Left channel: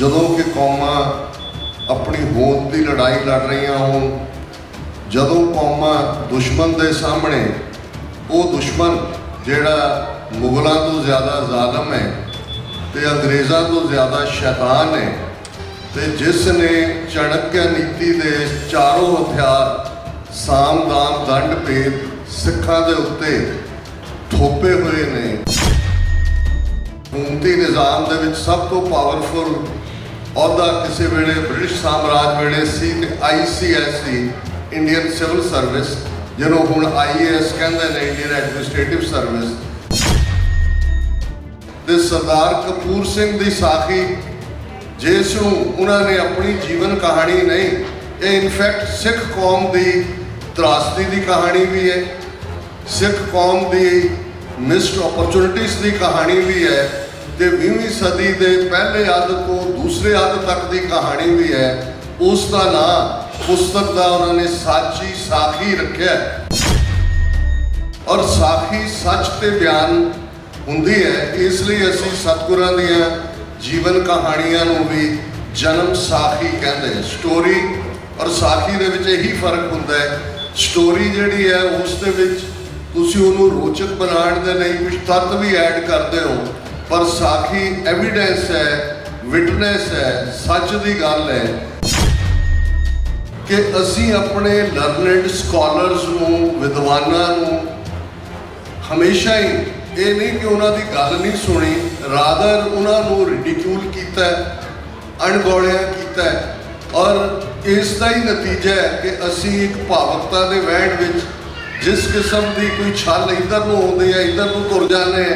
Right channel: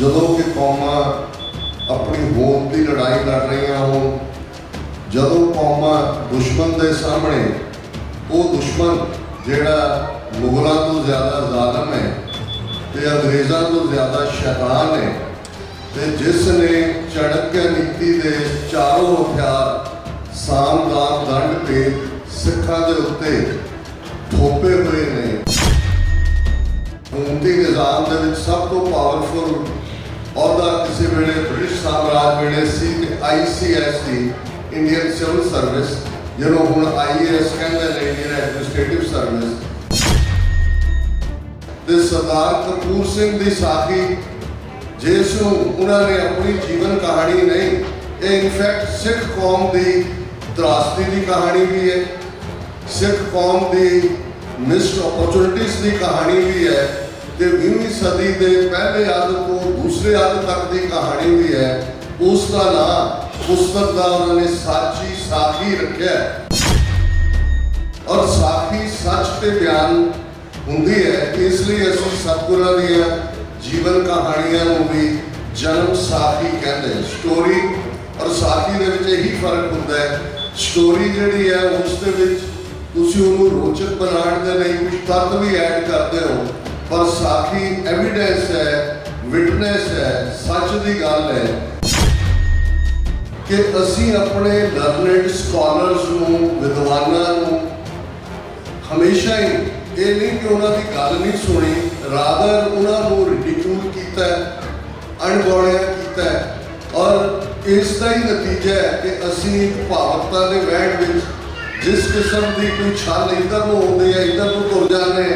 ਜਦੋਂ कि कौमां अपनी होंद की लड़ाई लड़ रही हों, ਜਦੋਂ कौमां दुश्मन के सामने वो दुश्मन जिहड़ा मुगलों तो ज़्यादा ज़ालम है तो अंग्रेज़ों तो ज़्यादा शैतान है, तो जिसने चाणक्य नीति के चारों हथियार साम दाम दंड भेद सिखां दे उत्ते थोपे हुए ने। हुकूमती निज़ाम दे विच सब तो पावरफुल अहुदा किसी वेले ब्रिटिश साम्राज वेले सी ICS सी इंडियन सिविल सर्विस, जिन्हों हुण IAS कहते हैं, इंडियन एडमिनिस्ट्रेटिव सर्विस। ते सरदार कपूर सिंह दी साखी जिसनूं उन्होंने अपनी जीवन कहानी नहीं, ये इनफैक्ट सिख कौम की त्रासदी की कहानी भी है, सिख कौम की मिस्ड अपॉर्चुनिटीज़ की कहानी भी है, तो 20वीं सदी के पहले अद तो दूसरे अद तक की कहानी भी है। उसका नाम पुस्तक का उन्होंने साची साखी रखा है, और साखी सच ते बयान हुंदी है, इसलिए असीं सतगुरां दीआं जीवन कहानियां नूं भी जन्म साखी कहते हैं। स्टोरी और साखी दे विच यही फर्क हुंदा है। स्टोरी जिहड़ी है उस दे विच तुसीं उहनूं रोचक बनाउण दे लई कुछ तत्त भी ऐड करदे हो, पर साखी एविडेंस है, विटनेस है, सच की गल है कि असीं अपने लर्नड स्कॉलर्स नूं, विद्वानां नूं हमेशा ही ये नहीं कि उन्हां दी गल नहीं सुनी, रादर उन्हां नूं रिडिक्यूल कीता है, अणगौलिया कीता है, और इसका ही नतीजा है कि असीं एक भावकता के वहण विच जिस किस्म की कोई छल इधर नूं आउंदी है, इधर नूं तुर जाने,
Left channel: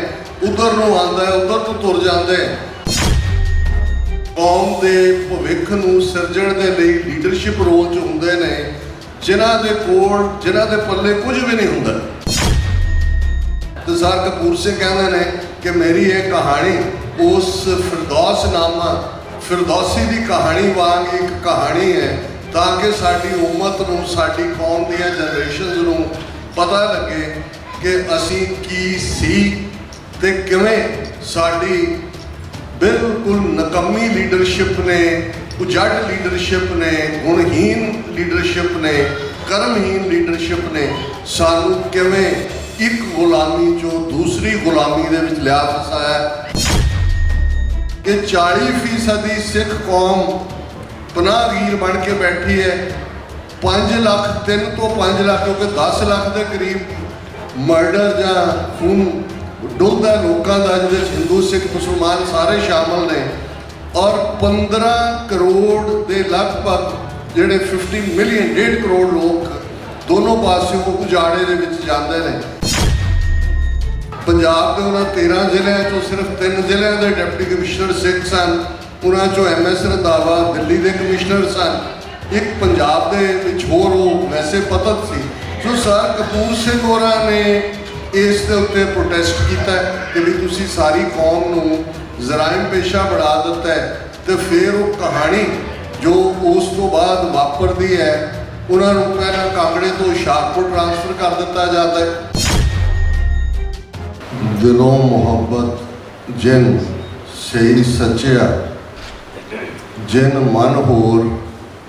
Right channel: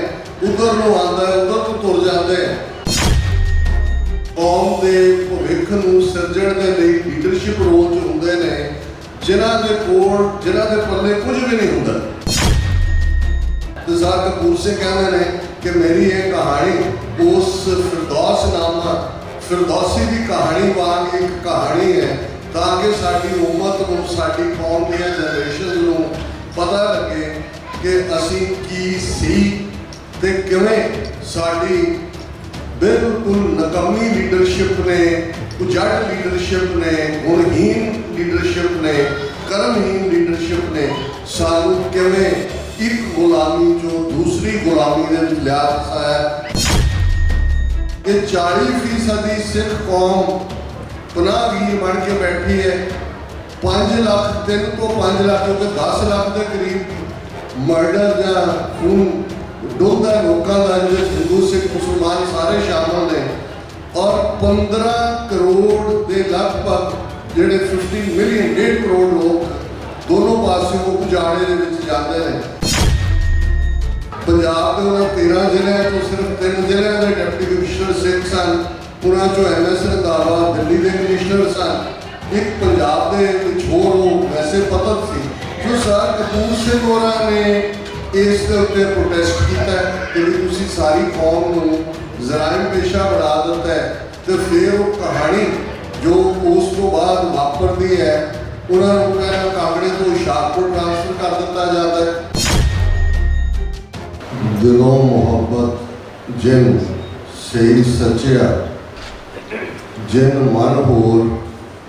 उधर नूं आंदा है, उधर नूं तुर जाते हैं। कौम के भविख नूं सिरजण दे लई लीडरशिप रोल च हुंदे ने, जिन्हां दे कोल जिन्हां दे पल्ले कुछ भी नहीं हुंदा। सरदार कपूर सिंह कहते हैं कि मेरी ये कहानी उस फिरदौसनामा फिरदौसी की कहानी वांग एक कहानी है, ताकि साडी उम्मत नूं, साडी कौम दीआं जनरेशनस नूं पता लगे कि असीं की सी ते किवें साडी बिल्कुल नकम्मी लीडरशिप ने, उजड़ लीडरशिप ने, गुणहीन लीडरशिप ने, कर्महीन लीडरशिप ने सानू किवें एक गुलामी जो दूसरी गुलामी दे विच लिया फसाया कि 40% सिख कौम पनाहगीर बन के बैठी है। 5 लाख 3 तो 5 लाख क्योंकि 10 लाख के करीब मर्डर या खून डुलदा लोगों का, जिस हिंदू सिख मुसलमान सारे शामिल ने, और 15 करोड़ के लगभग जिहड़े 50 मिलियन 1.5 करोड़ लोग दोनों पासों उजाड़े दे विच जांदे ने। पंजाब के उन्होंने 13 जिलों तो सिर्फ 3 जिलों के डिप्टी कमिश्नर सिख सन, उन्होंने चो MS रंधावा दिल्ली के कमिश्नर सन, एक पंजाब के कुछ होर वो वैसे पतत सी। जो सर कपूर सिंह होरां ने इस दे उत्ते प्रोटेस्ट किया कि भी तुसीं सारी कौम नूं जराइम पेशा बना दिता है, तो फिर वो कहानी जो उस तो बाद वापरती है, उन्होंने पहला कांगड़े तो हुशियारपुर ट्रांसफर कर दिता जाता है। दिलों मोहब्बत जिन सही सचिया, जिन मन होर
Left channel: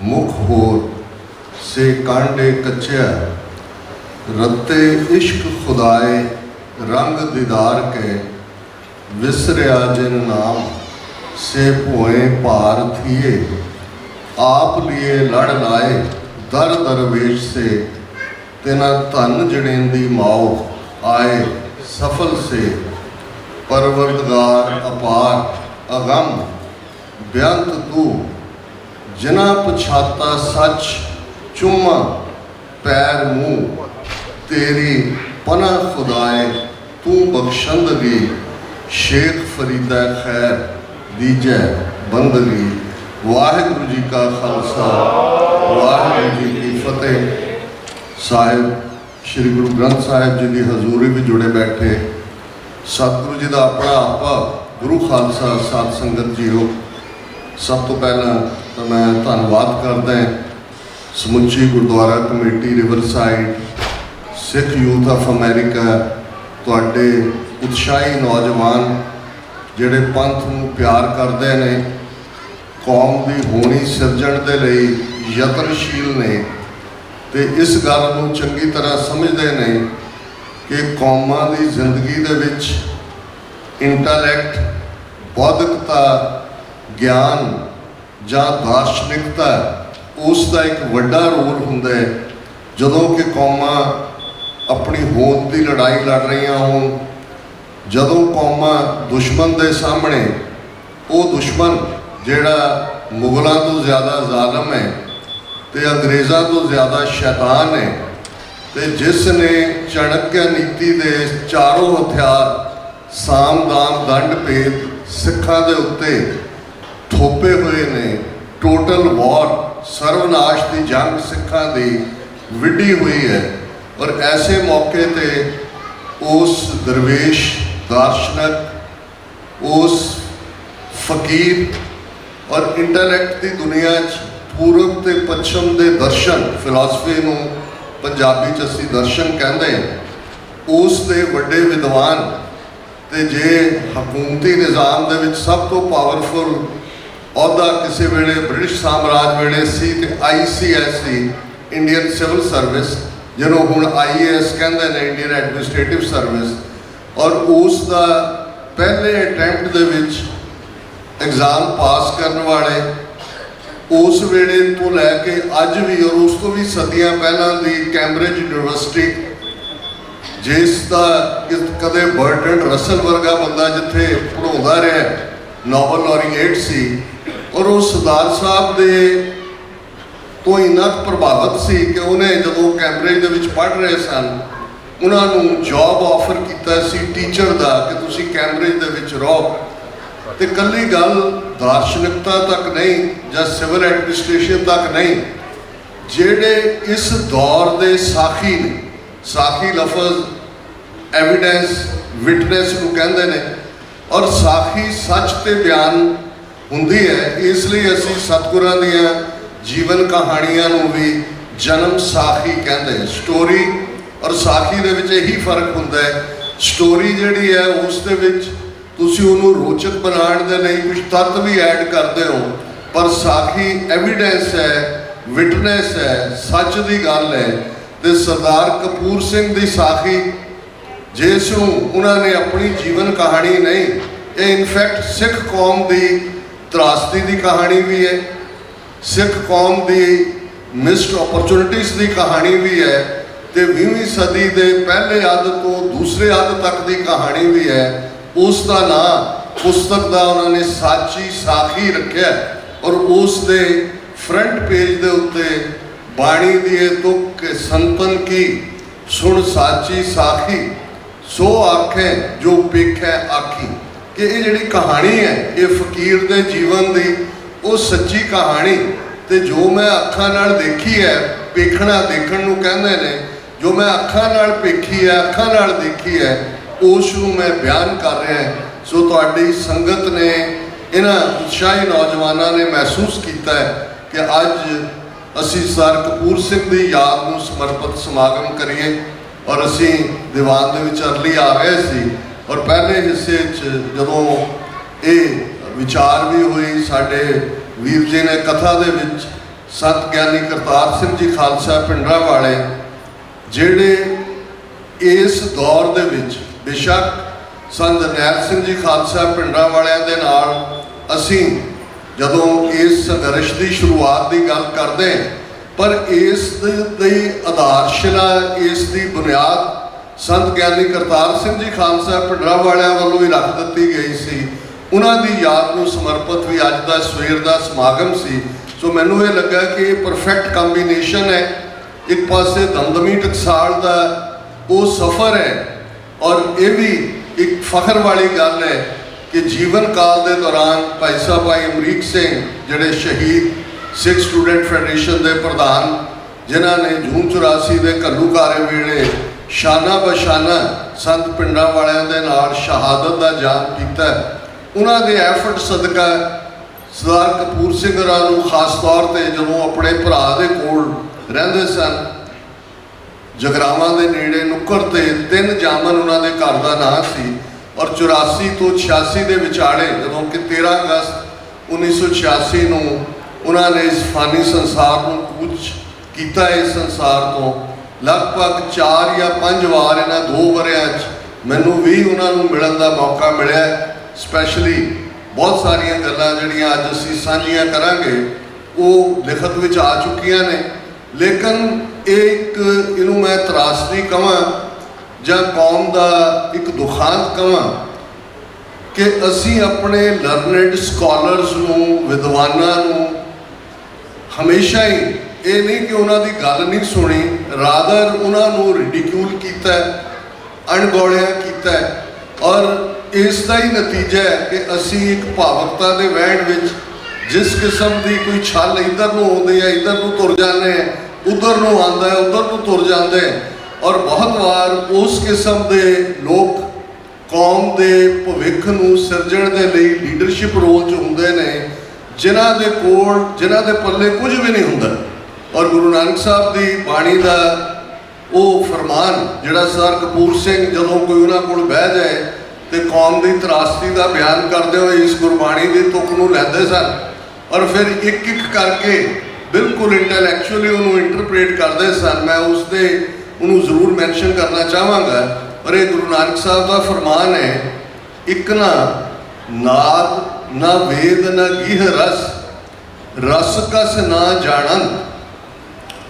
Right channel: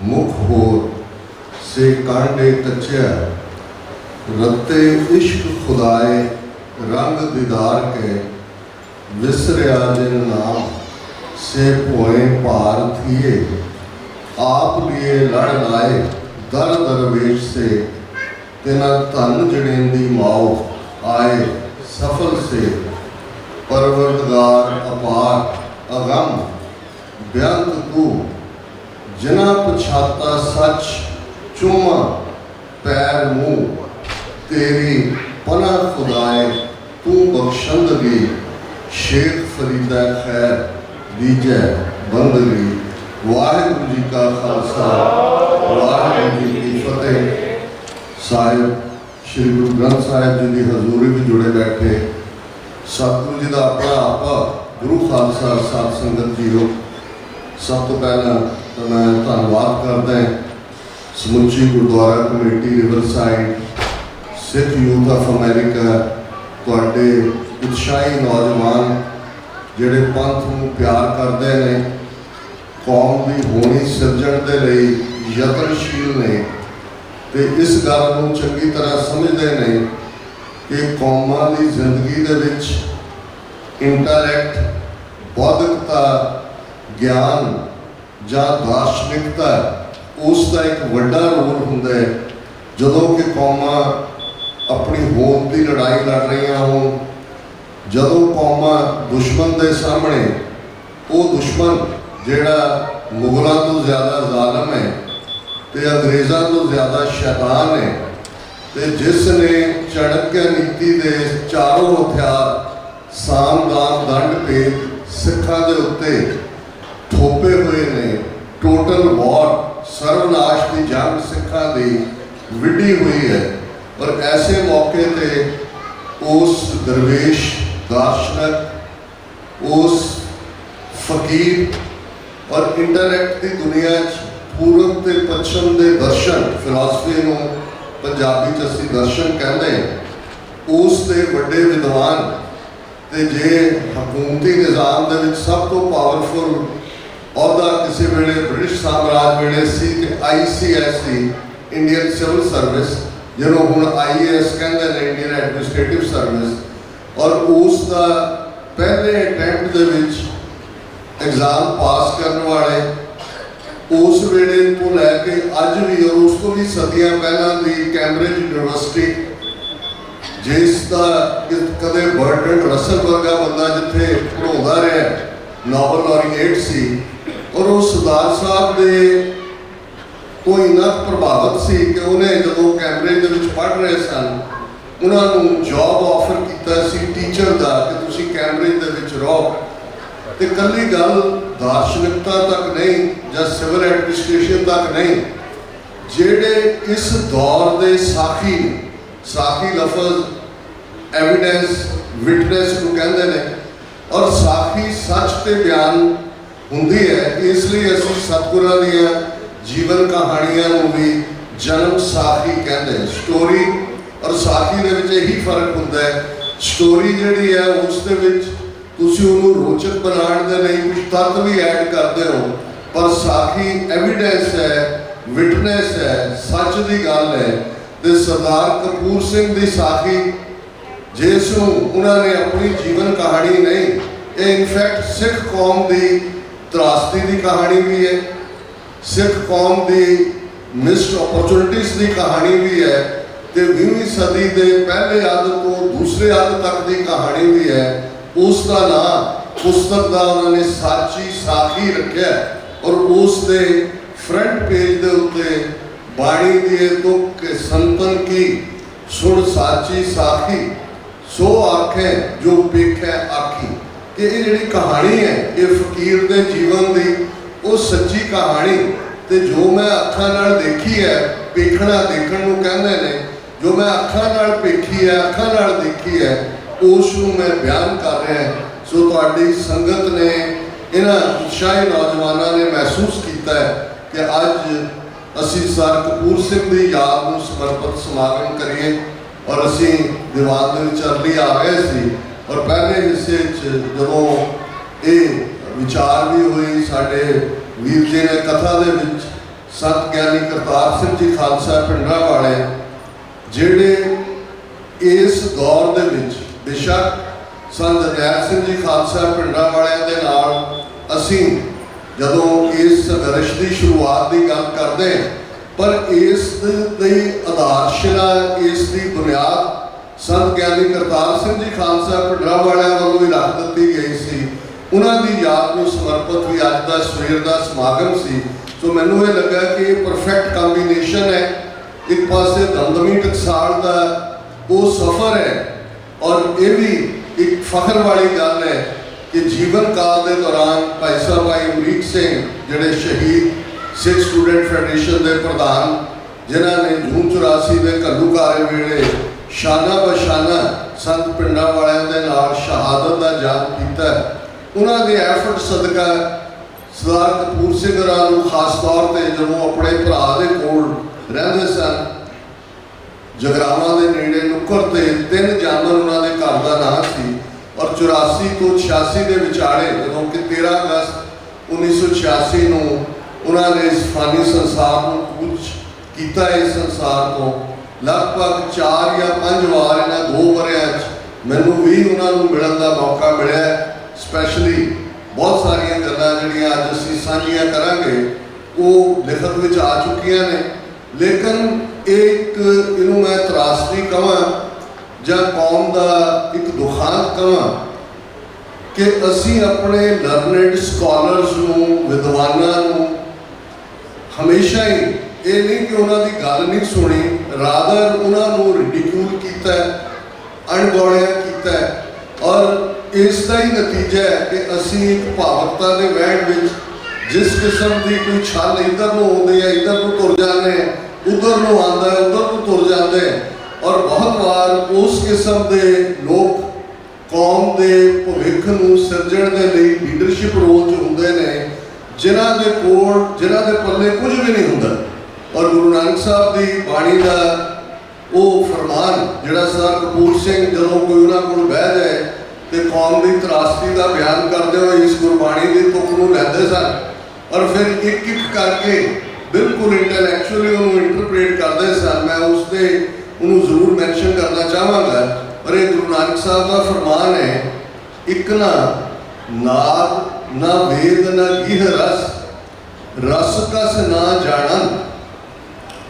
मुख होर से कांडे कच्चिया, रत्ते इश्क खुदाए रंग दीदार के, विसरिया जिन नाम से पोए पार थिए, आप लिए लड़ लाए दर दरवेश से, तेना धन जड़ेंदी माओ आए सफल से, परवरदगार अपार अगम बेअंत तू, जिना पछाता सच चुमा पैर मुँह, तेरी पनाह खुदाए तू बख्शंदगी, शेख फरीदा खैर दीजै बंदगी। वाहिगुरू जी का खालसा, वाहिगुरू जी की फतेह। साहिब श्री गुरु ग्रंथ साहिब जी की हजूरी में जुड़े बैठे सतगुरु जी का अपना आपा गुरु खालसा साध संगत जी हो। सब तो पहला तो मैं धन्यवाद करदा समुची gurdwara committee Riverside, Sikh youth of America, तुहाडे उत्साही नौजवान जिहड़े पंथ नूं प्यार करते हैं, ਕੌਮ ਦੀ ਹੋਣੀ ਸਿਰਜਣ ਦੇ ਲਈ ਯਤਨਸ਼ੀਲ ਨੇ ਤੇ ਇਸ ਗੱਲ ਨੂੰ ਚੰਗੀ ਤਰ੍ਹਾਂ ਸਮਝਦੇ ਨੇ ਕਿ ਕੌਮਾਂ ਦੀ ਜ਼ਿੰਦਗੀ ਦੇ ਵਿੱਚ ਇੰਟੈਲੈਕਟ, ਬੌਧਿਕਤਾ, ਗਿਆਨ ਜਾਂ ਦਾਰਸ਼ਨਿਕਤਾ ਉਸ ਦਾ ਇੱਕ ਵੱਡਾ ਰੋਲ ਹੁੰਦਾ ਹੈ। ਜਦੋਂ ਕਿ ਕੌਮਾਂ ਆਪਣੀ ਹੋਂਦ ਦੀ ਲੜਾਈ ਲੜ ਰਹੀਆਂ ਹੋਣ, ਜਦੋਂ ਕੌਮਾਂ ਦੁਸ਼ਮਣ ਦੇ ਸਾਹਮਣੇ, ਉਹ ਦੁਸ਼ਮਣ ਜਿਹੜਾ ਮੁਗਲਾਂ ਤੋਂ ਜ਼ਿਆਦਾ ਜ਼ਾਲਮ ਹੈ ਤੇ ਅੰਗਰੇਜ਼ਾਂ ਤੋਂ ਜ਼ਿਆਦਾ ਸ਼ੈਤਾਨ ਹੈ ਤੇ ਜਿਸ ਨੇ ਚਾਣਕਿਆ ਨੀਤੀ ਦੇ ਚਾਰੋਂ ਹਥਿਆਰ ਸਾਮ, ਦਾਮ, ਦੰਡ, ਭੇਦ ਸਿੱਖਾਂ ਦੇ ਉੱਤੇ ਥੋਪੇ ਹੋਏ ਨੇ, ਟੋਟਲ ਵਾਰ, ਸਰਵਨਾਸ਼ ਦੀ ਜੰਗ ਸਿੱਖਾਂ ਦੀ ਵਿੱਢੀ ਹੋਈ ਹੈ। ਔਰ ਐਸੇ ਮੌਕੇ ਤੇ ਉਸ ਦਰਵੇਸ਼, ਦਾਰਸ਼ਨਕ, ਉਸ ਫਕੀਰ ਔਰ ਇੰਟੈਲੈਕਟ ਦੀ ਦੁਨੀਆ 'ਚ ਪੂਰਬ ਤੇ ਪੱਛਮ ਦੇ ਦਰਸ਼ਨ, ਫਿਲਾਸਫੀ ਨੂੰ ਪੰਜਾਬੀ 'ਚ ਅਸੀਂ ਦਰਸ਼ਨ ਕਹਿੰਦੇ, ਉਸ ਦੇ ਵੱਡੇ ਵਿਦਵਾਨ ਤੇ ਜੇ ਹਕੂਮਤੀ ਨਿਜ਼ਾਮ ਦੇ ਵਿੱਚ ਸਭ ਤੋਂ ਪਾਵਰਫੁਲ ਅਹੁਦਾ ਕਿਸੇ ਵੇਲੇ ਬ੍ਰਿਟਿਸ਼ ਸਾਮਰਾਜ ਵੇਲੇ ਸੀ ਤੇ ICS ਸੀ, ਇੰਡੀਅਨ ਸਿਵਲ ਸਰਵਿਸ, ਜਿਹਨੂੰ ਹੁਣ IAS ਕਹਿੰਦੇ ਨੇ, ਇੰਡੀਅਨ ਐਡਮਿਨਿਸਟ੍ਰੇਟਿਵ ਸਰਵਿਸ। ਔਰ ਉਸ ਦਾ ਪਹਿਲੇ ਅਟੈਂਪਟ ਦੇ ਵਿੱਚ ਐਗਜ਼ਾਮ ਪਾਸ ਕਰਨ ਵਾਲੇ ਉਸ ਵੇਲੇ ਤੋਂ ਲੈ ਕੇ ਅੱਜ ਵੀ ਔਰ ਉਸ ਤੋਂ ਵੀ ਸਦੀਆਂ ਪਹਿਲਾਂ ਦੀ ਕੈਂਬਰਿਜ ਯੂਨੀਵਰਸਿਟੀ, ਜਿਸ ਦਾ ਕਦੇ ਬਰਟਰਡ ਰਸਲ ਵਰਗਾ ਬੰਦਾ ਜਿੱਥੇ ਪੜ੍ਹਾਉਂਦਾ ਰਿਹਾ, ਨੋਬਲ ਲੌਰੀਏਟ ਸੀ, ਔਰ ਉਹ ਸਰਦਾਰ ਸਾਹਿਬ ਦੇ ਤੋਂ ਇੰਨਾ ਪ੍ਰਭਾਵਿਤ ਸੀ ਕਿ ਉਹਨੇ ਜਦੋਂ ਕੈਂਬਰਿਜ ਦੇ ਵਿੱਚ ਪੜ੍ਹ ਰਹੇ ਸਨ, ਉਹਨਾਂ ਨੂੰ ਜੌਬ ਆਫਰ ਕੀਤਾ ਸੀ ਟੀਚਰ ਦਾ ਕਿ ਤੁਸੀਂ ਕੈਂਬਰਿਜ ਦੇ ਵਿੱਚ ਰਹੋ। ਤੇ ਇਕੱਲੀ ਗੱਲ ਦਾਰਸ਼ਨਿਕਤਾ ਤੱਕ ਨਹੀਂ ਜਾਂ ਸਿਵਲ ਐਡਮਿਨਿਸਟ੍ਰੇਸ਼ਨ ਤੱਕ ਨਹੀਂ, ਜਿਹੜੇ ਇਸ ਦੌਰ ਦੇ ਸਾਖੀ ਨੇ, ਸਾਖੀ ਲਫ਼ਜ਼ ਐਵੀਡੈਂਸ, ਵਿਟਨੈਸ ਨੂੰ ਕਹਿੰਦੇ ਨੇ, ਔਰ ਸਾਖੀ ਸੱਚ ਤੇ ਬਿਆਨ ਹੁੰਦੀ ਹੈ। ਇਸ ਲਈ ਅਸੀਂ ਸਤਿਗੁਰਾਂ ਦੀਆਂ ਜੀਵਨ ਕਹਾਣੀਆਂ ਨੂੰ ਵੀ ਜਨਮ ਸਾਖੀ ਕਹਿੰਦੇ। ਸਟੋਰੀ ਔਰ ਸਾਖੀ ਦੇ ਵਿੱਚ ਇਹੀ ਫਰਕ ਹੁੰਦਾ ਹੈ, ਸਟੋਰੀ ਜਿਹੜੀ ਹੈ ਉਸ ਦੇ ਵਿੱਚ ਤੁਸੀਂ ਉਹਨੂੰ ਰੋਚਕ ਬਣਾਉਣ ਦੇ ਲਈ ਕੁਝ ਤੱਤ ਵੀ ਐਡ ਕਰਦੇ ਹੋ, ਪਰ ਸਾਖੀ ਐਵੀਡੈਂਸ ਹੈ, ਵਿਟਨੈਸ ਹੈ, ਸੱਚ ਦੀ ਗੱਲ ਹੈ। ਤੇ ਸਰਦਾਰ ਕਪੂਰ ਸਿੰਘ ਦੀ ਸਾਖੀ, ਜਿਸ ਨੂੰ ਉਹਨਾਂ ਨੇ ਆਪਣੀ ਜੀਵਨ ਕਹਾਣੀ ਨਹੀਂ, ਇਹ ਇਨਫੈਕਟ ਸਿੱਖ ਕੌਮ ਦੀ ਤਰਾਸਦੀ ਦੀ ਕਹਾਣੀ ਵੀ ਹੈ, ਸਿੱਖ ਕੌਮ ਦੀ ਮਿਸਡ ਓਪਰਚੁਨਿਟੀਜ਼ ਦੀ ਕਹਾਣੀ ਵੀ ਹੈ ਤੇ 20ਵੀਂ ਸਦੀ ਦੇ ਪਹਿਲੇ ਅੱਧ ਤੋਂ ਦੂਸਰੇ ਅੱਧ ਤੱਕ ਦੀ ਕਹਾਣੀ ਵੀ ਹੈ। ਉਸ ਦਾ ਨਾਂ ਪੁਸਤਕ ਦਾ ਉਹਨਾਂ ਨੇ ਸਾਚੀ ਸਾਖੀ ਰੱਖਿਆ ਔਰ ਉਸ ਦੇ ਫਰੰਟ ਪੇਜ ਦੇ ਉੱਤੇ ਬਾਣੀ ਦੀ ਇਹ ਤੁਕ ਸੰਤਨ ਕੀ ਸੁਣ ਸਾਚੀ ਸਾਖੀ ਸੋ ਆਖੇ ਜੋ ਪੇਖੈ ਆਖੀ, ਕਿ ਇਹ ਜਿਹੜੀ ਕਹਾਣੀ ਹੈ ਇਹ ਫਕੀਰ ਦੇ ਜੀਵਨ ਦੀ ਉਹ ਸੱਚੀ ਕਹਾਣੀ ਤੇ ਜੋ ਮੈਂ ਅੱਖਾਂ ਨਾਲ ਦੇਖੀ ਹੈ, ਪੇਖਣਾ ਦੇਖਣ ਨੂੰ ਕਹਿੰਦੇ ਨੇ, ਜੋ ਮੈਂ ਅੱਖਾਂ ਨਾਲ ਪੇਖੀ ਹੈ, ਅੱਖਾਂ ਨਾਲ ਦੇਖੀ ਹੈ, ਉਸ ਨੂੰ ਮੈਂ ਬਿਆਨ ਕਰ ਰਿਹਾ। ਸੋ ਤੁਹਾਡੀ ਸੰਗਤ ਨੇ, ਇਹਨਾਂ ਉਤਸ਼ਾਹੀ ਨੌਜਵਾਨਾਂ ਨੇ ਮਹਿਸੂਸ ਕੀਤਾ ਹੈ ਕਿ ਅੱਜ ਅਸੀਂ ਸਰ ਕਪੂਰ ਸਿੰਘ ਦੀ ਯਾਦ ਨੂੰ ਸਮਰਪਿਤ ਸਮਾਗਮ ਕਰੀਏ ਔਰ ਅਸੀਂ ਦੀਵਾਨ ਦੇ ਵਿੱਚ ਅਰਲੀ ਆ ਗਏ ਸੀ। ਔਰ ਪਹਿਲੇ ਹਿੱਸੇ 'ਚ ਜਦੋਂ ਇਹ ਵਿਚਾਰ ਵੀ ਹੋਈ, ਸਾਡੇ ਵੀਰ ਜੀ ਨੇ ਕਥਾ ਦੇ ਵਿੱਚ ਸਤ ਗਿਆਨੀ ਕਰਤਾਰ ਸਿੰਘ ਜੀ ਖਾਲਸਾ ਪਿੰਡਰਾਂ ਵਾਲੇ, ਜਿਹੜੇ ਇਸ ਦੌਰ ਦੇ ਵਿੱਚ ਬੇਸ਼ੱਕ ਸੰਤ ਜਰਨੈਲ ਸਿੰਘ ਜੀ ਖਾਲਸਾ ਪਿੰਡਰਾਂ ਵਾਲਿਆਂ ਦੇ ਨਾਲ ਅਸੀਂ ਜਦੋਂ ਇਸ ਸੰਘਰਸ਼ ਦੀ ਸ਼ੁਰੂਆਤ ਦੀ ਗੱਲ ਕਰਦੇ, ਪਰ ਇਸ ਦੀ ਆਧਾਰਸ਼ਿਲਾ, ਇਸ ਦੀ ਬੁਨਿਆਦ ਸੰਤ ਗਿਆਨੀ ਕਰਤਾਰ ਸਿੰਘ ਜੀ ਖਾਲਸਾ ਪਿੰਡਰਾਂ ਵਾਲਿਆਂ ਵੱਲੋਂ ਹੀ ਰੱਖ ਦਿੱਤੀ ਗਈ ਸੀ। ਉਹਨਾਂ ਦੀ ਯਾਦ ਨੂੰ ਸਮਰਪਿਤ ਵੀ ਅੱਜ ਦਾ ਸਵੇਰ ਦਾ ਸਮਾਗਮ ਸੀ। ਸੋ ਮੈਨੂੰ ਇਹ ਲੱਗਾ ਕਿ ਇਹ ਪਰਫੈਕਟ ਕੰਬੀਨੇਸ਼ਨ ਹੈ। ਇੱਕ ਪਾਸੇ ਦਮਦਮੀ ਟਕਸਾਲ ਦਾ ਉਹ ਸਫ਼ਰ ਹੈ ਔਰ ਇਹ ਵੀ ਇੱਕ ਫਖਰ ਵਾਲੀ ਗੱਲ ਹੈ ਕਿ ਜੀਵਨ ਕਾਲ ਦੇ ਦੌਰਾਨ ਭਾਈ ਸਾਹਿਬ ਭਾਈ ਅਮਰੀਕ ਸਿੰਘ, ਜਿਹੜੇ ਸ਼ਹੀਦ ਸਿੱਖ ਸਟੂਡੈਂਟ ਫੈਡਰੇਸ਼ਨ ਦੇ ਪ੍ਰਧਾਨ, ਜਿਨ੍ਹਾਂ ਨੇ ਜੂਨ 84 ਦੇ ਘੱਲੂਘਾਰੇ ਵੇਲੇ ਸ਼ਾਨਾ ਬਸ਼ਾਨਾ ਸੰਤ ਪਿੰਡਾਂ ਵਾਲਿਆਂ ਦੇ ਨਾਲ ਸ਼ਹਾਦਤ ਦਾ ਜਾਮ ਕੀਤਾ, ਉਹਨਾਂ ਦੇ ਐਫਰਟ ਸਦਕਾ ਸਰਦਾਰ ਕਪੂਰ ਸਿੰਘ ਹੋਰਾਂ ਨੂੰ ਖਾਸ ਤੌਰ ਤੇ ਜਦੋਂ ਆਪਣੇ ਭਰਾ ਦੇ ਕੋਲ ਰਹਿੰਦੇ ਸਨ, ਜਗਰਾਵਾਂ ਦੇ ਨੇੜੇ ਨੁੱਕਰ ਤੇ 3 ਜਾਮਨ ਉਹਨਾਂ ਦੇ ਘਰ ਦਾ ਨਾਂ ਸੀ। ਔਰ 84 ਤੋਂ 86 ਦੇ ਵਿਚਾਲੇ ਜਦੋਂ ਕਿ 13 ਅਗਸਤ 1986 ਨੂੰ ਉਹਨਾਂ ਨੇ ਇਸ ਫਾਨੀ ਸੰਸਾਰ ਨੂੰ ਕੂਚ ਕੀਤਾ। ਇਸ ਸੰਸਾਰ ਤੋਂ ਲਗਭਗ 4 ਜਾਂ 5 ਵਾਰ ਇਹਨਾਂ 2 ਵਰ੍ਹਿਆਂ 'ਚ ਮੈਨੂੰ ਵੀ ਉਹਨਾਂ ਨੂੰ ਮਿਲਣ ਦਾ ਮੌਕਾ ਮਿਲਿਆ। ਸਪੈਸ਼ਲੀ ਬਹੁਤ ਸਾਰੀਆਂ ਗੱਲਾਂ ਜਿਹੜੀਆਂ ਅੱਜ ਅਸੀਂ ਸਾਂਝੀਆਂ ਕਰਾਂਗੇ ਉਹ ਲਿਖਤ ਵਿੱਚ ਆ ਚੁੱਕੀਆਂ ਨੇ, ਲੇਕਿਨ ਇਹਨੂੰ ਮੈਂ ਤਰਾਸਦੀ ਕਹਾਂ ਜਾਂ ਕੌਮ ਦਾ ਇੱਕ ਦੁਖਾਂਤ ਕਹਾਂ ਕਿ ਅਸੀਂ ਆਪਣੇ ਲਰਨਡ ਸਕਾਲਰਸ ਨੂੰ, ਵਿਦਵਾਨਾਂ ਨੂੰ ਹਮੇਸ਼ਾ ਹੀ ਇਹ ਨਹੀਂ ਕਿ ਉਹਨਾਂ ਦੀ ਗੱਲ ਨਹੀਂ ਸੁਣੀ, ਰਾਦਰ ਉਹਨਾਂ ਨੂੰ ਰਿਡੀਕਿਊਲ ਕੀਤਾ, ਅਣਗੌਲਿਆ ਕੀਤਾ। ਔਰ ਇਸ ਦਾ ਹੀ ਨਤੀਜਾ ਹੈ ਕਿ ਅਸੀਂ ਇੱਕ ਭਾਵੁਕਤਾ ਦੇ ਵਹਿਣ ਵਿੱਚ ਜਿਸ ਕਿਸਮ ਦੀ ਕੋਈ ਛਲ ਇੱਧਰ ਨੂੰ ਆਉਂਦੀ ਹੈ, ਇੱਧਰ ਨੂੰ ਤੁਰ ਜਾਂਦੇ, ਉੱਧਰ ਨੂੰ ਆਉਂਦਾ ਹੈ, ਉੱਧਰ ਨੂੰ ਤੁਰ ਜਾਂਦੇ। ਔਰ ਬਹੁਤ ਵਾਰ ਉਸ ਕਿਸਮ ਦੇ ਲੋਕ ਕੌਮ ਦੇ ਭਵਿੱਖ ਨੂੰ ਸਿਰਜਣ ਦੇ ਲਈ ਲੀਡਰਸ਼ਿਪ ਰੋਲ 'ਚ ਹੁੰਦੇ ਨੇ, ਜਿਨ੍ਹਾਂ ਦੇ ਪੱਲੇ ਕੁਝ ਵੀ ਨਹੀਂ ਹੁੰਦਾ। ਔਰ ਗੁਰੂ ਨਾਨਕ ਸਾਹਿਬ ਦੀ ਬਾਣੀ ਦਾ ਉਹ ਫਰਮਾਨ ਜਿਹੜਾ ਸਰਦਾਰ ਕਪੂਰ ਸਿੰਘ ਜਦੋਂ ਕੋਈ ਉਹਨਾਂ ਕੋਲ ਬਹਿ ਜਾਏ ਤੇ ਕੌਮ ਦੀ ਤਰਾਸਦੀ ਦਾ ਬਿਆਨ ਕਰਦੇ ਹੋਏ ਇਸ ਗੁਰਬਾਣੀ ਦੀ ਤੁਕ ਨੂੰ ਲੈਂਦੇ ਸਨ ਔਰ ਫਿਰ ਇੱਕ ਇੱਕ ਕਰਕੇ ਬਿਲਕੁਲ ਇੰਟੈਲੈਕਚੁਅਲੀ ਉਹਨੂੰ ਇੰਟਰਪ੍ਰੇਟ ਕਰਦੇ ਸਨ। ਮੈਂ ਉਹਨੂੰ ਜ਼ਰੂਰ ਮੈਂਸ਼ਨ ਕਰਨਾ ਚਾਹਾਂਗਾ। ਔਰ ਇਹ ਗੁਰੂ ਨਾਨਕ ਸਾਹਿਬ ਦਾ ਫਰਮਾਨ ਹੈ, ਇੱਕ ਨਾ ਨਾਦ ਨਾ ਵੇਦ ਨਾ ਗੀਹ ਰਸ, ਰਸ ਕਸ ਨਾ ਜਾਣਨ।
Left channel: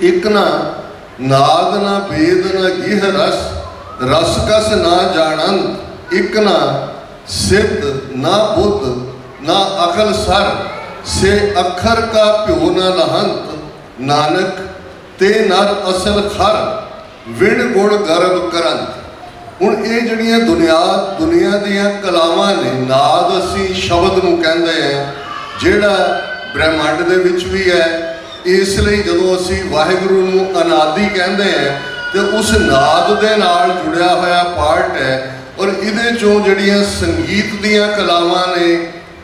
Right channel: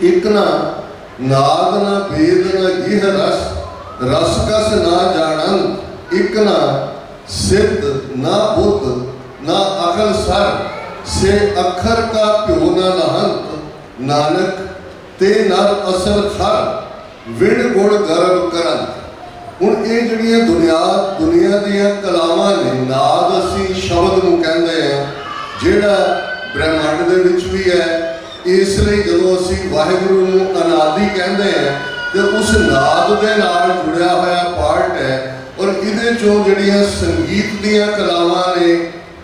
ਇੱਕ ਨਾ ਨਾਦ ਨਾ ਵੇਦ ਨਾ ਗੀਹ ਰਸ, ਰਸ ਕਸ ਨਾ ਜਾਣਨ। ਇੱਕ ਨਾ ਸਿੱਧ ਨਾ ਬੁੱਧ ਨਾ ਅਕਲ ਸਰ, ਸੇ ਅੱਖਰ ਕਾ ਭਿਓ ਨਾ ਲਹੰਤ। ਨਾਨਕ ਤੇ ਨਰ ਅਸਲ ਖਰ, ਵਿਣ ਗੁਣ ਗਰਬ ਕਰਨ। ਹੁਣ ਇਹ ਜਿਹੜੀਆਂ ਦੁਨੀਆ ਦੀਆਂ ਕਲਾਵਾਂ ਨੇ, ਨਾਦ ਅਸੀਂ ਸ਼ਬਦ ਨੂੰ ਕਹਿੰਦੇ ਹਾਂ ਜਿਹੜਾ ਬ੍ਰਹਿਮੰਡ ਦੇ ਵਿੱਚ ਵੀ ਹੈ। ਇਸ ਲਈ ਜਦੋਂ ਅਸੀਂ ਵਾਹਿਗੁਰੂ ਨੂੰ ਅਨਾਦਿ ਕਹਿੰਦੇ ਹਾਂ ਤੇ ਉਸ ਨਾਦ ਦੇ ਨਾਲ ਜੁੜਿਆ ਹੋਇਆ ਪਾਰਟ ਹੈ। ਔਰ ਇਹਦੇ 'ਚੋਂ ਜਿਹੜੀਆਂ ਸੰਗੀਤ ਦੀਆਂ ਕਲਾਵਾਂ ਨੇ,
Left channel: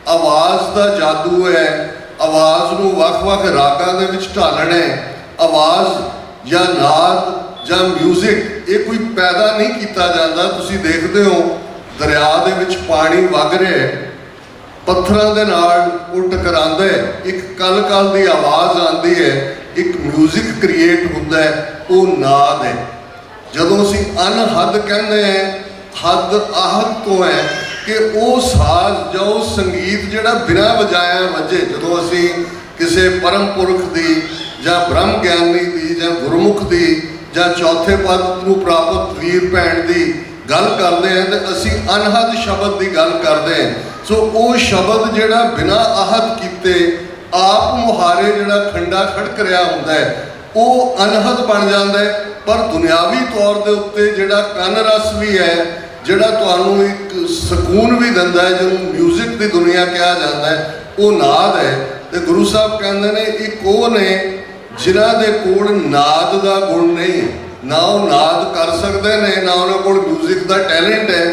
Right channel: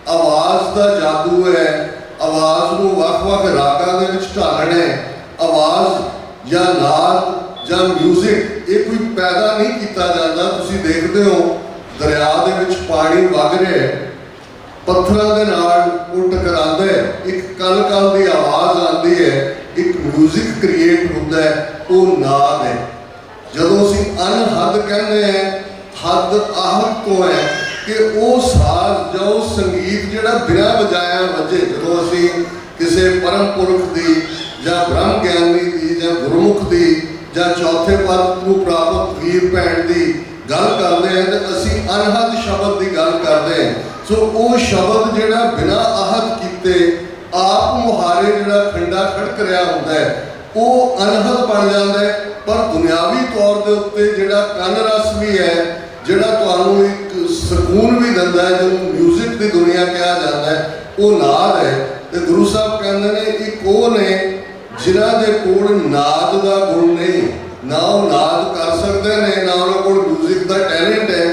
ਆਵਾਜ਼ ਦਾ ਜਾਦੂ ਹੈ, ਆਵਾਜ਼ ਨੂੰ ਵੱਖ-ਵੱਖ ਰਾਗਾਂ ਦੇ ਵਿੱਚ ਢਾਲਣਾ ਹੈ। ਆਵਾਜ਼ ਜਾਂ ਨਾਦ ਜਾਂ ਮਿਊਜ਼ਿਕ ਇਹ ਕੋਈ ਪੈਦਾ ਨਹੀਂ ਕੀਤਾ ਜਾਂਦਾ। ਤੁਸੀਂ ਦੇਖਦੇ ਹੋ ਦਰਿਆ ਦੇ ਵਿੱਚ ਪਾਣੀ ਵਗ ਰਿਹਾ, ਪੱਥਰਾਂ ਦੇ ਨਾਲ ਉਹ ਟਕਰਾਉਂਦਾ ਹੈ, ਇੱਕ ਕਲ-ਕਲ ਦੀ ਆਵਾਜ਼ ਆਉਂਦੀ ਹੈ, ਇੱਕ ਮਿਊਜ਼ਿਕ ਕ੍ਰੀਏਟ ਹੁੰਦਾ ਹੈ, ਉਹ ਨਾਦ ਹੈ। ਜਦੋਂ ਅਸੀਂ ਅਨਹਦ ਕਹਿੰਦੇ ਹਾਂ, ਹੱਦ ਆਹਦ ਤੋਂ ਹੈ ਕਿ ਉਹ ਸਾਜ਼ ਜਾਂ ਉਹ ਸੰਗੀਤ ਜਿਹੜਾ ਬਿਨਾਂ ਵਜਾਇਆ ਵੱਜੇ। ਜਦੋਂ ਅਸੀਂ ਕਿਸੇ ਪਰਮ ਪੁਰਖ ਦੀ ਜਾਂ ਬ੍ਰਹਮ ਗਿਆਨੀ ਦੀ ਜਾਂ ਗੁਰਮੁਖ ਦੀ ਜਾਂ ਚੌਥੇ ਪਦ ਨੂੰ ਪ੍ਰਾਪਤ ਵੀਰ ਭੈਣ ਦੀ ਗੱਲ ਕਰਦੇ ਹਾਂ ਤੇ ਅਸੀਂ ਅਨਹਦ ਸ਼ਬਦ ਦੀ ਗੱਲ ਕਰਦੇ ਹਾਂ। ਸੋ ਉਹ ਸ਼ਬਦ ਜਿਹੜਾ ਬਿਨਾਂ ਆਹਦ ਕੀਤੇ ਆਪ ਮੁਹਾਰੇ ਜਿਹੜਾ ਖੰਡਾ ਖੜਕ ਰਿਹਾ ਹੁੰਦਾ ਹੈ ਉਹ ਅਨਹਦ ਬਣ ਜਾਂਦਾ ਹੈ। ਪਰ ਦੁਨਿਆਵੀ ਤੌਰ ਦੇ ਉੱਤੇ ਜਿਹੜਾ ਕੰਨ ਰਸ ਵੀ ਹੈ, ਜਿਹੜਾ ਤੁਹਾਨੂੰ ਇੱਕ ਸਕੂਨ ਵੀ ਦਿੰਦਾ ਹੈ, ਜਿਹਨੂੰ ਮਿਊਜ਼ਿਕ ਦੀ ਦੁਨੀਆ ਕਿਹਾ ਜਾਂਦਾ ਹੈ, ਉਹ ਨਾਦ ਹੈ। ਤੇ ਗੁਰੂ ਸਾਹਿਬ ਕਹਿੰਦੇ ਨੇ ਇੱਕ ਉਹ ਨੇ ਜਿਨ੍ਹਾਂ ਦੇ ਕੋਲ ਨਾਦ ਦਾ ਗੁਣ ਨਹੀਂ, ਨਾ ਉਹ ਨਾਦ ਕਰ ਸਕਦੇ ਨੇ, ਨਾ ਉਹਨਾਂ ਕੋਲ ਮਿਊਜ਼ਿਕ ਦਾ ਟੈਲੈਂਟ ਹੈ,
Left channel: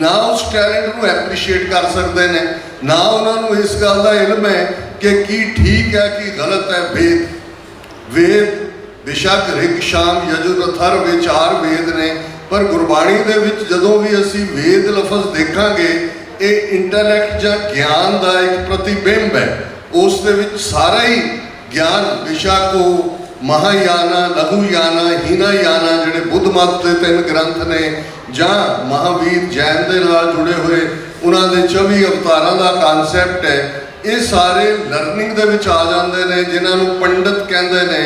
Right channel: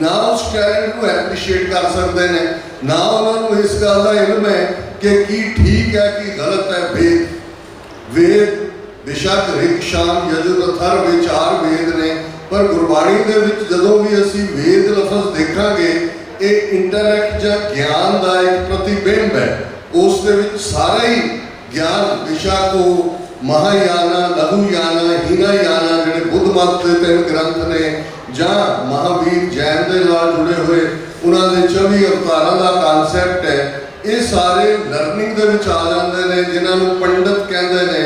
ਨਾ ਉਸ ਟੈਲੈਂਟ ਨੂੰ ਐਪਰੀਸ਼ੀਏਟ ਕਰ ਸਕਦੇ ਨੇ, ਨਾ ਉਹਨਾਂ ਨੂੰ ਇਸ ਗੱਲ ਦਾ ਇਲਮ ਹੈ ਕਿ ਕੀ ਠੀਕ ਹੈ ਕੀ ਗਲਤ ਹੈ। ਵੇਦ ਬੇਸ਼ੱਕ ਰਿਕ ਸ਼ਾਮ ਯਜੁਰ ਅਥਰ ਵਿਚਾਰ ਵੇਦ ਨੇ, ਪਰ ਗੁਰਬਾਣੀ ਦੇ ਵਿੱਚ ਜਦੋਂ ਵੀ ਅਸੀਂ ਵੇਦ ਲਫ਼ਜ਼ ਦੇਖਾਂਗੇ ਇਹ ਇੰਟੈਲੈਕਟ ਜਾਂ ਗਿਆਨ ਦਾ ਇੱਕ ਪ੍ਰਤੀਬਿੰਬ ਹੈ। ਉਸ ਦੇ ਵਿੱਚ ਸਾਰਾ ਹੀ ਗਿਆਨ, ਬੇਸ਼ੱਕ ਉਹ ਮਹਾਯਾਨਾ, ਲਘੂਯਾਨਾ, ਹੀਨਾਯਾਨਾ ਜਿਹੜੇ ਬੁੱਧ ਮਤ ਦੇ 3 ਗ੍ਰੰਥ ਨੇ, ਜਾਂ ਮਹਾਵੀਰ ਜੈਨ ਦੇ ਨਾਲ ਜੁੜੇ ਹੋਏ ਉਹਨਾਂ ਦੇ 24 ਅਵਤਾਰਾਂ ਦਾ ਕਾਨਸੈਪਟ ਹੈ, ਇਹ ਸਾਰੇ ਲਰਨਿੰਗ ਦੇ ਵਿੱਚ ਆ ਜਾਂਦੇ ਨੇ। ਜਿਨ੍ਹਾਂ ਨੂੰ ਪੰਡਤ ਕਹਿੰਦੇ ਨੇ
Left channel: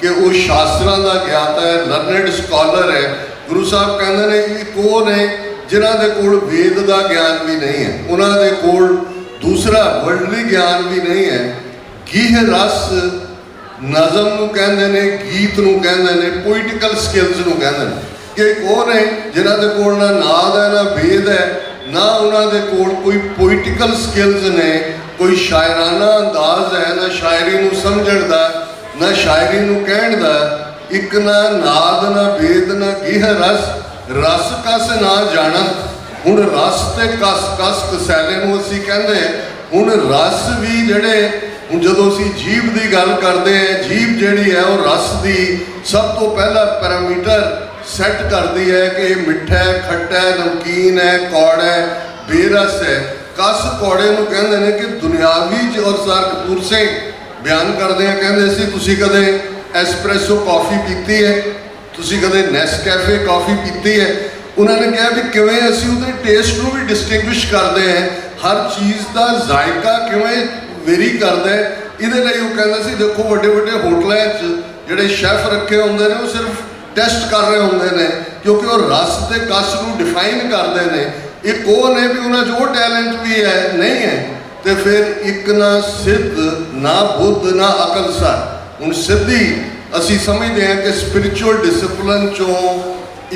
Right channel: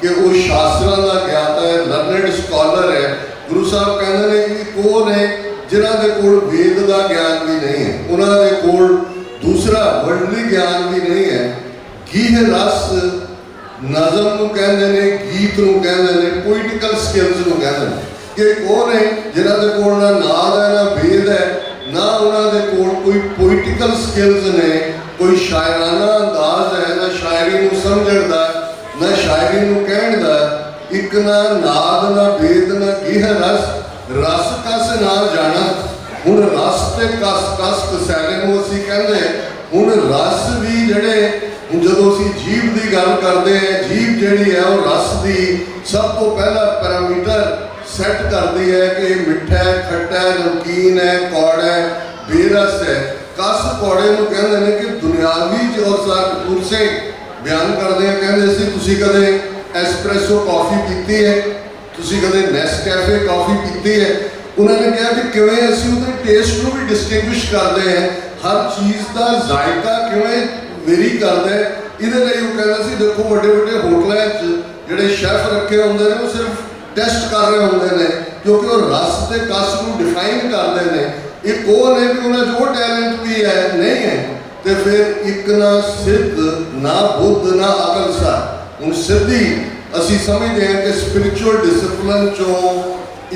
ਕਿ ਉਹ ਸ਼ਾਸਤਰਾਂ ਦਾ ਗਿਆਤਾ ਹੈ, ਲਰਨਡ ਸਕਾਲਰ ਹੈ। ਗੁਰੂ ਸਾਹਿਬ ਕਹਿੰਦੇ ਨੇ ਕਿ ਉਹ ਨੇ ਜਿਨ੍ਹਾਂ ਦੇ ਕੋਲ ਵੇਦ ਦਾ ਗਿਆਨ ਵੀ ਨਹੀਂ ਹੈ, ਉਹਨਾਂ ਦੇ ਕੋਲ ਦੂਸਰਾ ਵਰਲਡਲੀ ਗਿਆਨ ਵੀ ਨਹੀਂ ਹੈ। ਗੀਹ ਰਸ ਨਜ਼ਮ ਨੂੰ ਕਹਿੰਦੇ ਨੇ, ਗੀਤ ਨੂੰ ਕਹਿੰਦੇ ਨੇ, ਪੋਇਟੀਕਲ ਸਕਿੱਲਸ ਨੂੰ ਕਹਿੰਦੇ ਨੇ ਕਿ ਉਹ ਨੇ ਜਿਨ੍ਹਾਂ ਦੇ ਕੋਲ ਨਾ ਨਾਦ ਹੈ ਨਾ ਵੇਦ ਹੈ, ਨਾ ਉਹਨਾਂ ਦੇ ਕੋਲ ਕੋਈ ਪੋਇਟੀਕਲ ਸਕਿੱਲਸ ਨੇ, ਕੋਈ ਸ਼ਾਇਰਾਨਾ ਅੰਦਾਜ਼ ਹੈ, ਨਾ ਸ਼ਾਇਰੀ ਨੂੰ ਸਮਝਣ ਦਾ, ਨਾ ਸ਼ਾਇਰੀ ਨੂੰ ਕਹਿਣ ਦਾ। ਇੱਕ ਨਾ ਨਾਦ ਨਾ ਵੇਦ ਨਾ ਗੀਹ ਰਸ, ਰਸ ਕਸ ਨਾ ਜਾਣਾ। ਹੁਣ ਰਸ ਤੇ ਕਸ ਕਸੈਲੇ ਨੂੰ ਅਸੀਂ ਕਹਿੰਦੇ, ਹੁਣ ਰਸ ਵੀ ਜਿਹੜੇ, ਹੁਣ ਜਦੋਂ ਅਸੀਂ ਜੀਭ ਦੀ ਗੱਲ ਕਰਦੇ ਹਾਂ, ਜੀਭ ਜਿਹੜੀ ਹੈ ਉਹ ਰਸ ਦੀ ਸਭ ਤੋਂ ਪਹਿਲਾ ਪੈਰਾਮੀਟਰ ਸੈੱਟ ਕਰਦੀ ਹੈ ਕਿ ਇਹ ਮਿੱਠਾ ਹੈ, ਖੱਟਾ ਹੈ, ਨਮਕੀਨ ਹੈ, ਕੌੜਾ ਹੈ, ਬੇਰਸ ਹੈ। कस कौड़े नूं कहंदे ने कि दुनियावी और सर कपूर सिंह बयान करदे आ कहंदे सी तुसीं कदे एस्प्रैसो कॉफ़ी पीती है, तुसीं कदे नेस्कैफे कॉफ़ी पीती है। उन्होंने कहा भी किवें असीं उहदे टेस्ट नूं भी डिस्टिंग्विश करते हैं, हर चीज़ का जायका किवें वेरी करता है। इहदे लई वो कहंदा सी देखो वड्डे वड्डे होटलों च जिहड़े शैफ रखे होंदे ने वो सिर्फ टेस्ट कर रहे होंदे ने क्योंकि वो रस ते कस नूं डिफाइन करते हैं। एक वो ने भी उन्हें जो टैलेंट भी है नहीं है तो फिर एक ना सिद्ध ना बुद्ध ना अकल सर। हुण सिद्धि असी समझते हैं कि स्पिरिचुअल डिसिपलिन चों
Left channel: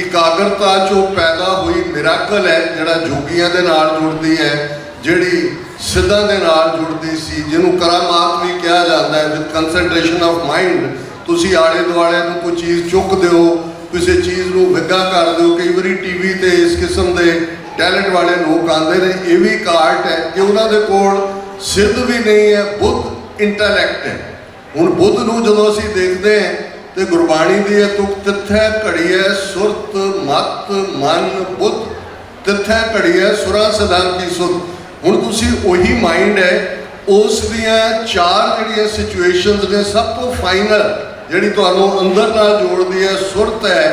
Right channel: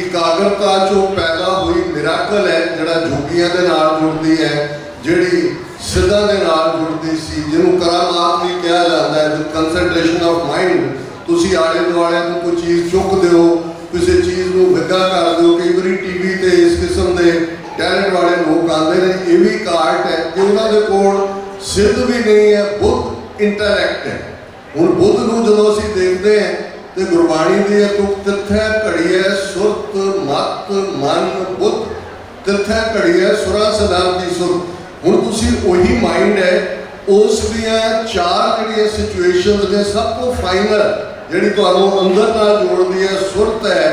इकाग्रता चों पैदा हुई मिराकल है जिहड़ा जोगियां दे नाल जुड़दी है, जिहड़ी सिद्धां दे नाल जुड़दी सी, जिन्हों करामात भी कहा जाता है। विद कंसनट्रेशन ऑफ माइंड तुसीं आले दुआले नूं कोई चीज़ चुकदे हो, किसी चीज़ नूं विगा कर दो। कई बारी टीवी ते इस किस्म के टैलेंट वाले लोग आते हैं, ये भी काट है कि उन्होंने कोल सिद्ध भी नहीं है, बुद्ध इंटैलैक्ट है। हुण बुद्ध नूं जदों असीं देखते हैं तो गुरबाणी दी तुक तिथै घड़ीए सुरत मत मन बुद्ध, तिथै घड़ीए सुरा सदां की सुरत। हुण तुसीं उही माइंड है, उस दियां चार जिहड़ियां सिचुएशनस ने सब तो फाइनल जिहड़ी तुहानूं अंदर नाल जोड़दी है सुरत है,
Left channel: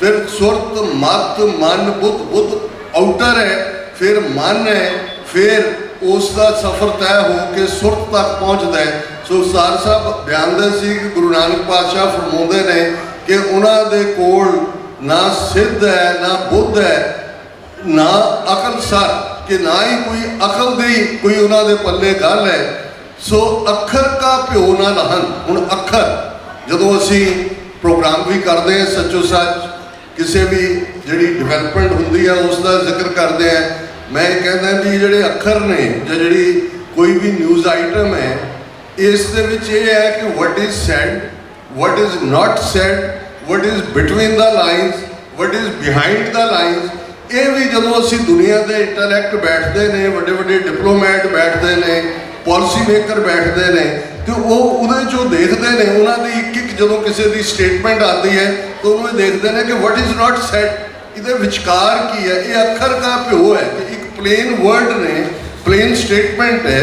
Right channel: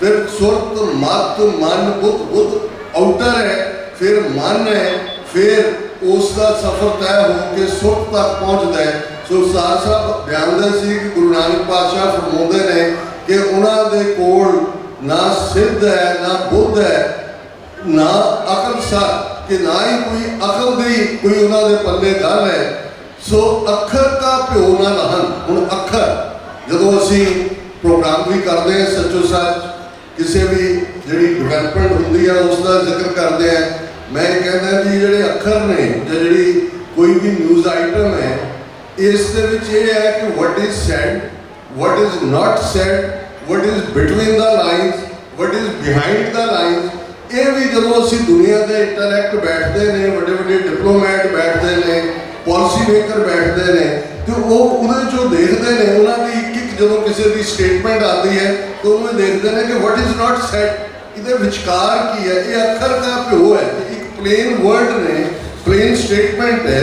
फिर सुरत मत मन बुद्ध, बुद्ध आउटर है, फिर मन है, फिर उसका सफ़र तय हो के सुरत तक पहुँचता है। सो सर साहब बयानदे सी कि गुरु नानक पातशाह फरमाउंदे ने कि उन्हां दे कोल ना सिद्ध है ना बुद्ध है ना अकल सर, कि ना ही कोई अकल दी कोई उन्हां दे पल्ले गल है। सो अखर का प्यो ना लहन। हुण अखर जदों असी प्रोग्राम भी करते हैं सच्चो सच किसी भी जी डिवेलपमेंट होंगी है उसका जिक्र करते हैं, मैं कहना भी जोड़े अखर ने या जी कोई भी न्यूज़ आइटम है इस है कि what is sad, what is not sad, what is between the lines, what is behind the lines. ये भी जो असी दुनिया के इंटलैक्ट बैठते हैं, वड्डे वड्डे डिप्लोमैट बैठते हैं, पॉलिसी मेकर बैठते हैं, तो वो चो देखते हैं उन्होंने एक जो किसी की स्टेटमेंट आती है तो उन्होंने देखते हैं कि वट इज़ नॉट सैड ये विचकार की है। ये अखर का प्यो है, एक प्लेन वर्ड ने प्लेन स्टेटमेंट है,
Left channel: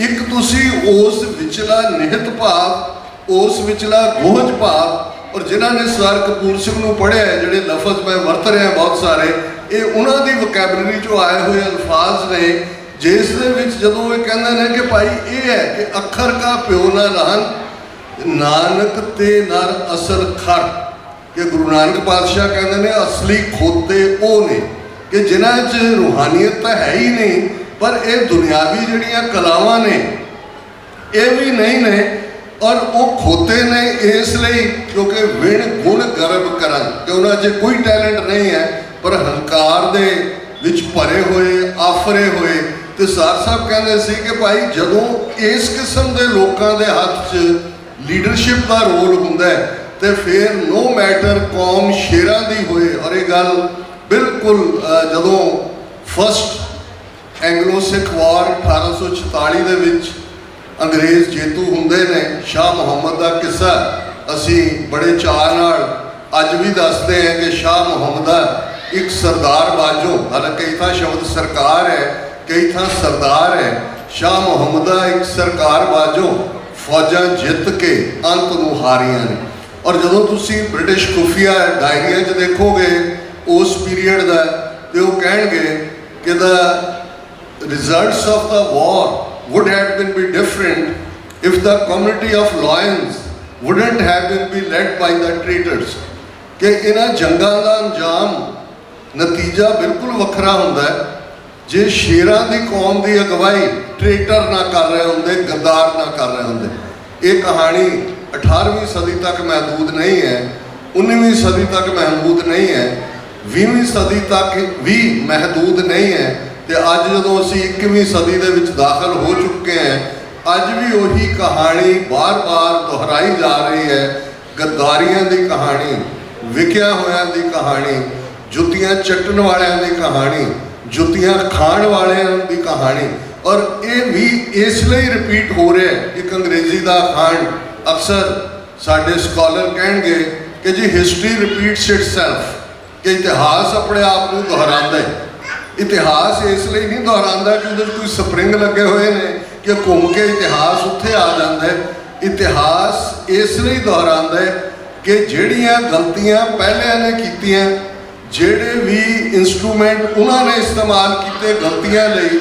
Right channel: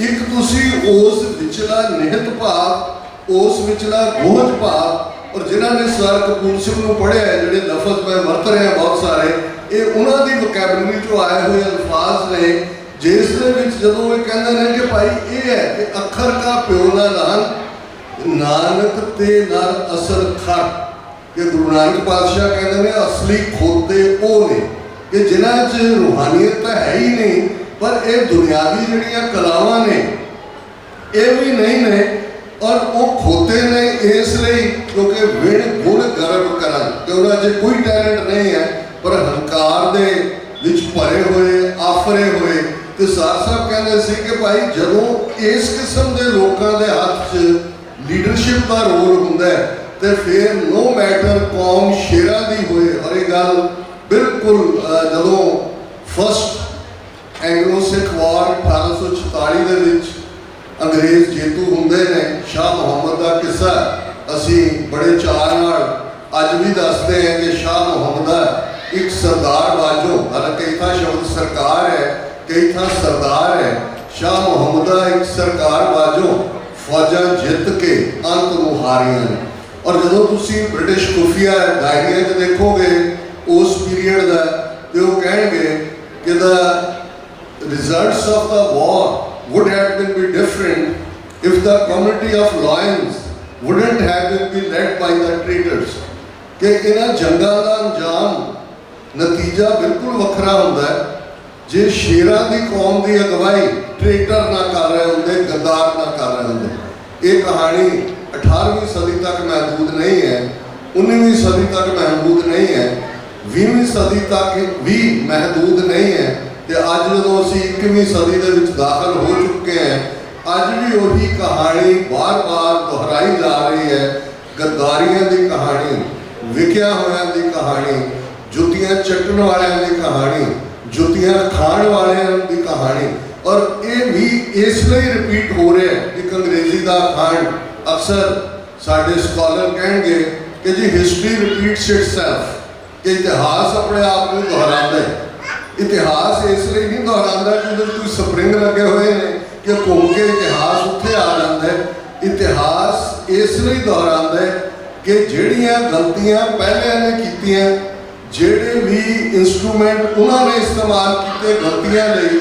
एक तुसी उस विचला निहित भाव उस विचला गोहज भाव और जिन्होंने सर कपूर सिंह को पढ़िया है जोड़े लफज मैं वरत रहे हैं बहुत सारे ये उन्होंने वोकैबलरी चो आए हुए अल्फाज ने जिस जो ये कहते हैं कि भाई ये है कि अखर का प्यो ना लहन नानक ते नर असर खर, कि गुरु नानक पातशाह कहते हैं असली खोते वो ने कि जिन्हां च रूहानियत तो है ही नहीं पर ये दुनियावी जिहड़ियां कलावां ने ये भी नहीं ने और वो खोते ने इसलिए क्योंकि विण गुण गर्व करन कि उन्हां च कोई टैलेंट नहीं है पर हंकार दे विच भरे हुए आफरे हुए। तो सर साहब कहते सी कि भाई जदों इस किस्म के लोगों के हाथ च लीडरशिप का रोल होंदा है तो फिर नो मैटर कौम शेरां दी होए। और ये गल बिल्कुल जदों फस्ट एंग्लो सिख वार 1846 दे विच अंग्रेज़ जेतू होंदे ने, शाह मुहम्मद का किस्सा असी बड़े चार नाल अज भी दसते हैं कि शाह मुहम्मद एक सरदार बाजो, हालांकि कई था शब्द सरकार है कई था सरदार है, शाह मुहम्मद एक सरकार बाजो फौजा जित के अंत नूं हारियां ने। और जदों तुसीं ब्रिटिश खुफिया डायरिया च देखोगे उस पीरीयड का तो वो कहेंगे कि the results of the war would have been be different if the community of lions wouldn't have been led by the traitors। कि इन्हां जंगां दा अंजाम नतीजा बिल्कुल वखरा हुंदा है जे शेरां दी कौम दी अगवाई ट्रेटर ना कर रहे होंदे, गद्दार ना कर रहे होंदे। ये कहानी 18वीं सदी तक महदूद नहीं है, 19वीं सदी तक महदूद नहीं है, 20वीं सदी तक भी महदूद नहीं है। तो अज जो असी 21वीं सदी के दाखिल हो चुके हैं अज भी वही कहानी बार बार दोहराई जा रही है। गद्दारियों की कहानी, विकिया होया की कहानी, जुतियां चट्टन वालियां की कहानी, जुतियां खाण वालियां की कहानी। और ये भी इसलिए रिपीट हो रहा है। एक अंग्रेजी का अखांड अक्सर साडे स्कॉलर कहेंगे कि जी हिस्टरी रिपीट्स इटसेल्फ, कि इतिहास अपने आप को दोहराता है। ਇਤਿਹਾਸ ਇਸ ਲਈ ਨਹੀਂ ਦੁਹਰਾਉਂਦਾ ਕਿ ਉਹਦੇ 'ਚ ਕੋਈ ਸਪਰਿੰਗ ਲੱਗੇ ਹੋਏ ਨੇ ਕਿ ਘੁੰਮ ਕੇ ਇਤਿਹਾਸ ਉੱਥੇ ਆ ਜਾਂਦਾ ਹੈ। ਇਤਿਹਾਸ ਇਸ ਲਈ ਦੁਹਰਾਉਂਦਾ ਹੈ ਕਿ ਜਿਹੜੀਆਂ ਗਲਤੀਆਂ ਪਹਿਲਿਆਂ ਨੇ ਕੀਤੀਆਂ, ਜਿਹੜੇ ਵੀ ਇੰਸਟਰੂਮੈਂਟ ਉਹਨਾਂ ਨੇ ਇਸਤੇਮਾਲ ਕੀਤੇ ਗਲਤੀਆਂ ਲਈ,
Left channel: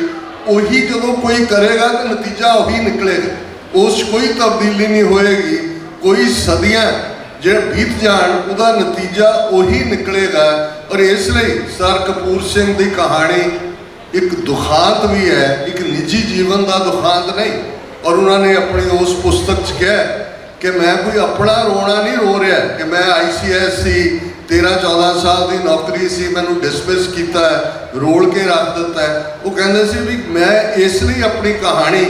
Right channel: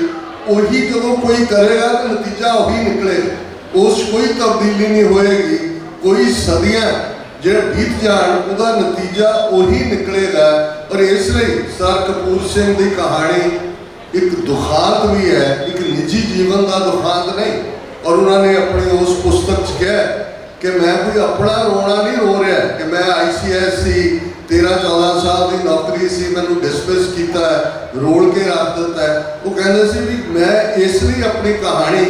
ਉਹੀ ਜਦੋਂ ਕੋਈ ਕਰੇਗਾ ਤਾਂ ਨਤੀਜਾ ਉਹੀ ਨਿਕਲੇਗਾ। ਉਸ 'ਚ ਕੋਈ ਤਬਦੀਲੀ ਨਹੀਂ ਹੋਏਗੀ। ਕੋਈ ਸਦੀਆਂ ਜੇ ਬੀਤ ਜਾਣ ਉਹਦਾ ਨਤੀਜਾ ਉਹੀ ਨਿਕਲੇਗਾ। ਔਰ ਇਸ ਲਈ ਸਰ ਕਪੂਰ ਸਿੰਘ ਦੀ ਕਹਾਣੀ ਇੱਕ ਦੁਖਾਂਤ ਵੀ ਹੈ, ਇੱਕ ਨਿੱਜੀ ਜੀਵਨ ਦਾ ਦੁਖਾਂਤ ਨਹੀਂ। ਔਰ ਉਹਨਾਂ ਨੇ ਆਪਣੀ ਉਸ ਪੁਸਤਕ 'ਚ ਕਿਹਾ ਕਿ ਮੈਂ ਕੋਈ ਆਪਣਾ ਰੋਣਾ ਨਹੀਂ ਰੋ ਰਿਹਾ ਕਿ ਮੈਂ ICS ਸੀ, 13-14 ਸਾਲ ਦੀ ਨੌਕਰੀ ਸੀ, ਮੈਨੂੰ ਡਿਸਮਿਸ ਕੀਤਾ ਹੈ, ਰੋਲ ਕੇ ਰੱਖ ਦਿੱਤਾ ਹੈ। ਉਹ ਕਹਿੰਦੇ ਸੀ ਵੀ ਮੈਂ ਇਸ ਲਈ ਆਪਣੀ ਕਹਾਣੀ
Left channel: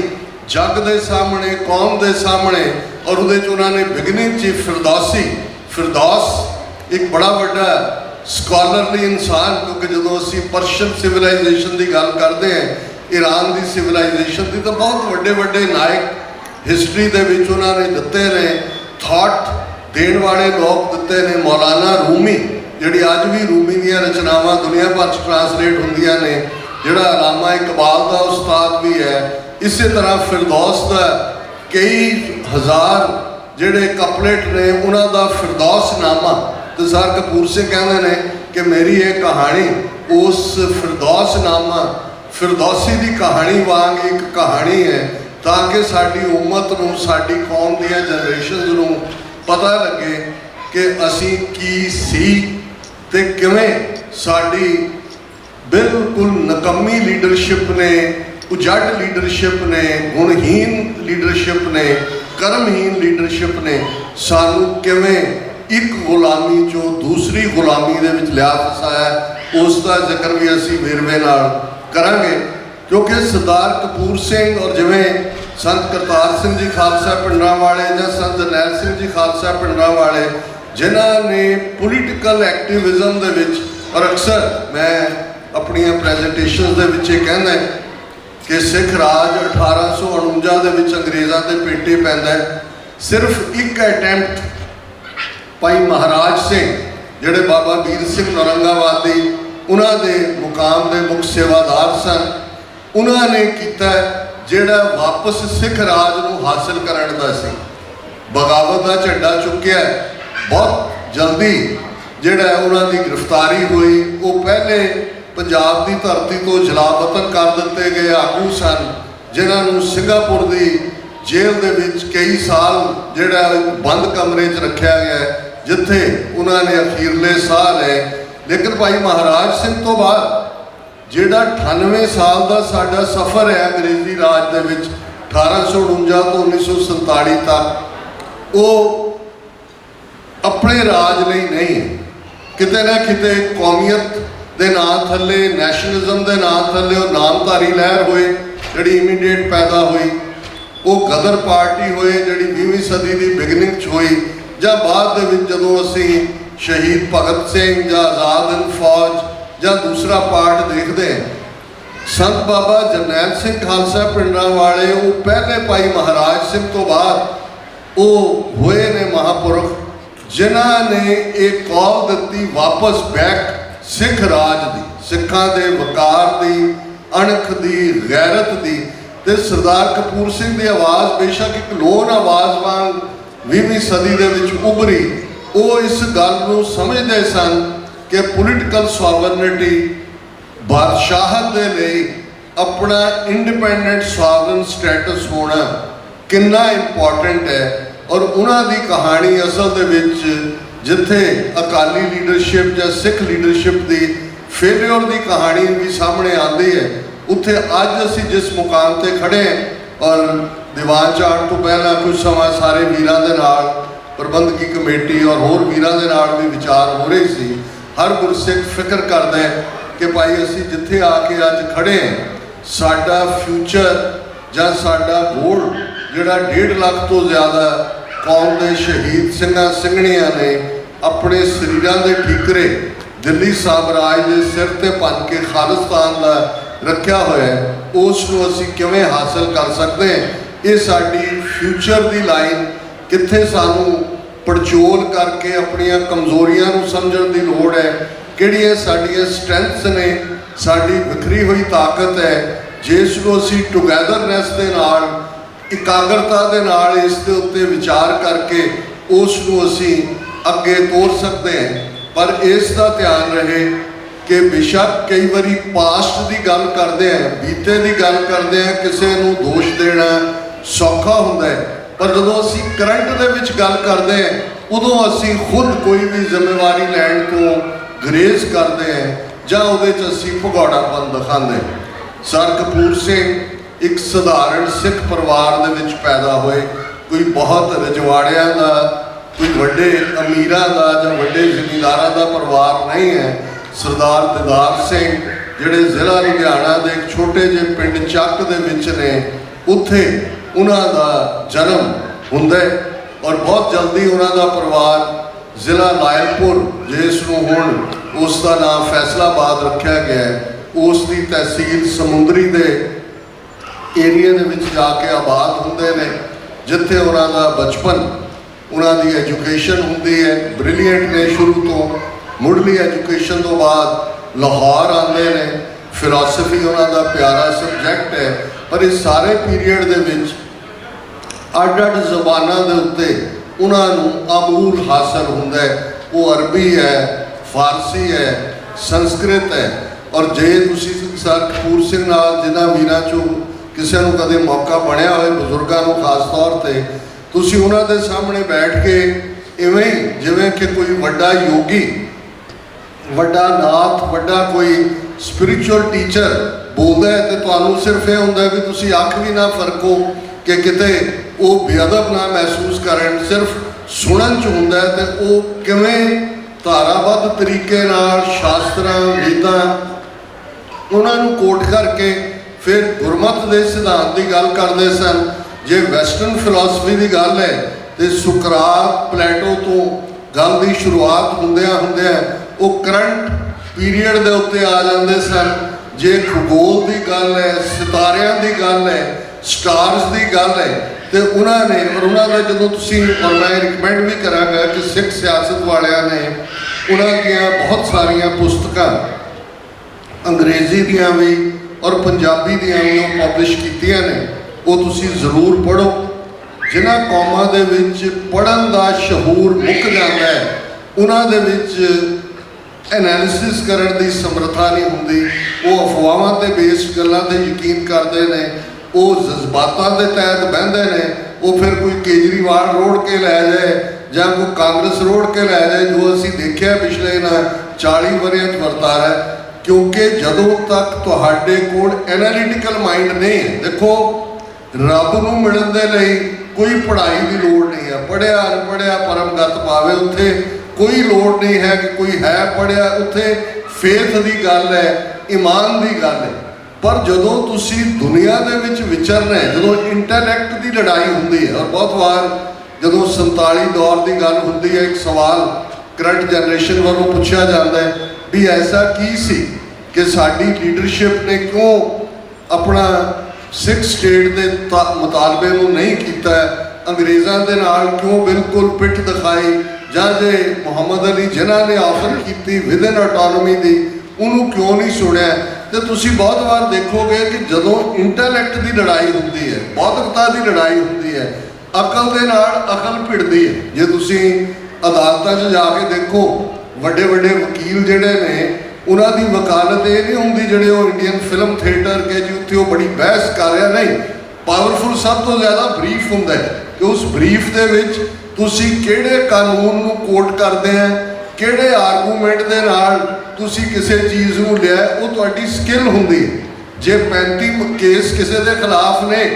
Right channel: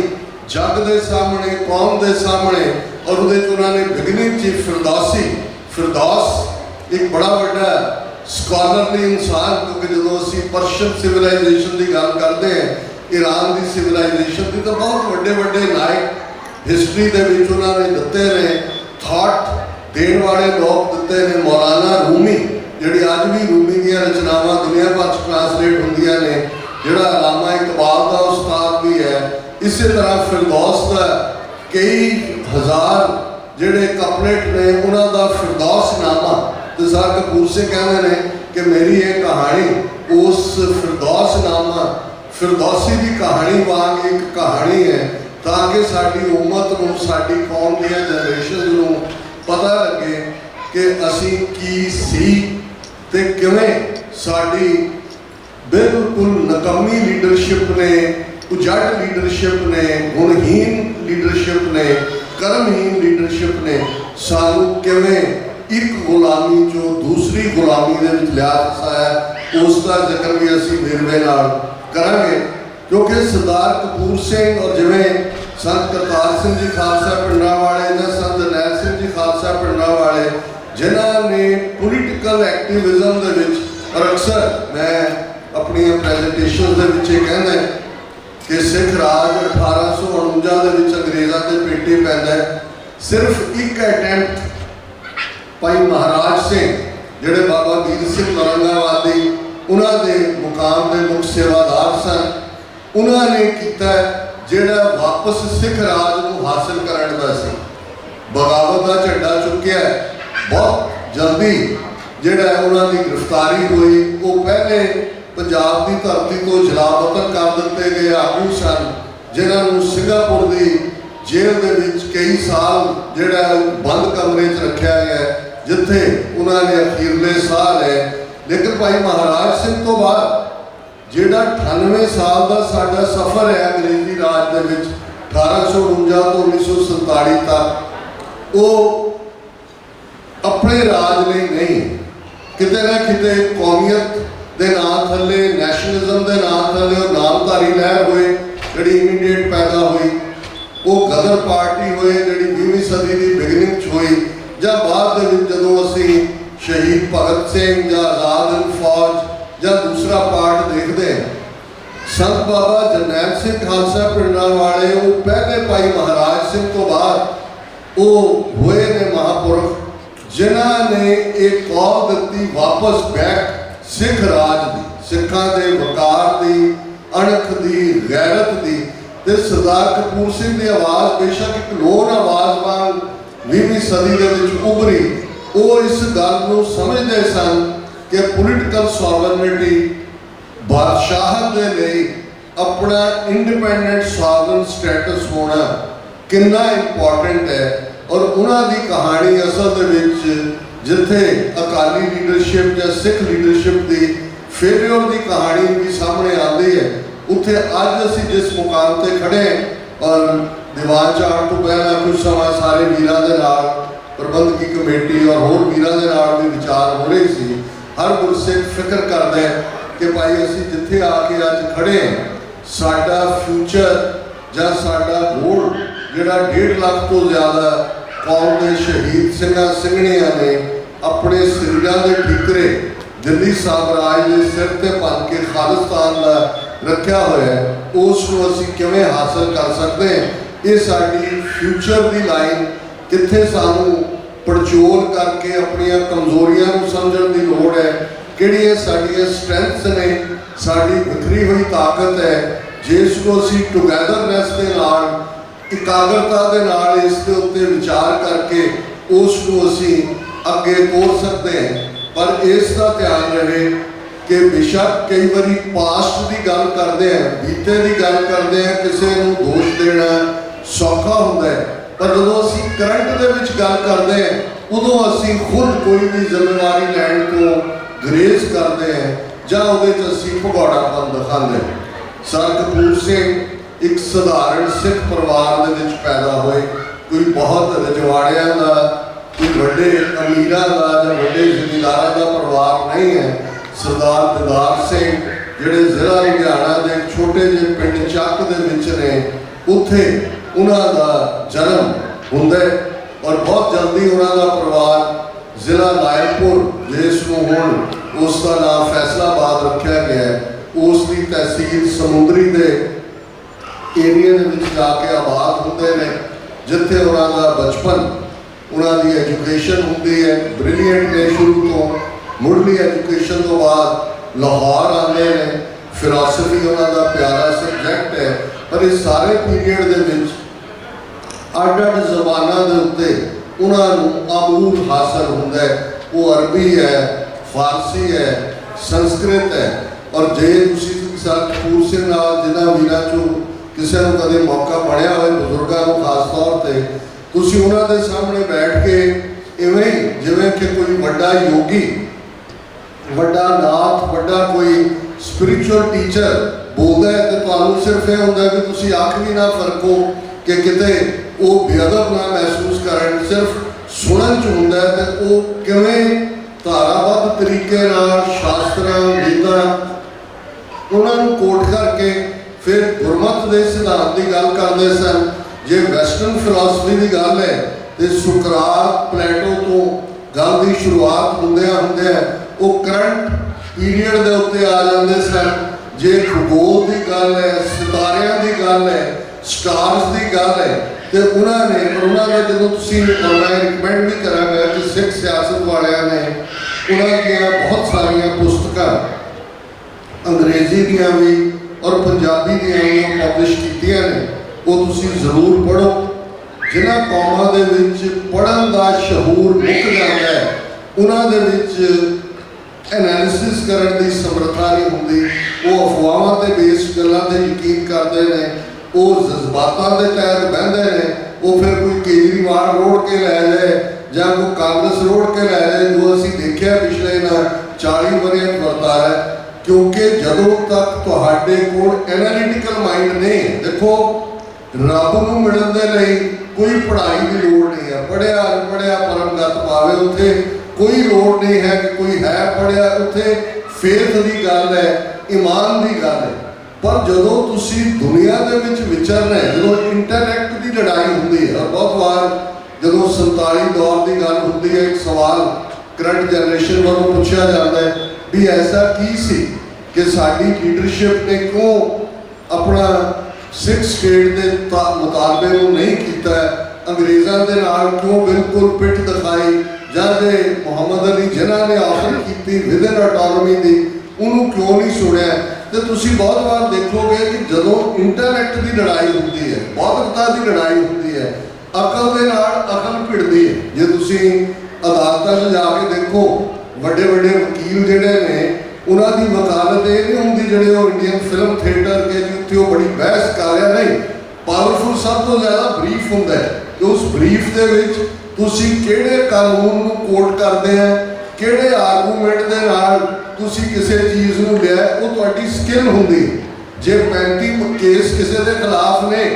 ਜੱਗ ਦੇ ਸਾਹਮਣੇ, ਕੌਮ ਦੇ ਸਾਹਮਣੇ, ਔਰ ਉਹਦੇ 'ਚ ਉਹਨਾਂ ਨੇ ਬਿਗਨਿੰਗ 'ਚ ਫਿਰਦੌਸ ਇੱਕ ਬੜਾ ਵੱਡਾ ਸਕਾਲਰਲੀ ਇਨਸਾਨ, ਕਿਉਂਕਿ ਜਦੋਂ ਅਸੀਂ ਪਰਸ਼ੀਅਨ ਸਿਵਲਾਈਜੇਸ਼ਨ ਦੀ ਗੱਲ ਕਰਦੇ ਹਾਂ, ਈਰਾਨ ਦੀ ਸਿਵਲਾਈਜੇਸ਼ਨ ਦੀ, ਤਾਂ ਬਹੁਤ ਵੱਡੇ ਵੱਡੇ ਨਾਇਕ ਹਿਸਟਰੀ ਦੇ ਵਿੱਚ ਉਹਨਾਂ ਨੇ ਦਿੱਤੇ ਨੇ, ਥਾਟ ਦੇਣ ਵਾਲੇ ਲੋਕ ਦਿੱਤੇ ਨੇ। ਮੌਲਾਨਾ ਰੂਮੀ, ਜਿਹੜੀ ਅੱਜ ਵੀ ਰੂਮੀ ਦੀਆਂ ਰਚਨਾਵਾਂ ਦੁਨੀਆ ਭਰ 'ਚ ਟ੍ਰਾਂਸਲੇਟ ਹੁੰਦੀਆਂ ਨੇ, ਜਿਹੜਾ ਅਲਾਮਾ ਇਕਬਾਲ ਦਾ ਉਸਤਾਦ ਵੀ ਹੈ। ਇਸੇ ਤਰ੍ਹਾਂ ਫਿਰਦੌਸ ਦਾ ਕਈ ਹਜ਼ਾਰ ਜਿਹੜੇ ਕਪਲੇਟ ਨੇ, ਉਹਨਾਂ ਦਾ ਫਿਰਦੌਸਨਾਮਾ। ਤੇ ਸਰ ਕਪੂਰ ਸਿੰਘ ਕਹਿੰਦੇ ਨੇ ਕਿ ਮੇਰੀ ਇਹ ਕਹਾਣੀ ਉਸ ਫਿਰਦੌਸਨਾਮਾ, ਫਿਰਦੌਸੀ ਦੀ ਕਹਾਣੀ ਵਾਂਗ ਇੱਕ ਕਹਾਣੀ ਹੈ, ਤਾਂ ਕਿ ਸਾਡੀ ਉਮਤ ਨੂੰ, ਸਾਡੀ ਕੌਮ ਦੀਆਂ ਜਨਰੇਸ਼ਨਸ ਨੂੰ ਪਤਾ ਲੱਗੇ ਕਿ ਅਸੀਂ ਕੀ ਸੀ ਤੇ ਕਿਵੇਂ ਸਾਡੀ ਬਿਲਕੁਲ ਨਕੰਮੀ ਲੀਡਰਸ਼ਿਪ ਨੇ, ਉਜੜ ਲੀਡਰਸ਼ਿਪ ਨੇ, ਗੁਣਹੀਨ ਲੀਡਰਸ਼ਿਪ ਨੇ, ਕਰਮਹੀਨ ਲੀਡਰਸ਼ਿਪ ਨੇ ਸਾਨੂੰ ਕਿਵੇਂ ਇੱਕ ਗੁਲਾਮੀ 'ਚੋਂ ਦੂਸਰੀ ਗੁਲਾਮੀ ਦੇ ਵਿੱਚ ਲਿਆ ਫਸਾਇਆ। ਉਸ ਦਾ ਜ਼ਿਕਰ ਵੀ ਅਸੀਂ ਵੇਰਵੇ ਨਾਲ ਕਰਾਂਗੇ, ਕਿਉਂਕਿ ਸਰਦਾਰ ਕਪੂਰ ਸਿੰਘ ਔਰ ਜਿਵੇਂ ਸੰਤ ਕਰਤਾਰ ਸਿੰਘ ਜੀ ਖਾਲਸਾ ਪਿੰਡਰਾਂ ਵਾਲੇ ਜਾਂ ਸੰਤ ਜਰਨੈਲ ਸਿੰਘ ਜੀ ਖਾਲਸਾ ਪਿੰਡਰਾਂ ਵਾਲੇ, ਜਿਨ੍ਹਾਂ ਨੇ ਪੋਲੀਟੀਕਲ ਐਕਟਿਵਿਜ਼ਮ ਦੇ ਵਿੱਚ, ਔਰ ਅਕਸਰ ਮੈਂ ਆਪਣੀਆਂ ਪ੍ਰੈਜੈਂਟੇਸ਼ਨ ਦੇ ਵਿੱਚ ਇਹ ਕਹਿੰਦਾ ਕਿ ਸਿੱਖ ਰਾਜ 1849 ਦੇ ਵਿੱਚ ਅੰਗਰੇਜ਼ਾਂ ਦੇ ਪੇਟੇ ਪੈਂਦਾ ਹੈ। ਸਿਰਫ ਇੱਕ ਅਟੈਂਪਟ ਭਾਈ ਮਹਾਰਾਜ ਸਿੰਘ, ਜਿਹੜੇ ਬਾਬਾ ਵੀਰ ਸਿੰਘ ਨੌਰੰਗਾਵਾਦੀ ਉਹਨਾਂ ਦੇ ਮੁਕਾਮ ਦੇ ਮੁੱਖ ਸੇਵਾਦਾਰ ਸਨ, ਉਹਨਾਂ ਨੇ ਕੀਤਾ, ਜਿਹੜਾ ਵਾਪਸ ਸਿੱਖ ਰਾਜ ਨੂੰ ਹਾਸਲ ਕਰਨ ਦਾ ਸੀ। ਬਗਾਵਤ ਦਾ ਝੰਡਾ ਚੁੱਕਿਆ। ਬਹੁਤ ਜਲਦੀ ਜਿਹੜਾ ਉਹਨਾਂ ਦੀ ਗ੍ਰਿਫਤਾਰੀ ਹੋਈ। ਉਹ ਪਹਿਲੇ ਪੰਜਾਬ ਦੀ ਧਰਤੀ ਤੋਂ ਜਲਾਵਤਨ ਕਰ ਦਿੱਤੇ ਗਏ ਆਗੂ ਸਨ, ਜਿਨ੍ਹਾਂ ਨੂੰ ਸਿੰਗਾਪੁਰ ਦੀ ਜੇਲ੍ਹ ਦੇ ਵਿੱਚ ਕਈ ਸਾਲ ਜਿਹੜਾ ਬੰਦ ਕਮਰੇ 'ਚ ਰੱਖਿਆ ਗਿਆ, ਜਿੱਥੇ ਉਹਨਾਂ ਨੇ ਅਖੀਰਲੇ ਸਾਹ ਲਏ। ਲੇਕਿਨ ਭਾਈ ਮਹਾਰਾਜ ਸਿੰਘ ਤੋਂ ਬਾਅਦ ਜਿਹੜਾ 98 ਸਾਲ ਦਾ ਸਾਡਾ ਸਫ਼ਰ ਹੈ ਅੰਗਰੇਜ਼ੀ ਰਾਜ ਦੇ ਵਿੱਚ, 1849 ਤੋਂ 1947 ਤੱਕ, ਉਹ ਆਪਣੇ ਰਾਜ ਲਈ ਨਹੀਂ, ਕਿਤੇ ਨਾ ਕਿਤੇ ਕੌਮੀਅਤ ਦੇ ਨਾਂ ਥੱਲੇ, ਨੈਸ਼ਨਲਿਜ਼ਮ ਦੇ ਨਾਂ ਥੱਲੇ ਉਹ ਨਾਮਧਾਰੀ ਲਹਿਰ ਹੋਏ ਜਿਹੜੀ ਇਮੀਡੀਏਟ ਪੈਦਾ ਹੋਈ। ਉਹ ਗਦਰ ਪਾਰਟੀ ਹੋਏ ਜਿਹੜੀ 20ਵੀਂ ਸਦੀ ਦੀ ਬਿਗਨਿੰਗ 'ਚ ਹੋਈ, ਜਾਂ ਬਾਅਦ ਦੇ ਵਿੱਚ ਜਦੋਂ ਅਸੀਂ ਸ਼ਹੀਦ ਭਗਤ ਸਿੰਘ ਜਾਂ ਆਜ਼ਾਦ ਹਿੰਦ ਫੌਜ ਜਾਂ ਦੂਸਰਾ ਪਾਰਟ ਦੇਖਦੇ ਹਾਂ। ਸੰਤ ਬਾਬਾ ਜਰਨੈਲ ਸਿੰਘ ਖਾਲਸਾ ਪਿੰਡਰਾਂ ਵਾਲੇ, ਉਹ ਪਹਿਲੇ ਭਾਈ ਮਹਾਰਾਜ ਸਿੰਘ ਤੋਂ ਬਾਅਦ ਉਹ ਹੋਏ ਨੇ ਮਹਾਂਪੁਰਖ, ਜਿਨ੍ਹਾਂ ਨੇ ਇਹ ਕੌਲ ਦਿੱਤੀ ਵਾਪਸ ਬੈਕ ਸਿੱਖ ਰਾਜ ਦੀ, ਸਿੱਖਾਂ ਦੇ ਵਕਾਰ ਦੀ, ਅਣਖ ਦੀ, ਗੈਰਤ ਦੀ। ਤੇ ਸਰਦਾਰ ਕਪੂਰ ਸਿੰਘ ਦੀ ਆਵਾਜ਼ ਬੇਸ਼ੱਕ ਇੱਕ ਲੋਨ ਆਵਾਜ਼ ਵਾਂਗ 20ਵੀਂ ਸਦੀ ਦੇ ਵਿੱਚ ਉੱਭਰੀ। ਉਹ ਇਸ ਗੱਲ ਨੂੰ ਸਮਝਦੇ ਸਨ ਕਿ ਪੋਲੀਟੀਕਲ ਸੋਵਰਨਿਟੀ, ਬਾਦਸ਼ਾਹਤ ਦੇ ਲਈ ਆਪਣਾ ਇੰਡੀਪੈਂਡੈਂਟ ਸੋਵਰਨ ਸਟੇਟਸ ਹੋਣਾ ਕਿੰਨਾ ਇੰਪੋਰਟੈਂਟ ਹੈ। ਔਰ ਉਹਨਾਂ ਦੀ ਕਹਾਣੀ ਅਸਲ ਦੇ ਵਿੱਚ ਜਿੱਥੇ ਅਕਾਲੀ ਲੀਡਰਸ਼ਿਪ ਜਾਂ ਸਿੱਖ ਲੀਡਰਸ਼ਿਪ ਦੀ ਫੇਲਿਅਰ ਦੀ ਕਹਾਣੀ ਵੀ ਸਾਹਮਣੇ ਆਉਂਦੀ ਹੈ, ਉੱਥੇ ਅੱਜ ਅਸੀਂ ਜਿਸ ਮੁਕਾਮ ਤੇ ਖੜੇ ਹਾਂ। ਔਰ ਦੀਵਾਨ ਚਾੜ੍ਹਨ ਤੋਂ ਪਹਿਲਾਂ ਕੁਝ ਸਮਾਂ ਸਾਰੇ ਵੀਰਾਂ ਦੇ ਨਾਲ, ਪ੍ਰਬੰਧਕੀ ਕਮੇਟੀ ਔਰ ਹੋਰ ਵੀਰਾਂ ਦੇ ਨਾਲ ਵੀ ਵਿਚਾਰ ਹੋ ਰਹੇ ਸੀ। ਹਰ ਗੁਰਸਿੱਖ ਫਿਕਰ ਕਰਦਾ ਹੈ ਕਿ ਭਾਈ ਅਸੀਂ ਜਿੱਥੇ ਆ ਕੇ ਅੱਜ ਖੜੇ ਹਾਂ, ਸਾਡਾ ਫਿਊਚਰ ਜਾਂ ਸਾਡਾ ਗੋਲ ਜਿਹੜਾ 1.5 ਲੱਖ ਤੋਂ ਜ਼ਿਆਦਾ ਕੌਮ ਦੇ ਸ਼ਹੀਦ ਸਿੰਘਾਂ ਸਿੰਘਣੀਆਂ ਨੇ ਆਪਣੇ ਸਰੀਰਾਂ ਦੇ ਠੀਕਰੇ ਦਿੱਲੀ ਸਾਮਰਾਜ ਦੇ ਸਿਰ ਤੇ ਭੰਨ ਕੇ ਖਾਲਿਸਤਾਨ ਦਾ ਰੱਖਿਆ ਹੋਇਆ, ਉਸ ਨੂੰ ਅਸੀਂ ਕਿਵੇਂ ਹਾਸਲ ਕਰ ਸਕਦੇ ਹਾਂ। ਇਹ ਸਾਡੀ ਫਿਊਚਰ ਦੀ ਲਾਈਨ ਕਿੱਥੇ ਸਾਨੂੰ ਪੜਚੋਲ ਕਰਕੇ ਆਪਣੀਆਂ ਕਮਜ਼ੋਰੀਆਂ ਨੂੰ ਸਮਝਣ ਦੀ ਲੋੜ ਹੈ, ਕਿਹੜੀਆਂ ਸਾਡੀਆਂ ਸਟਰੈਂਥਸ ਨੇ, ਸਾਡੀ ਵਿਖਰੀ ਹੋਈ ਤਾਕਤ ਹੈ, ਜਿਸ ਨੂੰ ਅਸੀਂ ਟੁਗੈਦਰਨੈਸ ਦੇ ਨਾਲ, ਇਕਾਗਰਤਾ ਦੇ ਨਾਲ ਇਸ ਦੇ ਉੱਤੇ ਵਿਚਾਰ ਕਰਕੇ ਉਸ ਨੂੰ ਅਸੀਂ ਅੱਗੇ ਤੋਰ ਸਕਦੇ ਹਾਂ। ਪਰ ਇਸ ਦਾ ਧਿਆਨ ਰਹੇ ਕਿ ਬੇਸ਼ੱਕ ਕਈ ਵਾਰੀ ਪਾਸਟ ਦੀ ਗੱਲ ਕਰਦੇ ਹਾਂ, ਬੀਤੇ ਦੀ ਗੱਲ ਕਰਦੇ ਹਾਂ, ਕਿਸੇ ਨੂੰ ਦੋਸ਼ ਦੇਣਾ ਸੌਖਾ ਹੁੰਦਾ ਹੈ, ਪਰ ਜਦੋਂ ਅਸੀਂ ਕਰੰਟ ਦੇ ਵਿੱਚ ਗੱਲ ਕਰਦੇ ਹਾਂ ਉਦੋਂ ਅਸੀਂ ਖੁਦ ਕੋਈ ਵੀ ਜ਼ਿੰਮੇਵਾਰੀ ਲੈਣ ਤੋਂ ਗੁਰੇਜ਼ ਕਰਦੇ ਹਾਂ ਜਾਂ ਉਹਦੇ 'ਚ ਅਸੀਂ ਭਗੌੜਾਪਨ ਦਿਖਾਉਂਦੇ ਹਾਂ। ਸਰ ਕਪੂਰ ਸਿੰਘ ਇੱਕ ਸਧਾਰਨ ਸਿੱਖ ਪਰਿਵਾਰ ਦੇ ਵਿੱਚ ਪੈਦਾ ਹੋਏ, ਕੋਈ ਬਹੁਤ ਰਜਵਾੜਿਆਂ ਦਾ, ਕੋਈ ਵੱਡੇ ਅਮੀਰਾਂ ਦਾ ਜਾਂ ਵੱਡੇ ਜ਼ਿਮੀਂਦਾਰਾਂ ਦਾ ਪਰਿਵਾਰ ਨਹੀਂ ਹੈ। ਸਰਦਾਰ ਦਿਦਾਰ ਸਿੰਘ ਜਿਹੜੇ ਜ਼ਿਲ੍ਹਾ ਲੁਧਿਆਣਾ ਦੇ ਇੱਕ ਛੋਟੇ ਜਿਹੇ ਪਿੰਡ ਚੱਕ ਦੇ ਵਿੱਚ ਨੇ, ਉੱਥੇ ਉਹਨਾਂ ਦਾ ਜਨਮ ਹੁੰਦਾ ਔਰ ਬਹੁਤ ਜਲਦੀ ਉਹਨਾਂ ਦਾ ਪਰਿਵਾਰ ਜ਼ਿਲ੍ਹਾ ਲਾਇਲਪੁਰ, ਜਿਸ ਨੂੰ ਹੁਣ ਉਸ ਦਾ ਨਾਮ ਫੈਸਲਾਬਾਦ ਰੱਖਿਆ ਗਿਆ ਹੈ, ਉਸ ਦੀ ਤਹਿਸੀਲ ਸਮੁੰਦਰੀ ਦੇ ਏਰੀਆ ਦੇ ਵਿੱਚ ਜਾ ਕੇ ਆਬਾਦ ਹੁੰਦੇ ਨੇ, ਜਿੱਥੇ ਉਹਨਾਂ ਦਾ ਬਚਪਨ, ਉਹਨਾਂ ਦੀ ਐਜੂਕੇਸ਼ਨ ਹੁੰਦੀ ਹੈ। ਬ੍ਰਿਲੀਅੰਟ ਨੇ ਸ਼ੁਰੂ ਤੋਂ, ਮੁੱਢਲੀ ਐਜੂਕੇਸ਼ਨ ਤੋਂ ਬਾਅਦ ਲਾਹੌਰ ਆਉਂਦੇ ਨੇ। ਫਿਲਾਸਫੀ ਉਹਨਾਂ ਦਾ ਪਿਆਰਾ ਸਬਜੈਕਟ ਹੈ, ਪਰ ਇਸ ਸਾਰੇ ਪੀਰੀਅਡ ਦੇ ਵਿੱਚ ਅੱਡ-ਅੱਡ ਜ਼ਬਾਨਾਂ ਦੇ ਉੱਤੇ ਉਹਨਾਂ ਨੂੰ ਅਮੂਲ ਹਾਸਲ ਹੁੰਦਾ ਹੈ। ਉਹ ਅਰਬੀ ਹੈ, ਫਾਰਸੀ ਹੈ, ਸੰਸਕ੍ਰਿਤ ਹੈ। ਔਰ ਜੇ ਤੁਸੀਂ ਸਰ ਕਪੂਰ ਸਿੰਘ ਨਾਲ ਜਿਨ੍ਹਾਂ ਵੀਰਾਂ 'ਚੋਂ ਕਿਸੇ ਨੂੰ ਕਦੇ ਮੌਕਾ ਬਣਿਆ ਹੋਏ, ਬਜ਼ੁਰਗਾਂ ਨੂੰ ਖਾਸ ਤੌਰ 'ਤੇ, ਤੁਸੀਂ ਉਹਨਾਂ ਦੇ ਸਾਹਮਣੇ ਬੈਠ ਕੇ ਇਵੇਂ ਜਿਵੇਂ ਕਿ ਕੋਈ ਵੱਡਾ ਯੋਗੀ, ਵੱਡਾ ਨਾਥ, ਵੱਡਾ ਕੋਈ ਸਪਿਰਿਚੁਅਲ ਟੀਚਰ ਬੋਲਦਾ ਹੈ, ਤੇ ਤੁਹਾਨੂੰ ਸਿਰਫ ਇਹ ਹੁੰਦਾ ਵੀ ਤੁਸੀਂ ਅੱਖ ਵੀ ਨਾ ਫਰਕੋ ਕਿ ਕਿਤੇ ਉਹ ਬੇਅਦਬ ਨਾ ਮਹਿਸੂਸ ਕਰਨ। ਸਿਰਫ ਸੁਣਨ 'ਚ ਹੁੰਦਾ ਹੈ ਤੇ ਉਹ ਕਿਵੇਂ ਧਾਰਾਬੱਧ ਤਰੀਕੇ ਨਾਲ ਸ਼ਾਸਤਰਾਂ, ਵੇਦਾਂ, ਉਹਨਾਂ ਨੂੰ ਕੋਟ ਕਰਕੇ ਫਿਰ ਗੁਰਮਤਿ ਦੇ ਸਿਧਾਂਤ ਦੀ ਗੱਲ ਕਰਦੇ ਸਨ। ਜੇ ਵੈਸਟਰਨ ਫਿਲਾਸਫੀ ਦੀ ਗੱਲ ਹੈ ਤੇ ਸੁਕਰਾਤ, ਪਲੇਟੋ ਤੋਂ ਗੱਲ ਦੀ ਸ਼ੁਰੂਆਤ ਹੁੰਦਿਆਂ ਉਹ ਕਰੰਟ ਪੀਰੀਅਡ ਦੇ ਉੱਤੇ ਆ ਜਾਂਦੇ ਸਨ। ਜੇ ਖਗੋਲ ਦੀ ਗੱਲ ਹੈ, ਸਿਤਾਰਿਆਂ ਦੀ ਗੱਲ ਹੈ, ਸਟਾਰਸ ਦੀ ਗੱਲ ਹੈ, ਤੇ ਉਹਨਾਂ ਨੇ, ਔਰ ਉਹਨਾਂ ਦਾ ਜਦੋਂ ਤੁਸੀਂ, ਔਰ ਮੈਂ ਰਿਕਮੈਂਡ ਵੀ ਕਰਾਂਗਾ ਕਿ ਸਿੱਖ ਸਿਆਸਤ ਵਾਲਿਆਂ ਨੇ ਉਹਨਾਂ ਦੀਆਂ ਬਹੁਤ ਸਾਰੀਆਂ ਪੁਸਤਕਾਂ ਅੰਗਰੇਜ਼ੀ ਦੀਆਂ ਵੀ ਔਰ ਪੰਜਾਬੀ ਦੀਆਂ ਵੀ ਪਬਲਿਸ਼ ਕੀਤੀਆਂ ਨੇ, ਉਹ ਤੁਸੀਂ ਜ਼ਰੂਰ ਪੜ੍ਹੋ। ਜਿਨ੍ਹਾਂ ਕੌਮਾਂ ਦੇ ਵਿੱਚ ਪੜ੍ਹਨ ਦਾ ਸ਼ਹੂਰ ਮੁੱਕ ਜਾਂਦਾ ਹੈ, ਉਹਨਾਂ ਦੇ ਵਿੱਚ ਐਨਾਲਿਸਿਸ ਕਰਨ ਦੀ ਸਮਰੱਥਾ ਨਹੀਂ ਹੁੰਦੀ। ਉਹ ਅਫਵਾਹਾਂ 'ਤੇ ਬੇਸਡ ਗੱਲਾਂ 'ਤੇ ਯਕੀਨ ਕਰਦੇ ਨੇ, ਉਹ ਜਜ਼ਬਾਤਾਂ ਦੇ ਤਹਿਤ ਬਹਿੰਦੇ ਨੇ। ਉਹ ਫਿਰ ਕੋਈ ਕੇਜਰੀਵਾਲ ਰੋੜ ਕੇ ਲੈ ਜਾਏ ਜਾਂ ਕੋਈ ਕਾਂਗਰਸ ਰੋੜ ਕੇ ਲੈ ਜਾਏ, ਜੋ ਅਸੀਂ ਦੇਖਿਆ ਪਿਛਲੇ 40 ਵਰ੍ਹਿਆਂ 'ਚ ਵਰਤਾਰਾ ਹੈ। ਕਿਉਂਕਿ ਜਦੋਂ ਤੱਕ ਤੁਹਾਡੇ ਕੋਲ ਐਨਾਲਿਟੀਕਲ ਮਾਈਂਡ ਨਹੀਂ ਹੈ, ਦੇਖੋ ਰੱਬ ਨੂੰ ਮਿਲਣ ਦੇ ਲਈ ਕੋਈ ਪੜ੍ਹਾਈ ਦੀ ਲੋੜ ਨਹੀਂ ਹੈ। ਪੜ੍ਹਿਆ ਅਨਪੜ੍ਹਿਆ ਪਰਮਗਤ ਪਾਵੇ, ਉੱਥੇ ਕੋਈ ਲੋੜ ਨਹੀਂ ਹੈ ਕਿ ਕੋਈ ਹੈ ਪੜ੍ਹਿਆ। ਉੱਥੇ ਫੇਥ ਦੀ ਗੱਲ ਹੈ, ਈਮਾਨ ਦੀ ਗੱਲ ਹੈ। ਪਰ ਜਦੋਂ ਤੁਸੀਂ ਦੁਨੀਆ ਦੇ ਵਿੱਚ ਵਿਚਰਨਾ ਹੈ, ਜਦੋਂ ਇੰਟੈਲੈਕਟ ਦੀ ਲੜਾਈ ਹੁੰਦੀ ਹੈ, ਔਰ ਬਹੁਤ ਵਾਰ ਜਦੋਂ 47 ਦੌਰ ਦੀ ਗੱਲ ਹੁੰਦੀ ਹੈ, ਇੱਕ ਸਵਾਲ ਕਰੰਟ ਜਨਰੇਸ਼ਨ ਵੱਲੋਂ ਪੁੱਛਿਆ ਜਾਂਦਾ ਹੈ ਵੀ ਐਸਾ ਕੀ ਸੀ ਕਿ ਸਾਡੀ ਲੀਡਰਸ਼ਿਪ ਨੇ ਕਿਉਂ ਆਪਣਾ ਸਿੱਖ ਸਟੇਟ ਦੇ ਮੁਤਾਲਬੇ ਨੂੰ ਨਹੀਂ ਕੀਤਾ, ਅੰਗਰੇਜ਼ਾਂ ਦੇ ਨਾਲ ਕਿਉਂ ਬਿਲਕੁਲ ਪਿੱਠ ਦਿਖਾਈ, ਜਾਂ ਜੇ ਮੁਹੰਮਦ ਅਲੀ ਜਿਨ੍ਹਾਂ ਨੇ ਆਫਰ ਕੀਤੀ ਵਿਦਨ ਆਟੋਨਮੀ ਦੀ, ਉਹਨੂੰ ਕਿਉਂ ਨਹੀਂ ਸੁਣਿਆ। ਤੇ ਤੁਸੀਂ ਬਹੁਤ ਵਾਰ ਦੇਖੋਗੇ ਕਿ ਜਦੋਂ ਇੰਟੈਲੈਕਟ ਦੀ ਲੜਾਈ ਹੁੰਦੀ ਹੈ, ਬੌਧਿਕਤਾ ਦੀ ਲੜਾਈ ਹੁੰਦੀ ਹੈ, ਅਕਲ ਦੇ ਨਾਲ ਅਕਲ ਭਿੜਦੀ ਹੈ। ਜੇ ਤੁਸੀਂ ਅਦਾਲਤਾਂ 'ਚ ਜਾ ਕੇ ਦੇਖੋ, ਵੱਡੇ ਵੱਡੇ ਵਕੀਲ ਜਿਹੜੇ ਨੇ, ਉਹਨਾਂ ਦੀ ਵਕਾਲਤ ਇਹ ਨਹੀਂ ਹੁੰਦੀ ਜਿਹੜੇ ਉਹ ਇੰਡੀਅਨ ਫਿਲਮ ਥੀਏਟਰ ਕੇ ਜੀ ਉੱਥੇ ਉਹ ਬੜੀ ਬਹਿਸ ਕਰ ਰਿਹਾ, ਨਹੀਂ। ਪਾਵਰਫੁਲ ਸਭ ਤੋਂ ਜ਼ਿਆਦਾ ਬਰੀਫ ਹੁੰਦਾ ਹੈ ਕਿ ਉਸ ਬਰੀਫ ਦੇ ਵਿੱਚ ਤੁਸੀਂ ਕਿਹੜੇ ਕਾਨੂੰਨ ਨੂੰ ਕੋਟ ਕਰਦੇ ਆ, ਕਿਹੜੇ ਆਰਗੂਮੈਂਟ ਦੇ ਨਾਲ ਤੁਸੀਂ ਕਿਸੇ ਚੀਜ਼ ਨੂੰ ਲਿਆ, ਉਹ ਤੁਹਾਡੀ ਸਕਿੱਲ ਹੁੰਦੀ ਹੈ। ਜੇ 35 ਕੇਸ ਕਿਸੇ ਦੇ ਖਿਲਾਫ ਨੇ,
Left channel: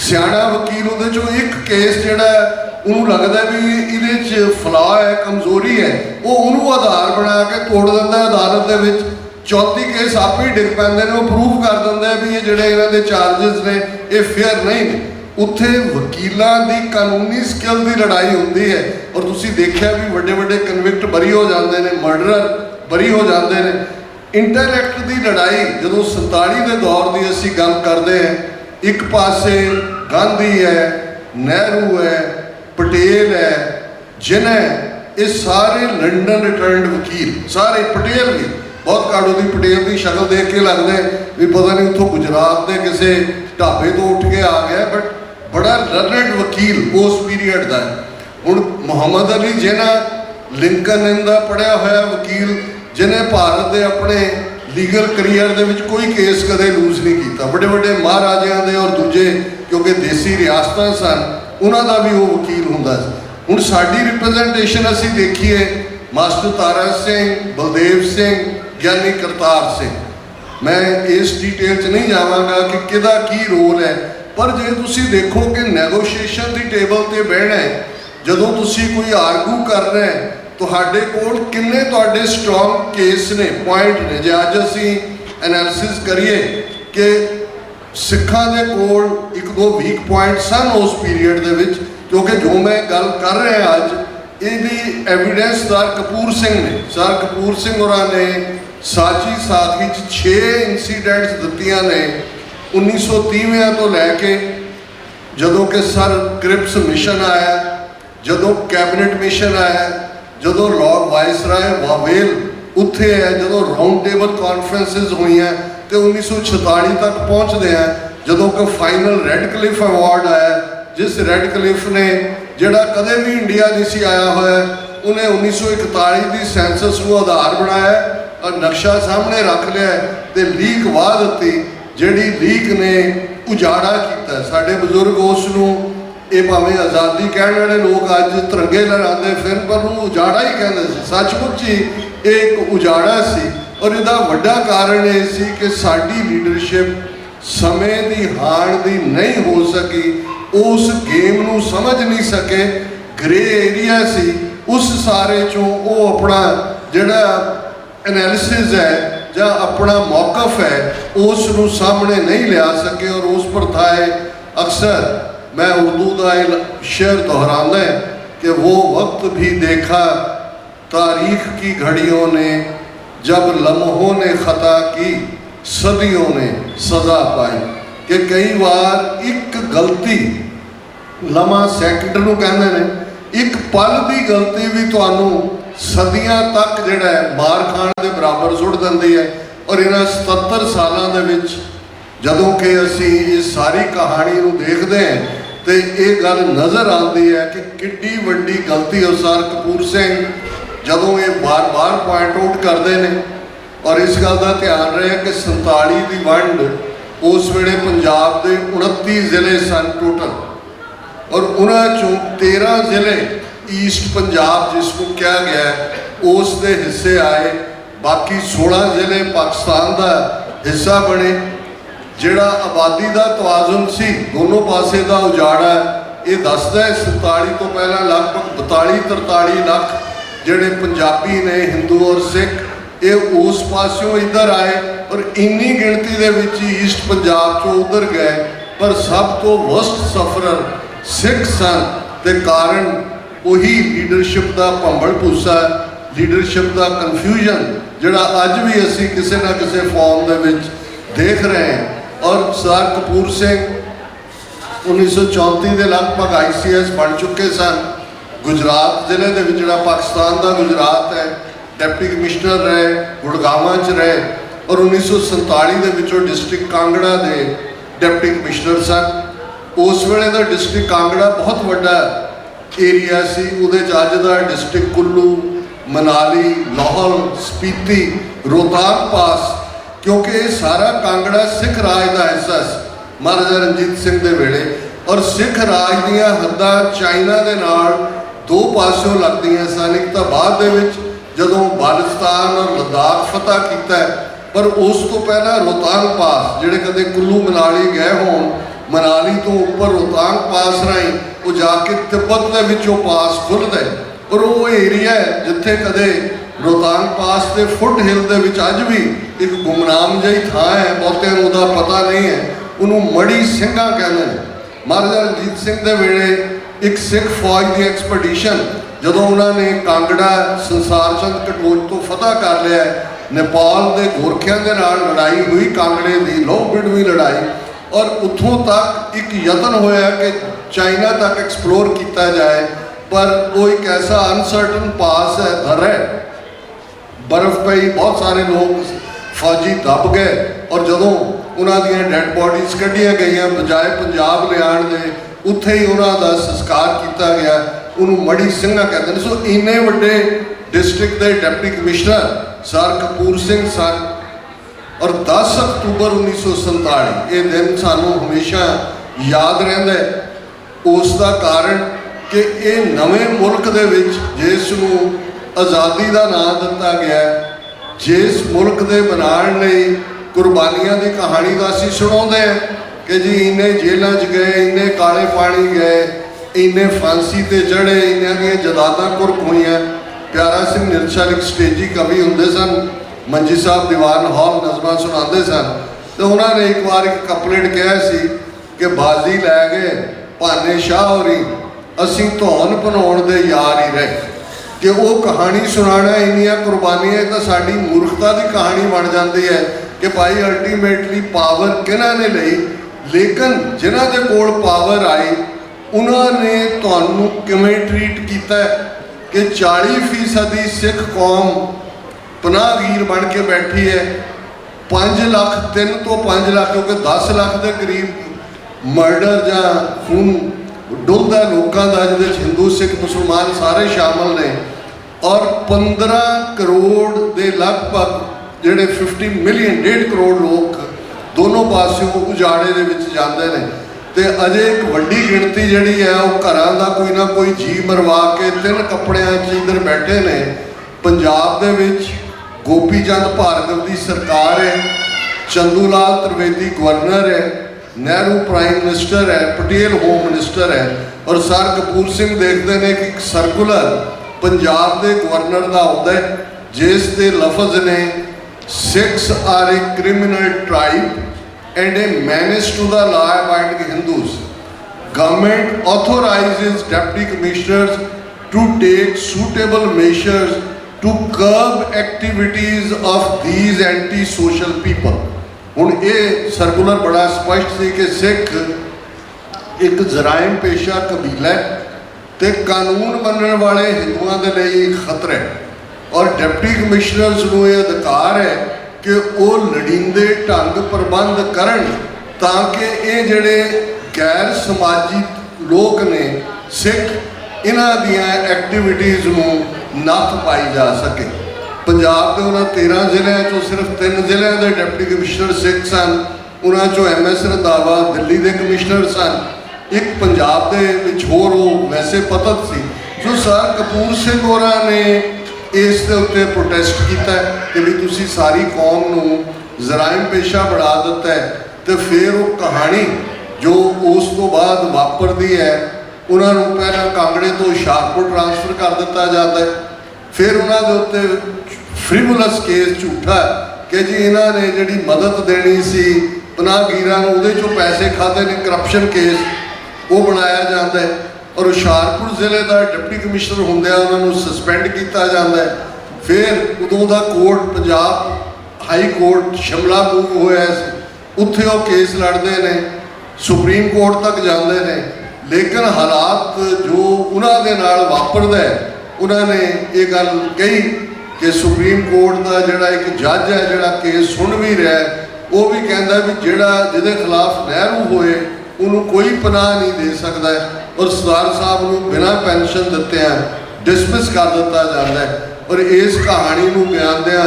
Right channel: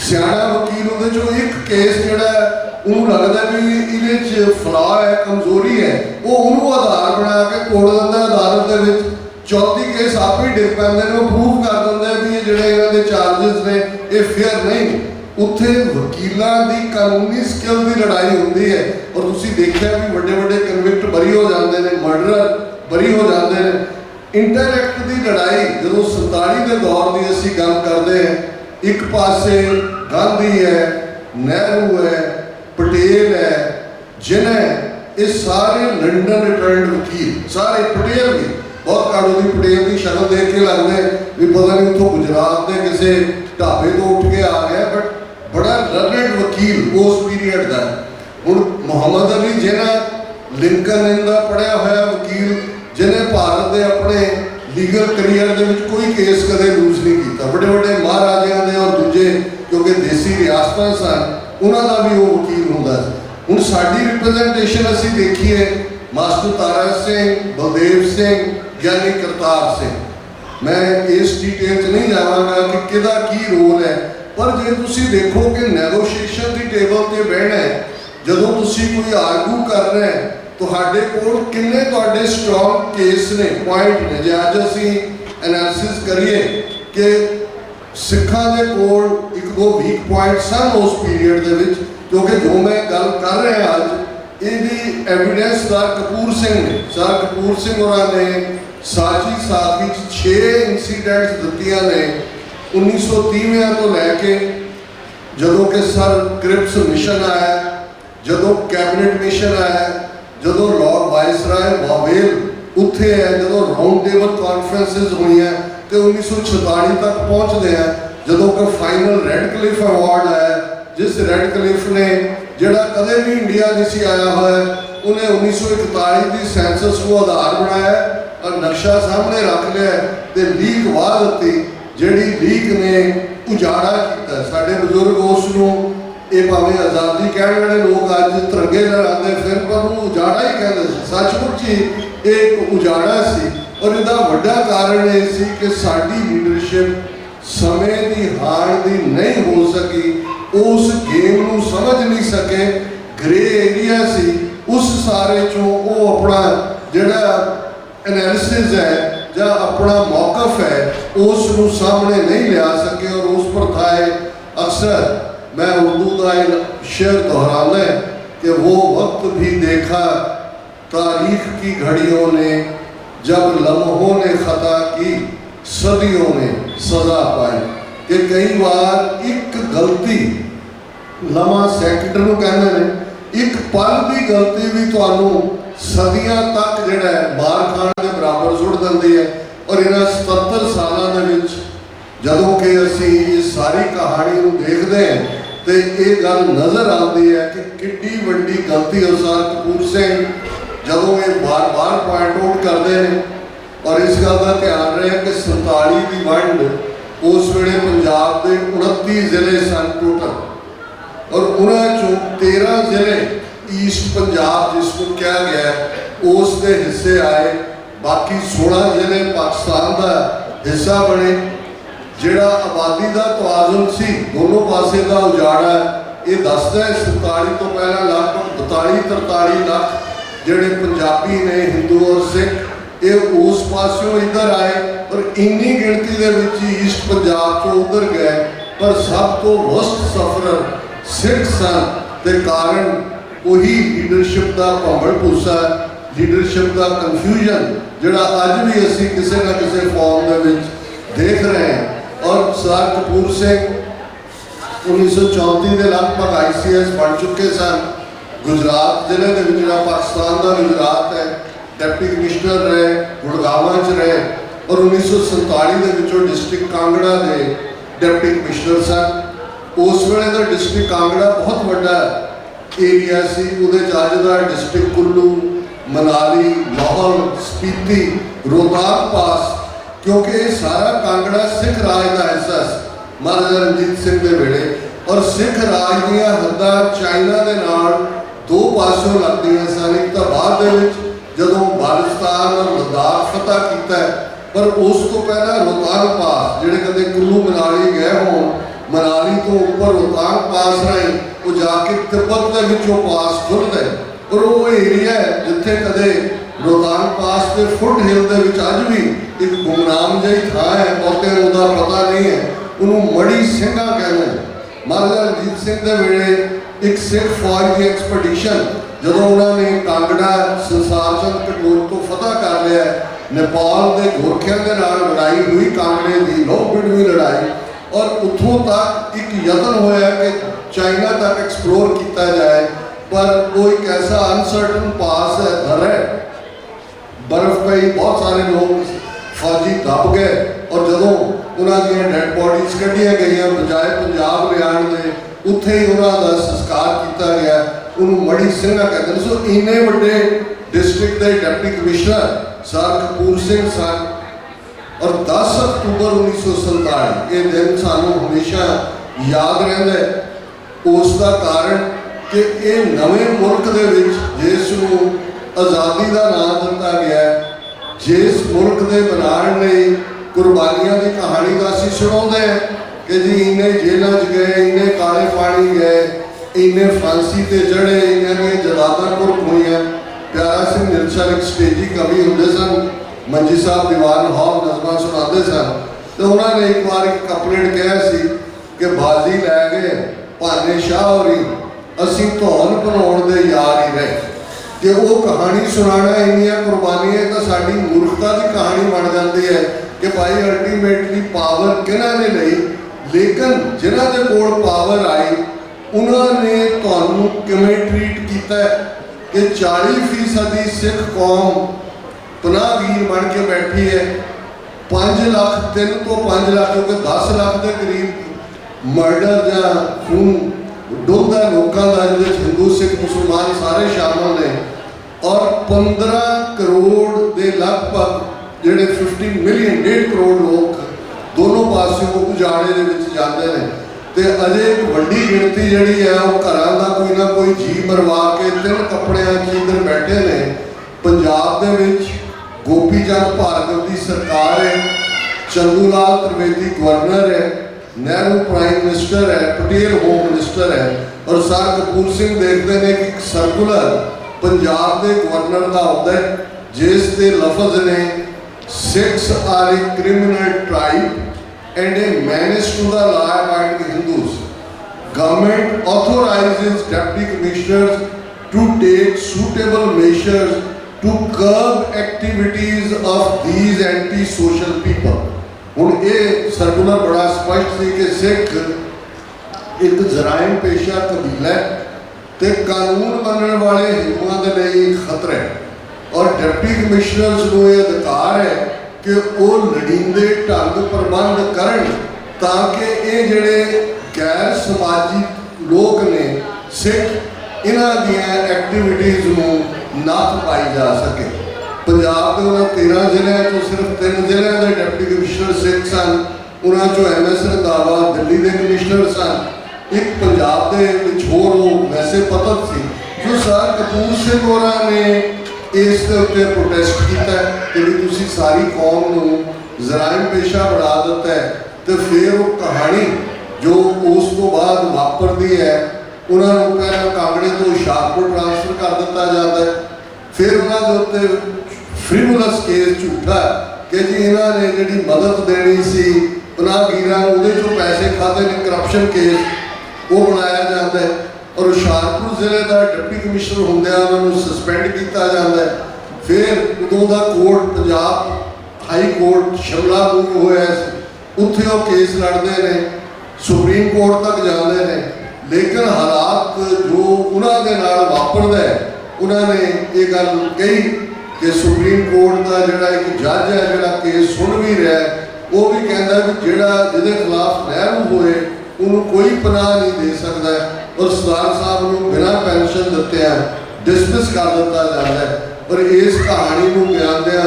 ਸਿਆਣਾ ਵਕੀਲ ਉਹਦੇ 'ਚੋਂ ਇੱਕ ਕੇਸ ਜਿਹੜਾ ਉਹਨੂੰ ਲੱਗਦਾ ਵੀ ਇਹਦੇ 'ਚ ਫਲਾਅ ਹੈ, ਕਮਜ਼ੋਰੀ ਹੈ, ਉਹ ਉਹਨੂੰ ਆਧਾਰ ਬਣਾ ਕੇ ਤੋੜ ਦਿੰਦਾ ਅਦਾਲਤ ਦੇ ਵਿੱਚ। 34 ਕੇਸ ਆਪੇ ਹੀ ਡਿੱਗ ਪੈਂਦੇ ਨੇ, ਉਹ ਪ੍ਰੂਫ ਕਰ ਦਿੰਦਾ ਵੀ ਇਹ ਜਿਹੜੇ ਇਹਨਾਂ ਦੇ ਚਾਰਜਸ ਨੇ ਇਹ ਫੇਅਰ ਨਹੀਂ ਨੇ। ਉੱਥੇ ਵਕੀਲਾਂ ਦੀ ਕਾਨੂੰਨੀ ਸਕਿੱਲ ਦੀ ਲੜਾਈ ਹੁੰਦੀ ਹੈ। ਔਰ ਤੁਸੀਂ ਦੇਖਿਆ ਵੀ ਵੱਡੇ ਵੱਡੇ ਕਨਵਿਕਟ ਬਰੀ ਹੋ ਜਾਂਦੇ ਨੇ, ਮਰਡਰਰ ਬਰੀ ਹੋ ਜਾਂਦੇ ਨੇ। ਇੰਟੈਲੈਕਟ ਦੀ ਲੜਾਈ ਜਦੋਂ 47 ਦੇ ਦੌਰ ਦੀ ਅਸੀਂ ਗੱਲ ਕਰਦੇ ਹਾਂ, ਇੱਕ ਪਾਸੇ ਗਾਂਧੀ ਹੈ, ਨਹਿਰੂ ਹੈ, ਪਟੇਲ ਹੈ, ਜਿਨ੍ਹਾਂ ये सारे लंडन रिटर्नड वकील, सारे पटेल भी, बहुत काड़ो की पटेल की शक्ल देख के लगते भी पता नहीं उतों गुजरात के किसी ढाबे तो उठ के आ गया, बट बड़ा लर्नड वकील उस पीरीयड का है। हुण मुहम्मद अली जिन्हें लिंकन का पढ़िया होया वकील, जिन्हें भारत के अपने लीगल करियर के कोई केस कदे लूज नहीं किया, बड़े बड़े महाराजियां दे और दूजे क्योंकि देसी रियासतां सन उन्हों का भी वो वकील हुंदा सी। हुण साडी रिप्रजेंटेशन असी देखिए मास्टर तारा सिंह, बलदेव सिंह, ज्ञानी करतार सिंह, मैं इस डिटेल च नहीं जावांगा कि किहदा की रोल है, पर जे तुसी देखो कि नैगोशिएशन की टेबल ते बहना है, जदों तुसी कोई आर्गू कर रहे हैं तुहाडे कोल किन्ने तुहाडे स्ट्रॉन्ग केस ने, पॉइंट ने। जे अज असी एनालिसिस करिए कि सिखां दे कोल एक दो वीक पॉइंट सन उस पीरीयड दे विच, क्योंकि जो मैं गल कर रहा अज ये एविडेंस सर कपूर सिंह ने, सर कपूर सिंह होरां ने साची सादगी 6 इंसीडेंट्स दित्तियां ने 1930 तो लैके जदों कि सर क्रिप्स मिशन आया, जदों कैबिनेट मिशन आया, जदों लॉर्ड वाइसराय वावेल उत्थे है, जदों राउंड टेबल कॉन्फ्रेंसिस हुई हैं तो 1946 तक पहुँचते हैं, जदों का फाइनल रेडक्लिफ अवार्ड आया, जिस रेडक्लिफ ने जिहड़ा कदे भी इंडिया नहीं सी आया हुआ उन्हें 1941 की सेंसस को आधार बनाया और नक्शा सामने रख लिया तो लीक वाह दी, जिहड़ी लीक ने उजाड़ा किया। साडे बजुर्ग उसनूं ये भावें आज़ादी कहने वाले लोग अज तिरंगे लहराते फिर, पर उन्होंने उजाड़ा ही कहते थे। सचमुच ही एक उजाड़ा सी और इसका वड्डा कारण ये सी कि साडी लीडरशिप समय की हाण की नहीं हो सकी, उस गेम नूं समझ नहीं सके, ग्रे एरिया सी, उस सारे चों वो अपना जिहड़ा एनालिसिस है या अपना मौकफ है उसनूं सामने नहीं लिया सके। और उस पर थाए अक्सर मैं उर्दू का शेर दोहराना है कि वो वक्त भी देखा तारीख की घड़ियों ने, जब लम्हों ने खता की सदियों ने सजा पाई। कि कई बार एक गलती लम्हा सैकंड नूं कहंदे ने, एक पल की गलती भी तुहानूं सदियां तक जिहड़ा है मार खाण के बराबर सुट दिंदी है। और इन्हां 77 सालों के विच जदों कि असी इस सारी कहानी नूं देखते हैं तो ये गल नज़र आती है कि किड्डी वड्डी गलती सर कपूर सिंह जदों ये बार बार पॉइंट आउट करते हैं। और इस गल का ध्यान रहे कि 47 की वंड उस वेले पंजाब के 29 जिले सन टोटल, और उन्होंने 13 जिले ईस्ट पंजाब जिसको कहा गया है उस दे हिस्से आए, बाकी 16 जिले पाकिस्तान का हिस्सा बने। जिहड़ा आबादी का तवाजुन सी दोनों पासे का उजाड़ा ये दसदा है 47 तो पहला लगभग 42-43 लाख जिहड़े पंजाबी ने, हिंदू और सिख, ये उस पासों इधर आए और इन्नी गिणती दे विच ईस्ट पंजाब चो उधर गए। पर सब तो वस्ट सफरर सिख सन ते कारण वही लीडरशिप का भंबल भूसा, लीडरशिप का कन्फ्यूजन जिहड़ा अज भी असी किसी ना किसी फॉर्म दे विच देख रहे हैं। और सर कपूर सिंह 1934 के लगभग ICS बन चुके सन। गुजरात जिले के जिहड़ा पाकिस्तान का गुजरात है डिप्टी कमिश्नर रहे, गुड़गावां च रहे, और 1947 के विचों डिस्ट्रिक्ट कांगड़ा के डिप्टी कमिश्नर सन। उस वेले का डिस्ट्रिक्ट कांगड़ा बहुत बड़ा एरिया सी, उहदे च अज दा डिस्ट्रिक्ट कुल्लू, मनाली, लाहौर, स्पीति, रोहतांग पास, क्योंकि ये सारा कांगड़ा सिख राज का हिस्सा महाराजा रणजीत सिंह के वेले। और सिख राज दीयां हद्दां चाइना के नाल दो पासों लगदियां सन, एक तो बाद दे विच जदों बालिस्तान और लद्दाख फतह किया, पर उस तो पहला रोहतांग पास जिहड़े कदे कुल्लू मनाली गए होण, मनाली तो ऊपर रोहतांग पास राही वो जाके तिब्बत के विचों पास खुलदा है। और वो एरिया है जिथे कदे रोहतांग पास के फुट हिल के विच अज भी एक गुमनाम जी थां है, बहुते उहदा पता नहीं है, उन्होंने मड़ी सिंघा कहते हैं। महाराजा रणजीत सिंह के वेले एक सिख फौज की एक्सपीडिशन जदों उन्होंने कांगड़ा संसार चंद कटोच तो फतह कर लिया, नेपाल के गोरखियां के नाल लड़ाई हुई, कांगड़े की लोहबिडवी लड़ाई, और उतों तक एक यतन होया कि चाइना तक एक्सप्लोर किया जाए। पर वो एक ऐसा अनसर्टन पास है, दर है, बर्फ पई, बहुत सारे लोग फौजी दब गए और जदों उन्होंने डैड बॉडीज कढ़िया गई बजाय पंजाब लियाण दे उत्थे ही उन्होंने संस्कार किया गया। उन्होंने मड़ी ਸਿੰਘਾ कहते हैं। सो इन्ने वड्डे डिस्ट्रिक्ट के deputy commissioner sir Kapoor Singh सन और 10 अक्तूबर 1947 ये दिन सानू हमेशा याद रहिंदा है। उसका कारण कि ये नवे मुल्क दे विच जिसनूं आज़ादी का नाम दिता गया, जिस मुल्क के बनाने लई कुर्बानियां की कहानी का असीं सुणाउंदे हैं कि जी इन्ने जेलों च गए, इन्ने काले पानी गए, इन्ने फांसी ते चढ़े, इन्हां दीयां जदादां कुर्क होईयां। प्यारा सिंह निरछल एक स्टेजी कवि हुंदे सन, मंजी साहब दीवान हॉल नज़मां सुणाते सन, तो उन्होंने एक बार एक कपलेट कहा सी कि बाजी लै गए भाने शाह होरी, असीं धौन भनाउण दे यार ही रहे। कि वो कहानी सुनाना इन्नियां कुर्बानियां तो साड़ी मूर्खता की कहानी बन जाती है कि भाई अल्टीमेटली पावर किन्हां ने लई, लेकिन जिन्हां दे कोल पावर आई उन्होंने तुहानूं किवें ट्रीट किया कि 40% सिख कौम पनाहगीर बन के बैठी है। 5 लाख 3 तो 5 लाख क्योंकि 10 लाख के करीब मर्डर या खून डुलदा लोगों का, जिस हिंदू सिख मुसलमान सारे शामिल ने, और 15 करोड़ के लगभग जोड़े 50 मिलियन 1.5 करोड़ लोग दोनों पासों उजाड़े के जाते हैं। तो अजे एक वड्डी गिणती जी है वो घरों का कोई ना कोई जी मरवा के 3 कपड़ियां इधर बैठे ने। पंजाब दे विच गोपी चंद भार्गव की सरकार है, चंदू लाल त्रिवेदी गवर्नर है, नेहरू प्राइम मिनिस्टर है, पटेल होम मिनिस्टर है, और सर कपूर सिंह देखते हैं कि एक सर्कुलर पंजाब के गवर्नर का आता है जिस दे लफज ने Sikhs are a criminal tribe and a menace to the law abiding Hindus. Government authorizes deputy commissioners to take suitable measures to curb activities of these anti social people. हुण ये सर्कुलर बड़ा स्पष्ट सी कि सिख एक जराइम पेशा कबीला है तो कानून मनने वाले हिंदुओं के लिए खतरा है, और डिप्टी कमिश्नर्स को यह अधिकार है कि वो लड़ींदे ढंग प्रबंध करन ताकि ये जिहड़े गैर समाजी लोग ने सिख इन्हां दियां एक्टिविटीज़ नूं नत्थ पाई जा सके। पंजाब के उन्होंने 13 जिलों तो सिर्फ 3 जिलों के डिप्टी कमिश्नर सिख सन, उन्होंने MS रंधावा दिल्ली के कमिश्नर सन, एक पंजाब के विच होर वैसे पतत सी। जो सर कपूर सिंह होरां ने इस दे उत्ते प्रोटेस्ट किया कि भी तुसी सारी कौम नूं जराइम पेशा बना दिता है। तो फिर वो कहानी जो उस तो बाद वापरती है, उन्होंने पहला कांगड़े तो हुशियारपुर ट्रांसफर कर दिता जाता है, फिर उन्होंने उत्ते फ्रीवुलस केस झूठा कि जी इन्होंने जी मदद देनी सी पनाहगीरां नूं, उहदे चों पैसे खाते ने, करप्शन केस वो बनाया जाता है, और हुशियारपुर जिले का डिप्टी कमिश्नर होंदे उन्होंने सस्पेंड किया जाता है। फिर उदों का court Punjab high court Shimla move होया, उत्थे वो केस लड़ते हैं, सुप्रीम कोर्ट तक जाते हैं, लेकिन हालात जो उन्होंने नाल वापरदा है, उन्होंने ये गल कही कि सुप्रीम कोर्ट का जोड़ा एक जज है जोड़ा केस सुन भी रहा है, वो भी कहता भी जोड़ा जिहदे खिलाफ नहरू होए उन्होंने कोई पनाह नहीं दे सकता है, और सरदार साहब को बिना पेनशन दिते डिसमिस कर दिता जाता है। और इस कहानी को बयानदिया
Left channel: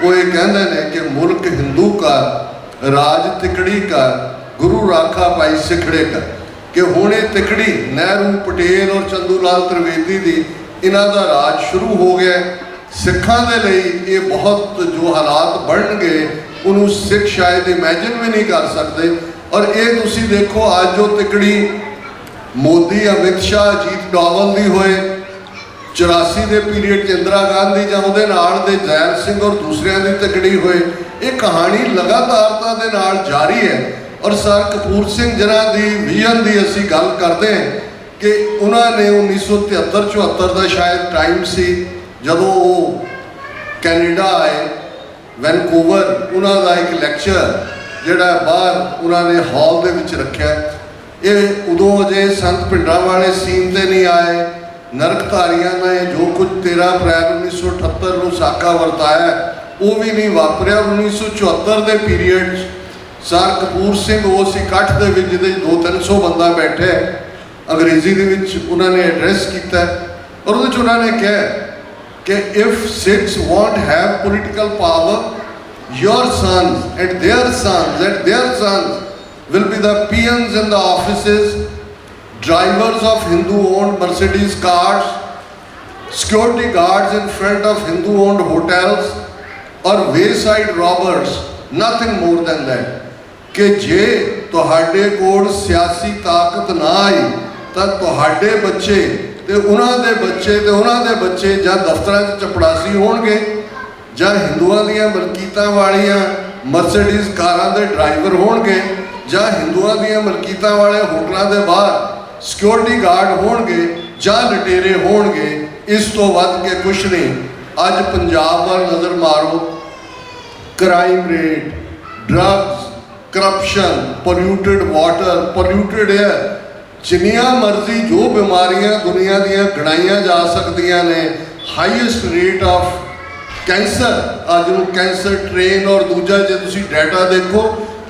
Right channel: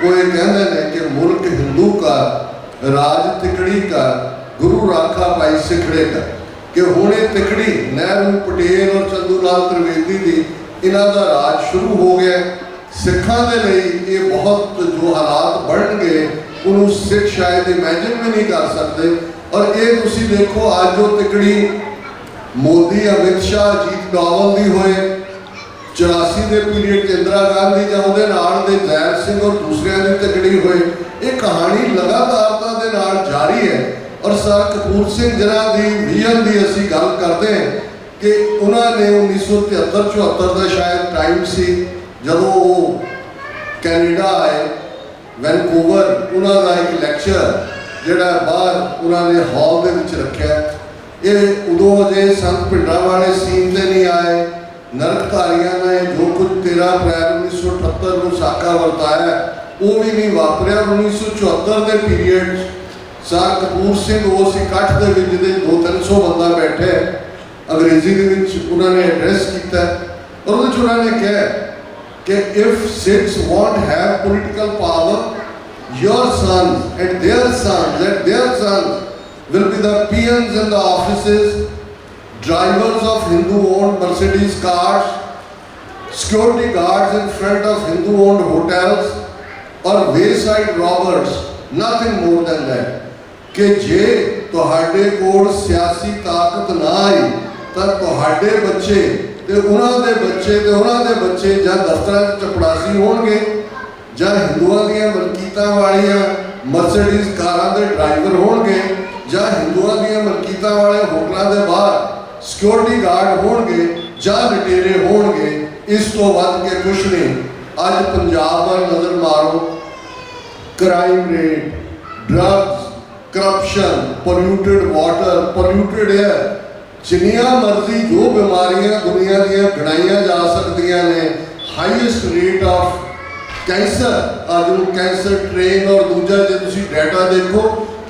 वो ये कहते हैं कि मुल्क हिंदू का राज तिकड़ी का गुरु राखा पाई सिखड़े का, कि हुण ये तिकड़ी नहरू पटेल और चंदू लाल त्रिवेदी की इन्हों का राज शुरू हो गया। सिखा के लिए ये बहुत जो हालात बन गए उन्होंने सिख शायद इमैजिन भी नहीं कर सकते। और ये तुसी देखो आज जो तिकड़ी मोदी अमित शाह अजीत डोवाल की होए, 84 के पीरियड च इंदिरा गांधी या उहदे नाल दे जैल सिंह और दूसरिया की तिकड़ी होए, ये कहानी लगातारता दे नाल जारी है। और सर कपूर सिंह जिन्हां दी विजन की असीं गल करते हैं कि उन्होंने 1973-74 का शायद टाइम सी जदों वो कैनेडा आए, वैनकूवर, उन्होंने एक लैक्चर जोड़ा बाहर उन्होंने हॉल के रखा। ये उदों अजे संत भिंडरां वाले सीन ते नहीं आए, नरकधारियों ने जो कुछ 13 अप्रैल 1978 ਨੂੰ ਸਾਕਾ ਵਰਤਾਇਆ ਉਹ ਵੀ ਨਹੀਂ ਵਾਪਰਿਆ। 1974 ਦੇ ਪੀਰੀਅਡ ਸਰ ਕਪੂਰ ਸਿੰਘ ਉਸ ਇਕੱਠ ਦੇ ਵਿੱਚ ਜਿਹਦੇ 200-300 ਬੰਦਾ ਬੈਠੇ ਅੰਗਰੇਜ਼ੀ ਦੇ ਵਿੱਚ ਉਹਨਾਂ ਨੇ ਐਡਰੈਸ ਕੀਤਾ ਔਰ ਉਹਦੇ 'ਚ ਉਹਨਾਂ ਨੇ ਕਿਹਾ ਕਿ if Sikhs won't have political power, your sons and their sons will be the peons in the offices, drivers of Hindu-owned Mercedes cars, security guards in front of Hindu-owned hotels, or wayside robbers, nothing more than that. कि जे तुहाडे कोल सियासी ताकत ना आई तो तुहाडे बच्चे ते उन्हां दे बच्चे ते उन्हां दे बच्चे जां दफ्तरां 'च चपड़ासी होणगे जां हिंदुआं दीयां मलकीतां वालियां मर्सिडीज़ कारां दे ड्राइवर होणगे जां हिंदुआं दीयां मलकीतां वाले होटलां दे बाहर सिक्योरिटी गार्ड होणगे जां लटेरे होणगे। इस तो वध के कुछ नहीं। अज पंजाब वाल नज़र मारो, crime rate, drugs, corruption, polluted water, polluted air, जिन्नियां मर्जी जो बीमारियां दुनिया दियां गिनाइयां जा सकदियां ने। हाईएस्ट रेट ऑफ कैंसर, अज नूं कैंसर ट्रेन और दूजा जे तुसीं डाटा देखो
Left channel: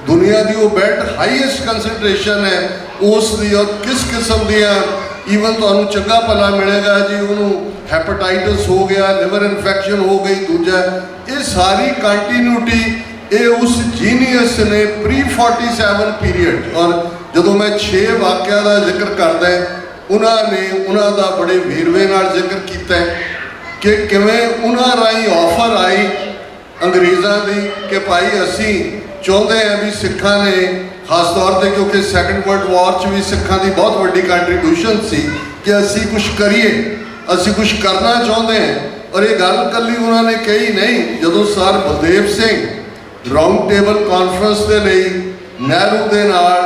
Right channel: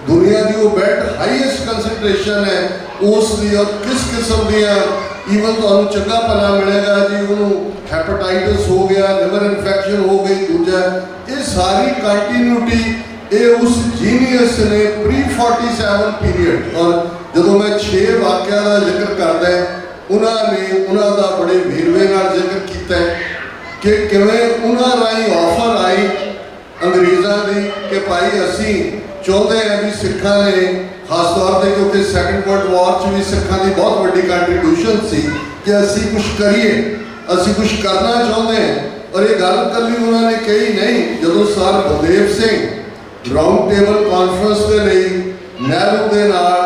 दुनिया की वो बेट हाईएस्ट कंसनट्रेशन है उस दी और किस किस्म दियां ईवन तुहानूं चंगा भला मिलेगा जी उन्होंने हैपेटाइटिस हो गया, लिवर इन्फेक्शन हो गई, दूजा ये सारी कंटिन्यूटी ये उस जीनियस ने प्री 47 पीरियड। और जदों मैं 6 वाक्या का जिक्र करदा उन्होंने उन्होंने बड़े वेरवे नाल जिक्र किया कि किवें उन्हां राही ऑफर आई अंग्रेज़ों की कि भाई असी चाहते हैं भी सिखा ने खास तौर पर क्योंकि सैकेंड वर्ल्ड वॉर च भी सिखा की बहुत वड्डी कंट्रीब्यूशन सी कि असी कुछ करिए, असी कुछ करना चाहते हैं। और ये गल कली उन्होंने कही नहीं। जदों sir Baldev Singh round table conference के लिए नेहरू के नाल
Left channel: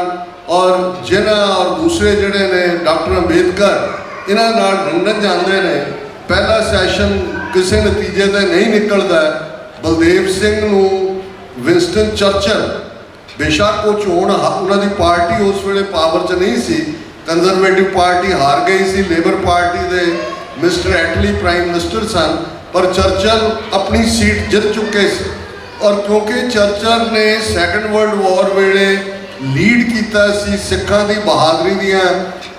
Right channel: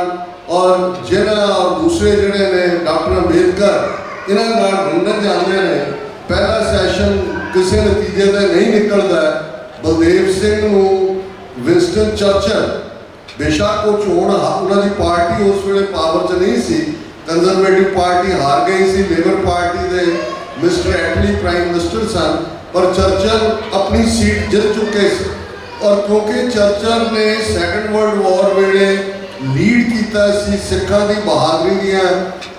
और जिन्हां और दूसरे जिहड़े ने डॉक्टर अंबेडकर इन्हां नाल लंदन जाते हैं, पहला सैशन किसी नतीजे ते नहीं निकलता। बलदेव सिंह नूं विंस्टन चर्चिल बेशक वो चोण उन्होंने पार्टी उस वेले पावर च नहीं सी, कंजरवेटिव पार्टी हार गई सी, लेबर पार्टी के मिस्टर एटली प्राइम मिनिस्टर सन, पर चर्चिल अपनी सीट जित चुके थे। और क्योंकि चर्चिल ने सैकेंड वर्ल्ड वॉर वेले लीड किया सी, सिखा की बहादुरी दियां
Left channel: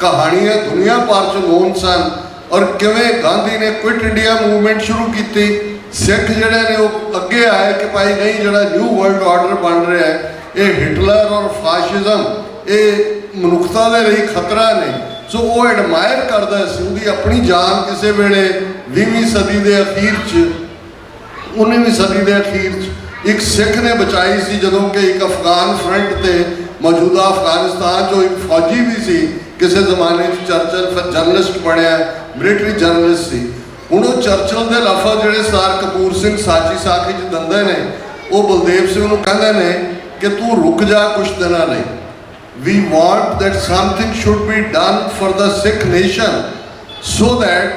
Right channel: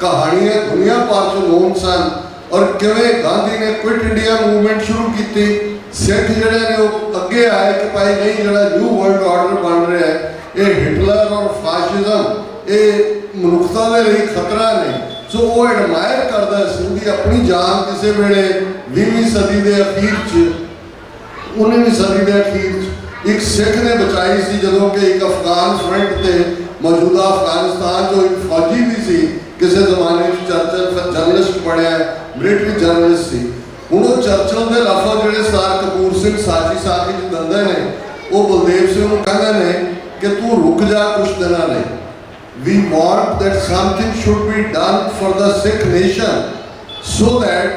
कहानियां दुनिया भर च नोन सन और किवें गांधी ने क्विट इंडिया मूवमेंट शुरू की। सिख जिहड़े ने वो अगे आए कि भाई नहीं जिहड़ा न्यू वर्ल्ड ऑर्डर बन रहा है ये हिटलर और फाशिज्म ये मनुखता के लिए खतरा ने। सो वो एडमायर करता सी, उहदी अपनी जान किसी वेले 20वीं सदी के अखीर च 19वीं सदी के अखीर च एक सिख ने बचाई सी जदों कि एक अफगान फ्रंट से मौजूदा अफगानिस्तान जो एक फौजी भी सी किसी जमाने चर्चिल फिर जर्नलिस्ट बनया, मिलिटरी जर्नलिस्ट सी। हुण वो चर्चिल के लफज जिहड़े सर कपूर सिंह साची साखी च दिंदे ने वो बलदेव सिंह नूं कहंदे ने कि तू रुक जा कुछ दिनां लई। We want that something should be done for the Sikh nation so that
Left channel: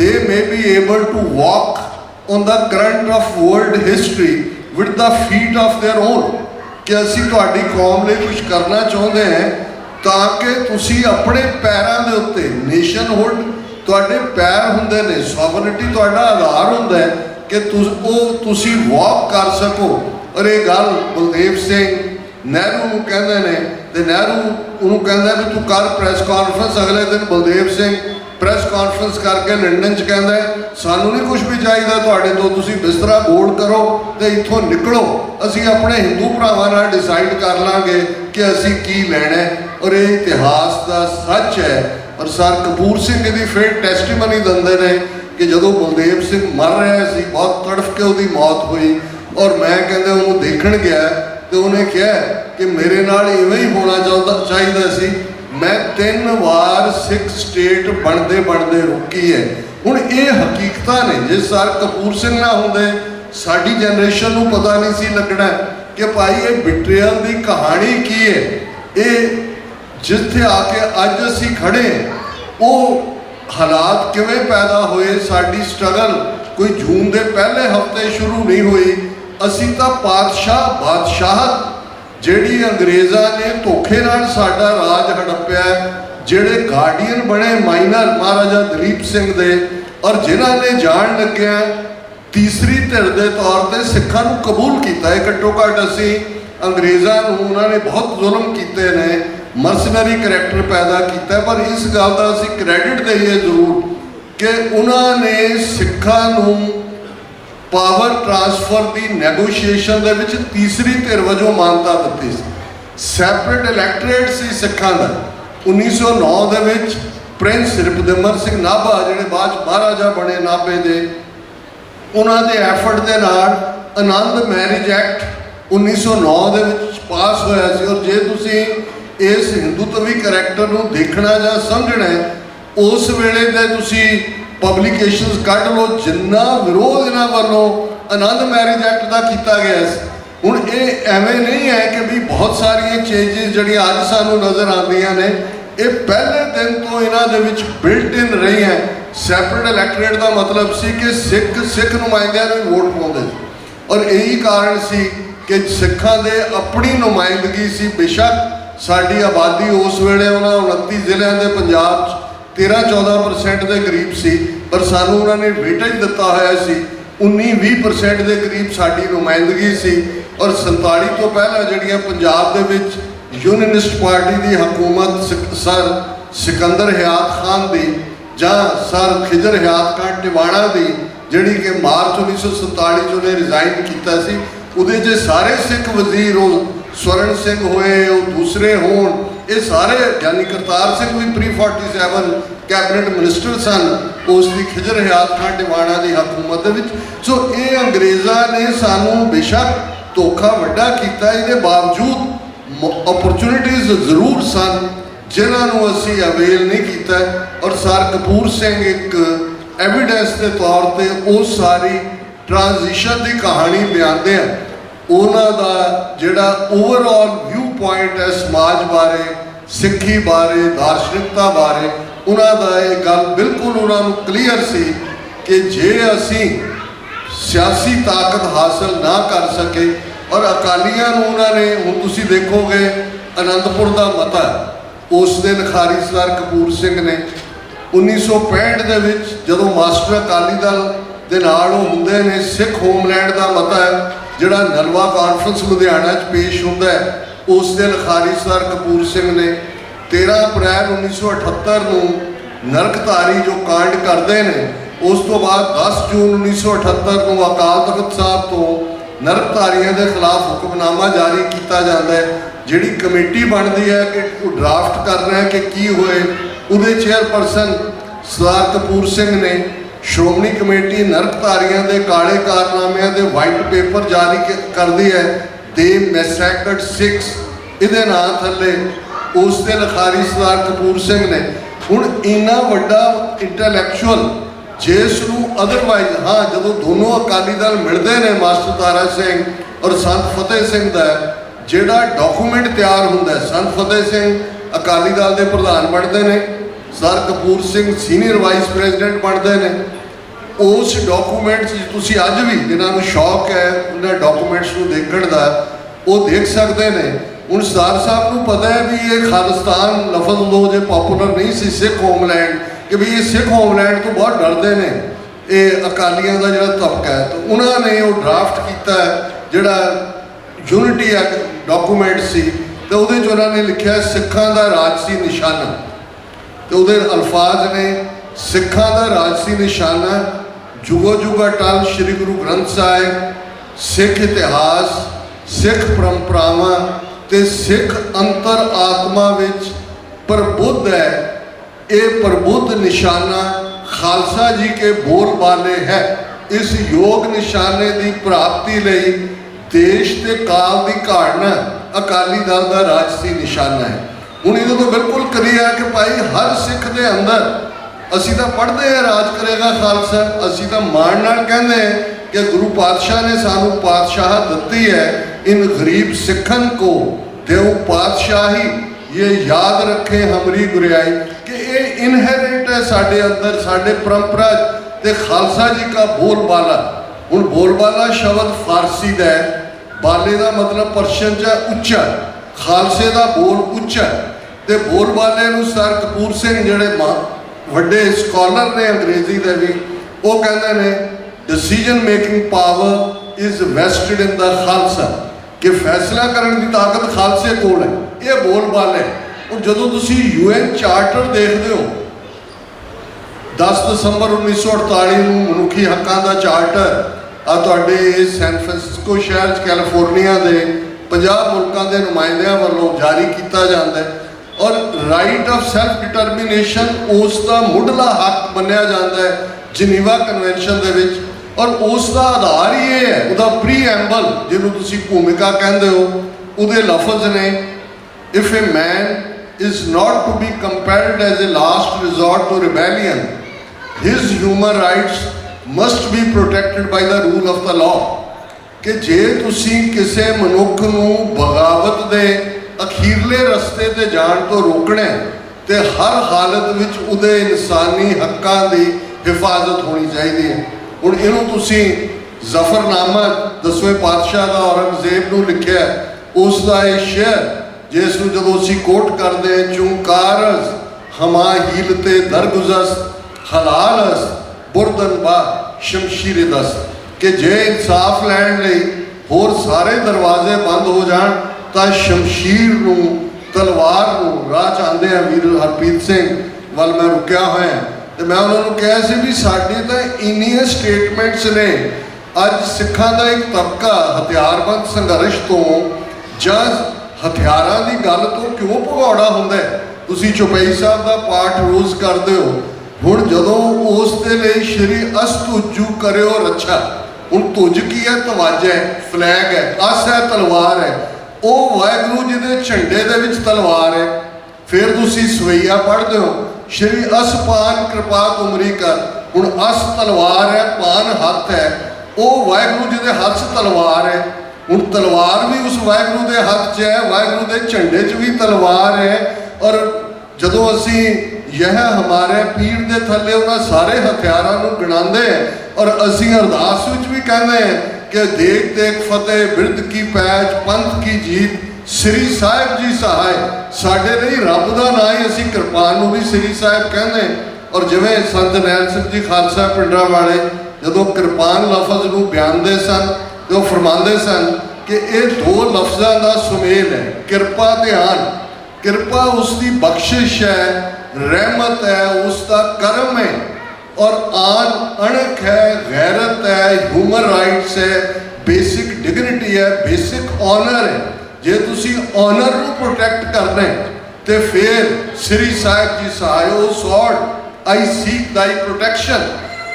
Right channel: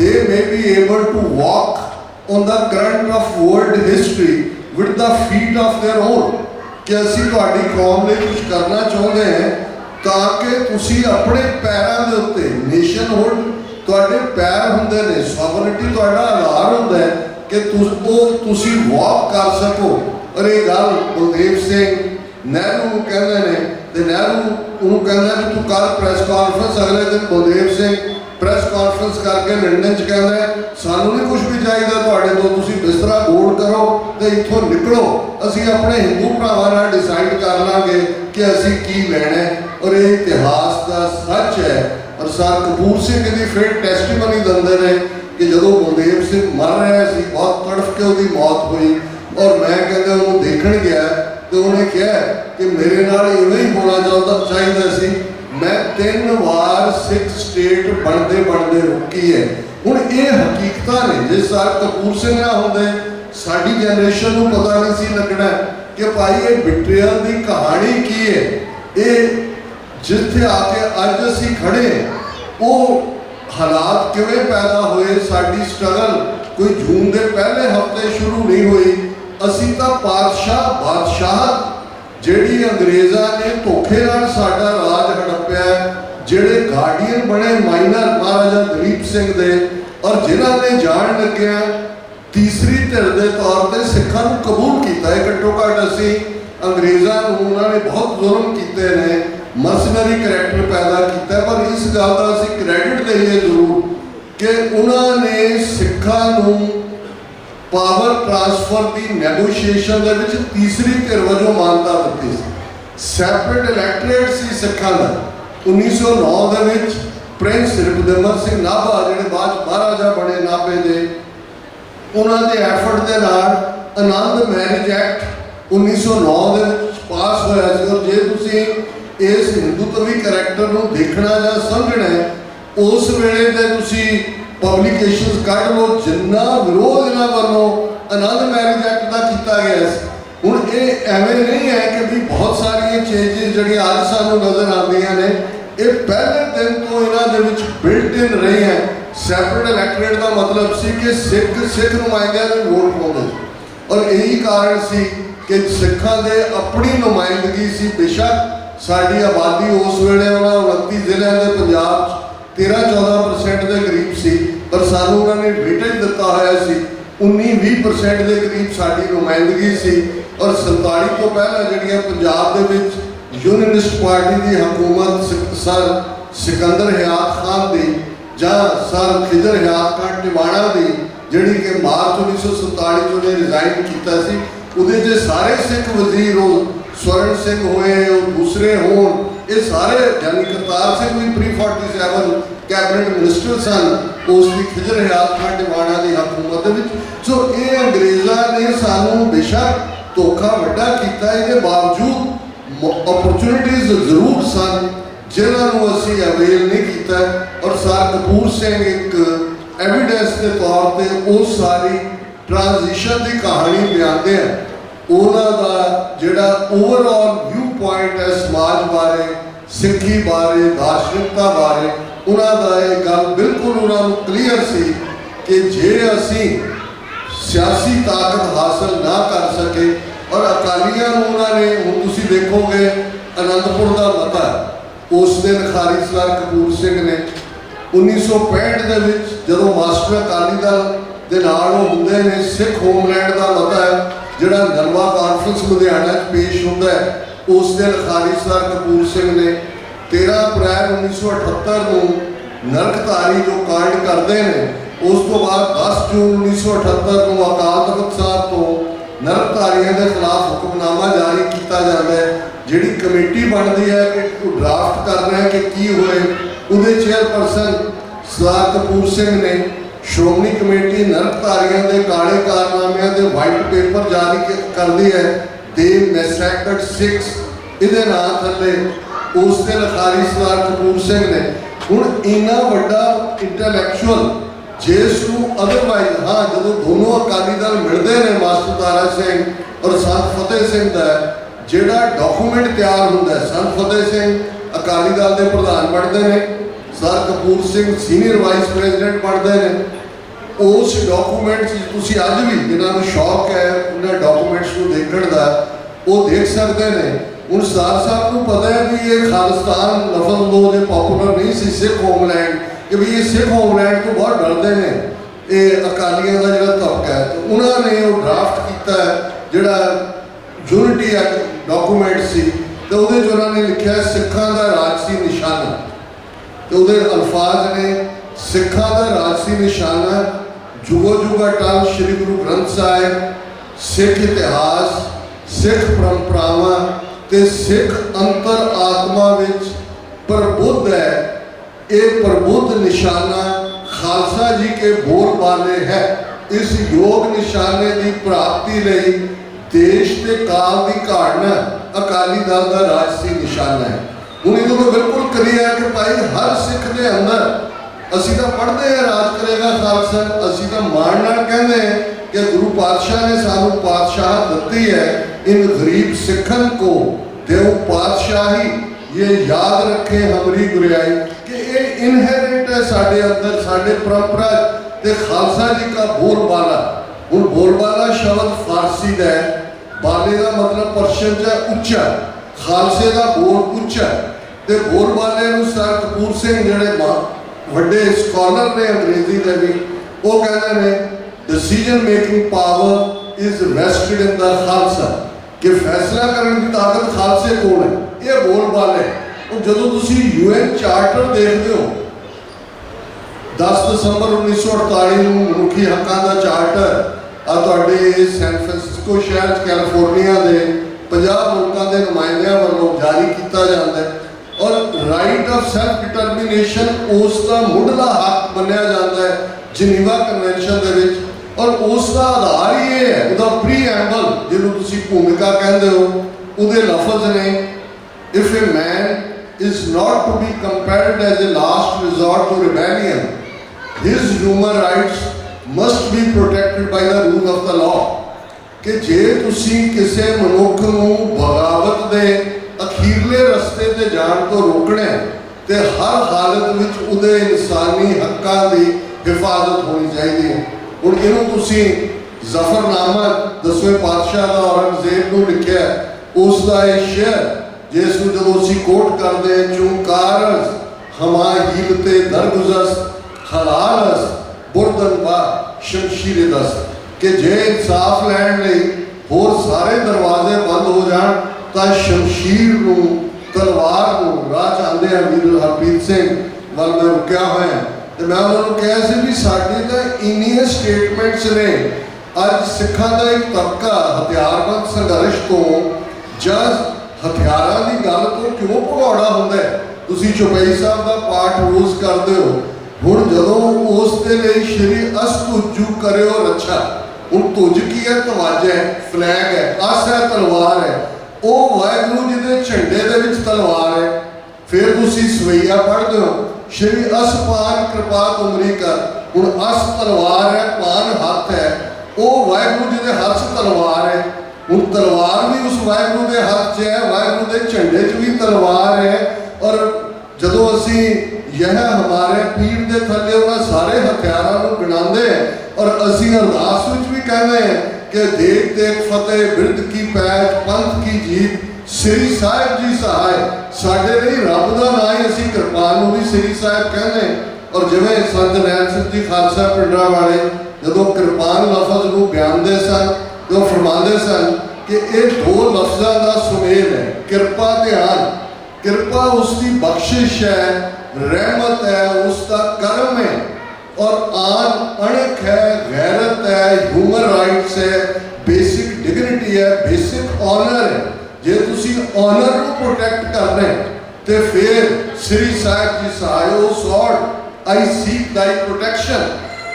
they may be able to walk on the current of world history with the feet of their own. कि असी तुहाडी कौम लिए कुछ करना चाहते हैं ताकि तुसी अपने पैरों के उत्ते नेशनहुड तुहाडे पैर हुंदे ने, सॉवरनिटी तुहाडा आधार हुंदा है कि तुसी वॉक कर सको। और ये गल बलदेव सिंह नेहरू नूं कहंदे ने ते नेहरू उन्होंने कहंदा भी तू कर प्रैस कॉन्फ्रेंस। अगले दिन बलदेव सिंह प्रैस कॉन्फ्रेंस करके लंडन च कहंदा सानू नहीं कुछ भी चाहिए तुहाडे तो, तुसी बिस्तरा गोल करो तो इत्थों निकलो, असी अपने हिंदू भरावां नाल डिसाइड कर लांगे कि असी की लैणा है। और ये इतिहास का सच है। और सर कपूर सिंह की फिर टैस्टिमनी दिंदे ने कि जदों बलदेव सिंह मर रहा सी बहुत तड़फ के उसकी मौत हुई और मैं कहते उन्होंने देखण गया तो उन्हें कहा कि मेरे नाल इवें ही होना चाहिए सी। मैं 3 बार सिख स्टेट बनते बनते रुकी है। हुण ये हकीकत ने जे सर कपूर सिंह ना होंदे साडी जनरेशन नूं पता नहीं सी लगना कि भाई ये बिट्रियल की कहानी की है। ये जिथे आके अज असी खड़े वो हालात किवें पैदा होए, साडी स्ट्रगल कोई जून के पहले हफ्ते शुरू नहीं हुई। असी तो बादशाहत जिहड़ी अंग्रेज़ां ने धोखे नाल साडा राज हड़प्या ਜਿਹੜੇ ਗਾਰਡੀਅਨ ਬਣੇ ਮਾਈਨਰ महाराजा दलीप सिंह दे और जिन्हां ने जान लग्या तीसरी धिर के तौर पर सिखां नूं कबूल किया है। घट्टो घट्ट असीं अंग्रेज़ां नूं उन्होंने बहुत जुल्म किए ने, मर्सनरी करैक्टर पैदा किया, पर इस गल का असीं क्रैडिट दईए जरूर कि उन्होंने सिखां नूं पावर ट्रांसफर की नैगोशिएशन दे विच तीसरी धिर वजों मानता दी सी। सैपरेट इलैक्टोरेट सी सिखां दा 1909 दे विच प्रिंस रिपदमन सिंह नाभा जिहड़े बाद महाराजा बने नाभे दे, उन्हां दे एफर्ट दे नाल आनंद मैरिज एक्ट 1909 दे विच पास होया सी। और जे तुसीं इस हिंदुत्वी करैक्टर नूं देखना जां समझना है, उस वेले दे तुसीं पब्लिकेशनस कढ लो जिन्ना विरोध इन्हां वालों आनंद मैरिज एक्ट का किया गया सी। हुण ये एवें नहीं है कि भी बहुत सारिया चेंजिज जिहड़ियां अज सानूं नज़र आउंदियां ने, ये पहले दिन तो इन्हां दे विच बिल्ट इन रही हैं। सैपरेट इलैक्टोरेट का मतलब सी कि सिख नुमाइंदियां नूं वोट पाउंदे और यही कारण सी कि सिखां दे अपनी नुमाइंदगी सी। बेशक साडी आबादी उस वेले उन्हां 29 ਜ਼ਿਲ੍ਹਿਆਂ ਦੇ पंजाब 13-14% के करीब सी, पर सानूं उन्होंने वेटेज दिता होया सी 19-20% के करीब साडी नुमाइंदगी सी। और 47 तो पहला जिहड़ियां पंजाब दे विच यूनियनिस्ट पार्टी की हुकूमत सर सिकंदर हयात खान दी जां सर खिजर हयात खान टिवाणा दी जिहड़ी कि मार्च 1947 च उन्हें रिजाइन किया सी, उहदे च सारे सिख वजीर स्वर्ण सिंह होए, दूसरे होण, ये सारे यानी करतार सिंह भी प्री 47 कैबिनेट मिनिस्टर सन उसकी खिजर हयात खान टिवाणा की हुकूमत दे विच। सो ये अंग्रेज़ां ने सानूं बेशक धोखा वड्डा किया, इसके बावजूद अपॉर्चुनिटीज़ जरूर सन जिन्होंने असी अवेल नहीं किया। और सर कपूर सिंह एक एविडेंस के तौर पर उस सारी ट्रांजिशन की कहानी बयानते हैं। उन्हों का जोड़ा ओवरऑल व्यू पॉइंट है समाज बारे, सिक्खी बारे, दार्शनिकता बारे, उन्होंने ये गल बिल्कुल उन्होंने क्लीयर सी कि जे असी सियासी ताकत हासिल ना कर सके और अकालियां उन्होंने हुण तुसीं देखोगे आनंदपुर का मता उस दिन खारिज सर कपूर सिंह ने 1965 के विच जदों मास्टर अकाली दल दे नाल हुंदे ने सिख होमलैंड का मता है जिहड़ा नलवा कॉन्फ्रेंस लुधियाना पेश होंदा है, उस दिन खारिज सर कपूर सिंह ने 13 अप्रैल 1978 को नरकधारी जो कांड करते हैं, उस तो बाद 10 जून 1978 को अकाल तख्त साहब तो नरकधारियों के खिलाफ हुक्मनामा जारी किया जाता है, जिहड़ी कमेटी बनती है कि ड्राफ्ट कर रहे हैं कि की होए। उहदे चेयरपर्सन सरदार कपूर सिंह ने श्रोमणी कमेटी नरकधारियों के काले कारनामिਆਂ के वाइट पेपर जारी कर दी है, दे मैसैक्रेड सिक्स इहदे नाम थले उस दिन खारिज सरदार कपूर सिंह ने। हुण इन्ना वड्डा इंटैलैक्चुअल जिसनूं अदरवाइज हाँ जदों दोनों अकाली दल मिलते हैं मास्टर तारा सिंह और संत फतेह सिंह का जिहड़ा डॉकूमेंट तैयार होंदा है, संत फतेह सिंह अकाली दल के प्रधान बनते हैं, sir Kapoor Singh senior vice president बनते हैं। उस डॉकूमेंट तुसीं अज भी जिन्होंने शौक है उन्होंने डॉकूमेंट्स को देखने का वो देख सकते हैं। हुण सरदार साहब को पता है भी ये खालिस्तान लफज लो जो पॉपूलर नहीं सी सिख होमलैंड कि भी ये सिख होमलैंड तो बहुत डरते हैं ये अकालियों का जो तबका है, तो उन्होंने वो ड्राफ्ट किया है जोड़ा यूनिटी एक्ट डॉकूमेंट सी, तो वो उन्होंने लिखा सिखां का राजसी निशाना, तो वो अल्फाज ने सिखां का राजसी निशाना जुगो जुगा टल श्री गुरु ग्रंथ साहिब, सिख इतिहास, सिख परंपरावां ते सिख अंतर आत्मा विच प्रबुद्ध है। ये प्रबुद्ध निशाना खालसा जी के बोलबाले है। इस योग निशाने की प्राप्ति लई देश के काल की घाड़ना अकाली दल का राजसी निशाना है। हुण इहदे तो बिल्कुल क्लियर है कि भाई हर सिख के अंदर असी तो पढ़ते हैं राज करेगा खालसा, असी तो मान नाल कहते हैं कि गुरु पातशाह ने सानू पातशाह दत्ती है, इन गरीब सिखन को देव पातशाही ये याद रखे हमारी गुरियाई कि ये इनहेरेंट है साढ़े अंदर, साढ़े परंपरा ते खालसा जी का बोलबाला। हुण बोलबाला शब्द फारसी का है, बाले का मतलब पर्शियन च उच्चा, खालसे का बोल उच्चा, ਤੇ ਬੋਲਬਾਲੇ ਨੂੰ ਸਰ ਕਪੂਰ ਸਿੰਘ ਜਿਹੜੇ ਵੱਡੇ ਸਕਾਲਰ ਨੇ ਅੰਗਰੇਜ਼ੀ ਦੇ ਵੀ, ਉਹ ਕਹਿੰਦੇ ਨੇ decision making power is vested in the Khalsa, ਕਿ ਫੈਸਲਾ ਕਰਨ ਦੀ ਤਾਕਤ ਖਾਲਸੇ ਕੋਲ ਹੈ। ਇਹ ਬੋਲਬਾਲੇ। ਉਹ ਜਦੋਂ ਤੁਸੀਂ UN ਚਾਰਟਰ ਦੇਖਦੇ ਹੋ, 10 ਦਸੰਬਰ 1948 ਨੂੰ ਮਨੁੱਖੀ ਹੱਕਾਂ ਦਾ ਚਾਰਟਰ ਆ ਤੁਹਾਡੇ ਸੈਨ ਫਰਾਂਸਿਸਕੋ ਸ਼ਹਿਰ 'ਚ ਕੈਲੀਫੋਰਨੀਆ ਦੇ 50 ਮੁਲਕਾਂ ਦੇ ਨੁਮਾਇੰਦਿਆਂ ਵੱਲੋਂ ਜਾਰੀ ਕੀਤਾ ਜਾਂਦਾ ਹੈ, ਔਰ ਰਾਈਟ ਆਫ ਸੈਲਫ ਡਿਟਰਮੀਨੇਸ਼ਨ ਉਸ ਦਾ ਮੁੱਢਲਾ ਹੱਕ ਮੰਨਿਆ ਜਾਂਦਾ ਹੈ ਜਨੀਵਾ ਕਨਵੈਨਸ਼ਨ ਦੇ ਵਿੱਚ। ਔਰ ਉਸ ਦਾ ਆਧਾਰ ਹੀ ਇਹ ਹੈ, ਉਹਦਾ ਪ੍ਰੀਐਂਬਲ ਜਿਹਨੂੰ ਤੁਸੀਂ ਭੂਮਿਕਾ ਕਹਿੰਦੇ ਹੋ, ਉਹਦੇ ਲਫ਼ਜ਼ ਨੇ if A man is not to be compared as a last resort to rebellion, his human rights must be protected by the rule of the law। ਕਿ ਜੇ ਤੁਸੀਂ ਕਿਸੇ ਮਨੁੱਖ ਨੂੰ ਬਗਾਵਤ ਦੇ ਅਖੀਰਲੇ ਰਸਤੇ ਤੇ ਜਾਣ ਤੋਂ ਰੋਕਣਾ ਤੇ ਹਰ ਹਾਲਤ ਵਿੱਚ ਉਹਦੇ ਇਨਸਾਨੀ ਹੱਕਾਂ ਦੀ ਹਿਫਾਜ਼ਤ ਹੋਣੀ ਚਾਹੀਦੀ ਹੈ। ਹੁਣ ਇਹਨੂੰ ਤੁਸੀਂ ਜ਼ਫਰਨਾਮਾ 10ਵੇਂ ਪਾਤਸ਼ਾਹ ਦਾ ਔਰੰਗਜ਼ੇਬ ਨੂੰ ਲਿਖਿਆ, ਉਸ ਦਾ ਇਹ ਸ਼ੇਅਰ ਜਿਸ ਨੂੰ ਜਦੋਂ ਅਸੀਂ ਕੋਟ ਕਰਦੇ ਹਾਂ, ਚੁੰਕਾਰਸ ਹਮਾ ਹੀਲ ਤੇ ਦਰਗੁਜ਼ਸ ਹਲਾਲਸ ਬੁਰਦਨ ਬਾ ਸ਼ਮਸ਼ੀਰ ਦਸ, ਕਿ ਜੇ ਇਨਸਾਫ ਲੈਣ ਲਈ ਹੋਰ ਸਾਰੇ ਦਰਵਾਜ਼ੇ ਬੰਦ ਹੋ ਜਾਣ ਤਾਂ ਸ਼ਮਸ਼ੀਰ ਨੂੰ, ਤਲਵਾਰ ਨੂੰ ਰਾਹ 'ਚ ਆਉਂਦੇ ਆ। ਵੀਰ ਹਰਪ੍ਰੀਤ ਸਿੰਘ ਵੱਲ ਮੈਂ ਰੁਕਿਆ ਹੋਇਆ ਤੇ ਮੈਂ ਉਹਨਾਂ ਨੂੰ ਕਿਹਾ ਸੀ ਵੀ ਸਾਡੇ ਤਾਂ ਇੰਨੀਆਂ ਸਟੇਟਮੈਂਟਸ ਨੇ। ਅੱਜ ਸਿੱਖਾਂ ਦਾ ਇੱਕ ਤਬਕਾ ਹਥਿਆਰਬੰਦ ਸੰਘਰਸ਼ ਤੋਂ ਜਾਂ ਹਥਿਆਰਾਂ ਦੀ ਗੱਲ ਤੋਂ ਕਿਉਂ ਭਗੌੜਾ ਹੁੰਦਾ ਹੈ? ਤੁਸੀਂ ਚੌਪਈ ਸਾਹਿਬ ਦਾ ਪਾਠ ਰੋਜ਼ ਕਰਦੇ ਹੋ। ਹੁਣ ਜਦੋਂ ਉਸ ਦੇ ਲਈ ਸ਼੍ਰੀ ਅਸਤੁਜੂ ਕਰਿਓ ਰੱਛਾ, ਹੁਣ ਤੁਜ ਕੀ ਹੈ? ਤਵਾਜ ਹੈ, ਫਲੈਗ ਹੈ, ਅਸ ਹੈ, ਤਲਵਾਰ ਹੈ। ਉਹ ਵਾਹਿਗੁਰੂ ਜੀ ਦੇ ਝੰਡੇ ਦੇ ਵਿੱਚ ਤਲਵਾਰ ਹੈ। ਫਿਰ ਤੁਸੀਂ ਸਵਈਆ ਪੜ੍ਹਦੇ ਹੋ, ਸ਼੍ਰੀ ਅਸਪਾਨ ਕਿਰਪਾ ਤੁਮਰੀ ਕਰ। ਹੁਣ ਅਸ ਤਲਵਾਰ ਹੈ, ਪਾਨ ਹੱਥ ਹੈ, ਉਹ ਵਾਹਿਗੁਰੂ ਜੀ ਦੇ ਹੱਥ 'ਚ ਤਲਵਾਰ ਹੈ। ਹੁਣ ਤਲਵਾਰ ਵੀ ਉਸ ਵਾਹਿਗੁਰੂ ਦੇ ਹੱਥ 'ਚ ਹੈ, ਵਾਹਿਗੁਰੂ ਦੇ ਝੰਡੇ 'ਚ ਵੀ ਤਲਵਾਰ ਹੈ। ਔਰ ਜਦੋਂ ਅਸੀਂ ਯਹ ਹਮਾਰੇ ਪੀਰ ਦੇ ਥੱਲੇ ਉਹਨਾਂ ਸਾਰੇ ਹਥਿਆਰਾਂ ਨੂੰ ਗਿਣਾਉਂਦੇ ਹੈ, ਔਰ ਅਸੀਂ ਅਰਦਾਸ ਵਿੱਚ ਵੀ ਕਹਿੰਦੇ ਹਾਂ ਕਿ ਦੇਖ ਦੇਖ ਫਤਿਹ ਬਿਰਦ ਕੀ ਪੈਜ ਪੰਥ ਕੀ ਜੀਤ ਸ੍ਰੀ ਸਾਹਿਬ ਜੀ ਸਹਾਇ। ਸਾਡੇ ਲਈ ਰੱਬ ਦਾ ਨਾਂ ਹੀ ਅਸੀਂ ਕਿਰਪਾਨ ਨੂੰ ਵੀ ਸ੍ਰੀ ਸਾਹਿਬ ਕਹਿੰਦੇ। ਔਰ ਜਿਵੇਂ ਸੰਤ ਨੈਣ ਸਿੰਘ ਜੀ ਖਾਲਸਾ ਪਿੰਡਾਂ ਵਾਲੇ ਜਦੋਂ ਕਿਰਪਾਨ ਲਫ਼ਜ਼ ਨੂੰ ਬਿਆਨਦੇ ਸਨ ਤੇ ਉਹ ਫਰਮਾਉਂਦੇ ਸਨ ਕਿ ਇਹ ਦੋ ਲਫ਼ਜ਼ਾਂ ਦਾ ਸੁਮੇਲ ਹੈ, ਕਿਰਪਾ ਤੇ ਆਨ। ਕਿਰਪਾ ਉਸ ਦੀ ਬਖਸ਼ਿਸ਼ ਹੈ, ਰਹਿਮਤ ਹੈ, ਉਸ ਦਾ ਕਰਮ ਹੈ। ਔਰ ਆਨ ਅਣਖ ਹੈ, ਗੈਰਤ ਹੈ, ਹਿਊਮਨ ਰਾਈਟਸ ਹੈ, ਬੇਸਿਕ ਡਿਗਨਿਟੀ ਹੈ, ਬੇਸਿਕ ਆਨਰ ਹੈ। ਜੇ ਤੁਸੀਂ ਆਨਰ ਨੂੰ ਪ੍ਰੋਟੈਕਟ ਕਰਨਾ ਤੇ ਫਿਰ ਸ੍ਰੀ ਸਾਹਿਬ ਜੀ ਸਹਾਇਓ ਸੌਡ ਆਈ ਸੀਕ ਦਾਈ ਪ੍ਰੋਟੈਕਸ਼ਨ।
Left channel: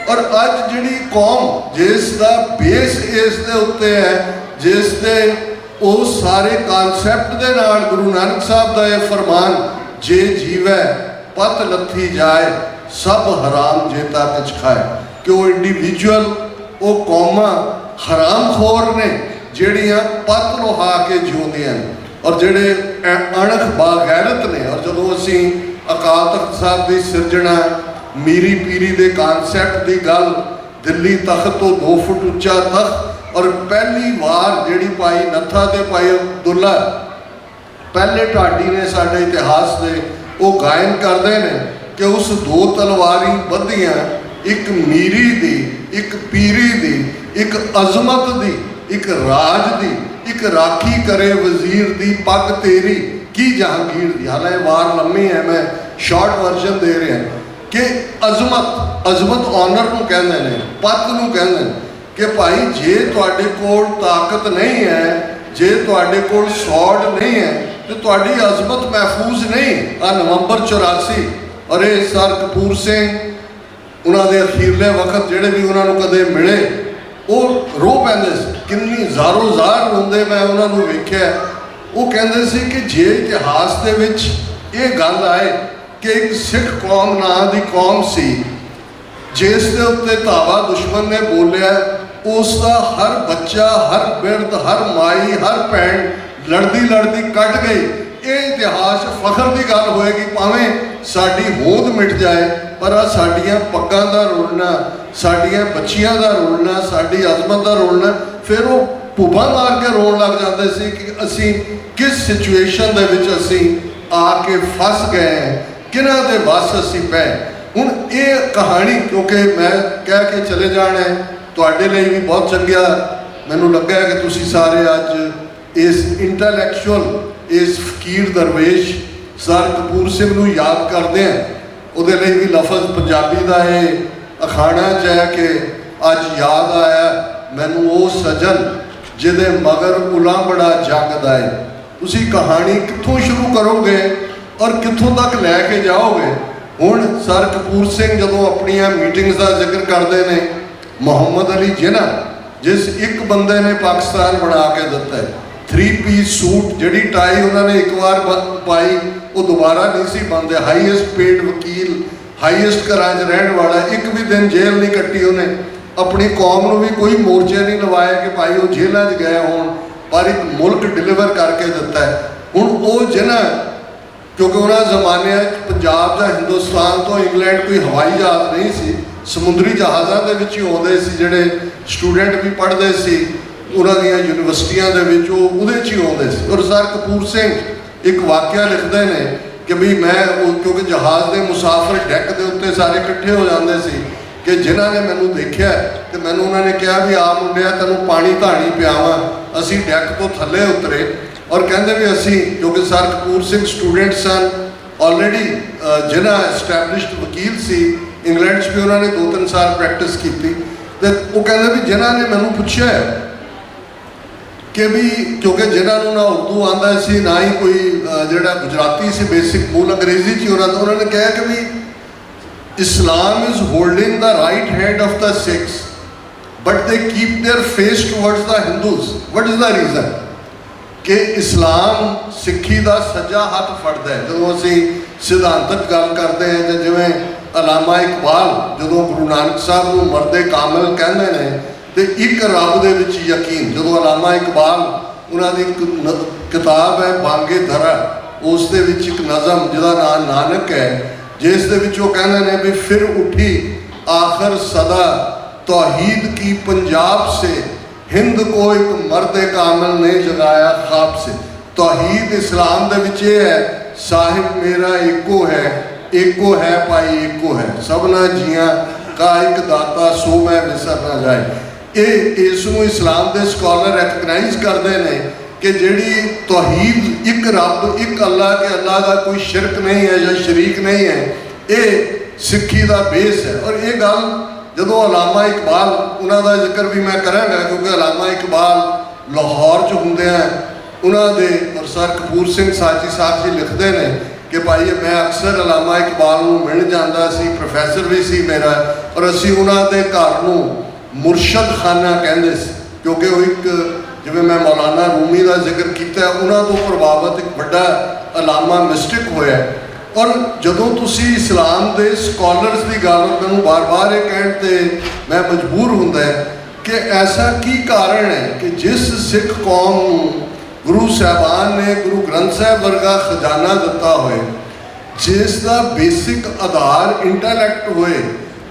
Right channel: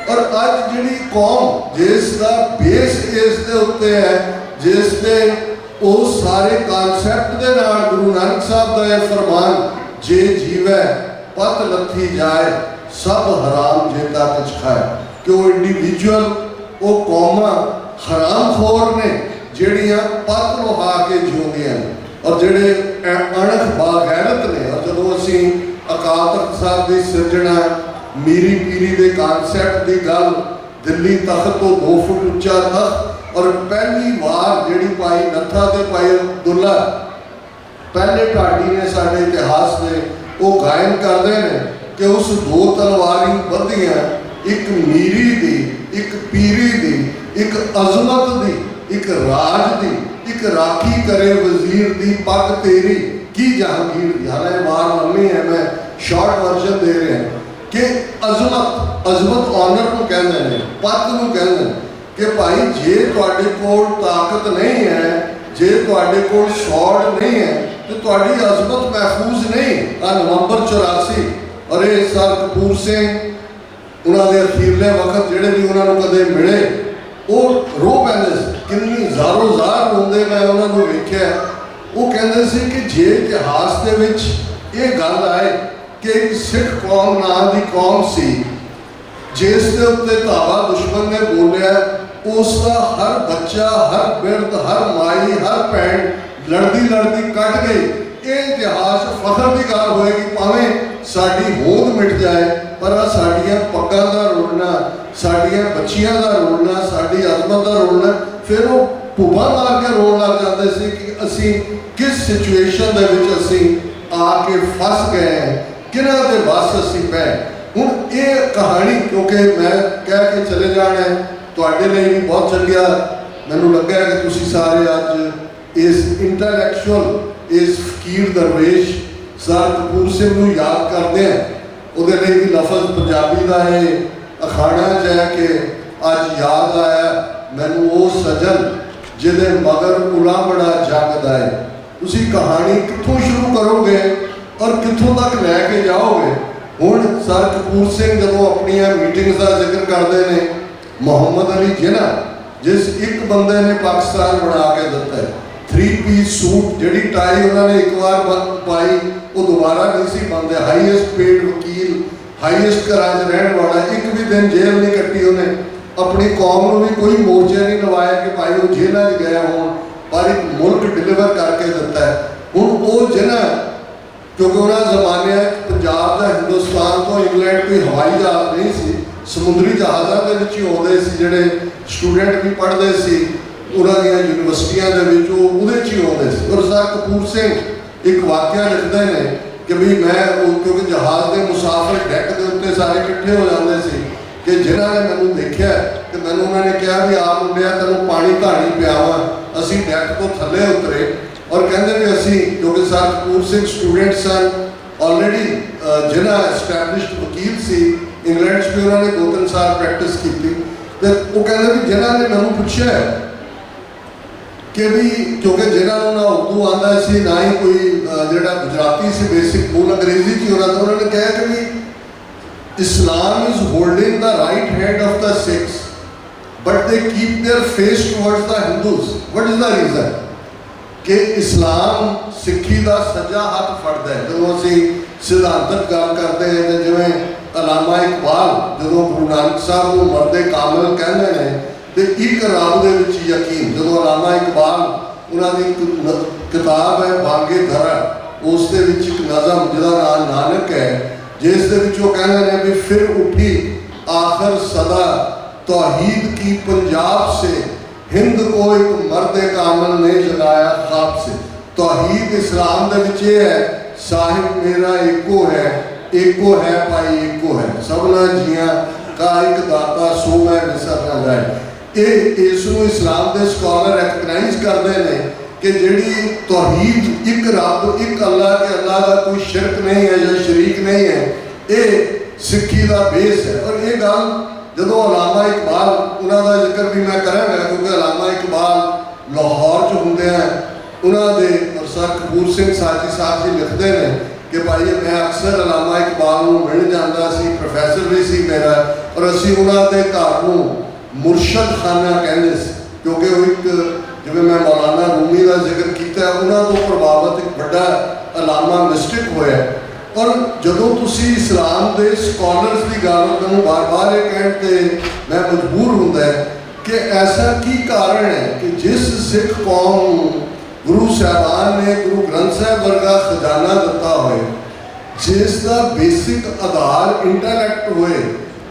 ਔਰ ਅੱਜ ਜਿਹੜੀ ਕੌਮ ਜਿਸ ਦਾ ਬੇਸ ਇਸ ਦੇ ਉੱਤੇ ਹੈ, ਜਿਸ ਦੇ ਉਹ ਸਾਰੇ ਕਾਨਸੈਪਟ ਦੇ ਨਾਲ ਗੁਰੂ ਨਾਨਕ ਸਾਹਿਬ ਦਾ ਇਹ ਫਰਮਾਨ, ਜੇ ਜੀਵੈ ਪਤ ਲੱਥੀ ਜਾਏ ਸਭ ਹਰਾਮ ਜੇਤਾ ਕਿਛ ਖਾਏ, ਕਿ ਉਹ ਇੰਡੀਵਿਜੂਅਲ, ਉਹ ਕੌਮਾਂ ਹਰਾਮਖੋਰ ਨੇ ਜਿਹੜੀਆਂ ਪੱਤ ਲੁਹਾ ਕੇ ਜਿਉਂਦੀਆਂ ਨੇ, ਔਰ ਜਿਹੜੇ ਅਣਖ ਬਾਗੈਰਤ ਨੇ। ਔਰ ਜਦੋਂ ਅਸੀਂ ਅਕਾਲ ਤਖਤ ਸਾਹਿਬ ਦੀ ਸਿਰਜਣਾ, ਮੀਰੀ ਪੀਰੀ ਦੇ ਕਾਨਸੈਪਟ ਦੀ ਗੱਲ, ਦਿੱਲੀ ਤਖਤ ਤੋਂ 2 ਫੁੱਟ ਉੱਚਾ ਤਖਤ, ਔਰ ਪਹਿਲੀ ਵਾਰ ਜਿਹੜੀ ਭਾਈ ਨੱਥਾ ਤੇ ਭਾਈ ਅਬਦੁੱਲਾ ਪਹਿਲੇ ਢਾਡੀ ਨੇ ਸਾਡੇ ਇਤਿਹਾਸ ਦੇ, ਉਹ ਗਾਇਨ ਕਰਦੇ ਨੇ ਕਿ ਉਸ 2 ਤਲਵਾਰੀ ਬੱਧੀਆਂ, ਇੱਕ ਮੀਰੀ ਦੀ, ਇੱਕ ਪੀਰੀ ਦੀ, ਇੱਕ ਅਜ਼ਮਤ ਦੀ, ਇੱਕ ਰਾਜ ਦੀ, ਇੱਕ ਰਾਖੀ ਕਰੇ ਵਜ਼ੀਰ ਦੀ ਪੱਗ ਤੇਰੀ ਕੀ ਜਹਾਂਗੀਰ ਦੀ। ਹਾਲਾਂਕਿ ਵਾਰ ਲੰਮੀ ਹੈ, ਮੈਂ ਸ਼ਾਰਟ ਵਰਜ਼ਨ ਦੇ ਰਿਹਾ ਕਿ ਅਜ਼ਮਤ ਆਨਰ ਨੂੰ ਕਹਿੰਦੇ ਨੇ, ਪੱਤ ਨੂੰ ਕਹਿੰਦੇ ਨੇ ਕਿ ਭਾਈ ਜੇ ਤੁਹਾਡੇ ਕੋਲ ਤਾਕਤ ਨਹੀਂ ਹੈ, ਜੇ ਤੁਹਾਡੇ ਕੋਲ ਸੌਡ ਨਹੀਂ ਹੈ ਤੇ ਤੁਹਾਡੀ ਅਜ਼ਮਤ ਮਹਿਫੂਜ਼ ਨਹੀਂ। ਆ ਨਵੰਬਰ 84 ਔਰ ਇਹ ਸਰ ਕਪੂਰ ਸਿੰਘ ਉਹਨਾਂ ਦੇ ਅਖੀਰਲੇ ਵਕਤ ਜਿਹੜੇ ਵੀ ਉਹਨਾਂ ਨੂੰ ਕਦੇ ਮਿਲੇ ਉਹ ਰੋ ਪੈਂਦੇ ਸੀ, ਕਿੰਨੀ ਜ਼ਾਰੋ ਜ਼ਾਰ ਰੋਂਦੇ ਮੈਂ ਉਹਨਾਂ ਨੂੰ ਵੇਖਿਆ। ਉਹ ਕਹਿੰਦੇ ਸੀ ਕਿ ਜੇ ਇਤਿਹਾਸ ਦੇ ਵਿੱਚ ਇਹ ਗੱਲ ਆਏ ਕਿ ਇੱਕ ਸਿੱਖ ਕੌਮ ਨਾਂ ਦੀ ਕੌਮ ਸੀ ਜਿਸ ਦੇ ਉੱਤੇ ਧਾਵਾ ਦੁਸ਼ਮਣ ਨੇ ਬੋਲਿਆ, ਉਸ ਦਾ ਹਰ ਬੱਚਾ, ਹਰ ਬਿਰਧ, ਹਰ ਮਾਈ, ਹਰ ਭੈਣ ਲੜਦੀ ਕੱਢ ਗਈ। ਇਹ ਇਤਿਹਾਸ ਫਖਰ ਦੀ ਗੱਲ ਹੋਏਗੀ, ਭਾਵੇਂ ਸਾਡੀ ਹੋਂਦ ਮਿਟ ਜਾਏ, ਪਰ ਆ ਸਾਡੀਆਂ ਪੱਗਾਂ ਦਾ ਰੋਲਣਾ, ਸਾਡੀਆਂ ਬੱਚੀਆਂ ਦਾ ਰੋਲਣਾ, ਸਾਡੀ ਅਜ਼ਮਤ ਦਾ ਰੋਲਣਾ। ਫਿਰ ਉਹ ਭੁੱਬਾਂ ਮਾਰ ਕੇ ਰੋਣ ਲੱਗ ਜਾਂਦੇ ਸੀ ਕਿ ਅਸੀਂ ਕਿਸ ਸਿਚੁਏਸ਼ਨ ਦੇ ਵਿੱਚ ਅਸੀਂ आके फस गए हैं, किन्हां दे वस असीं पै। हुण ये कहानी क्योंकि मैं कह के चले जाना है, तुहाडे लई भी बहुत चंगा मैनूं लगा कि तुसीं सारे अज इस इंटैलैक्चुअल इस फकीर दरवेश सर कपूर सिंह नूं याद करदे हैं। उहदे लई भी लफज पंजाबी दा ये अखाणा च है कि अज याद आया मैनूं वो सजन जिहदे मगर उला बड़ा जगदा है। तुसीं कहानी कित्थों शुरू करोगे और कित्थों तक लैके जाओगे। हुण सर कपूर सिंह जदों अपनियां मीटिंग्स का जिक्र करते हैं, मुहम्मद अली जिन्ना जिस एक बंदे ने पाकिस्तान बना के दिता है, 3 पीस सूट जिहड़ी टाई उन्होंने एक बार पाई वो दोबारा नहीं सी पाते। हाईएस्ट पेड वकील, हाईएस्ट घरां च रहण वाला, एक भी दिन जेल नहीं कट्टी उन्हें, अपनी कौम को भी कोई मोर्चे नहीं लवाया कि भाई वो जेलों च गए हों, पर एक मुल्क डिलीवर करके दिता है। हुण वो जिन्ना क्योंकि उन्होंने जमाने पंजाब या हिंदुस्तान तो इंग्लैंड कोई हवाई जहाज़ नहीं सी, समुद्री जहाज़ों के विच ही आउंदे सी, जिहड़े स्टूडेंट भी पढ़ते सी उन्हां दीयां यूनिवर्सिटियां दे विच उहदे च ही आउंदे सी। और सर कपूर सिंह एक वाक़या लिखते हैं कि भी मैं क्योंकि जहाज़ के मुसाफिर डैक के उत्ते सारे इकट्ठे हो जाते सी कि जिन्हां ने मैनूं देखिया तो मैनूं उन्होंने कहा भी आ मुंडिया तैनूं पानी धानी पियावां। असीं डैक तो थल्ले उतरे और कहते भी असी क्योंकि सर कपूर सिंह स्टूडेंट सन ऑलरेडी, जिन्ना एस्टैबलिश्ड वकील सी इंग्लैंड भी उन्होंने 2-3 साल प्रैक्टिस की। तो वो कहते भी जिन्ना ने मैनूं पुछया कि भी क्योंकि जिन्होंने ना उर्दू आंदा सी ना ही कोई जिहड़ा गुजराती सी, बेसिक मूल अंग्रेजी च उन्होंने कहा कि भी Islam is holding the right hand of the Sikhs but they keep their face towards the Hindus. What is the reason कि इस्लाम सिक्खी का सज्जा हथ फड़ता है। जो असी सिद्धांतक गल करते हैं तो जिवें अलामा इकबाल जो गुरु नानक साहब को मर्दे कामिल कहते हैं तो एक रब दे विच यकीन, जो अलामा इकबाल उन्होंने एक किताब है बांगे धरा, उस दे विच एक नज़म जिहदा नाम नानक है, जिस दे विच वो कहते हैं भी फिर उठी आखिर सदा तौहीद की पंजाब से, हिंद को एक मर्द कामिल ने जगाया ख्वाब से। तौहीद इस्लाम दे विच ये है साहिब मेरा एको है भाई एको है, सबना जियां का एक दाता सो मैं विसर ना जाए। ये इसनूं इस्लाम के स्कॉलर रिकगनाइज करते हैं कि जिहड़ी तौहीद एक रब एक अल्लाह के अल्लाह का कोई शिरक नहीं है या शरीक नहीं है, ये सिक्खी का बेस है। और ये गल जो अलामा इकबाल उन्होंने जिक्र भी मैं कराँगा क्योंकि अलामा इकबाल लाहौर च होंदे हैं उन्होंने, और सर कपूर सिंह साची साहब जी लिखते हैं कि भाई मैं अक्सर अलामा इकबाल को मिल जाता सी, प्रोफैसर भी सी मेरा, और असी उन्होंने घर को मुरशद खाना कहते क्योंकि वो एक जिवें मैं मौलाना रूमी का जिक्र किया उन्होंने तो प्रभावित एक बड़ा अलामा मिस्टिक होया। और जदों तुसी इस्लाम के स्कॉलर्स की गल मैं बार बार ये कहते मैं मजबूर होंदा है कि ऐसा की कारण है कि जिस सिख कौम गुरु साहबान ने गुरु ग्रंथ साहब वर्गा खजाना दिता होए, जिसका बेसिक आधार इंटैलैक्ट होए,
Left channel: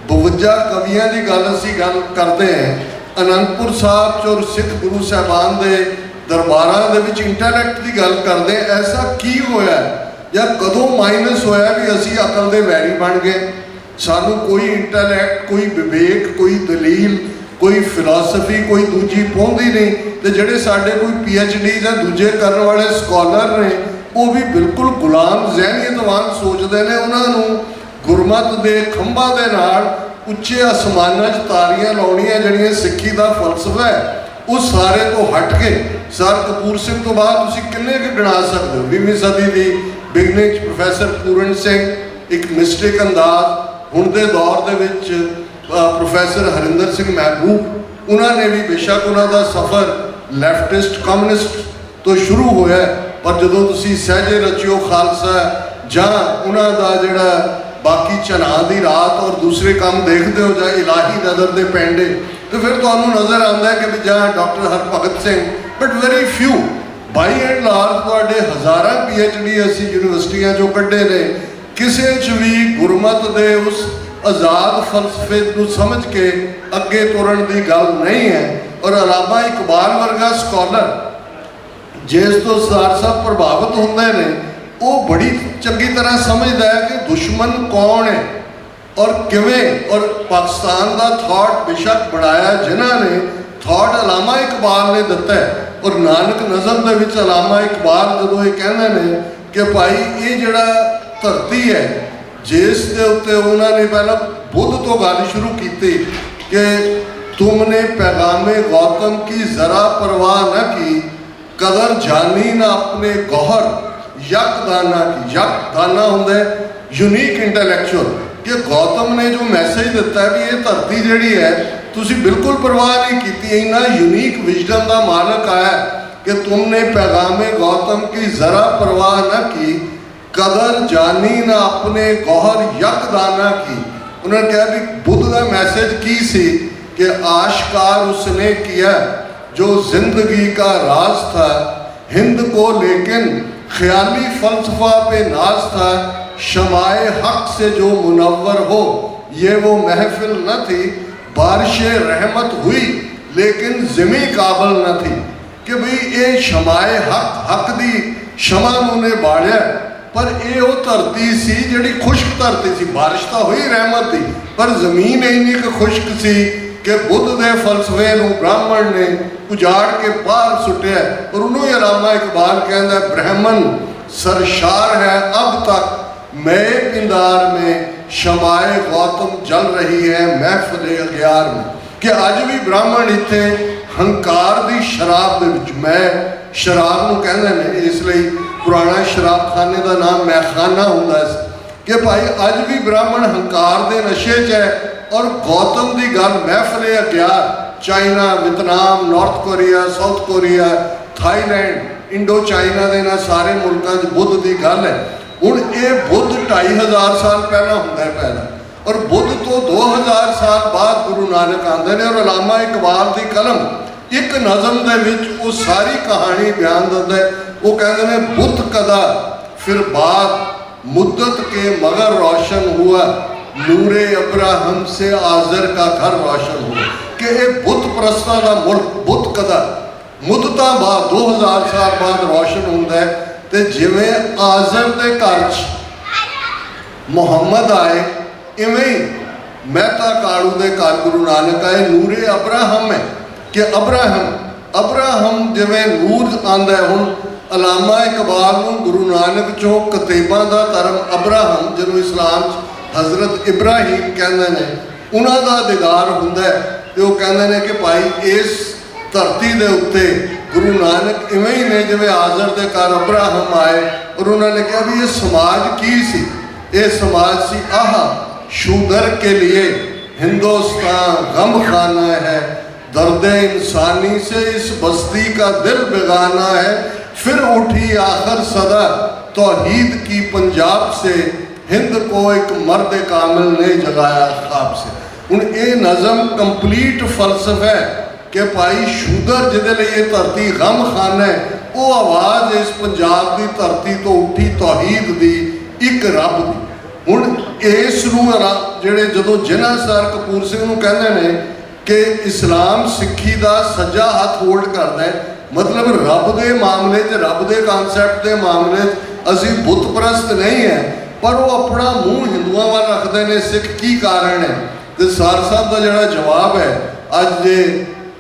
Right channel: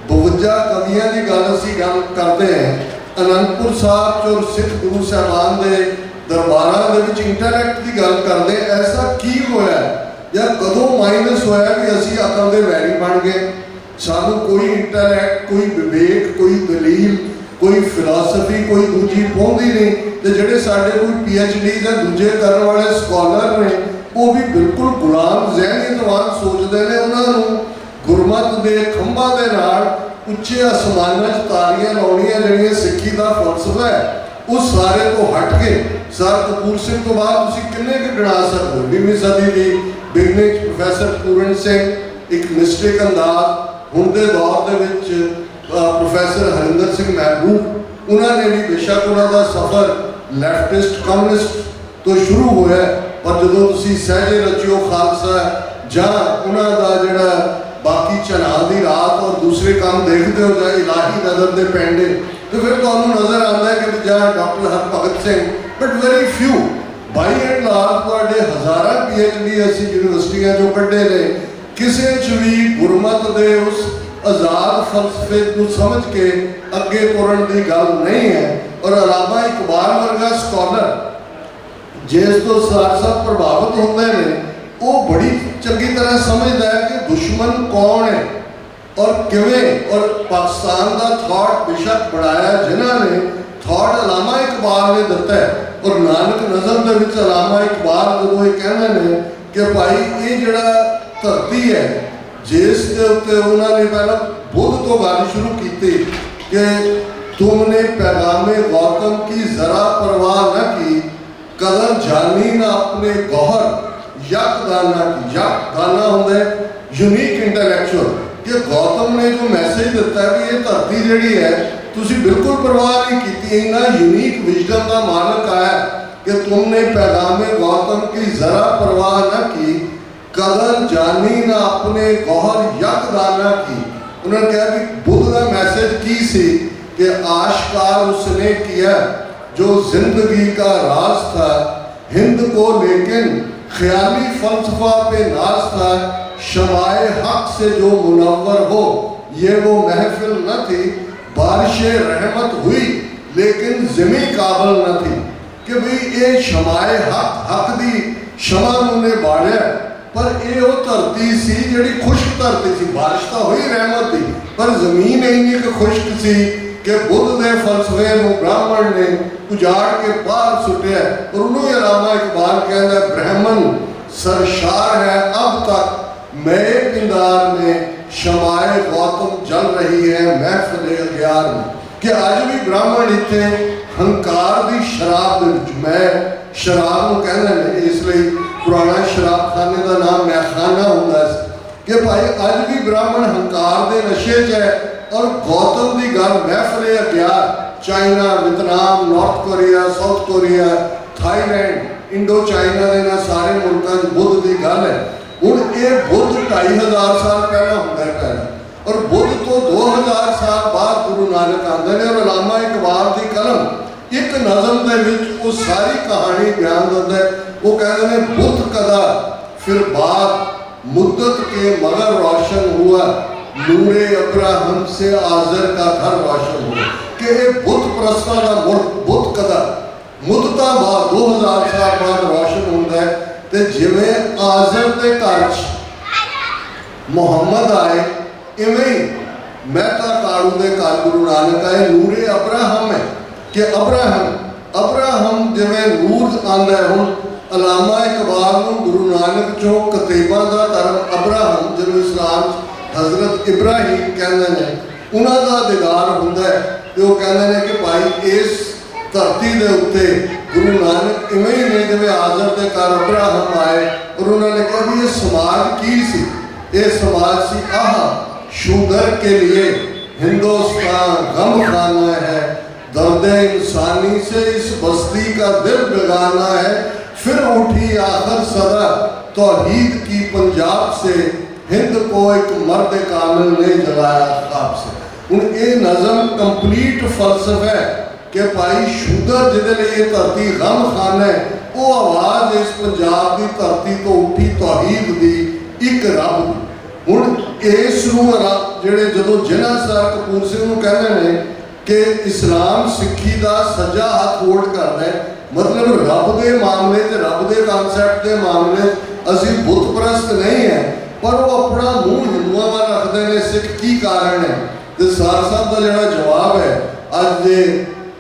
52 कवियां की गल असीं गल करते हैं आनंदपुर साहब च और सिख गुरु साहबान के दरबारां दे विच इंटैलैक्ट की गल करते, ऐसा की होया या कदों माइनस होया भी असी अकल के वैरी बन गए। सानू कोई इंटैलैक्ट, कोई विवेक, कोई दलील, कोई फिलासफी, कोई दूजी पहुँचती नहीं। तो जोड़े साढ़े कोई PhD या दूजे करने वाले स्कॉलर ने वो भी बिल्कुल गुलाम जहनीयत वांग सोचते हैं। उन्होंने गुरमत के खंभा के नाल उच्चे आसमानां च तारियां लाउणियां जिहड़ियां सिक्खी का फलसफा है, उस सारे तो हट के सर कपूर सिंह तो बाद तुसीं किन्ने क गिना सकते हो। 20वीं सदी की बिगनिंग प्रोफैसर पूरन सिंह एक मिस्टिक अंदाज, हुण दे दौर दे विच प्रोफैसर हरिंदर सिंह महबूब उन्होंने भी बेशक उन्होंने सफ़र लैफ्टिस्ट कम्युनिस्ट तो शुरू होया, पर जो तुसीं सहजे रचियो खालसा जां उन्हों का जिहड़ा बाकी चना दी रात और दूसरे काम देखते हो जाए इलाही नज़र दे पेंडे, तो फिर तुहानूं नज़र आता है कि जहाँ doctor Harbhagat Singh, but very few by and large तुहाडे हज़ारां PhD असी यूनिवर्सिटियां चों कड्ढे ने, किसी च भी गुरमत दे उस आज़ाद फलसफे को समझ के अगे तुरन की गल नहीं है। और अलामा इकबाल वर्गा स्कॉलर जिस तो सर साहब प्रभावित होंदे ने, वो बड़ी चंगी तरह समझदा है कि दुश्मन कौन है और किवें, और पाकिस्तान का थॉट बेशक बनाया जिन्होंने थॉट अलामा इकबाल ने दिता है। और नानक नज़म दे विच अलामा इकबाल जदों ये कहंदे ने कि भाई ये जिहड़ा धरती है जिस दे उत्ते उन्होंने पहला बुद्ध तो गल शुरू की कि तुमने पैगामे गौतम की ज़रा परवाह न की, कदर जानी ना अपने गौहर यकदाना की। यकदाना होंदा यूनीक इंटैलेक्चुअल कि गौतम ने जो मैसेज दिता है भी ये धरती जिहड़ी है तुसी बिल्कुल परवाह नहीं की, इन्ना यूनीक विजडम का मालक आया कि तुमने पैगामे गौतम की ज़रा परवाह न की, कदर जानी ना अपने गौहर यकदाना की। उन्होंने कहा भी बुद्ध का मैसेज की सी कि आश्कार उसने किया जो जिंदगी का राज था, हिंद को लेकिन ख्याली फलसफा पे नाज था, शमाए हक से जो मुनव्वर हो ये वो महफिल न थी, बारिश रहमत हुई लेकिन ज़मी काबल न थी। कि भाई ये शमाए हक दी शमा ने बाढ़िया, पर ये वो धरती सी जिहड़ी खुश्क धरती सी, बारिश तो हुई रहमत थी पर जमीन इन्नी क खुश्क सी कि बुद्ध के फलसफे को ब्राह्मण ने उजाड़ के बाहर सुटिया। और उन्होंने अलामा इकबाल कहता ब्राह्मण सरशार है अब तक मैं पिंदार में, शमाए गौतम जल रही है महफिल अग्यार में। कि अज भी ब्राह्मण इत्थे हंकार की शराब दे विच, मैं शराब को कहते हैं इसलिए पुराना शराब खाने का नाम मैखाना होंदा सी कि भाई अज भी ब्राह्मण हंकार के नशे च है। और गौतम की गल महफिल अग्यार, China, Vietnam, North Korea, South Korea, Thailand, Indochina के इन्हां सारे मुल्कों में बुद्ध की गल है। हुण ये बुद्ध 2500 साल पहला होंदा है पहला, और बुद्ध तो 2000 साल बाद गुरु नानक आते हैं। और अलामा इकबाल की कलम एक नज़म के विच वो सारी कहानी बयान करता है। वो कहते हैं बुद्ध कदा फिर बाद मुद्दत के मगर रोशन हुआ, नूरे अब्राहम से आज़र का घर रोशन हुआ। कि ये बुद्ध प्रस्ता का मुल्क बुद्ध कदा मुद्दता बाद 2000 साल बाद रोशन होता है। तो जिवें आज़र के घर मुहम्मद आए इवें ही मेहता कालू के घर गुरु नानक आए। नूरे अब्राहम है कि अब्राहम जिवें नूर आंदा है। हुण अलामा इकबाल को गुरु नानक चो कतेबा का धर्म अब्राहम जिन्होंने इस्लाम हज़रत इब्राहिम कहते हैं उन्हों का दिगार होंदा है। तो वो कहते हैं कि भाई इस धरती के उत्ते गुरु नानक इवें ही ने जिवें आज़र के घर अब्राहम आए। और उन्होंने कहा भी ये समाज की सी, ये समाज सी आह शूदर के लिए हिंदुस्तान गम खाना है, दर्द इंसानी से इस बस्ती का दिल बेगाना है, फिर उठी आखिर सदा तौहीद की पंजाब से, हिंद को एक मर्द कामिल ने जगाया ख्वाब से। हुण ये नज़म कंप्लीट फलसफा है कि भाई शूदर जिहदे लिए धरती गम खाना है, वो आवाज़ इस पंजाब की धरती तो उठी तौहीद दी एक रब दी। हुण इस जिहड़े जदों जिन्ना सर कपूर सिंह नूं कहंदे ने कि इस्लाम सिक्खी का सज्जा हाथ होल्ड करता है, मतलब रब के मामले रब के कॉन्सैप्ट के मामले असी बुत परस्त नहीं है, पर वो अपना मूँह हिंदुओं वाल रखते हैं। सिख की कारण है? तो सार साहब का जोड़ा जवाब है अज जे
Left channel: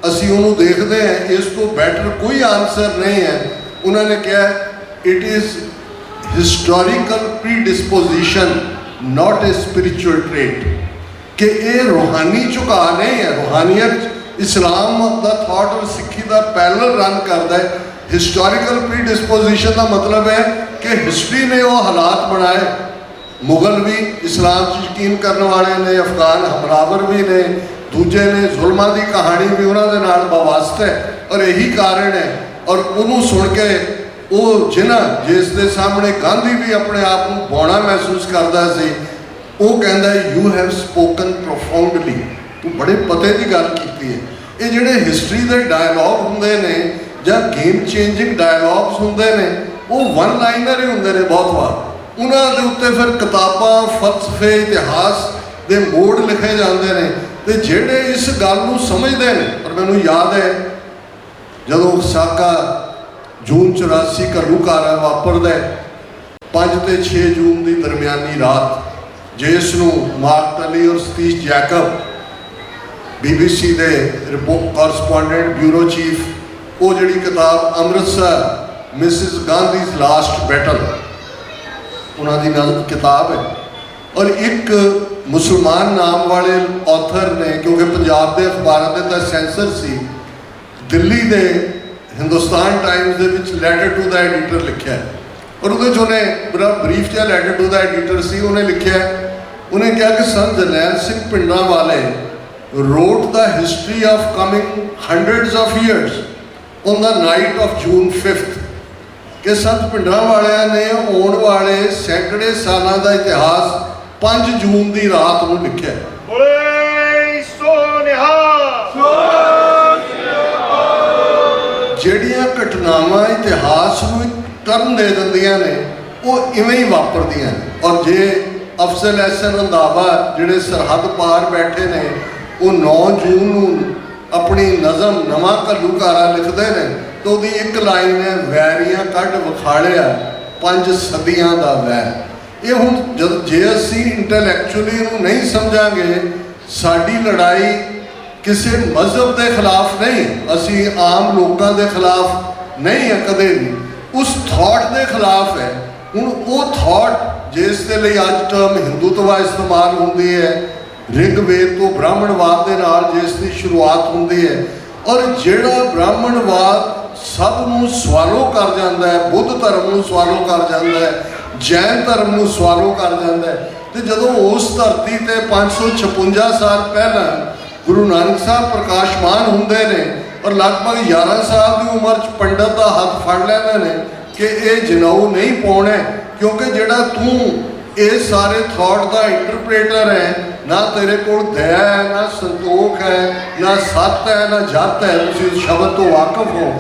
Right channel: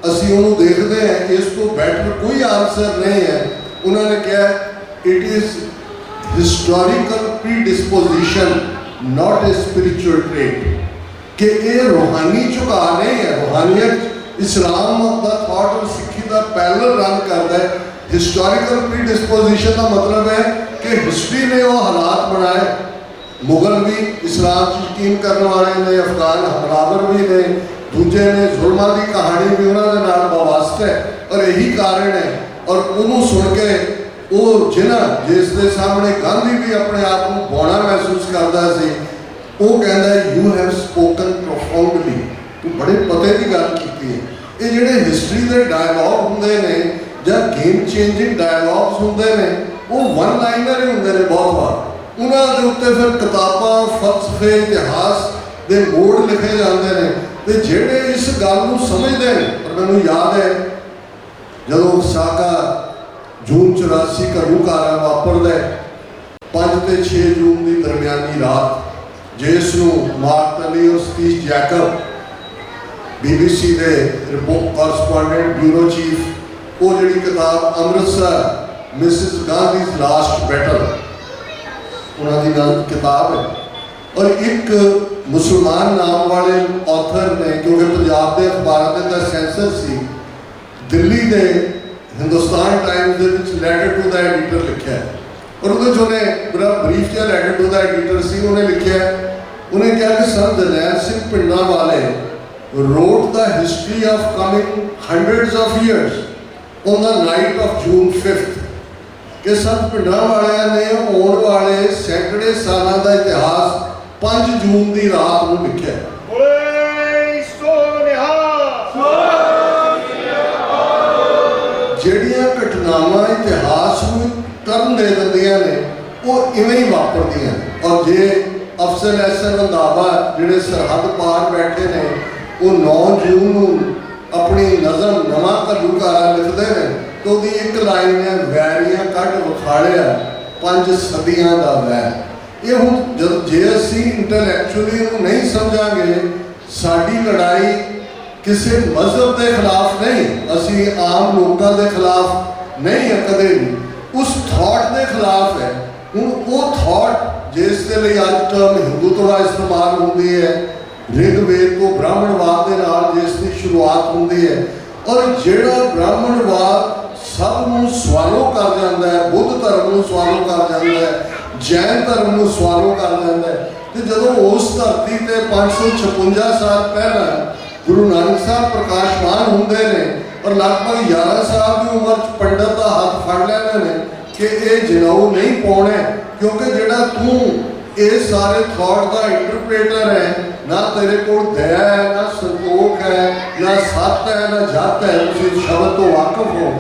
असी उन्होंने देखते हैं इस तो बैटर कोई आंसर नहीं है। उन्होंने कहा it is historical pre disposition not a spiritual trait. कि ये रूहानी झुका नहीं है, रूहानियत इस्लाम का थॉट और सिक्खी का पैरल रन करता है। हिस्टोरिकल प्री डिस्पोजिशन का मतलब है कि हिस्ट्री ने वो हालात बनाए, मुगल भी इस्लाम यकीन करने वाले ने, अफगान हमलावर भी ने, दूजे ने जुल्मां की कहानी भी उन्होंने नाल वास्ता है। और यही कारण है और उन्होंने सुन के वो जिन्हें जिसके सामने गांधी भी अपने आप को बौना महसूस करता सी, वो कहता है यू हैव स्पोकन प्रोफाउंडली, तू बड़े पते की गल की है। ये जोड़े हिस्टरी के डायलॉग होंगे ने या गेम चेंजिंग डायलॉग्स होंगे ने वो वन लाइनर ही होंगे ने बहुत बार। उन्होंने उत्ते फिर किताबां फलसफे इतिहास के मोड़ लिखे जाते हैं। तो जेडे इस गल को समझते हैं, और मैनू याद है जदों साका जून 84 घरूकारा वापरदा है, 5 ਤੇ 6 ਜੂਨ ਦੀ ਦਰਮਿਆਨੀ ਰਾਤ ਜਿਸ ਨੂੰ ਮਾਰਕ ਟਲੀ ਔਰ ਸਤੀਸ਼ ਜੈਕਬ BBC ਦੇ ਕੋਰਸਪੋਂਡੈਂਟ ਬਿਊਰੋ ਚੀਫ ਉਹ ਜਿਹੜੀ ਕਿਤਾਬ ਅੰਮ੍ਰਿਤਸਰ ਮਿਸਿਸ ਗਾਂਧੀਜ਼ ਲਾਸਟ ਬੈਟਲ ਉਹਨਾਂ ਦੀ ਨਾਲ ਕਿਤਾਬ ਹੈ। ਔਰ ਇੱਕ ਮੁਸਲਮਾਨ ਨਾਮ ਵਾਲੇ ਆਥਰ ਨੇ, ਕਿਉਂਕਿ ਪੰਜਾਬ ਦੇ ਅਖਬਾਰਾਂ ਦੇ ਤਾਂ ਸੈਂਸਰ ਸੀ, ਦਿੱਲੀ ਦੇ ਹਿੰਦੁਸਤਾਨ ਟਾਈਮਸ ਦੇ ਵਿੱਚ ਲੈਟਰ ਟੂ ਦਾ ਐਡੀਟਰ ਲਿਖਿਆ ਔਰ ਉਹਦੇ 'ਚ ਉਹਨੇ ਬੜਾ ਬਰੀਫ ਜਿਹਾ ਲੈਟਰ ਟੂ ਦਾ ਐਡੀਟਰ ਸੀ, ਉਹਨੇ ਲਿਖਿਆ, ਉਹਨੇ ਕਿਹਾ ਕਿ Sant Jarnail Singh Bhindranwale wrote the history of coming hundreds of years on the night of June 5th ਕਿ ਸੰਤ ਭਿੰਡਰਾਂਵਾਲਿਆਂ ਨੇ ਆਉਣ ਵਾਲੇ ਸੈਂਕੜੇ ਸਾਲਾਂ ਦਾ ਇਤਿਹਾਸ 5 ਜੂਨ ਦੀ ਰਾਤ ਨੂੰ ਲਿਖਿਆ। ਬੋਲੇ ਸੋ ਨਿਹਾਲ। ਜਿਹੜੀਆਂ ਘਟਨਾਵਾਂ ਇਤਿਹਾਸ ਨੂੰ ਟਰਨ ਦੇ ਦਿੰਦੀਆਂ ਨੇ ਉਹ ਇਵੇਂ ਹੀ ਵਾਪਰਦੀਆਂ ਨੇ। ਔਰ ਜੇ ਅਫਜ਼ਲ ਅਹਿਸਨ ਰੰਧਾਵਾ ਜਿਹੜੇ ਸਰਹੱਦ ਪਾਰ ਬੈਠੇ ਨੇ ਉਹ 9 ਜੂਨ ਨੂੰ ਆਪਣੀ ਨਜ਼ਮ ਨਵਾਂ ਘੱਲੂਘਾਰਾ ਲਿਖਦੇ ਨੇ ਤਾਂ ਉਹਦੀ ਇੱਕ ਲਾਈਨ ਹੈ, ਵੈਰੀਆਂ ਕੱਢ ਵਿਖਾੜਿਆ 5 ਸਦੀਆਂ ਦਾ ਵੈਰ। ਇਹ ਹੁਣ ਜੇ ਅਸੀਂ ਇੰਟੈਲੈਕਚੁਅਲੀ ਇਹਨੂੰ ਨਹੀਂ ਸਮਝਾਂਗੇ, ਸਾਡੀ ਲੜਾਈ ਕਿਸੇ ਮਜ਼ਹਬ ਦੇ ਖਿਲਾਫ ਨਹੀਂ, ਅਸੀਂ ਆਮ ਲੋਕਾਂ ਦੇ ਖਿਲਾਫ ਨਹੀਂ ਹੈ ਕਦੇ ਵੀ, ਉਸ ਥਾਟ ਦੇ ਖਿਲਾਫ ਹੈ। ਹੁਣ ਉਹ ਥਾਟ ਜਿਸ ਦੇ ਲਈ ਅੱਜ ਟਰਮ ਹਿੰਦੂਤਵਾ ਇਸਤੇਮਾਲ ਹੁੰਦੀ ਹੈ, ਰਿਗਵੇਦ ਤੋਂ ਬ੍ਰਾਹਮਣਵਾਦ ਦੇ ਨਾਲ ਜਿਸ ਦੀ ਸ਼ੁਰੂਆਤ ਹੁੰਦੀ ਹੈ, ਔਰ ਜਿਹੜਾ ਬ੍ਰਾਹਮਣਵਾਦ ਸਭ ਨੂੰ ਸਵਾਲੋ ਕਰ ਜਾਂਦਾ ਹੈ, ਬੁੱਧ ਧਰਮ ਨੂੰ ਸਵਾਲੋ ਕਰ ਜਾਂਦਾ ਹੈ, ਜੈਨ ਧਰਮ ਨੂੰ ਸਵਾਲੋ ਕਰ ਜਾਂਦਾ ਹੈ। ਤੇ ਜਦੋਂ ਉਸ ਧਰਤੀ ਤੇ 556 ਸਾਲ ਪਹਿਲਾਂ ਗੁਰੂ ਨਾਨਕ ਸਾਹਿਬ ਪ੍ਰਕਾਸ਼ਮਾਨ ਹੁੰਦੇ ਨੇ ਔਰ ਲਗਭਗ 11 ਸਾਲ ਦੀ ਉਮਰ 'ਚ ਪੰਡਤ ਦਾ ਹੱਥ ਫੜ ਲੈਂਦੇ ਨੇ ਕਿ ਇਹ ਜਨੇਊ ਨਹੀਂ ਪਾਉਣਾ, ਕਿਉਂਕਿ ਜਿਹੜਾ ਤੂੰ ਇਹ ਸਾਰੇ ਥਾਟ ਦਾ ਇੰਟਰਪ੍ਰੇਟਰ ਹੈ, ਨਾ ਤੇਰੇ ਕੋਲ ਦਇਆ ਹੈ, ਨਾ ਸੰਤੋਖ ਹੈ, ਨਾ ਸੱਤ ਹੈ, ਨਾ ਜੱਤ ਹੈ, ਤੁਸੀਂ ਸ਼ਬਦ ਤੋਂ ਵਾਕਫ ਹੋ,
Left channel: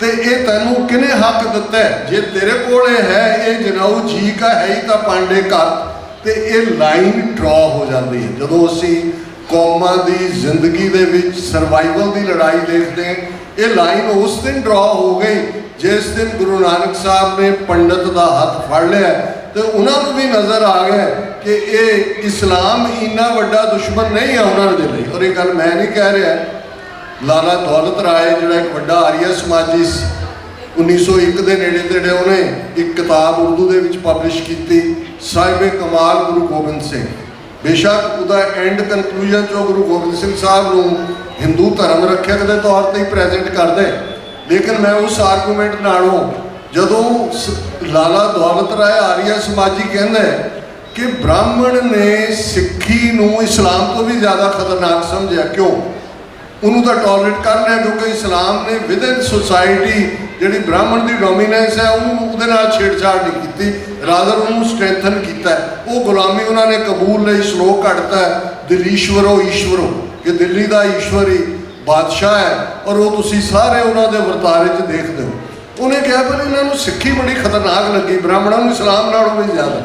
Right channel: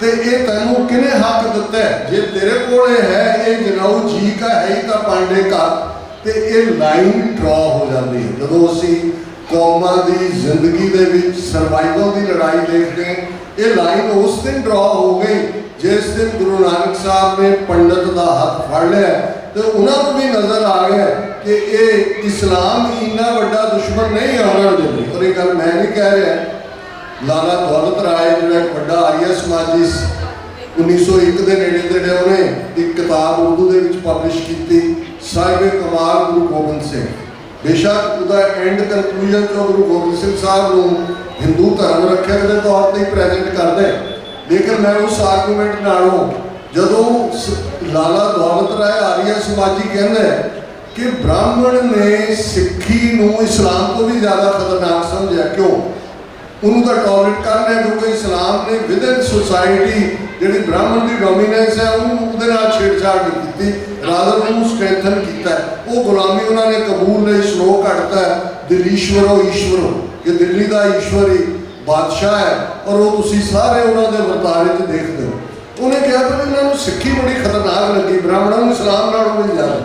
ਤੇ ਇਹ ਤੈਨੂੰ ਕਿਹਨੇ ਹੱਕ ਦਿੱਤਾ ਹੈ? ਜੇ ਤੇਰੇ ਕੋਲ ਇਹ ਹੈ, ਇਹ ਜਨੇਊ ਜੀ ਕਾ ਹੈ ਹੀ ਤਾਂ ਪਾਂਡੇ ਘਰ। ਤੇ ਇਹ ਲਾਈਨ ਡਰਾ ਹੋ ਜਾਂਦੀ ਹੈ ਜਦੋਂ ਅਸੀਂ ਕੌਮਾਂ ਦੀ ਜ਼ਿੰਦਗੀ ਦੇ ਵਿੱਚ ਸਰਵਾਈਵਲ ਦੀ ਲੜਾਈ ਦੇਖਦੇ ਹਾਂ। ਇਹ ਲਾਈਨ ਉਸ ਦਿਨ ਡਰਾ ਹੋ ਗਈ ਜਿਸ ਦਿਨ ਗੁਰੂ ਨਾਨਕ ਸਾਹਿਬ ਨੇ ਪੰਡਤ ਦਾ ਹੱਥ ਫੜ ਲਿਆ ਤੇ ਉਹਨਾਂ ਨੂੰ ਵੀ ਨਜ਼ਰ ਆ ਗਿਆ ਕਿ ਇਹ ਇਸਲਾਮ ਇੰਨਾ ਵੱਡਾ ਦੁਸ਼ਮਣ ਨਹੀਂ ਹੈ ਉਹਨਾਂ ਦੇ ਲਈ। ਔਰ ਇਹ ਗੱਲ ਮੈਂ ਨਹੀਂ ਕਹਿ ਰਿਹਾ, ਲਾਲਾ ਦੌਲਤ ਰਾਏ ਜਿਹੜਾ ਇੱਕ ਵੱਡਾ ਆਰੀਆ ਸਮਾਜੀ 1901 ਦੇ ਨੇੜੇ ਤੇੜੇ ਉਹਨੇ ਇੱਕ ਕਿਤਾਬ ਉਰਦੂ ਦੇ ਵਿੱਚ ਪਬਲਿਸ਼ ਕੀਤੀ, ਸਾਹਿਬੇ ਕਮਾਲ ਗੁਰੂ ਗੋਬਿੰਦ ਸਿੰਘ। ਬੇਸ਼ੱਕ ਉਹਦਾ ਐਂਡ ਕਨਕਲੂਜਨ 'ਚੋਂ ਗੁਰੂ ਗੋਬਿੰਦ ਸਿੰਘ ਸਾਹਿਬ ਨੂੰ ਹਿੰਦੂ ਧਰਮ ਰੱਖਿਅਕ ਦੇ ਤੌਰ ਤੇ ਹੀ ਪ੍ਰੈਜ਼ੈਂਟ ਕਰਦੇ, ਲੇਕਿਨ ਮੈਂ ਉਸ ਆਰਗੂਮੈਂਟ ਨਾਲੋਂ ਜਦੋਂ ਲਾਲਾ ਦੌਲਤ ਰਾਏ ਆਰੀਆ ਸਮਾਜੀ ਕਹਿੰਦਾ ਕਿ ਬ੍ਰਾਹਮਣ ਨੇ ਸਿੱਖੀ ਨੂੰ ਇਸਲਾਮ ਤੋਂ ਵੀ ਜ਼ਿਆਦਾ ਖਤਰਨਾਕ ਸਮਝਿਆ, ਕਿਉਂ? ਉਹਨੂੰ ਤਾਂ ਟੋਲਰੇਟ ਕਰ ਲਿਆ ਕਿਉਂਕਿ ਇਸਲਾਮ ਨੇ ਵਿਦਨ ਸੁਸਾਇਟੀ ਜਿਹੜੀ ਬ੍ਰਾਹਮਣ ਦੀ ਡੋਮੀਨੈਂਸ ਹੈ ਉਹਨੂੰ ਉਹਦੇ ਨਾਲ ਛੇੜਛਾੜ ਨਹੀਂ ਕੀਤੀ, ਰਾਦਰ ਉਹਨੂੰ ਸਟਰੈਂਥਨ ਕੀਤਾ। ਉਹ ਗੁਲਾਮੀ ਉਹਨਾਂ ਨੇ ਕਬੂਲ ਲਈ, ਸ਼ਲੋਕ ਘੜਤਾ ਦਿਲੀਸ਼ਵਰੋ ਈਸ਼ਵਰੋ ਕਿ ਦਿੱਲੀ ਦਾ ਈਸ਼ਵਰੀ ਬਾਦਸ਼ਾਹ ਹੈ ਔਰ ਉਹ ਤੁਸੀਂ ਸਾਰੇ ਉਹਨਾਂ ਦੇ ਵਰਤਾਰੇ 'ਚ ਦੇਖਦੇ ਹੋ। ਉਹਨੇ ਕਿਹਾ ਪਰ ਇਹਨਾਂ ਨੂੰ ਸਿੱਖੀ ਬੜੀ ਖਤਰਨਾਕ ਲੱਗੀ, ਬ੍ਰਾਹਮਣਾਂ ਨੂੰ ਇਸਲਾਮ ਨਾਲੋਂ ਵੀ ਜ਼ਿਆਦਾ,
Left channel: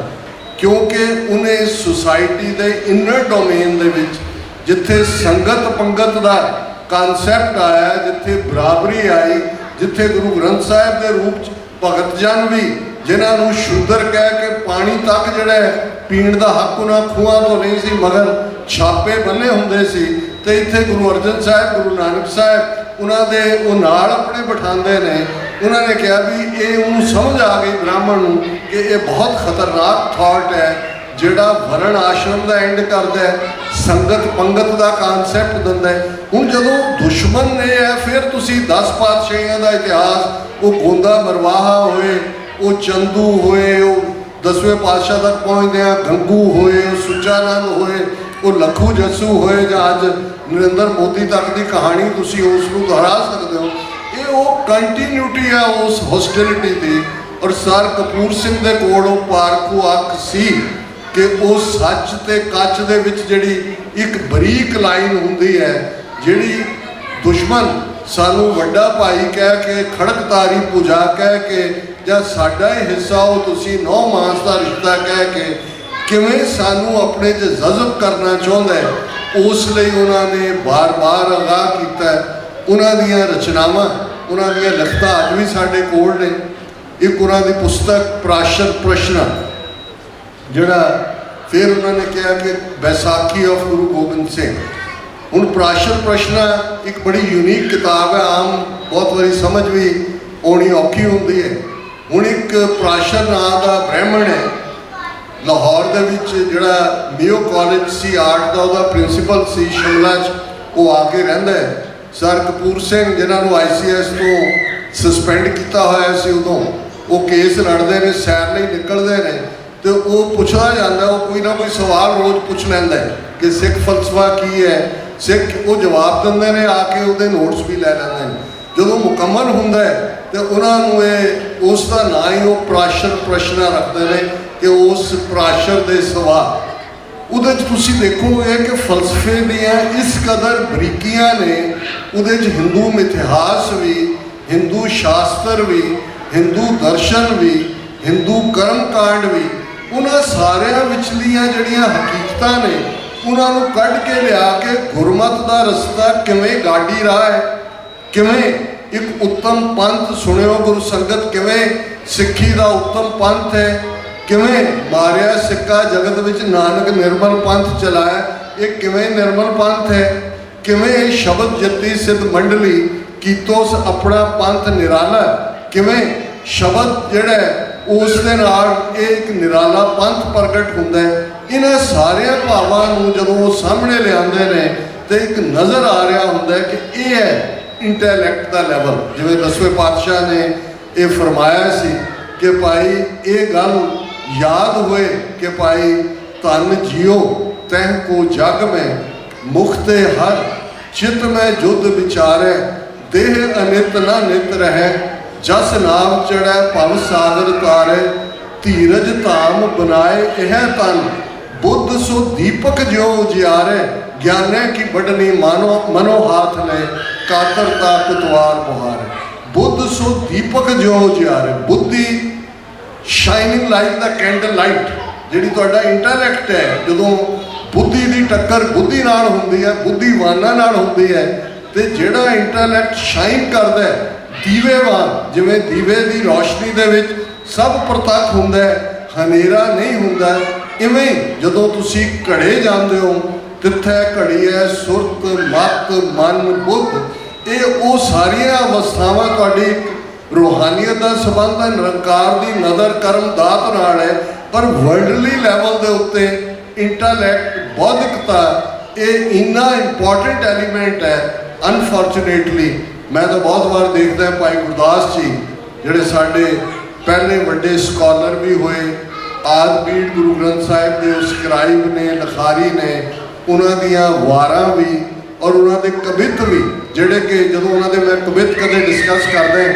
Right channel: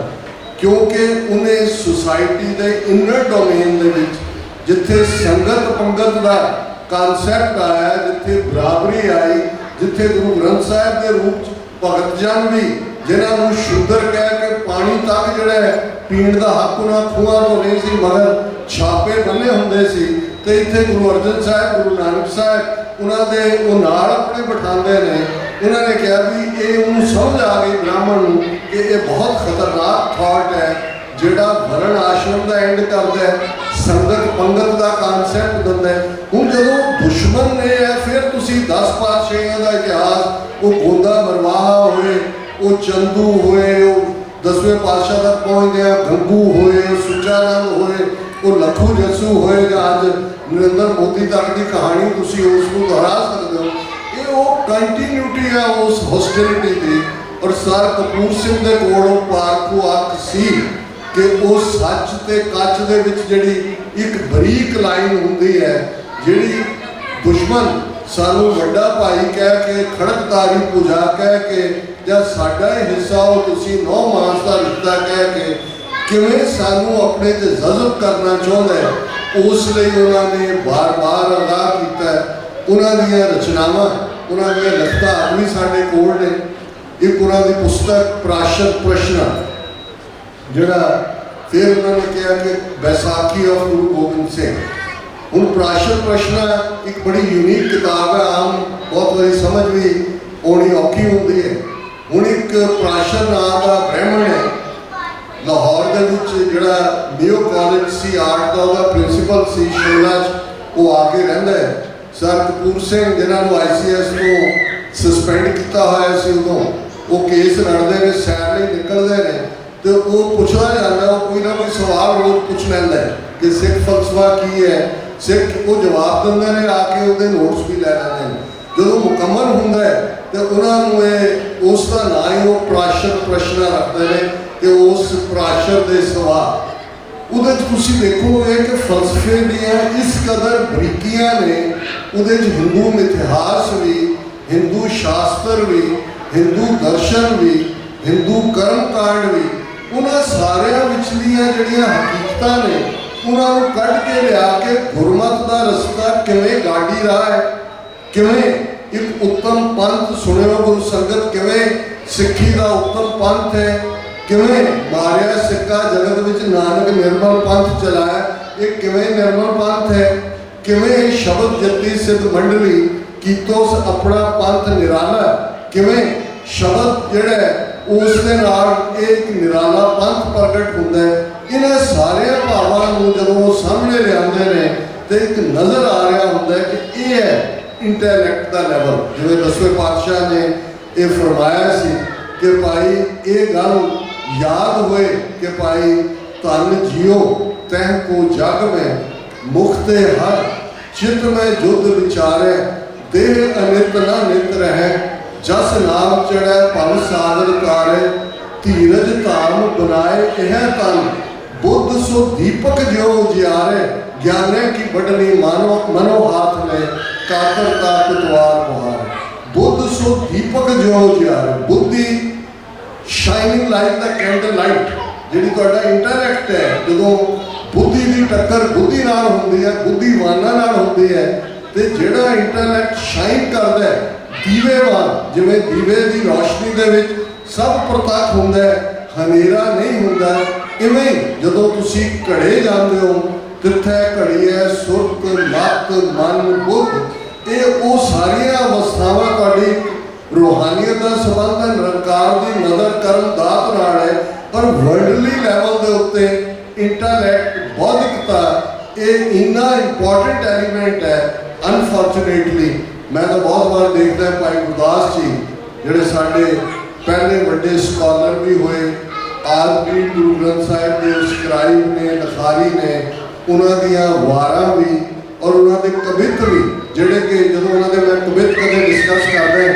ਕਿਉਂਕਿ ਉਹਨੇ ਸੁਸਾਇਟੀ ਦੇ ਇਨਰ ਡੋਮੇਨ ਦੇ ਵਿੱਚ ਜਿੱਥੇ ਸੰਗਤ ਪੰਗਤ ਦਾ ਕਨਸੈਪਟ ਆਇਆ, ਜਿੱਥੇ ਬਰਾਬਰੀ ਆਈ, ਜਿੱਥੇ ਗੁਰੂ ਗ੍ਰੰਥ ਸਾਹਿਬ ਦੇ ਰੂਪ 'ਚ ਭਗਤ ਜਨ ਵੀ ਜਿਨ੍ਹਾਂ ਨੂੰ ਸ਼ੂਦਰ ਕਹਿ ਕੇ ਪਾਣੀ ਤੱਕ ਜਿਹੜਾ ਪੀਣ ਦਾ ਹੱਕ ਉਹਨਾਂ ਖੂਹਾਂ ਤੋਂ ਨਹੀਂ ਸੀ ਮਗਰ ਛਾਪੇ ਬੰਨੇ ਹੁੰਦੇ ਸੀ, ਤੇ ਇੱਥੇ ਗੁਰੂ ਅਰਜਨ ਸਾਹਿਬ, ਗੁਰੂ ਨਾਨਕ ਸਾਹਿਬ ਉਹਨਾਂ ਦੇ ਉਹ ਨਾਲ ਆਪਣੇ ਬਿਠਾਉਂਦੇ ਨੇ। ਉਹਨਾਂ ਨੇ ਕਿਹਾ ਵੀ ਇਹ ਉਹਨੂੰ ਸਮਝ ਆ ਗਈ ਬ੍ਰਾਹਮਣ ਨੂੰ ਕਿ ਇਹ ਬਹੁਤ ਖਤਰਨਾਕ ਥਾਟ ਹੈ ਜਿਹੜਾ ਵਰਣ ਆਸ਼ਰਮ ਦਾ ਐਂਡ ਕਰਦਾ ਹੈ, ਸੰਗਤ ਪੰਗਤ ਦਾ ਕਨਸੈਪਟ ਦਿੰਦਾ ਹੈ। ਹੁਣ ਜਦੋਂ ਦੁਸ਼ਮਣ ਨੇ ਹੈ ਫਿਰ ਤੁਸੀਂ 10 ਪਾਤਸ਼ਾਹੀਆਂ ਦਾ ਇਤਿਹਾਸ, ਉਹ ਗੋਂਦਾ ਮਰਵਾਹਾ ਹੋਏ, ਉਹ ਚੰਦੂ ਹੋਏ, ਉਹ 10ਵੇਂ ਪਾਤਸ਼ਾਹ ਤੱਕ ਪਹੁੰਚਦੇ ਆ, ਗੰਗੂ ਹੋਏ, ਉਹ ਸੁੱਚਾਨੰਦ ਹੋਏ, ਉਹ ਲੱਖੂ ਜੱਸੂ ਹੋਏ, ਜਾਂ ਅੱਜ ਨਰਿੰਦਰ ਮੋਦੀ ਤੱਕ ਦੀ ਕਹਾਣੀ ਤੁਸੀਂ ਉਸ ਨੂੰ ਦੁਹਰਾ ਸਕਦੇ ਹੋ। ਇਹ ਉਹ ਕੰਟੀਨਿਊਟੀ ਹੈ ਉਸ ਹੋਸਟਿਲਿਟੀ ਦੀ। ਔਰ ਸਰ ਕਪੂਰ ਸਿੰਘ ਦੇ ਕੋਲ ਉਹ ਪਾਰਕੂ ਅੱਖ ਸੀ ਕਿ ਉਹ ਸੱਚ ਤੇ ਕੱਚ ਦੇ ਵਿੱਚ ਜਿਹੜੀ ਇੱਕ ਬਰੀਕ ਲਾਈਨ ਹੁੰਦੀ ਹੈ, ਜਿਹੜੀ ਦੁਸ਼ਮਣ ਸਾਨੂੰ ਵੱਡਾ ਭਾਈ ਕਹਿ ਕੇ, ਖੜਕਤਾਰੀ ਪੂਜਾ ਕਹਿ ਕੇ, ਜਾਂ ਸਾਡਾ ਹੀ ਹਿੱਸਾ ਉਹ ਤੁਸੀਂ ਨੌ ਮਾਸ ਦਾ ਰਿਸ਼ਤਾ ਕਹਿ ਕੇ ਕਿਵੇਂ ਸਾਨੂੰ ਆਪਣੇ 'ਚ ਜਜ਼ਬ ਕਰਨਾ ਚਾਹੁੰਦਾ ਹੈ, ਉਸ ਲਈ ਉਹਨਾਂ ਨੇ ਬਾਰ-ਬਾਰ ਅਗਾਹ ਕੀਤਾ। ਉਹਨਾਂ ਦੀਆਂ ਰਚਨਾਵਾਂ, ਉਹਨਾਂ ਦੀਆਂ ਲਿਖਤਾਂ ਅੱਜ ਵੀ ਸਾਡੇ ਕੋਲ ਨੇ। ਇੱਕ ਉਹਨਾਂ ਦੀ ਪੁਸਤਕ ਪ੍ਰਾਸ਼ਰ ਪ੍ਰਸ਼ਨ, ਜਿਹੜਾ ਫਿਰ ਉਹਨਾਂ ਨੇ ਕਿਹਾ ਕਿ ਵੈਸਾਖੀ ਆਫ ਗੁਰੂ ਗੋਬਿੰਦ ਸਿੰਘ। ਹੁਣ ਪ੍ਰਾਸ਼ਰ ਪ੍ਰਸ਼ਨ ਇੱਕ ਬੜੀ ਯੂਨੀਕ ਕਿਤਾਬ ਹੈ, ਆਮ ਬਹੁਤ ਵਾਰੀ ਸਮਝ ਵੀ ਆਉਣੀ ਔਖੀ ਹੁੰਦੀ ਹੈ। ਹੁਣ ਇੱਕ ਪ੍ਰਾਸ਼ਰ ਨਾਂ ਦਾ ਬ੍ਰਾਹਮਣ ਹੈ ਲਾਹੌਰ ਦੇ ਵਿੱਚ, ਜਿਹੜਾ ਮੇਓ ਕਾਲਜ ਸੀ ਆਰਟ ਦਾ, ਉਹਦਾ ਪ੍ਰਿੰਸੀਪਲ ਸੀ ਸ਼ਿਮਲਾ 'ਚ, ਉਹ ਆ ਕੇ ਰਹਿੰਦਾ ਹੈ। ਸਰ ਕਪੂਰ ਸਿੰਘ ਜਿਨ੍ਹਾਂ ਨੂੰ ICS ਤੋਂ ਸਸਪੈਂਡ ਕੀਤਾ ਹੋਇਆ ਸੀ, ਉਦੋਂ ਉਹ ਕੇਸ ਲੜਦੇ ਨੇ, ਸੈਰ ਲਈ ਨਿਕਲਦੇ ਨੇ, ਤੇ ਉਹ ਪੁੱਛਦਾ ਜਾਂਦਾ, ਉਹ ਕੋਈ ਨਾ ਕੋਈ ਸਵਾਲ ਰੋਜ਼ ਪੁੱਛ ਲੈਂਦਾ ਹੈ ਕਿ ਸਿੱਖ ਫਲਸਫਾ ਕੀ ਹੈ, ਸਿੱਖ ਉਹ ਜਵਾਬ ਦਿੰਦੇ ਨੇ, ਆ ਕੇ ਉਹਦੇ ਨੋਟਸ ਵੀ ਲੈ ਲੈਂਦੇ ਨੇ। ਜਦੋਂ ਮੁਕੰਮਲ ਹੁੰਦਾ ਹੈ ਤੇ ਉਹਨਾਂ ਨੂੰ ਇਹ ਉਸ ਦਾ ਨਾਂ ਹੀ ਉਹ ਪ੍ਰਾਸ਼ਰ ਪ੍ਰਸ਼ਨ ਰੱਖਦੇ ਨੇ ਕਿ ਉਸ ਪ੍ਰਾਸ਼ਰ ਦੇ ਸਵਾਲ। ਉਹਦੇ 'ਚ ਤੁਸੀਂ ਦੇਖੋਗੇ ਕਿ ਫਲਸਫੇ ਦੀਆਂ ਇਸ ਕਦਰ ਬਰੀਕੀਆਂ ਨੇ, ਉਹਦੇ 'ਚ ਹਿੰਦੂ ਇਤਿਹਾਸ ਵੀ, ਹਿੰਦੂ ਸ਼ਾਸਤਰ ਵੀ, ਹਿੰਦੂ ਦਰਸ਼ਨ ਵੀ, ਹਿੰਦੂ ਕਰਮ ਕਾਂਡ ਵੀ, ਉਹਨਾਂ ਸਾਰਿਆਂ ਵਿਚਲੀਆਂ ਜਿਹੜੀਆਂ ਹਕੀਕਤਾਂ ਨੇ ਉਹਨਾਂ ਨੂੰ ਕੱਢ ਕੇ ਲਿਆ ਕੇ ਗੁਰਮਤ ਦਾ ਰਸਤਾ ਕਿਵੇਂ ਗਾਡੀ ਰਾਹ ਹੈ, ਕਿਵੇਂ ਇੱਕ ਉੱਤਮ ਪੰਥ ਸੁਣਿਓ ਗੁਰੂ ਸੰਗਤ, ਕਿਵੇਂ ਸਿੱਖੀ ਦਾ ਉੱਤਮ ਪੰਥ ਹੈ, ਕਿਵੇਂ ਮਾਰਿਆ ਸਿੱਕਾ ਜਗਤ ਵਿੱਚ ਨਾਨਕ ਨਿਰਮਲ ਪੰਥ ਚਲਾਇਆ, ਇਹ ਕਿਵੇਂ ਨਿਰਮਲ ਪੰਥ ਹੈ, ਕਿਵੇਂ ਸ਼ਬਦ ਜਤੀ ਸਿੱਧ ਮੰਡਲੀ ਕੀਤੋਸ ਆਪਣਾ ਪੰਥ ਨਿਰਾਲਾ, ਕਿਵੇਂ ਸ਼ਬਦ ਜਿਹੜਾ ਉਸ ਦੇ ਨਾਲ ਇਹ ਇੱਕ ਨਿਰਾਲਾ ਪੰਥ ਪ੍ਰਗਟ ਹੁੰਦਾ ਹੈ। ਇਹਨਾਂ ਸਾਰਿਆਂ ਭਾਵਾਂ ਨੂੰ ਜਦੋਂ ਉਹ ਸਾਹਮਣੇ ਲਿਆਉਂਦੇ ਨੇ ਤੇ ਇੱਕ ਨਜ਼ਰ ਆ ਰਿਹਾ ਹੁੰਦਾ ਹੈ ਕਿ ਇਹ ਹੈ ਇੰਟੈਲੈਕਟ ਦਾ ਲੈਵਲ। ਜਿਵੇਂ 10ਵੇਂ ਪਾਤਸ਼ਾਹ ਨੇ ਇਹ ਫਰਮਾਇਆ ਸੀ ਕਿ ਭਾਈ ਇਹ ਗੱਲ ਯਾਦ ਹੋਏ ਕਿ ਭਾਈ ਧਨ ਜਿਉ ਤਹਿ ਕੋ ਜਗ ਮੈਂ, ਮੁਖਤੇ ਹਰ ਚਿਤ ਮੈਂ ਜੁਦ ਵਿਚਾਰੇ, ਦੇਹ ਅਨਿਤ ਨਾ ਨਿਤ ਰਹਿ, ਜਸ ਨਾਮ ਚੜੈ ਭਵ ਸਾਗਰ ਤਾਰੇ, ਧੀਰਜ ਧਾਮ ਬਨਾਏ ਇਹ ਤਨ, ਬੁੱਧ ਸੋ ਦੀਪਕ ਜਿਉ ਜਿਆਰੇ, ਗਿਆਨੇ ਕੀ ਵੱਡਨੀ ਮਨੋ ਹਾਥ ਨੇ, ਕਾਤਰਤਾ ਕੁਤਵਾਰ ਬੁਹਾਰੇ। ਬੁੱਧ ਸੋ ਦੀਪਕ ਜਿਉ ਜਿਆਰੇ, ਬੁੱਧੀ ਸ਼ਾਈਨਿੰਗ ਲਾਈਕ ਦਾ ਕੈਂਡਲ ਲਾਈਟ, ਜਿਹੜੀ ਤੁਹਾਡਾ ਇੰਟੈਲੈਕਟ ਹੈ, ਜਦੋਂ ਬੁੱਧੀ ਦੀ ਟੱਕਰ ਬੁੱਧੀ ਨਾਲ ਹੁੰਦੀ ਹੈ, ਬੁੱਧੀਵਾਨਾਂ ਨਾਲ ਹੁੰਦੀ ਹੈ, ਤੇ ਜਿਹੜਾ ਇੰਟੈਲੈਕਟ ਸ਼ਾਈਨ ਕਰਦਾ ਹੈ ਦੀਵੇ ਵਾਂਗ, ਜਿਵੇਂ ਦੀਵੇ ਦੀ ਰੋਸ਼ਨੀ ਦੇ ਵਿੱਚ ਸਭ ਪ੍ਰਤੱਖ ਹੁੰਦਾ ਹੈ, ਹਨੇਰਾ ਨਹੀਂ ਹੁੰਦਾ, ਇਵੇਂ ਜਦੋਂ ਤੁਸੀਂ ਘੜੇ ਜਾਂਦੇ ਹੋ, ਤਿੱਥੈ ਘੜੀ ਹੈ ਸੁਰਤ ਮਤ ਮਨ ਬੁੱਧ, ਇਹ ਉਹ ਸਾਰੀਆਂ ਅਵਸਥਾਵਾਂ ਤੁਹਾਡੀ ਰੂਹਾਨੀਅਤ ਦਾ ਸੰਬੰਧ ਹੈ, ਨਿਰੰਕਾਰ ਦੀ ਨਜ਼ਰ ਕਰਮ ਦਾਤ ਨਾਲ ਹੈ। ਪਰ ਵਰਲਡਲੀ ਲੈਵਲ ਦੇ ਉੱਤੇ ਇੰਟੈਲੈਕਟ, ਬੌਧਿਕਤਾ, ਇਹ ਇੰਨਾ ਇੰਪੋਰਟੈਂਟ ਐਲੀਮੈਂਟ ਹੈ। ਅਨਫੋਰਚੂਨੇਟਲੀ ਮੈਂ ਤਾਂ ਬਹੁਤ ਵਾਰ ਦੇਖਦਾ ਭਾਈ ਗੁਰਦਾਸ ਜੀ, ਜਿਹੜੇ ਸਾਡੇ ਪਹਿਲੇ ਵੱਡੇ ਸਕਾਲਰ ਵੀ ਹੋਏ, ਆਦਿ ਗੁਰੂ ਗ੍ਰੰਥ ਸਾਹਿਬ ਦੇ ਸਕਰਾਈਬ ਨੇ, ਲਖਾਰੀ ਨੇ, ਉਹਨਾਂ ਦੀਆਂ ਵਾਰਾਂ ਵੀ ਔਰ ਉਹਨਾਂ ਦੇ ਕਵਿਤ ਵੀ, ਜਿਹੜੇ ਕਿ ਜਦੋਂ ਉਹਨਾਂ ਦੇ ਮੈਂ ਕਵਿਤ ਕਦੇ ਡਿਸਕਸ ਕਰਦੇ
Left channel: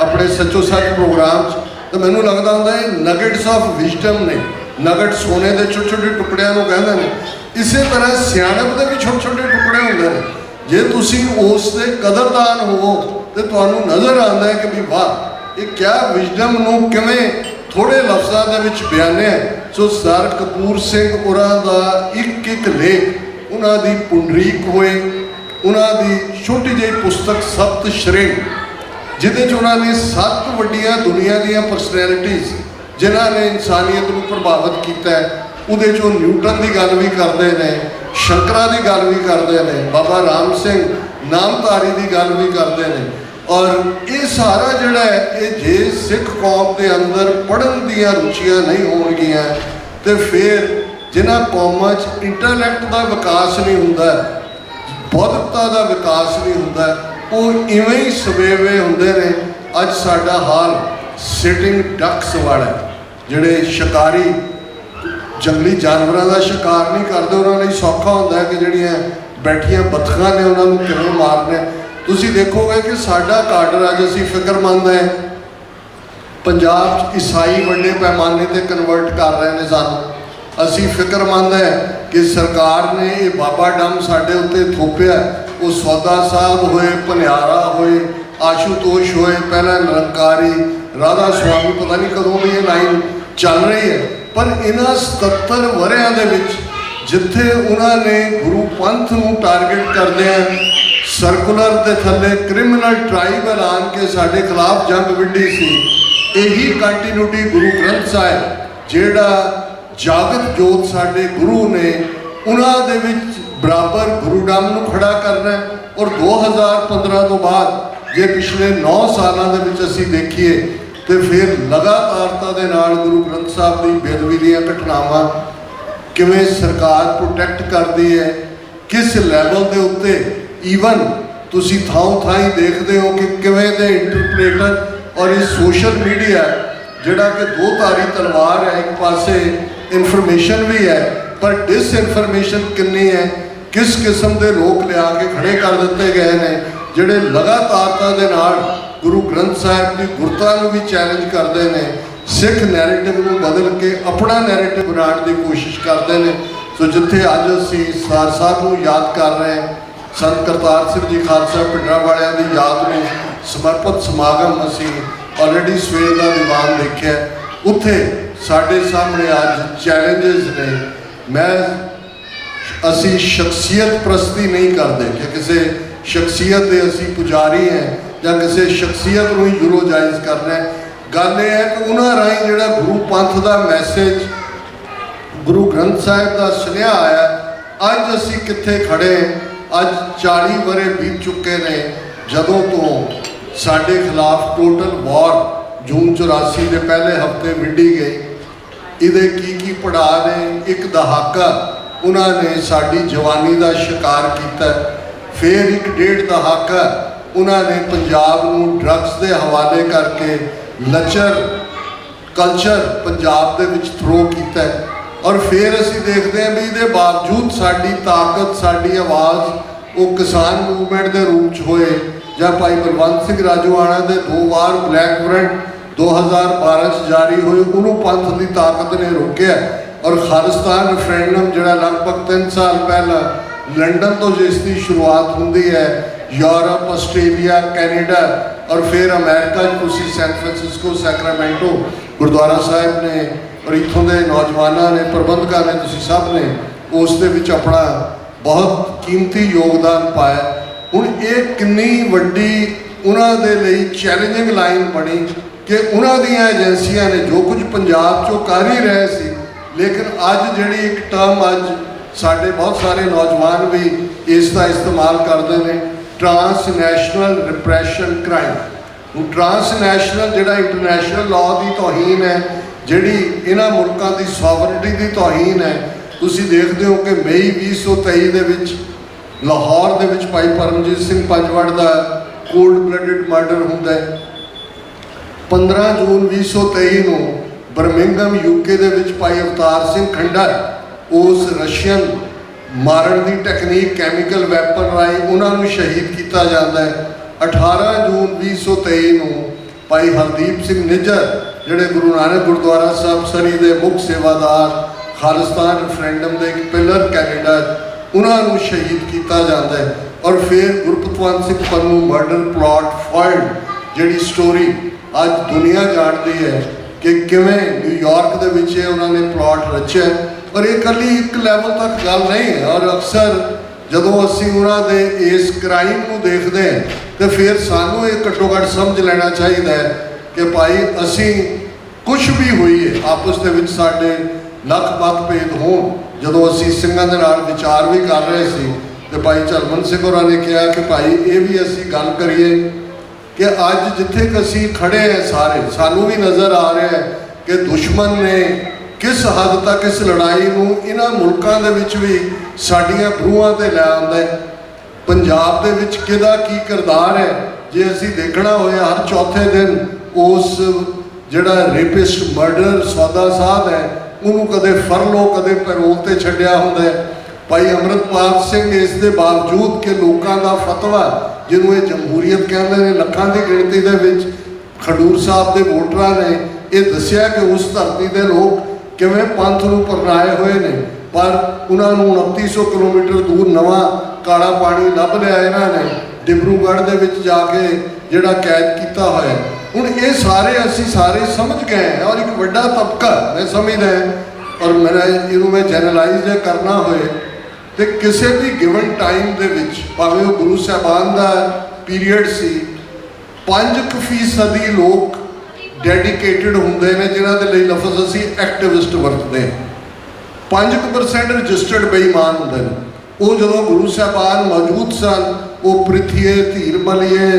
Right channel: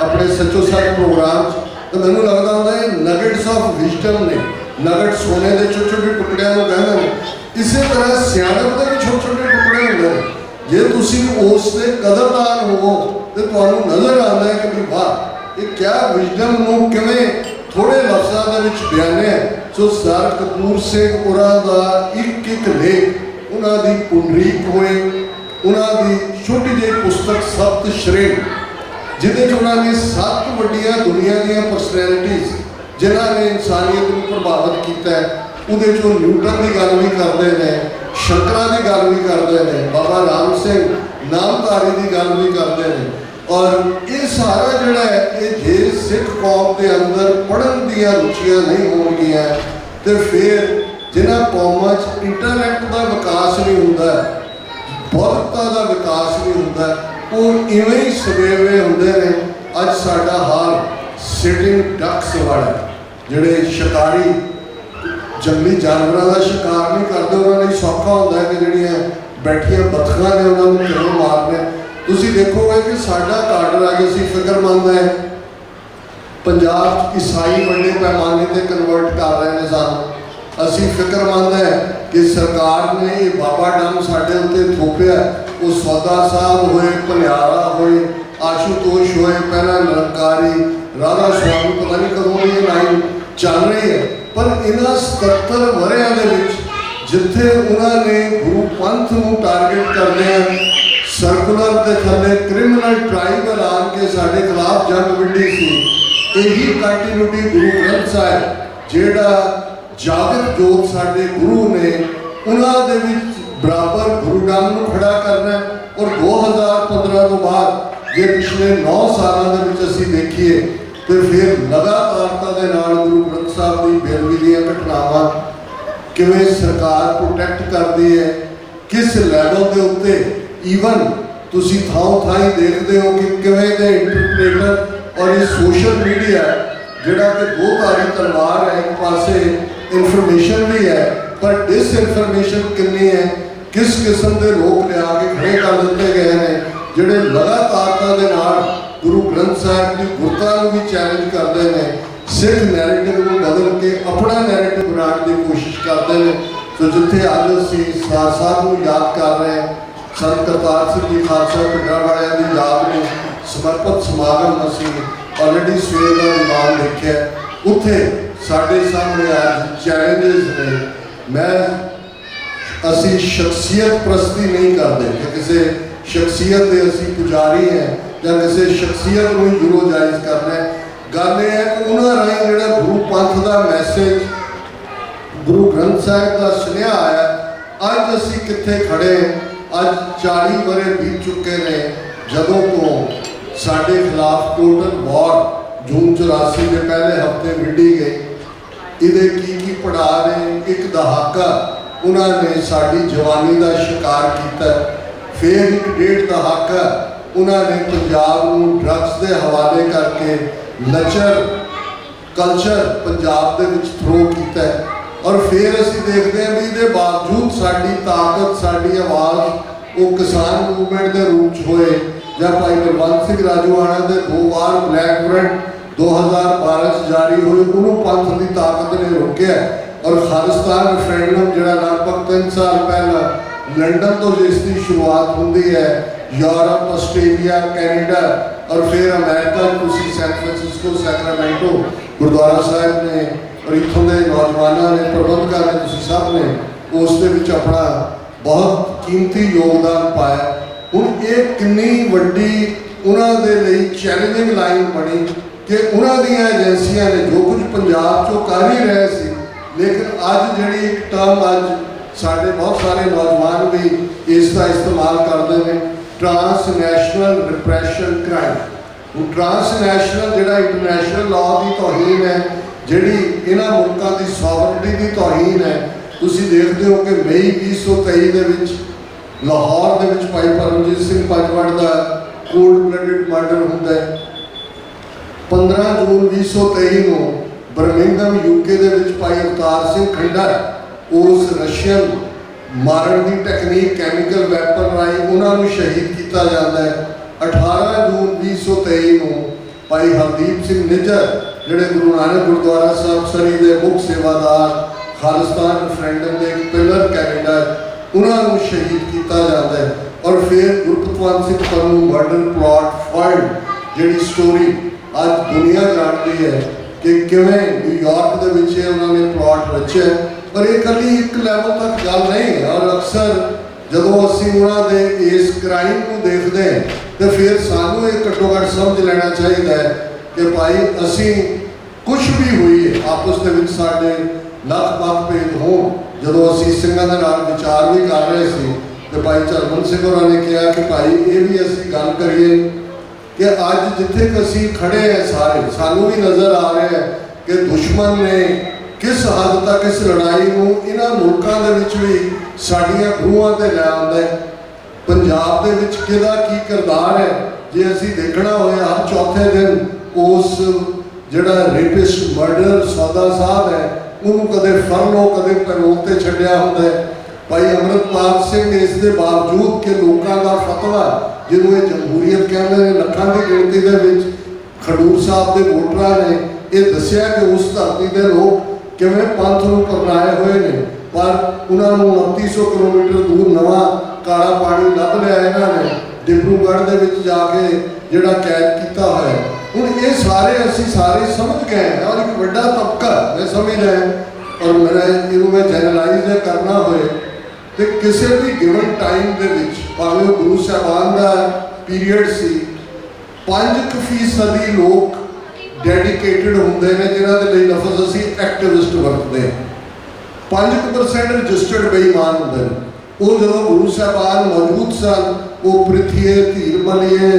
ਆਪਣੇ ਸੱਚੋ ਸੱਚ ਪ੍ਰੋਗਰਾਮ 'ਚ, ਤਾਂ ਮੈਨੂੰ ਲੱਗਦਾ ਹੁੰਦਾ ਇਹ ਨਗੇਟਸ ਆਫ ਵਿਜ਼ਡਮ ਨੇ। ਨਗਟ ਸੋਨੇ ਦੇ ਛੋਟੇ ਛੋਟੇ ਟੁਕੜਿਆਂ ਨੂੰ ਕਹਿੰਦੇ ਨੇ, ਇਸੇ ਤਰ੍ਹਾਂ ਸਿਆਣਪ ਦੇ ਵੀ ਛੋਟੇ ਛੋਟੇ ਟੁਕੜੇ ਹੁੰਦੇ ਨੇ। ਜੇ ਤੁਸੀਂ ਉਸ ਦੇ ਕਦਰਦਾਨ ਹੋਵੋ ਤੇ ਤੁਹਾਨੂੰ ਨਜ਼ਰ ਆਉਂਦਾ ਹੈ ਕਿ ਵੀ ਵਾਹ, ਇਹ ਕਿਆ ਵਿਜ਼ਡਮ ਨੂੰ ਕਿਵੇਂ ਥੋੜੇ ਲਫ਼ਜ਼ਾਂ ਦੇ ਵਿੱਚ ਬਿਆਨਿਆ। ਸੋ ਸਰ ਕਪੂਰ ਸਿੰਘ ਹੋਰਾਂ ਦਾ ਇੱਕ ਇੱਕ ਲੇਖ, ਉਹਨਾਂ ਦੀ ਪੁੰਡਰੀਕ ਹੋਏ, ਉਹਨਾਂ ਦੀ ਛੋਟੀ ਜਿਹੀ ਪੁਸਤਕ ਸਪਤ ਸ਼੍ਰੇਣੀ, ਜਿਹਦੇ 'ਚ ਉਹਨਾਂ ਨੇ 7 ਵੱਡੀਆਂ ਦੁਨੀਆ ਦੀਆਂ ਪਰਸਨੈਲਿਟੀਜ਼ ਜਿਨ੍ਹਾਂ ਨੇ ਇਨਸਾਨੀਅਤ ਨੂੰ ਪ੍ਰਭਾਵਿਤ ਕੀਤਾ ਹੈ, ਉਹਦੇ 'ਚ ਉਹ ਨਿਊਟਨ ਦੀ ਗੱਲ ਵੀ ਕਰਦੇ ਨੇ, ਸ਼ੰਕਰਾਂ ਦੀ ਗੱਲ ਵੀ ਕਰਦੇ ਨੇ, ਬਾਬਾ ਰਾਮ ਸਿੰਘ ਨਾਮਧਾਰੀ ਦੀ ਗੱਲ ਵੀ ਕਰਦੇ ਨੇ। ਔਰ ਇਹ ਸਾਰਾ ਜਿਹੜਾ ਹੈ, ਇਹ ਜੇ ਸਿੱਖ ਕੌਮ ਦੇ ਅੰਦਰ ਪੜ੍ਹਨ ਦੀਆਂ ਰੁਚੀਆਂ ਨਹੀਂ ਹੋਣਗੀਆਂ ਤੇ ਫਿਰ ਜਿਨ੍ਹਾਂ ਕੌਮਾਂ 'ਚ ਇੰਟੈਲੈਕਟ ਦਾ ਵਿਕਾਸ ਨਹੀਂ ਹੁੰਦਾ, ਬੌਧਿਕਤਾ ਦਾ ਵਿਕਾਸ ਨਹੀਂ ਹੁੰਦਾ, ਉਹ ਇਵੇਂ ਹੀ ਸਵੇਵੇ ਹੁੰਦੇ ਨੇ। ਅੱਜ ਸਾਡਾ ਹਾਲ ਸਿਟਿੰਗ ਡਕਸ ਵਾਲਾ, ਜਿਹੜੇ ਸ਼ਿਕਾਰੀ ਜੰਗਲੀ ਜਾਨਵਰਾਂ ਦਾ ਸ਼ਿਕਾਰ ਨਹੀਂ ਕਰਦੇ, ਉਹਨਾਂ ਲਈ ਸੌਖਾ ਹੁੰਦਾ ਹੈ ਕਿ ਜਿਹੜੀਆਂ ਬੈਠੀਆਂ ਬੱਤਖਾਂ ਨੇ ਉਹਨਾਂ ਨੂੰ ਕਿਵੇਂ ਮਾਰਨਾ। ਤੁਸੀਂ ਦੇਖੋਗੇ ਕਿ ਸਾਡਾ ਕਾਡਰ ਅੱਜ ਅਸੀਂ ਫਿਕਰਮੰਦ ਹੈ, ਪੰਜਾਬ 'ਚ ਈਸਾਈ ਵੱਡੇ ਪੈਮਾਨੇ 'ਤੇ ਕਨਵਰਟ ਕਰ ਰਹੇ ਨੇ ਸਾਨੂੰ। ਅਸੀਂ ਫਿਕਰਮੰਦ ਹੈ ਕਿ ਸਰਕਾਰ ਨੇ ਇਹ ਬਾਬਾ ਡੰਮ ਸਾਡੇ ਉੱਤੇ ਥੋਪਿਆ। ਉਹ ਸੌਦਾ ਸਾਹਿਬ ਹੋਏ, ਭਨਿਆਰਾ ਹੋਏ, ਆਸ਼ੂਤੋਸ਼ ਹੋਏ, ਪਹਿਲਾਂ ਨਿਰੰਕਾਰੀ, ਰਾਧਾ ਸੁਆਮੀ, ਪਤਾ ਨਹੀਂ ਕਦੋਂ ਵੀ ਇਹ ਲਾਈਨ ਚੱਲ ਰਹੀ ਹੈ। ਪਰ ਇਹਨਾਂ 77 ਵਰ੍ਹਿਆਂ ਦੇ ਵਿੱਚ ਜਿੱਥੇ ਉਹਨਾਂ ਨੇ ਗੁਰੂ ਪੰਥ ਨੂੰ ਟਾਰਗੇਟ ਕਰਦੇ ਆ, ਸਰਕੂਲਰ ਦੇ ਥੱਲੇ ਕ੍ਰਿਮੀਨਲ ਟ੍ਰਾਈਬ ਐਲਾਨ ਕੇ ਸਾਡੇ ਖਿਲਾਫ ਜੰਗ ਵਿੱਢੀ ਸੀ, ਇਹੀ ਕੰਟੀਨਿਊਟੀ ਗੁਰੂ ਗ੍ਰੰਥ ਸਾਹਿਬ ਜਿਹੜਾ ਜਾਗਤ ਜੋਤ ਸਾਡੇ ਗੁਰੂ ਨੇ ਉਹਨਾਂ ਦੇ ਵਿੱਚ ਬਰਾਬਰ ਗੁਰੂ ਨਾਮ ਨੂੰ ਖੜਾ ਕਰਨਾ ਹੈ। ਔਰ 2015 ਤੋਂ ਬਾਅਦ ਜੇ ਪਿਛਲੇ 9 ਸਾਲਾਂ ਦੇ ਵਿੱਚ ਅਸੀਂ ਦੇਖੀਏ ਤੇ ਫਿਰ ਲਗਾਤਾਰਤਾ ਦੇ ਨਾਲ ਗੁਰੂ ਗ੍ਰੰਥ ਸਾਹਿਬ ਦੀ ਬੇਅਦਬੀ ਦੀਆਂ ਘਟਨਾਵਾਂ ਕਿਵੇਂ ਸਰਕਾਰ ਪ੍ਰੋਟੈਕਟ ਕਰਦੀ ਹੈ, ਕਿਸ ਲੈਵਲ ਦੇ ਉੱਤੇ ਈਵਨ ਤੁਸੀਂ ਥਾਂ ਹੀ ਦੇਖਦੇ ਹੋ ਕਿ ਕਿਵੇਂ ਦੇ ਇੰਟਰਪ੍ਰੇਟਰ ਔਰ ਇਹ ਸੋਸ਼ਲ ਮੀਡੀਆ ਜਿਹੜਾ ਕਿ ਦੋ ਧਾਰੀ ਤਲਵਾਰ ਹੈ, ਇੱਕ ਪਾਸੇ ਇਨਫੋਰਮੇਸ਼ਨ ਵੀ ਹੈ ਪਰ ਡਿਸਇਨਫੋਰਮੇਸ਼ਨ ਕਿੰਨੀ ਹੈ, ਕਿਸ ਕਿਸਮ ਦੇ ਲੋਕ ਲਿਆ ਕੇ ਖੜੇ ਕਰ ਦਿੱਤੇ ਗਏ ਨੇ ਜਿਹੜੇ ਲਗਾਤਾਰਤਾ ਦੇ ਨਾਲ ਗੁਰੂ ਗ੍ਰੰਥ ਸਾਹਿਬ ਦੀ ਗੁਰਤਾ ਨੂੰ ਵੀ ਚੈਲੰਜ ਕਰਦੇ ਨੇ, ਸਿੱਖ ਨੈਰੇਟਿਵ ਨੂੰ ਬਦਲ ਕੇ ਆਪਣਾ ਨੈਰੇਟਿਵ ਬਣਾਉਣ ਦੀ ਕੋਸ਼ਿਸ਼ ਕਰਦੇ ਨੇ। ਸੋ ਜਿੱਥੇ ਅੱਜ ਅਸੀਂ ਸਾਰ ਸਾਹਿਬ ਨੂੰ ਯਾਦ ਕਰ ਰਹੇ ਹਾਂ, ਸੰਤ ਕਰਤਾਰ ਸਿੰਘ ਜੀ ਖਾਲਸਾ ਪਿੰਡਾਂ ਵਾਲਿਆਂ ਦੀ ਯਾਦ ਨੂੰ ਸਮਰਪਿਤ ਸਮਾਗਮ ਅਸੀਂ ਆਲਰੇਡੀ ਸਵੇਰ ਦਾ ਦੀਵਾਨ ਦੇਖਿਆ, ਉੱਥੇ ਸਾਡੇ ਸਾਹਮਣੇ ਅੱਜ ਚੈਲੰਜਸ ਨੇ। ਅਸੀਂ ਸ਼ਖਸੀਅਤ ਪ੍ਰਸਤੀ ਨਹੀਂ ਕਰਦੇ ਕਿ ਕਿਸੇ ਸ਼ਖਸੀਅਤ ਦੇ ਅਸੀਂ ਪੁਜਾਰੀ ਹੈ ਜਾਂ ਕਿਸੇ ਸ਼ਖਸੀਅਤ ਨੂੰ ਹੀ ਯੂਰੋਜਾਈਜ਼ ਕਰਨਾ ਹੈ। ਗੱਲ ਇਹ ਹੈ ਕਿ ਉਹਨਾਂ ਰਾਹੀਂ ਜਿਹੜਾ ਗੁਰੂ ਪੰਥ ਦਾ ਮੈਸੇਜ, ਗੁਰੂ ਗ੍ਰੰਥ ਸਾਹਿਬ ਦਾ ਸੁਨੇਹਾ ਆਇਆ, ਅੱਜ ਅਸੀਂ ਕਿੱਥੇ ਖੜੇ। ਅੱਜ 40 ਵਰ੍ਹੇ ਬੀਤ ਚੁੱਕੇ ਨੇ ਜਦੋਂ ਤੋਂ ਸਾਡੇ ਖਿਲਾਫ ਟੋਟਲ ਵਾਰ ਜੂਨ 84 ਦੇ ਪਹਿਲੇ ਹਫਤੇ ਵਿੱਢੀ ਗਈ। ਇਹਦੇ ਕੀ ਪੜਾਅ ਨੇ, ਇੱਕ ਦਹਾਕਾ ਉਹਨਾਂ ਨੇ ਸਾਡੀ ਜਵਾਨੀ ਦਾ ਸ਼ਿਕਾਰ ਕੀਤਾ, ਫਿਰ ਇੱਕ ਡੇਢ ਦਹਾਕਾ ਉਹਨਾਂ ਨੇ ਪੰਜਾਬ ਨੂੰ ਡਰੱਗਸ ਦੇ ਹਵਾਲੇ ਕਰਕੇ ਲੱਚਰ ਕਲਚਰ ਪੰਜਾਬ ਦੇ ਵਿੱਚ ਥਰੋ ਕੀਤਾ। ਔਰ ਫਿਰ ਅਸੀਂ ਦੇਖਦੇ ਹਾਂ ਵੀ ਇਹਦੇ ਬਾਵਜੂਦ ਸਾਡੀ ਤਾਕਤ, ਸਾਡੀ ਆਵਾਜ਼ ਉਹ ਕਿਸਾਨ ਮੂਵਮੈਂਟ ਦੇ ਰੂਪ 'ਚ ਹੋਏ ਜਾਂ ਭਾਈ ਬਲਵੰਤ ਸਿੰਘ ਰਾਜੋਆਣਾ ਦੇ 2 ਵਾਰ ਬਲੈਕ ਵਾਰੰਟ 2012 'ਚ ਜਾਰੀ ਹੋਏ, ਉਹਨੂੰ ਪੰਥ ਦੀ ਤਾਕਤ ਨੇ ਰੋਕਿਆ। ਔਰ ਖਾਲਿਸਤਾਨ ਰੈਫਰੈਂਡਮ ਜਿਹੜਾ ਲਗਭਗ 3 ਸਾਲ ਪਹਿਲਾਂ ਲੰਡਨ ਤੋਂ ਜਿਸ ਦੀ ਸ਼ੁਰੂਆਤ ਹੁੰਦੀ ਹੈ, ਯੂਰਪ, ਆਸਟ੍ਰੇਲੀਆ, ਕੈਨੇਡਾ ਔਰ ਫਿਰ ਅਮਰੀਕਾ 'ਚ ਤੁਸੀਂ ਸੈਨ ਫਰਾਂਸਿਸਕੋ, ਸੈਕਰਾਮੈਂਟੋ ਗੁਰਦੁਆਰਾ ਸਾਹਿਬ ਨੇ ਔਰ ਇੱਥੋਂ ਦੇ ਨੌਜਵਾਨਾਂ ਨੇ, ਪ੍ਰਬੰਧਕਾਂ ਨੇ, ਤੁਸੀਂ ਸਭ ਨੇ ਉਸ ਦੇ ਵਿੱਚ ਆਪਣਾ ਬਹੁਤ ਕੀਮਤੀ ਯੋਗਦਾਨ ਪਾਇਆ। ਹੁਣ ਇਹ ਕਿੰਨੀ ਵੱਡੀ ਉਹਨਾਂ ਦੇ ਲਈ ਚੈਲੰਜਿੰਗ ਲਾਈਨ ਬਣੀ ਕਿ ਉਹਨਾਂ ਦੀਆਂ ਏਜੰਸੀਆਂ ਨੇ ਜੋ ਕੁਝ ਪੰਜਾਬ 'ਚੋਂ ਕਰ ਹੀ ਰਹੇ ਸੀ, ਲੇਕਿਨ ਅੱਜ ਜਿਹੜੀ ਇੱਕ ਟਰਮ ਅੱਜ ਸਾਡੇ ਬਹੁਤ ਸਾਰੇ ਨੌਜਵਾਨ ਵੀ ਇਸ ਦਾ ਇਸਤੇਮਾਲ ਕਰਦੇ ਨੇ, ਟ੍ਰਾਂਸਨੈਸ਼ਨਲ ਰਿਪਰੈਸ਼ਨ ਕ੍ਰਾਈਮ। ਹੁਣ ਟ੍ਰਾਂਸਨੈਸ਼ਨਲ ਜਿਹੜਾ ਇੰਟਰਨੈਸ਼ਨਲ ਲਾਅ ਦੀ ਤੋਹੀਨ ਹੈ, ਜਿਹੜੀ ਇਹਨਾਂ ਮੁਲਕਾਂ ਦੀ ਸੋਵਰਨਟੀ ਦੀ ਤੋਹੀਨ ਹੈ। ਤੁਸੀਂ ਦੇਖਦੇ ਹੋ ਕਿ ਮਈ 2023 ਦੇ ਵਿੱਚ ਲਾਹੌਰ ਦੇ ਵਿੱਚ ਭਾਈ ਪਰਮਜੀਤ ਸਿੰਘ ਪੰਜਵੜ ਦਾ ਕੋਲਡ ਬਲੱਡਡ ਮਰਡਰ ਹੁੰਦਾ ਹੈ। 15 ਜੂਨ 2023 ਨੂੰ ਬਰਮਿੰਗਮ UK ਦੇ ਵਿੱਚ ਭਾਈ ਅਵਤਾਰ ਸਿੰਘ ਖੰਡਰ ਉਸ ਰਸ਼ੀਅਨ ਮਾਰਨ ਦੀ ਟੈਕਨੀਕ ਕੈਮੀਕਲ ਵੈਪਨ ਰਾਹੀਂ ਉਹਨਾਂ ਨੂੰ ਸ਼ਹੀਦ ਕੀਤਾ ਜਾਂਦਾ ਹੈ। 18 ਜੂਨ 2023 ਨੂੰ ਭਾਈ ਹਰਦੀਪ ਸਿੰਘ ਨਿੱਜਰ ਜਿਹੜੇ ਗੁਰੂ ਨਾਨਕ ਗੁਰਦੁਆਰਾ ਸਾਹਿਬ ਸਰੀ ਦੇ ਮੁੱਖ ਸੇਵਾਦਾਰ, ਖਾਲਿਸਤਾਨ ਰੈਫਰੈਂਡਮ ਦੇ ਇੱਕ ਪਿਲਰ ਕੈਨੇਡਾ, ਉਹਨਾਂ ਨੂੰ ਸ਼ਹੀਦ ਕੀਤਾ ਜਾਂਦਾ ਹੈ। ਔਰ ਫਿਰ ਗੁਰਪਤਵੰਤ ਸਿੰਘ ਪੰਨੂ ਮਰਡਰ ਪਲਾਟ ਫਾਇਲਡ, ਜਿਹੜੀ ਸਟੋਰੀ ਅੱਜ ਦੁਨੀਆ ਜਾਣਦੀ ਹੈ ਕਿ ਕਿਵੇਂ ਨਿਊਯਾਰਕ ਦੇ ਵਿੱਚ ਉਹਨਾਂ ਨੇ ਪਲਾਟ ਰਚਿਆ। ਪਰ ਇਹ ਇਕੱਲੀ ਇੱਕ ਲੈਵਲ ਤੱਕ ਗੱਲ ਨਹੀਂ ਹੈ। ਔਰ ਅਕਸਰ ਜਦੋਂ ਅਸੀਂ ਉਹਨਾਂ ਦੇ ਇਸ ਕ੍ਰਾਈਮ ਨੂੰ ਦੇਖਦੇ ਹਾਂ ਤੇ ਫਿਰ ਸਾਨੂੰ ਇਹ ਘੱਟੋ ਘੱਟ ਸਮਝ ਲੈਣਾ ਚਾਹੀਦਾ ਹੈ ਕਿ ਭਾਈ ਅਸੀਂ ਕੁਝ ਵੀ ਹੋਈਏ, ਆਪਸ ਦੇ ਵਿੱਚ ਸਾਡੇ ਲੱਖ ਭੇਦ ਹੋਣ। ਜਦੋਂ ਅਸੀਂ ਸਿੰਘਾਂ ਦੇ ਨਾਲ ਵਿਚਾਰ ਵੀ ਕਰ ਰਹੇ ਸੀ ਤੇ ਭਾਈ ਚਰਮਨ ਸਿੰਘ ਹੋਰਾਂ ਨੇ ਕਿਹਾ ਕਿ ਭਾਈ ਇਹ ਵੀ ਅਸੀਂ ਗੱਲ ਕਰੀਏ ਕਿ ਅੱਜ ਜਿੱਥੇ ਕਿ ਅਸੀਂ ਖੜੇ ਹਾਂ ਸਾਰੇ, ਸਾਨੂੰ ਵੀ ਨਜ਼ਰ ਆ ਰਿਹਾ ਹੈ ਕਿ ਦੁਸ਼ਮਣ ਨੇ ਕਿਸ ਹੱਦ ਤੱਕ ਇਸ ਲੜਾਈ ਨੂੰ ਇਹਨਾਂ ਮੁਲਕਾਂ ਦੇ ਵਿੱਚ ਵੀ ਸਾਡੀਆਂ ਗਰੂਹਾਂ ਤੇ ਲੈ ਆਉਂਦਾ ਹੈ। ਪੰਜਾਬ ਦੇ ਵਿੱਚ ਕਿਹਦਾ ਕੀ ਕਿਰਦਾਰ ਹੈ ਜੇ ਅਸੀਂ ਦੇਖਣਾ ਹੋਇਆ, ਹਰ ਚੌਥੇ ਦਿਨ ਉਸ ਜਿਹੜਾ ਰੇਪਿਸਟ ਮਰਡਰ ਸੌਦਾ ਸਾਹਿਬ ਹੈ ਉਹਨੂੰ ਕਦੇ ਫਰਲੋ ਕਦੇ ਪੈਰੋਲ ਤੇ ਛੱਡਿਆ ਹੁੰਦਾ ਹੈ। ਭਾਈ ਅੰਮ੍ਰਿਤਪਾਲ ਸਿੰਘ ਇਸ ਦੇ ਬਾਵਜੂਦ ਕਿ ਲੋਕਾਂ ਦਾ ਫਤਵਾ ਜਿਹਨੂੰ ਇਹ ਜਮਹੂਰੀਅਤ ਕਹਿੰਦੇ ਨੇ, ਲੱਖਾਂ ਦੀ ਗਿਣਤੀ ਦੇ ਵਿੱਚ ਖਡੂਰ ਸਾਹਿਬ ਦੇ ਵੋਟਰਾਂ ਨੇ ਇਹ ਦੱਸਿਆ ਕਿ ਉਸ ਧਰਤੀ ਦੇ ਲੋਕ ਕਿਵੇਂ ਪੰਥ ਨੂੰ ਪਰਨਾਏ ਹੋਏ ਨੇ, ਪਰ ਉਹਨਾਂ ਨੂੰ 2900 ਕਿਲੋਮੀਟਰ ਦੂਰ ਨਵਾਂ ਕਾਲਾ ਪਾਣੀ ਲੱਭ ਲਿਆ ਇਹਨਾਂ ਨੇ, ਡਿਬਰੂਗੜ੍ਹ ਦੇ ਵਿੱਚ ਜਾ ਕੇ ਜਿਹੜਾ ਕੈਦ ਕੀਤਾ ਹੋਇਆ। ਹੁਣ ਇਹ ਸਾਰੇ ਅਸੀਂ ਸਾਰੇ ਸਮਝ ਗਏ ਔਰ ਇੱਕ ਵੱਡਾ ਤਬਕਾ ਮੈਂ ਸਮਝਦਾ ਔਰ ਮੇਰਾ ਇਹਨੂੰ ਮੈਂ ਜਨਰਲਾਈਜ਼ ਕਰਨਾ ਹੋਏ ਤੇ ਕਿਸੇ ਵੀ ਗਿਵਨ ਟਾਈਮ ਦੇ ਵਿੱਚ ਭਾਵੇਂ ਉਹ ਗੁਰੂ ਸਾਹਿਬਾਨ ਦਾ ਪੀਰੀਅਡ ਸੀ, 5% ਲੋਕ ਡੈਡੀਕੇਟਿਡ ਹੁੰਦੇ ਨੇ ਜਿਨ੍ਹਾਂ ਦੇ ਲਈ ਲਫ਼ਜ਼ ਅਸੀਂ ਐਕਟਿਵਿਸਟ ਵਰਤਦੇ ਹਾਂ। 5% ਰਜਿਸਟਰਡ ਬੇਈਮਾਨ ਹੁੰਦੇ ਨੇ। ਉਹ ਜਦੋਂ ਗੁਰੂ ਸਾਹਿਬਾਨ ਮੌਜੂਦ ਸਨ, ਉਹ ਪ੍ਰਿਥੀਏ, ਧੀਰ ਮਲੀਏ,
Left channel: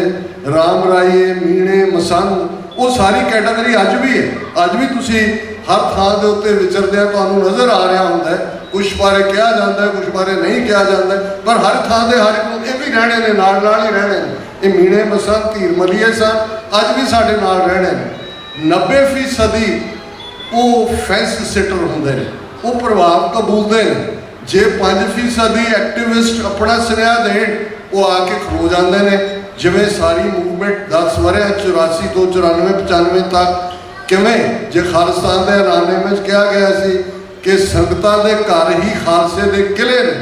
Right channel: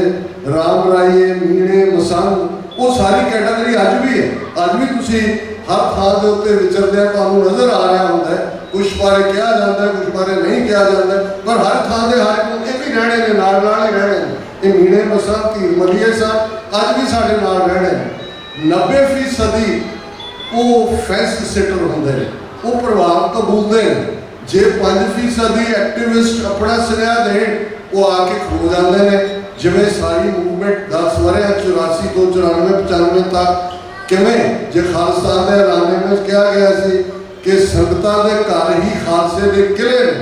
ਰਾਮ ਰਾਈਏ, ਮੀਣੇ, ਮਸੰਗ, ਉਹ ਸਾਰੀ ਕੈਟਾਗਰੀ ਅੱਜ ਵੀ ਹੈ। ਅੱਜ ਵੀ ਤੁਸੀਂ ਹਰ ਥਾਂ ਦੇ ਉੱਤੇ ਵਿਚਰਦਿਆਂ ਤੁਹਾਨੂੰ ਨਜ਼ਰ ਆ ਰਿਹਾ ਹੁੰਦਾ ਹੈ। ਕੁਛ ਬਾਰੇ ਕਿਹਾ ਜਾਂਦਾ, ਕੁਛ ਬਾਰੇ ਨਹੀਂ ਕਿਹਾ ਜਾਂਦਾ, ਪਰ ਹਰ ਥਾਂ ਦੇ ਹਰ ਇੱਕ ਇਹ ਵੀ ਰਹਿਣੇ ਨੇ, ਨਾਲ ਨਾਲ ਹੀ ਰਹਿਣੇ ਨੇ। ਇਹ ਮੀਣੇ, ਮਸੰਗ, ਧੀਰ ਮਲੀਏ ਸਨ, ਅੱਜ ਵੀ ਸਾਡੇ ਨਾਲ ਰਹਿਣੇ ਨੇ। 90% ਉਹ ਫੈਂਸ ਸਿਟਰ ਹੁੰਦੇ ਨੇ, ਉਹ ਪ੍ਰਭਾਵ ਕਬੂਲਦੇ ਨੇ। ਜੇ 5% ਐਕਟਿਵਿਸਟ ਆਪਣਾ ਸੁਨੇਹਾ ਦੇਣ, ਉਹ ਆ ਕੇ ਖਲੋ ਜਾਂਦੇ ਨੇ। ਜਿਵੇਂ ਸਾਰੀ ਮੂਵਮੈਂਟ 10 ਵਰ੍ਹਿਆਂ 84 ਤੋਂ 94 95 ਤੱਕ ਕਿਵੇਂ ਜੇ ਖਾਲਿਸਤਾਨ ਦੇ ਐਲਾਨੇ ਵਿੱਚ ਕਿਹਾ ਗਿਆ ਸੀ ਕਿ ਸੰਗਤਾਂ ਦੇ ਘਰ ਹੀ ਖਾਲਸੇ ਦੇ ਕਿਲੇ ਨੇ,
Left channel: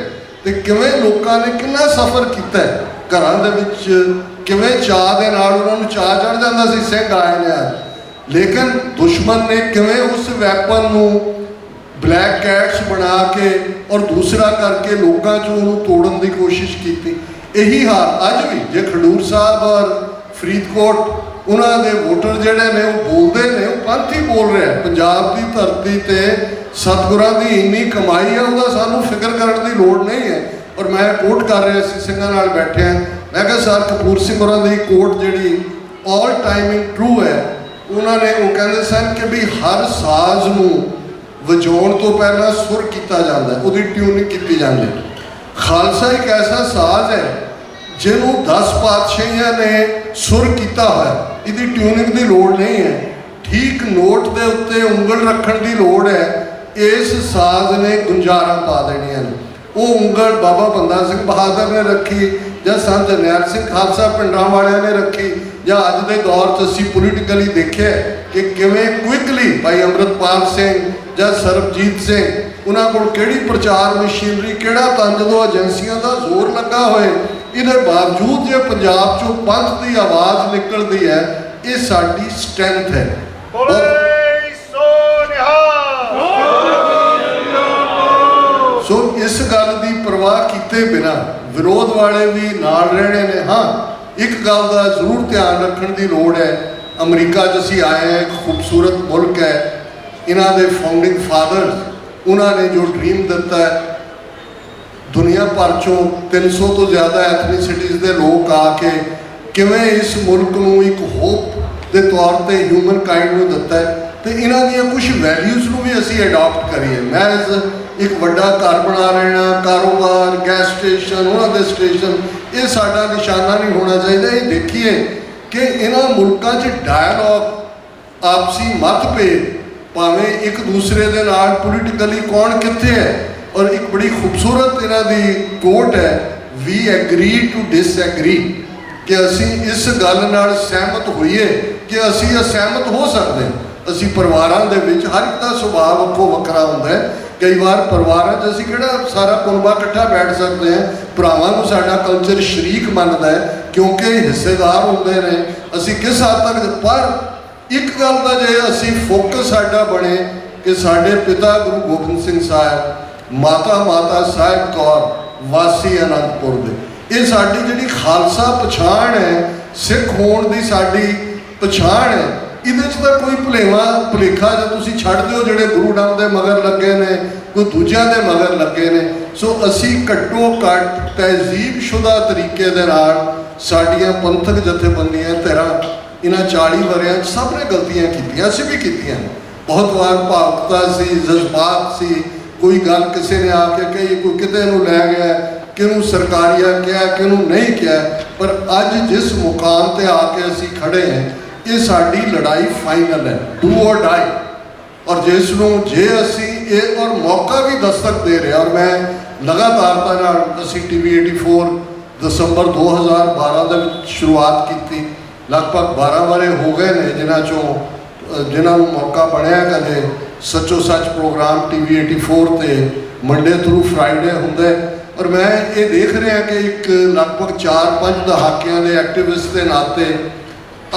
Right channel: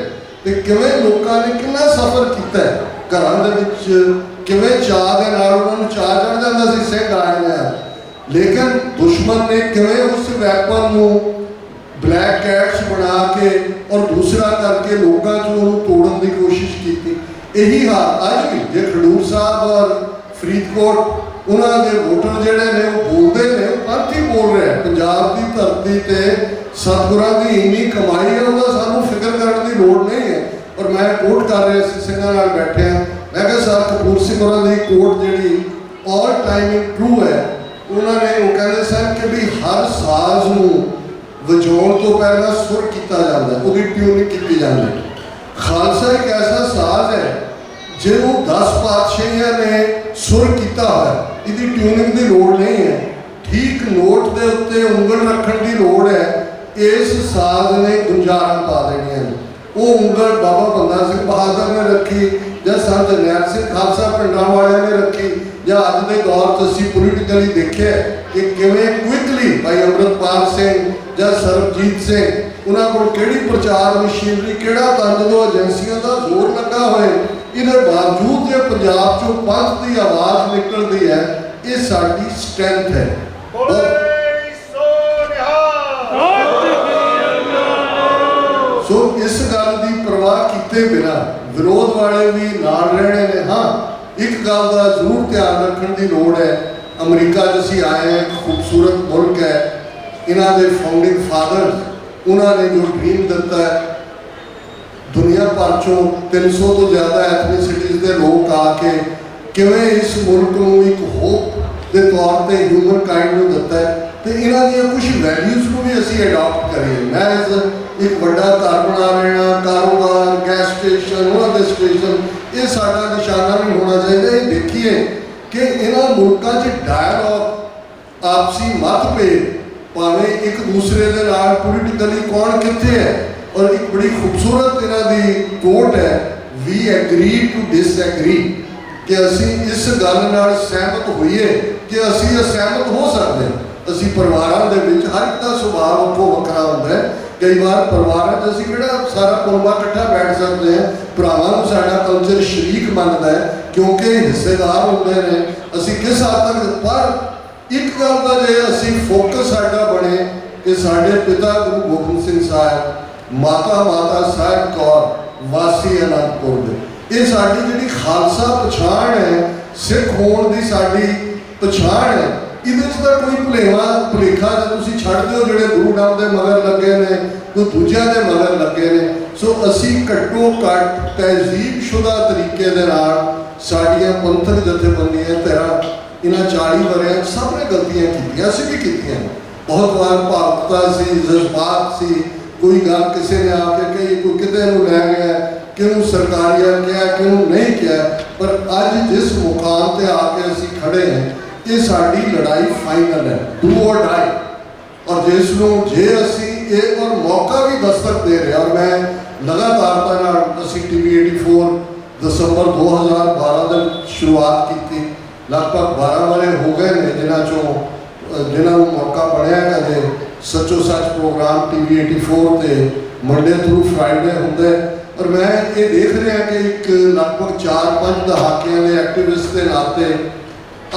ਤੇ ਕਿਵੇਂ ਲੋਕਾਂ ਨੇ ਕਿੰਨਾ ਸਫ਼ਰ ਕੀਤਾ ਘਰਾਂ ਦੇ ਵਿੱਚ, ਕਿਵੇਂ ਚਾਅ ਦੇ ਨਾਲ ਉਹਨਾਂ ਨੂੰ ਚਾਅ ਚੜ੍ਹ ਜਾਂਦਾ ਸੀ ਸਿੰਘ ਆਏ ਨੇ। ਲੇਕਿਨ ਦੁਸ਼ਮਣ ਨੇ ਕਿਵੇਂ ਉਸ ਵੈਪਨ ਨੂੰ ਬਲੈਕ ਕੈਟਸ ਬਣਾ ਕੇ ਔਰ ਦੂਸਰਾ ਕਰਕੇ ਲੋਕਾਂ 'ਚ ਉਹਨੂੰ ਤੋੜਨ ਦੀ ਕੋਸ਼ਿਸ਼ ਕੀਤੀ। ਇਹੀ ਹਾਲ ਅੱਜ ਵੀ ਜੇ ਖਡੂਰ ਸਾਹਿਬ ਔਰ ਫਰੀਦਕੋਟ ਉਹਨਾਂ ਦੇ ਵੋਟਰ ਜਿਹੜੇ ਨੇ ਉਹ ਬੋਲਦੇ ਨੇ, ਉਹ ਪੰਥ ਹੀ ਬੋਲ ਰਿਹਾ। ਪੰਜਾਬ ਦੀ ਧਰਤੀ ਤੇ ਸਤਿਗੁਰਾਂ ਦੀ ਇੰਨੀ ਕਮਾਈ ਹੈ, ਉਹਦਾ ਸਾਨੂੰ ਫਿਕਰ ਕਰਨ ਦੀ ਲੋੜ ਨਹੀਂ ਹੈ। ਔਰ ਮੈਂ ਕੋਟ ਕਰ ਰਿਹਾ ਸੀ, ਸਿੰਘਾਂ ਨਾਲ ਬੈਠਿਆ, ਮੈਂ ਕਿਹਾ ਸਰ ਕਪੂਰ ਸਿੰਘ ਹੋਰਾਂ ਦੀ ਕੋਟ ਜਿਹੜੀ ਆਲ ਟਾਈਮ ਇਨ ਟਰੂ ਹੈ। ਉਹਨਾਂ ਨੇ ਉਹ ਕਹਿੰਦੇ ਸਨ ਕਿ ਵੀ ਹਰ ਸਾਜ਼ ਨੂੰ ਵਜਾਉਣ ਤੋਂ ਪਹਿਲਾਂ ਸੁਰ ਕੀਤਾ ਜਾਂਦਾ, ਉਹਦੀ ਟਿਊਨਿੰਗ ਕੀਤੀ ਜਾਂਦੀ। ਖਾਲਸਾ ਇੱਕ ਐਸਾ ਸਾਜ਼ ਹੈ ਜਿਹਨੂੰ 10 ਪਾਤਸ਼ਾਹੀਆਂ ਨੇ ਸੁਰ ਕੀਤਾ ਹੋਇਆ, ਇਹਦੀ ਟਿਊਨਿੰਗ ਦੀ ਲੋੜ ਨਹੀਂ ਹੈ। ਠੀਕ ਨੋਟ ਦੇ ਉੱਤੇ ਉਂਗਲ ਰੱਖਣ ਦੀ ਲੋੜ ਹੈ। ਇਸ ਸਾਜ਼ ਨੇ ਗੁੰਜਾਰਾਂ ਪਾ ਦੇਣੀਆਂ ਨੇ। ਉਹ ਉਂਗਲ ਬਾਬਾ ਬੰਦਾ ਸਿੰਘ ਬਹਾਦਰ ਨੇ ਰੱਖੀ, ਜਾਂ ਸੰਤ ਜਰਨੈਲ ਸਿੰਘ ਖਾਲਸਾ ਪਿੰਡਾਂ ਵਾਲਿਆਂ ਨੇ ਰੱਖੀ, ਜਾਂ ਅੱਜ ਦੇ ਦੌਰ 'ਚ ਅਸੀਂ ਪੋਲੀਟੀਕਲੀ ਦੇਖਿਆ ਕਿ ਕਿਵੇਂ ਕੁਇਕਲੀ ਭਾਈ ਅੰਮ੍ਰਿਤਪਾਲ ਸਿੰਘ ਜਾਂ ਸਰਬਜੀਤ ਸਿੰਘ, ਉਹਨਾਂ ਕੋਲ ਕਿਹੜੀ ਪ੍ਰਚਾਰ ਮਸ਼ੀਨਰੀ, ਕਿਹੜਾ ਤੰਜ-ਦੋ ਏਜੰਸੀਆਂ ਦਾ ਜ਼ੋਰ ਲੱਗਾ ਹੋਏ। ਇਹਦੇ ਬਾਵਜੂਦ ਜੇ ਪੰਜਾਬ 'ਚੋਂ ਪੰਥ ਦੀ ਆਵਾਜ਼ ਨਿਕਲਦੀ ਹੈ, ਇਹ ਸਾਡੀ ਸਟਰੈਂਥ ਹੈ। ਸੋ ਇਸ ਗੱਲ ਦੀ ਪਰਵਾਹ ਕੀਤੇ ਬਿਨਾਂ ਵਿਰੋਧ ਵਾਲੇ ਵੀ ਨਾਲ ਰਹਿਣੇ ਨੇ। ਹਾਂ, ਇੱਕ ਗੱਲ ਦਾ ਜ਼ਰੂਰ ਧਿਆਨ ਰੱਖਣ ਦੀ ਲੋੜ ਹੈ। ਅਮਰੀਕਾ 'ਚ ਅਸੀਂ ਆਏ ਹਾਂ, ਇੱਕ ਖੂਬਸੂਰਤ ਮੁਲਕ ਹੈ। ਇਹਨਾਂ ਦੇ ਫਾਊਂਡਿੰਗ ਫਾਦਰਸ, ਉਹਨਾਂ ਨੇ ਜੋ ਡ੍ਰੀਮ ਦਿੱਤਾ ਹੈ, ਦੁਨੀਆ ਭਰ 'ਚੋਂ 300 ਤੋਂ ਜ਼ਿਆਦਾ ਐਥਨੀਸਿਟੀਜ਼ ਦੇ ਲੋਕ ਆ ਕੇ ਕਿਵੇਂ ਇਸ ਮੁਲਕ ਨੂੰ ਇੱਕ ਹੋਪ ਦੇ ਤੌਰ ਤੇ ਹਿਊਮਨ ਕਾਈਂਡ ਨੂੰ ਦਿੱਤਾ ਹੈ, ਤੇ ਇਹਨਾਂ ਦੀਆਂ ਕੁਝ ਵੈਲਿਊਜ਼ ਨੂੰ ਵੀ ਅਸੀਂ ਅਡਾਪਟ ਕਰੀਏ। ਮੈਂ ਇੱਕ ਵੱਡਾ ਘਰ ਬਣਾ ਰਿਹਾ, ਕਾਰੋਬਾਰ, ਗੈਸ ਸਟੇਸ਼ਨ, ਉਹਨਾਂ ਦੇ ਸਟੇਸ਼ਨ, ਇਹ ਸਾਡਾ ਨਿਸ਼ਾਨਾ ਨਹੀਂ ਹੋਣਾ ਚਾਹੀਦਾ। ਇਹ ਦੇਖੀਏ ਕਿ ਇਹਨਾਂ ਮੁਲਕਾਂ 'ਚ ਡਾਇਲੋਗ, ਆਪਸੀ ਮਤਭੇਦ, ਭਾਵੇਂ ਇੱਕ ਦੂਸਰੇ ਦੇ ਨਾਲ ਪੋਲੀਟੀਕਲੀ ਕੌਣ ਕਿੱਥੇ ਹੈ। ਔਰ ਇੱਕ ਬੜੀ ਖੂਬਸੂਰਤ ਇਹਨਾਂ ਦੀ ਕੋਟ ਹੈ, ਵੀ ਐਗਰੀ ਟੂ ਡਿਸਐਗਰੀ, ਕਿ ਅਸੀਂ ਇਸ ਗੱਲ ਨਾਲ ਸਹਿਮਤ ਹੋਈਏ ਕਿ ਅਸੀਂ ਅਸਹਿਮਤ ਹੋ ਸਕਦੇ। ਅਸੀਂ ਪਰਿਵਾਰਾਂ ਦੇ ਵਿੱਚ ਹਰ ਇੱਕ ਦਾ ਸੁਭਾਅ ਵੱਖੋ ਵੱਖਰਾ ਹੁੰਦਾ ਹੈ। ਕਈ ਵਾਰ ਪਰਿਵਾਰਾਂ 'ਚ ਅਸੀਂ ਕਿਹੜਾ ਸਾਰਾ ਕੁਲਬਾ ਇਕੱਠਾ ਬੈਠ ਸਕਦੇ ਹਾਂ। ਭਰਾਵਾਂ ਨੂੰ ਸਾਡਾ ਕਲਚਰ ਸ਼ਰੀਕ ਮੰਨਦਾ ਹੈ, ਕਿਉਂਕਿ ਹਿੱਸੇਦਾਰ ਹੁੰਦੇ ਨੇ। ਅਸੀਂ ਕਿਸ ਹੱਦ ਤੱਕ, ਪਰ ਇੱਕ ਗੱਲ ਦਾ ਜੇ ਅਸੀਂ ਫੋਕਸ ਸਾਡਾ ਬਣੇ ਕਿ ਸਾਡੇ ਪਿਤਾ ਗੁਰੂ ਗੋਬਿੰਦ ਸਿੰਘ ਸਾਹਿਬ, ਮਾਤਾ ਸਾਹਿਬ ਕੌਰ ਵਾਸੀ ਅਨੰਦਪੁਰ ਦੇ, ਇਹ ਸਾਡੀ ਜਿਹੜੀ ਖਾਲਸਾ ਪਛਾਣ ਹੈ, ਸਿੱਖ ਹੋਣ ਦੀ ਸਾਡੀ ਪਛਾਣ ਹੈ। ਇਹਦੇ 'ਚ ਤਾਂ ਕੋਈ ਭੁਲੇਖਾ ਜੇ ਤੁਸੀਂ ਛੱਡ ਦਿਓ ਜਿਹੜੇ ਗੁਰੂ ਨਾਮ ਦੇ ਮਗਰ ਲੱਗੇ ਨੇ, ਕੋਈ ਦੂਜਿਆਂ ਦੇ ਮਗਰ ਲੱਗੇ ਨੇ। ਸੋ ਅਸੀਂ ਘੱਟੋ ਘੱਟ ਤਹਿਜ਼ੀਬਸ਼ੁਦਾ ਤਰੀਕੇ ਦੇ ਨਾਲ ਸਾਡੀਆਂ ਪੰਥਕ ਜਥੇਬੰਦੀਆਂ ਤੇਰਾ ਇਹਨਾਂ 40 ਵਰ੍ਹਿਆਂ 'ਚ ਸਭ ਨੇ ਗਲਤੀਆਂ ਕੀਤੀਆਂ, ਅਸੀਂ ਵੀ ਕੀਤੀਆਂ। ਬਹੁਤ ਵਾਰ ਭਾਵੁਕਤਾ ਸੀ, ਜਜ਼ਬਾਤ ਸੀ, ਕੋਈ ਗੱਲ ਕਿਸੇ ਨੇ ਆ ਕੇ ਕਹੀ, ਕੋਈ ਕਿਤੇ ਨੂੰ ਲੈ ਗਿਆ, ਕਿਹਨੂੰ ਸਰਕਾਰੀਆ ਕਿਹਾ, ਕਿਹਨੂੰ ਨਹੀਂ ਕਿਹਾ। ਪਰ ਅੱਜ ਜਿਸ ਮੁਕਾਮ ਤੇ ਆ ਕੇ ਅਸੀਂ ਖੜੇ ਹਾਂ, ਇਹ ਸਾਡੀ ਲੜਾਈ ਫਾਈਨਲ ਹੈ, ਡੂ ਔਰ ਡਾਈ। ਔਰ ਜਿਸ ਨੂੰ ਜੇ ਅਸੀਂ ਇਹ ਔਰ ਮੌਕਾ ਵੀ ਦਸਤਕ ਦੇ ਰਿਹਾ, ਔਰ ਮੈਂ ਲਗਾਤਾਰਤਾ ਨਾਲ ਅਸੀਂ TV 84 ਦਸੰਬਰ 2012 ਦੇ ਵਿੱਚ ਸ਼ੁਰੂਆਤ ਕੀਤੀ। ਲਗਭਗ 12 ਵਰ੍ਹੇ ਹੋ ਗਏ ਨੇ ਜਿਨ੍ਹਾਂ ਨੂੰ ਮੌਕਾ ਬਣਿਆ ਕਦੇ ਸੱਚੋ ਸੱਚ ਪ੍ਰੋਗਰਾਮ TV 84 ਤੇ ਮੰਡੇ ਥਰੂ ਫਰਾਈਡੇ ਹੁੰਦਾ। ਔਰ ਮੈਂ ਇਹ ਦੇਖ ਰਿਹਾ ਕਿ ਇੱਕ ਲਗਭਗ 4-5 ਦਹਾਕਿਆਂ ਦੇ ਐਕਟਿਵਿਸਟ ਦੇ ਨਾਤੇ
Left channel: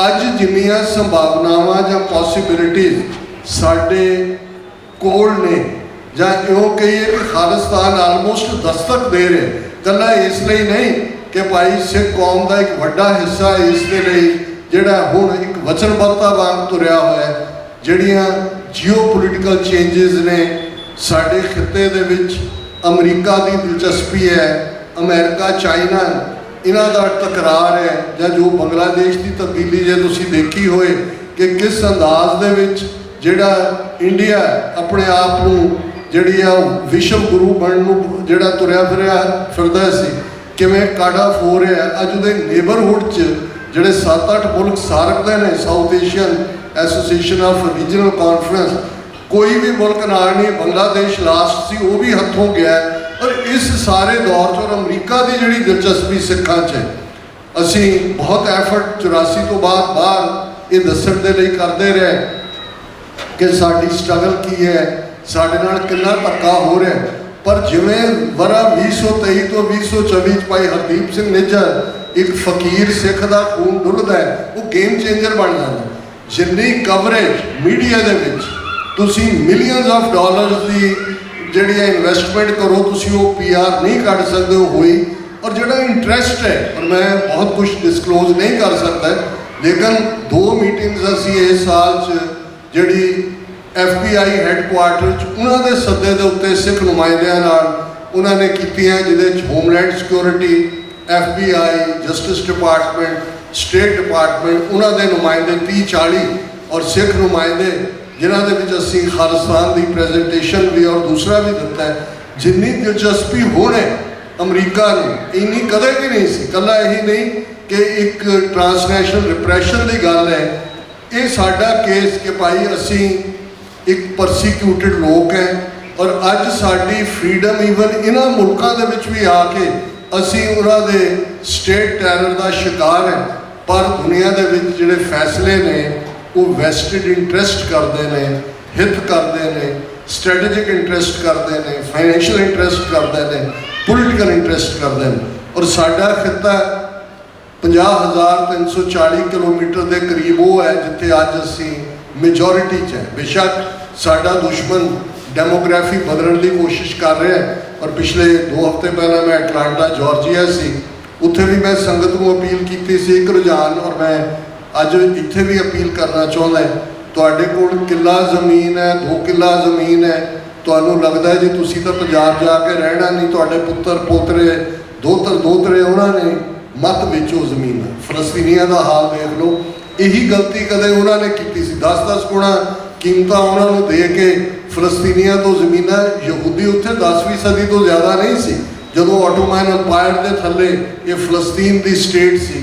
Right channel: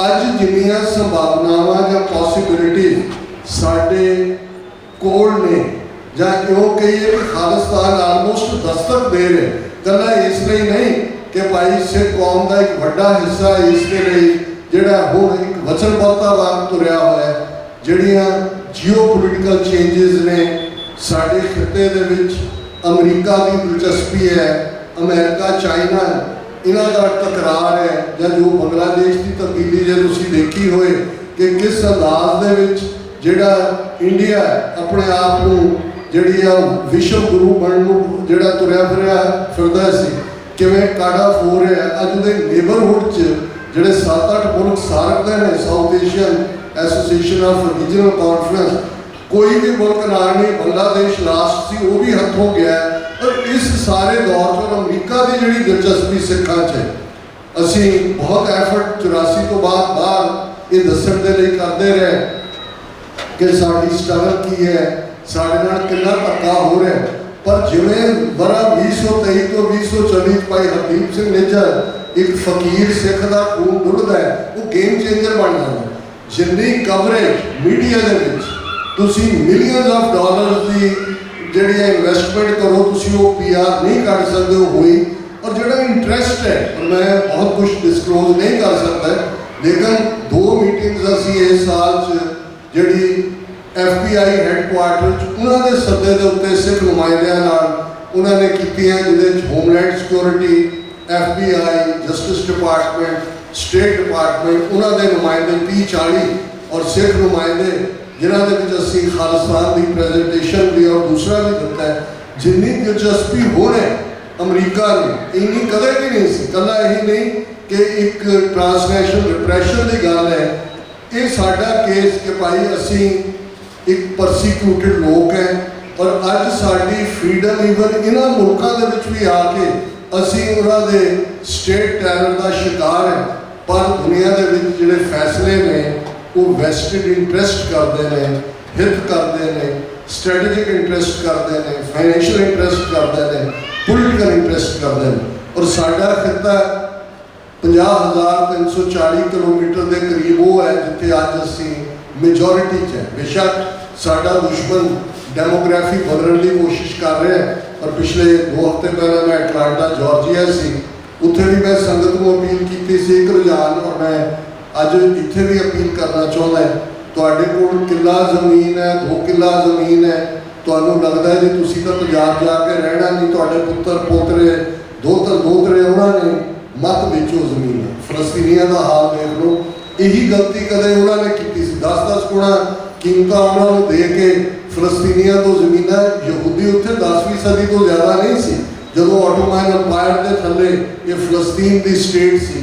ਅੱਜ ਜਿੰਨੀਆਂ ਸੰਭਾਵਨਾਵਾਂ ਜਾਂ ਪੋਸੀਬਿਲਿਟੀਜ਼ ਸਾਡੇ ਕੋਲ ਨੇ, ਜਾਂ ਇਉਂ ਕਹੀਏ ਕਿ ਖਾਲਿਸਤਾਨ ਆਲਮੋਸਟ ਦਸਤਕ ਦੇ ਰਹੇ, ਇਕੱਲਾ ਇਸ ਲਈ ਨਹੀਂ ਕਿ ਭਾਈ ਸਿੱਖ ਕੌਮ ਦਾ ਇੱਕ ਵੱਡਾ ਹਿੱਸਾ ਇਸ ਦੇ ਲਈ ਜਿਹੜਾ ਹੁਣ ਇੱਕ ਵਚਨਬੱਧਤਾ ਵਾਂਗ ਤੁਰਿਆ ਹੋਇਆ ਹੈ। ਜਿਹੜੀਆਂ ਜੀਓਪੋਲੀਟੀਕਲ ਚੇਂਜਸ ਨੇ ਸਾਡੇ ਖਿੱਤੇ ਦੇ ਵਿੱਚ, ਅਮਰੀਕਾ ਦੀ ਦਿਲਚਸਪੀ ਹੈ, ਅਮਰੀਕਾ ਚਾਈਨਾ ਇਹਨਾਂ ਦਾ ਟਕਰਾਰ ਹੈ, ਜਾਂ ਜੋ ਬੰਗਲਾਦੇਸ਼ ਦੀ ਤਬਦੀਲੀ ਜੇ ਤੁਸੀਂ ਦੇਖੀ ਹੋਏ ਕਿ ਕਿਸ ਅੰਦਾਜ਼ ਦੇ ਵਿੱਚ ਜਿਹੜਾ ਇੰਡੀਆ ਆਪਣੇ ਆਪ ਨੂੰ ਜਿਹੜੀ ਆ ਵਿਸ਼ਵ ਗੁਰੂ ਬਣਨ ਨੂੰ ਜਿਹੜਾ ਤੁਰਿਆ ਫਿਰਦਾ ਸੀ, ਕਿਵੇਂ ਕਾਢਾ ਫੋ ਰਿਹਾ। ਅੱਜ ਉਹਦੇ ਨੇਬਰਹੁੱਡ 'ਚ ਜਿਹੜੇ 7-8 ਮੁਲਕ ਸਾਰਕਦੇ ਨੇ, south Asian association of regional conference, ਕੋਈ ਵੀ ਮੁਲਕ ਨਾਲ ਨਹੀਂ। ਬੰਗਲਾਦੇਸ਼ ਲਾਸਟ ਸੀ, ਉਹ ਵੀ ਹੱਥੋਂ ਗਿਆ। ਔਰ ਇਸ ਸਾਰੇ ਦੌਰ 'ਚ ਅਮਰੀਕਾ ਦੀ ਜਿਹੜੀ ਦਿਲਚਸਪੀ ਸਿੱਖਾਂ 'ਚ ਹੈ, ਅਸੀਂ ਬਹੁਤ ਐਫਰਟ 84 ਤੋਂ ਬਾਅਦ ਇਹ ਦੱਸਣ ਦੇ ਲਈ ਕਰਦੇ ਰਹੇ ਕਿ ਸਾਡੀ ਸਟਰਗਲ ਕੀ ਹੈ, ਸਾਡੇ ਨਾਲ ਕਿੰਨਾ ਧੱਕਾ ਹੋ ਰਿਹਾ। ਪਰ ਜਿਵੇਂ ਵਰ੍ਹਾ 2023 ਤੋਂ 2024 'ਚ ਭਾਈ ਹਰਦੀਪ ਸਿੰਘ ਨਿੱਜਰ ਇੱਕ ਫਕੀਰ ਸਿੱਖ ਦਾ ਖੂਨ ਡੁੱਲਦਾ ਹੈ, ਉਹ ਗੇਮ ਚੇਂਜਰ ਬਣ ਜਾਂਦਾ। ਜਿੰਨੀ ਕਵਰੇਜ ਮੀਡੀਆ ਦੇ ਵਿੱਚ ਤੁਸੀਂ ਮਿਲੀਅਨਸ ਆਫ ਡਾਲਰਸ ਦੀ ਜਿਹੜੀ ਇਨਵੈਸਟਮੈਂਟ ਕਰੋ, ਤੁਸੀਂ ਉਹ PR ਨਹੀਂ ਕੱਢ ਸਕਦੇ ਹੋ ਹੋਈ। ਔਰ ਜਿਹੜਾ ਇੰਟਰਸਟ ਹੈ, ਔਰ ਮੈਂ ਬਹੁਤ ਕੁਝ ਡਿਸਕਲੋਜ਼ ਨਹੀਂ ਕਰ ਸਕਦਾ, ਲੇਕਿਨ 2 ਮੀਟਿੰਗਸ ਅਸੀਂ ਇਸ ਸਾਲ 'ਚ ਜਿਹੜੀ FBI ਹੈੱਡਕੁਆਰਟਰ 'ਚ ਉਹਨਾਂ ਦੇ ਸੱਦੇ ਦੇ ਉੱਤੇ ਸਿੱਖ ਨੁਮਾਇੰਦਿਆਂ ਨਾਲ ਉਹਨਾਂ ਨੇ ਕੀਤੀਆਂ, ਜਿਹਦੇ 'ਚ homeland security, FBI, justice department, state department, ਉਹਨਾਂ ਦੇ ਨੁਮਾਇੰਦੇ 30-40 ਔਰ ਸਿੱਖ ਨੁਮਾਇੰਦੇ, ਜਿਨ੍ਹਾਂ ਦੇ ਵਿੱਚ ਅਸੀਂ ਖਾਲਿਸਤਾਨ ਦੀ ਪ੍ਰੈਜੈਂਟੇਸ਼ਨ ਵੀ ਔਰ ਦੂਸਰਾ ਵੀ ਦਿੱਤਾ ਹੈ। ਜਿੰਨੀ ਦਿਲਚਸਪੀ ਹੁਣ ਹੈ ਅਮਰੀਕਾ ਨੂੰ, ਇੰਨੀ ਕਦੇ ਵੀ ਨਹੀਂ ਸੀ। ਇਕੱਲਾ ਇਹੀ ਨਹੀਂ ਕਿ ਇੱਕ ਟ੍ਰਾਂਸਨੈਸ਼ਨਲ ਰਿਪਰੈਸ਼ਨ ਦੀ ਗੱਲ ਹੈ, ਇਹ ਸਾਡਾ ਕੇਸ ਕਿ ਭਾਈ ਅਸੀਂ ਇੱਕ ਪਰਸੀਕਿਊਟਡ ਲੋਕ ਹੈ ਔਰ ਅੱਜ ਸਾਡੀ ਫਰੀडम ਈਵਨ ਇਹਨਾਂ ਮੁਲਕਾਂ ਦੇ ਵਿੱਚ ਵੀ ਆ ਕੇ ਅਸੀਂ ਉਹਨਾਂ ਦੇ ਸਟੇਟ ਟੈਰਰ ਦਾ ਸ਼ਿਕਾਰ ਹੈ। ਪਰ ਦੁਨੀਆ ਦੇ ਵਿੱਚ ਜਿਹੜੇ ਫੈਸਲੇ ਨੇ ਉਹ ਵੈਸਟਡ ਇੰਟਰਸਟ ਕਰਦੇ ਨੇ, ਹਿੱਤ ਕਰਦੇ ਨੇ, ਸਟ੍ਰੈਟੇਜਿਕ ਇੰਟਰਸਟ ਕਰਦੇ ਨੇ, ਫਾਈਨੈਂਸ਼ੀਅਲ ਇੰਟਰਸਟ ਕਰਦੇ ਨੇ, ਪੋਲੀਟੀਕਲ ਇੰਟਰਸਟ ਕਰਦੇ ਨੇ। ਔਰ ਸਾਡਾ ਖਿੱਤਾ 50,340 ਕਿਲੋਮੀਟਰ ਦੇ ਕਰੀਬ ਉਹ ਹੈ ਜਿੱਥੇ ਅੱਜ ਅਸੀਂ ਮੈਜੋਰਿਟੀ 'ਚ ਹੈ। ਬੇਸ਼ੱਕ ਸਾਡਾ ਦੁਸ਼ਮਣ ਡੈਮੋਗ੍ਰਾਫੀ ਬਦਲਣ ਦੀ ਕੋਸ਼ਿਸ਼ ਕਰ ਰਿਹਾ ਹੈ। ਔਰ ਪਿਛਲੇ 2 ਹਫ਼ਤੇ ਪਹਿਲਾਂ ਮੈਂ ਐਟਲਾਂਟਾ ਜਾਰਜੀਆ ਸੀ, ਉੱਥੇ ਵੀ ਮੈਂ ਸੰਗਤ ਨੂੰ ਅਪੀਲ ਕੀਤੀ ਸੀ ਇੱਕ ਰੁਝਾਨ, ਔਰ ਮੈਂ ਅੱਜ ਇੱਥੇ ਵੀ ਅਪੀਲ ਕਰਨਾ ਚਾਹੁੰਦਾ। ਤੁਹਾਡੇ ਕੋਲ ਕਿੱਲਾ ਜ਼ਮੀਨ ਹੈ, 2 ਕਿੱਲਾ ਜ਼ਮੀਨ ਹੈ, ਤੁਹਾਨੂੰ ਲੱਗਦਾ ਜੀ ਤੁਸੀਂ ਤਾਂ ਪੰਜਾਬ ਜਾ ਕੇ ਰਹਿਣਾ ਨਹੀਂ, ਤੁਹਾਡੇ ਪੁੱਤਰ ਪੋਤਰੇ ਦੋਤਰੇ ਉਹਨਾਂ ਨੇ ਮਤ ਵੇਚੋ ਜ਼ਮੀਨ। ਫਲਸਤੀਨੀਆਂ ਦਾ ਹਾਲ ਦੇਖ ਲਓ। ਇਹੀ ਗਲਤੀ ਕਦੇ ਉਹਨਾਂ ਨੇ ਕੀਤੀ ਸੀ। 10-10 ਗੁਣਾ ਕੀਮਤਾਂ ਉਹਨਾਂ ਨੂੰ ਦੇ ਕੇ ਫਲਸਤੀਨੀਆਂ ਤੋਂ ਜ਼ਮੀਨਾਂ, ਯਹੂਦੀ ਉੱਥੇ 10ਵੀਂ ਸਦੀ ਤੋਂ ਜ਼ਿਆਦਾ ਨਹੀਂ ਸੀ ਜਦੋਂ ਆਟੋਮਨ ਅੰਪਾਇਰ ਦੇ ਥੱਲੇ ਇਹ ਫਲਸਤੀਨ ਦੀ ਸਟੇਟ ਸੀ।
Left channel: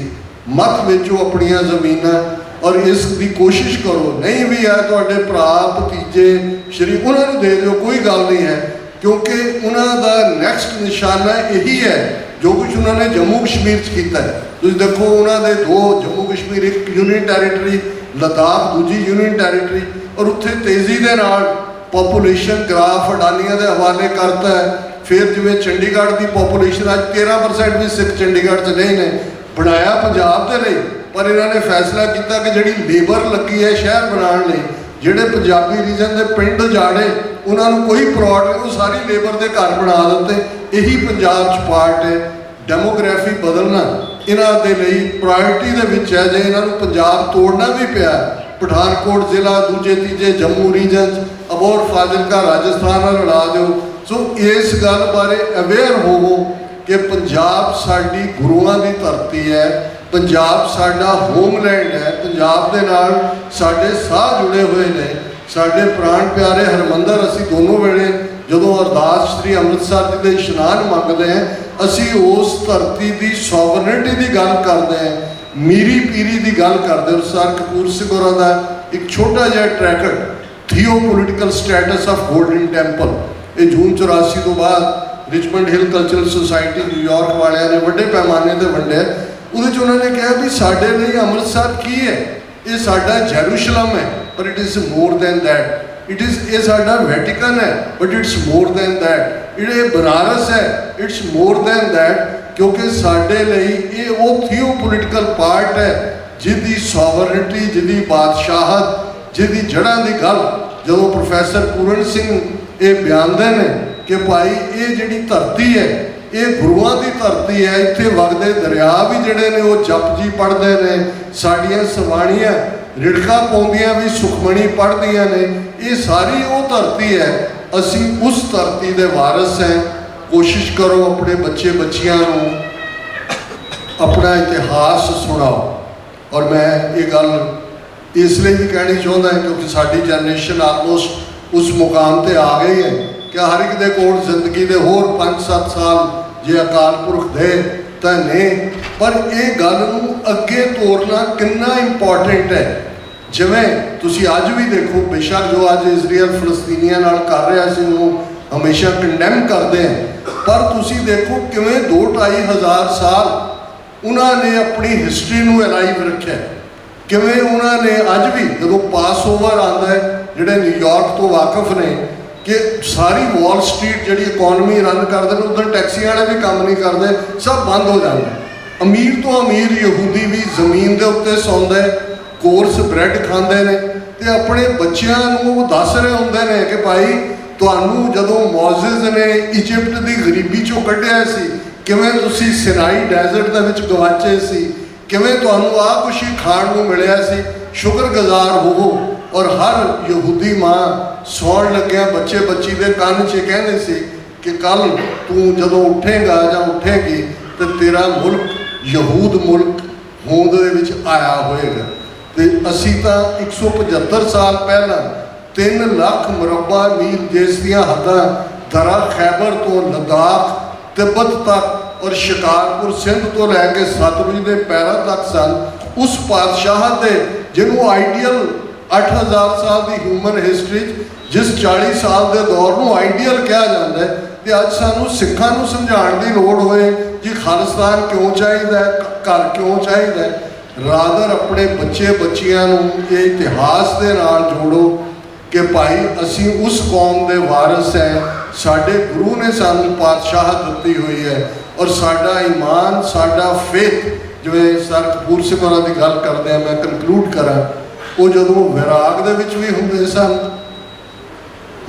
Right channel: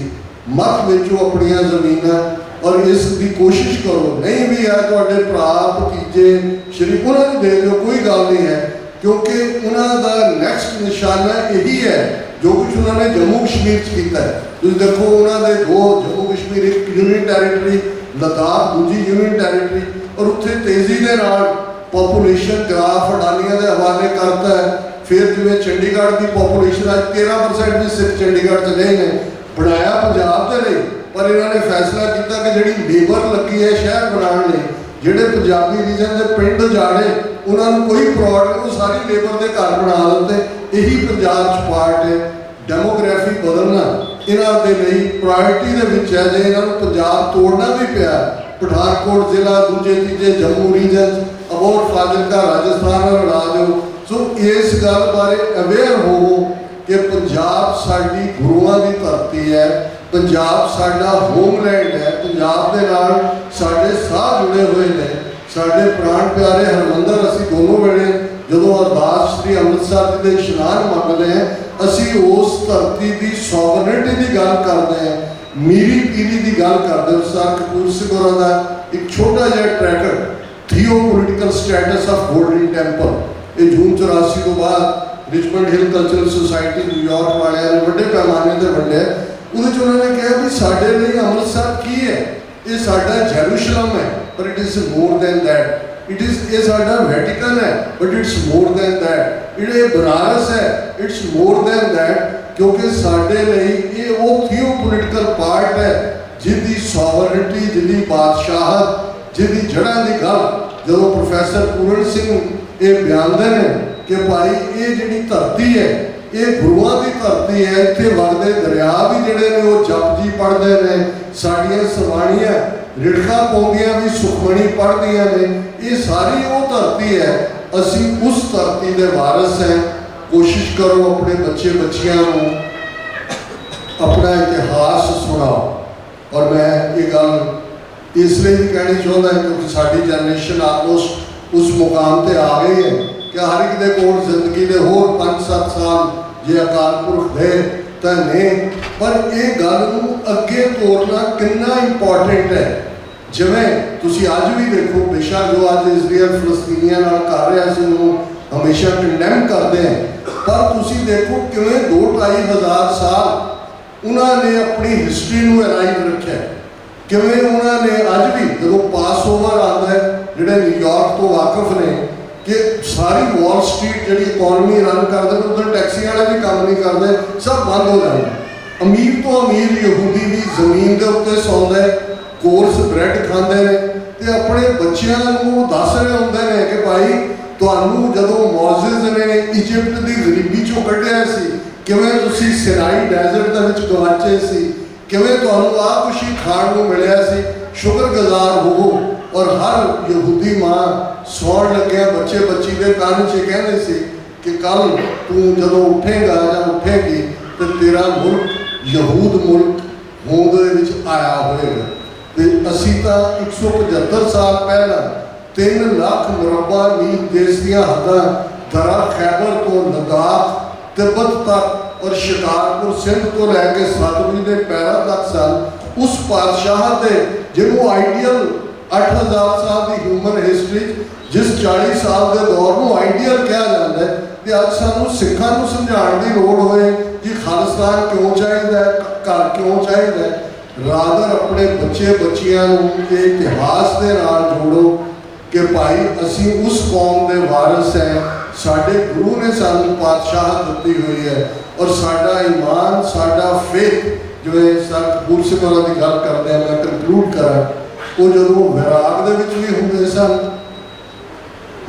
ਮਤ ਵੇਚੋ ਆਪਣੀਆਂ ਜ਼ਮੀਨਾਂ ਔਰ ਇਸ ਦੀ ਕੋਸ਼ਿਸ਼ ਕਰੋ। ਨਹੀਂ ਵੀ ਹੈ ਤੁਹਾਡੇ ਭਰਾ ਭਤੀਜੇ ਸ਼ਰੀਕ, ਉਹਨਾਂ ਨੂੰ ਦੇ ਦਿਓ, ਕੋਈ ਗੱਲ ਨਹੀਂ ਹੈ, ਕਿਉਂਕਿ ਉਹਨਾਂ ਦਾ ਨੈਕਸਟ ਨਿਸ਼ਾਨਾ ਇਹੀ ਹੈ ਜੋ ਕੁਝ ਉਹਨਾਂ ਨੇ ਜੰਮੂ ਕਸ਼ਮੀਰ 'ਚ ਕੀਤਾ ਹੈ। ਤੁਸੀਂ ਦੇਖੋ ਉਹਨਾਂ ਦੇ 2 ਜੰਮੂ ਕਸ਼ਮੀਰ, ਇੱਕ ਯੂਨੀਅਨ ਟੈਰੀਟਰੀ ਲੱਦਾਖ, ਦੂਜੀ ਯੂਨੀਅਨ ਟੈਰੀਟਰੀ, ਔਰ ਉੱਥੇ ਤੇਜ਼ੀ ਦੇ ਨਾਲ ਪੋਪੂਲੇਸ਼ਨ ਗ੍ਰਾਫ ਅਡਾਨੀਆਂ ਦੇ ਹਵਾਲੇ ਕਰਤਾ ਹੈ। ਫਿਰ ਜਿਵੇਂ ਚੰਡੀਗੜ੍ਹ ਦੀ ਪੋਪੂਲੇਸ਼ਨ ਅੱਜ 13% ਵੀ ਸਿੱਖ ਚੰਡੀਗੜ੍ਹ 'ਚ ਨਹੀਂ ਨੇ, ਬਣਾਇਆ ਪੰਜਾਬ ਦੇ ਲਈ, ਪਰ ਇਹਨਾਂ ਨੇ ਫੈਸਲਾ ਕੀਤਾ ਕਿ ਜਿਹੜੀ ਲੇਬਰ ਲੱਗੀ ਹੈ ਸ਼ਹਿਰ ਬਣਾਉਣ ਲਈ, ਜਿਹੜੇ ਪੰਜਾਬੀ ਰੀਜਨ ਦੇ ਪਿੰਡ ਜਾੜੇ ਉਹਨਾਂ ਨੂੰ ਕੋਈ ਪ੍ਰੋਡ ਨਹੀਂ, ਉਹ ਸਾਰੀ ਲੇਬਰ ਦੇ ਘਰ ਬਣਾ ਦਿੱਤੇ। ਇਹੀ ਪੰਜਾਬ 'ਚ ਪਾਰਟ ਹੈ। ਡੈਮੋਗ੍ਰਾਫੀ ਬਦਲਣਾ ਇਹਨਾਂ ਦੇ ਲਈ ਪ੍ਰਾਇੋਰਟੀ ਦੇ ਵਿੱਚ ਹੈ। ਜੇ ਇਹਨਾਂ ਨੂੰ ਪੰਜਾਬ ਤੋੜਨਾ ਵੀ ਪਿਆ, ਪਠਾਨਕੋਟ ਜ਼ਿਲ੍ਹਾ, ਦੂਜੇ ਤੀਜੇ ਜੰਮੂ ਰੀਜਨ, ਅਬੋਹਰ ਫਾਜ਼ਿਲਕਾ ਰਾਜਸਥਾਨ ਨਾਲ ਲੜਾ ਦਿਓ। ਸੋ ਇਸ ਗੱਲ ਬਾਰੇ ਅਵੇਅਰ ਹੋਵੋ ਕਿ ਪੰਜਾਬ ਸਾਡੀ ਗੁਰੂਆਂ ਦੀ ਧਰਤੀ ਹੈ, ਪੰਜਾਬ ਸਾਡਾ ਹੋਮਲੈਂਡ ਹੈ, ਪੰਜਾਬ ਦੇ ਨਾਲ ਸਾਡੇ ਸਾਹ ਜੁੜੇ ਹੋਏ ਨੇ। ਸਾਡੇ ਪ੍ਰਾਣ ਪਿਆਰੇ ਹਰਮੰਦਰ, ਅਸੀਂ ਦੋਨੋਂ ਵੇਲੇ ਜਦੋਂ ਅਰਦਾਸ ਸ੍ਰੀ ਅੰਮ੍ਰਿਤਸਰ ਜੀ ਦੇ ਇਸ਼ਨਾਨ ਮੰਗਦੇ ਹਾਂ, ਅਸੀਂ ਉਸ ਧਰਤੀ ਦੀ ਸੋਵਰਨਿਟੀ ਦੀ ਗੱਲ ਕਰਦੇ ਹਾਂ, ਮੀਰੀ ਪੀਰੀ ਦੀ ਗੱਲ ਕਰਦੇ ਹਾਂ। ਸਰ ਕਪੂਰ ਸਿੰਘ ਹੋਰਾਂ ਦਾ ਇੱਕ ਛੋਟਾ ਜਿਹਾ tracker, theopolitical status of Golden Temple, ਇਹ ਜੂਨ 84 ਤੋਂ ਬਾਅਦ Richmond Hill cultural society New York ਵਾਲਿਆਂ ਨੇ ਵੱਡੇ ਪੈਮਾਨੇ ਤੇ ਵੰਡਿਆ। ਉਹਦੇ 'ਚ ਉਹਨਾਂ ਨੇ ਕਿਹਾ ਵੀ ਸਾਡੇ ਲਈ ਅੰਮ੍ਰਿਤਸਰ ਕੀ ਹੈ? ਇਹ ਸਾਡਾ ਜੈਰੂਸ਼ਲਮ ਹੈ, ਪਰ it is more than that. ਇਹ ਸਾਡਾ ਵੈਟੀਕਨ ਹੈ, but it's more than that. ਇਹ ਬਨਾਰਸ ਹੈ, ਇਟਸ ਮੋਰ ਦੈਨ ਦੈਟ, ਕਿਉਂਕਿ ਸਾਡੇ ਲਈ ਇਹ ਉਹ ਥੀਓਪੋਲੀਟੀਕਲ ਪਾਰਟ ਹੈ ਜਿਹਦੀ ਸੋਵਰਨਿਟੀ, ਜਿਹਦੀ ਬਾਦਸ਼ਾਹਤ, ਜਿਹਦੀ ਜੜ੍ਹਾਂ ਦੀ ਗੱਲ ਜਦੋਂ ਪ੍ਰੋਫੈਸਰ ਪੂਰਨ ਸਿੰਘ ਇਹ ਬਿਆਨਦੇ ਨੇ ਕਿ ਭਾਈ ਇਹ ਜਿਹੜੀ ਧਰਤੀ ਹੈ ਇਹ ਗੁਰੂਆਂ ਦੀ ਧਰਤੀ ਹੈ। ਇੱਥੇ ਵਗਦੇ ਦਰਿਆ ਵੀ ਜਿਹੜੇ ਨੇ ਉਹ ਜਪਜੀ ਪੜ੍ਹਦੇ ਨੇ, ਸਾਡੀਆਂ ਸਵਾਣੀਆਂ ਰਿੜਕਾ ਪਾਉਂਦੀਆਂ ਵੀ ਸੁਖਮਣੀ ਪੜ੍ਹਦੀਆਂ ਨੇ। ਇਹ ਸਾਰੀ ਉਹ ਧਰਤੀ ਹੈ, ਅਸੀਂ ਉਸ ਧਰਤੀ ਦੇ ਵਾਰਿਸ ਹਾਂ। ਕੋਸ਼ਿਸ਼ ਕਰੋ ਆਪਣੇ ਬੱਚੇ ਬੱਚਿਆਂ ਨੂੰ ਆਪਣਾ ਇਤਿਹਾਸ ਸੁਣਾਓ। ਔਰ ਮੈਂ ਇਹ ਗੱਲ ਇਸ ਲਈ ਵੀ ਕਹਿਣੀ ਚਾਹੁੰਦਾ ਕਿਉਂਕਿ ਸਾਡੀ ਜਨਰੇਸ਼ਨ ਆਲਮੋਸਟ ਉਸ ਮੁਕਾਮ ਤੇ ਆ ਗਈ ਹੈ ਕਿ ਹਰ ਇੱਕ ਦੇ ਕੋਲ ਜ਼ਿੰਦਗੀ ਦੇ ਹੋਰ 5-7 ਸਾਲ ਜੇ ਅਕਾਲ ਪੁਰਖ ਦੇ ਤਾਂ ਨੇ, ਪਰ ਇਹ ਗੱਲ ਨੂੰ ਅੱਗੇ ਤੋਰਨਾ ਕਿੰਨਾ ਇੰਪੋਰਟੈਂਟ ਹੈ। ਜਿਵੇਂ ਤੁਸੀਂ ਅੱਜ ਵੀ ਦੇਖੋ, ਬੇਸ਼ੱਕ ਜੋ ਅੱਜ ਇਜ਼ਰਾਈਲ ਫਲਸਤੀਨੀਆਂ ਨਾਲ ਕਰ ਰਿਹਾ ਸੀ ਉਹਨੂੰ ਹਮੇਸ਼ਾ ਕੰਡੈਮ ਕਰਦੇ ਹੈ, ਪਰ ਤੁਸੀਂ ਦੇਖੋ ਕਿਵੇਂ 2-2.5 ਹਜ਼ਾਰ ਸਾਲ ਉਹਨਾਂ ਨੇ ਆਪਣੀ ਹਿਸਟਰੀ ਨੂੰ ਅਲਾਈਵ ਰੱਖਿਆ। ਕਿਵੇਂ ਉਹਨਾਂ ਨੇ ਅੱਜ ਵੀ ਜਦੋਂ ਪਾਸ ਓਵਰ ਆਉਂਦਾ ਹੈ, ਜਿਹੜੇ ਨਿਊਯਾਰਕ ਤੋਂ ਵਾਕਿਫ ਨੇ ਕਿ ਸਾਰੀ ਵਾਲ ਸਟਰੀਟ ਜਿਹੜੀ ਇਕੋਨਮੀ ਰਨ ਕਰਦੇ ਨੇ, ਉੱਧਰ ਟੈਕਸੀ ਵਾਲੇ ਵੀ ਕੰਮ ਨਹੀਂ ਕਰਦੇ, ਸਭ ਬੰਦ ਹੋ ਜਾਂਦਾ। ਅਮੀਰ ਤੋਂ ਅਮੀਰ ਯਹੂਦੀ ਵੀ ਜ਼ਮੀਨ ਦੇ ਉੱਤੇ ਸੌਂਦਾ ਹੈ, ਕੋਰਸ ਬ੍ਰੈਡ ਖਾਂਦੇ ਨੇ ਤੇ ਆਪਣੇ ਬੱਚਿਆਂ ਨੂੰ ਦੱਸ ਰਹੇ ਹੁੰਦੇ ਨੇ ਕਿ ਭਾਈ ਤੁਹਾਨੂੰ ਜਦੋਂ ਮੌਜ਼ਿਜ਼ ਨੇ ਇਜਿਪਟ ਦੀ ਗਰੀਬੀ ਚੋਂ ਕੱਢਿਆ ਸੀ, ਕਿਵੇਂ ਤੁਸੀਂ ਸਿਨਾਈ ਡੈਜ਼ਰਟ ਦੇ ਵਿੱਚ ਗਵਾਚੇ ਸੀ, ਕਿਵੇਂ ਤੁਹਾਨੂੰ ਆਹ ਕੁਛ ਹੀ ਖਾਣ ਨੂੰ ਮਿਲਿਆ ਸੀ, ਸ਼ੁਕਰਗੁਜ਼ਾਰ ਹੋਵੋ। ਔਰ ਹਰ ਯਹੂਦੀ ਮਾਂ ਸੌਣ ਲੱਗਿਆ ਬੱਚੇ ਬੱਚੀ ਦੇ ਕੰਨ 'ਚ ਕਹਿੰਦੇ ਸੀ ਕਿ ਕੱਲ ਤੂੰ ਜਦੋਂ ਉੱਠੇਗਾ ਜਾਂ ਉੱਠੇਗੀ ਤੇ ਤੇਰਾ ਮੁਲਕ ਯਹੂਦ ਮੁਲਕ ਹੋਂਦ ਦੇ ਵਿੱਚ ਆਇਆ ਹੋਏਗਾ। ਤੇ ਅਸੀਂ ਤਾਂ 175 ਸਾਲ ਪਹਿਲਾਂ 3 ਲੱਖ ਮੁਰੱਬਾ ਮੀਲ ਦੇਸ਼ ਦੀਆਂ ਹੱਦਾਂ ਦਰਾ ਖੈਬਰ ਤੋਂ ਲਦਾਖ ਤਿੱਬਤ ਤੱਕ ਔਰ ਸ਼ਿਕਾਰਪੁਰ ਸਿੰਧ ਤੋਂ ਲੈ ਕੇ ਸਤਲੁਜ ਦੇ ਪੈਰਾਂ ਤੱਕ ਸਨ। ਉਸ ਪਾਤਸ਼ਾਹ ਦੇ ਜਿਹਨੂੰ ਆਈਡੀਅਲ 8000 ਸਾਲ ਦੀ ਹਿਊਮਨ ਹਿਸਟਰੀ ਜਿਸ 40 ਸਾਲ ਦੇ ਦੌਰ ਨੂੰ ਆਈਡੀਅਲ ਕਿਹਾ ਜਾਂਦਾ ਹੈ, ਤੇ ਅੱਜ ਸਾਨੂੰ ਸਿੱਖਾਂ ਨੂੰ ਸਮਝਾਉਣ ਦੀ ਲੋੜ ਹੋਏ ਜੀ ਖਾਲਿਸਤਾਨ ਕਿਉਂ ਚਾਹੀਦਾ ਹੈ, ਘਰ ਕਿਉਂ ਚਾਹੀਦਾ ਹੈ। ਰਾਦਰ ਆਪਣੇ ਬੱਚੇ ਬੱਚਿਆਂ ਨੂੰ ਇਹ ਇਤਿਹਾਸ ਦੇ ਨਾਲ ਜੋੜੋ ਕਿ ਭਾਈ ਅਸੀਂ ਉਸ ਕੌਮ ਦੇ ਵਾਰਿਸ ਹੈ, ਸਾਡੇ ਗੁਰੂ ਨੇ ਸਾਨੂੰ ਪਾਤਸ਼ਾਹ ਦਿੱਤੀ ਹੋਈ ਹੈ। ਔਰ ਸਾਡਾ ਈਮਾਨ, ਸਾਡਾ ਫੇਥ, ਜਿਵੇਂ ਸਰ ਕਪੂਰ ਸਿੰਘ ਹੋਰਾਂ ਦੀ ਗੱਲ ਕਰਦੇ ਆ, ਮੈਂ ਕੰਕਲੂਡ ਕਰਾਂ, ਉਹ ਜਦੋਂ ਵਿਰਾਗ ਦੇ ਵਿੱਚ ਵੀ ਹੁੰਦੇ ਸਨ,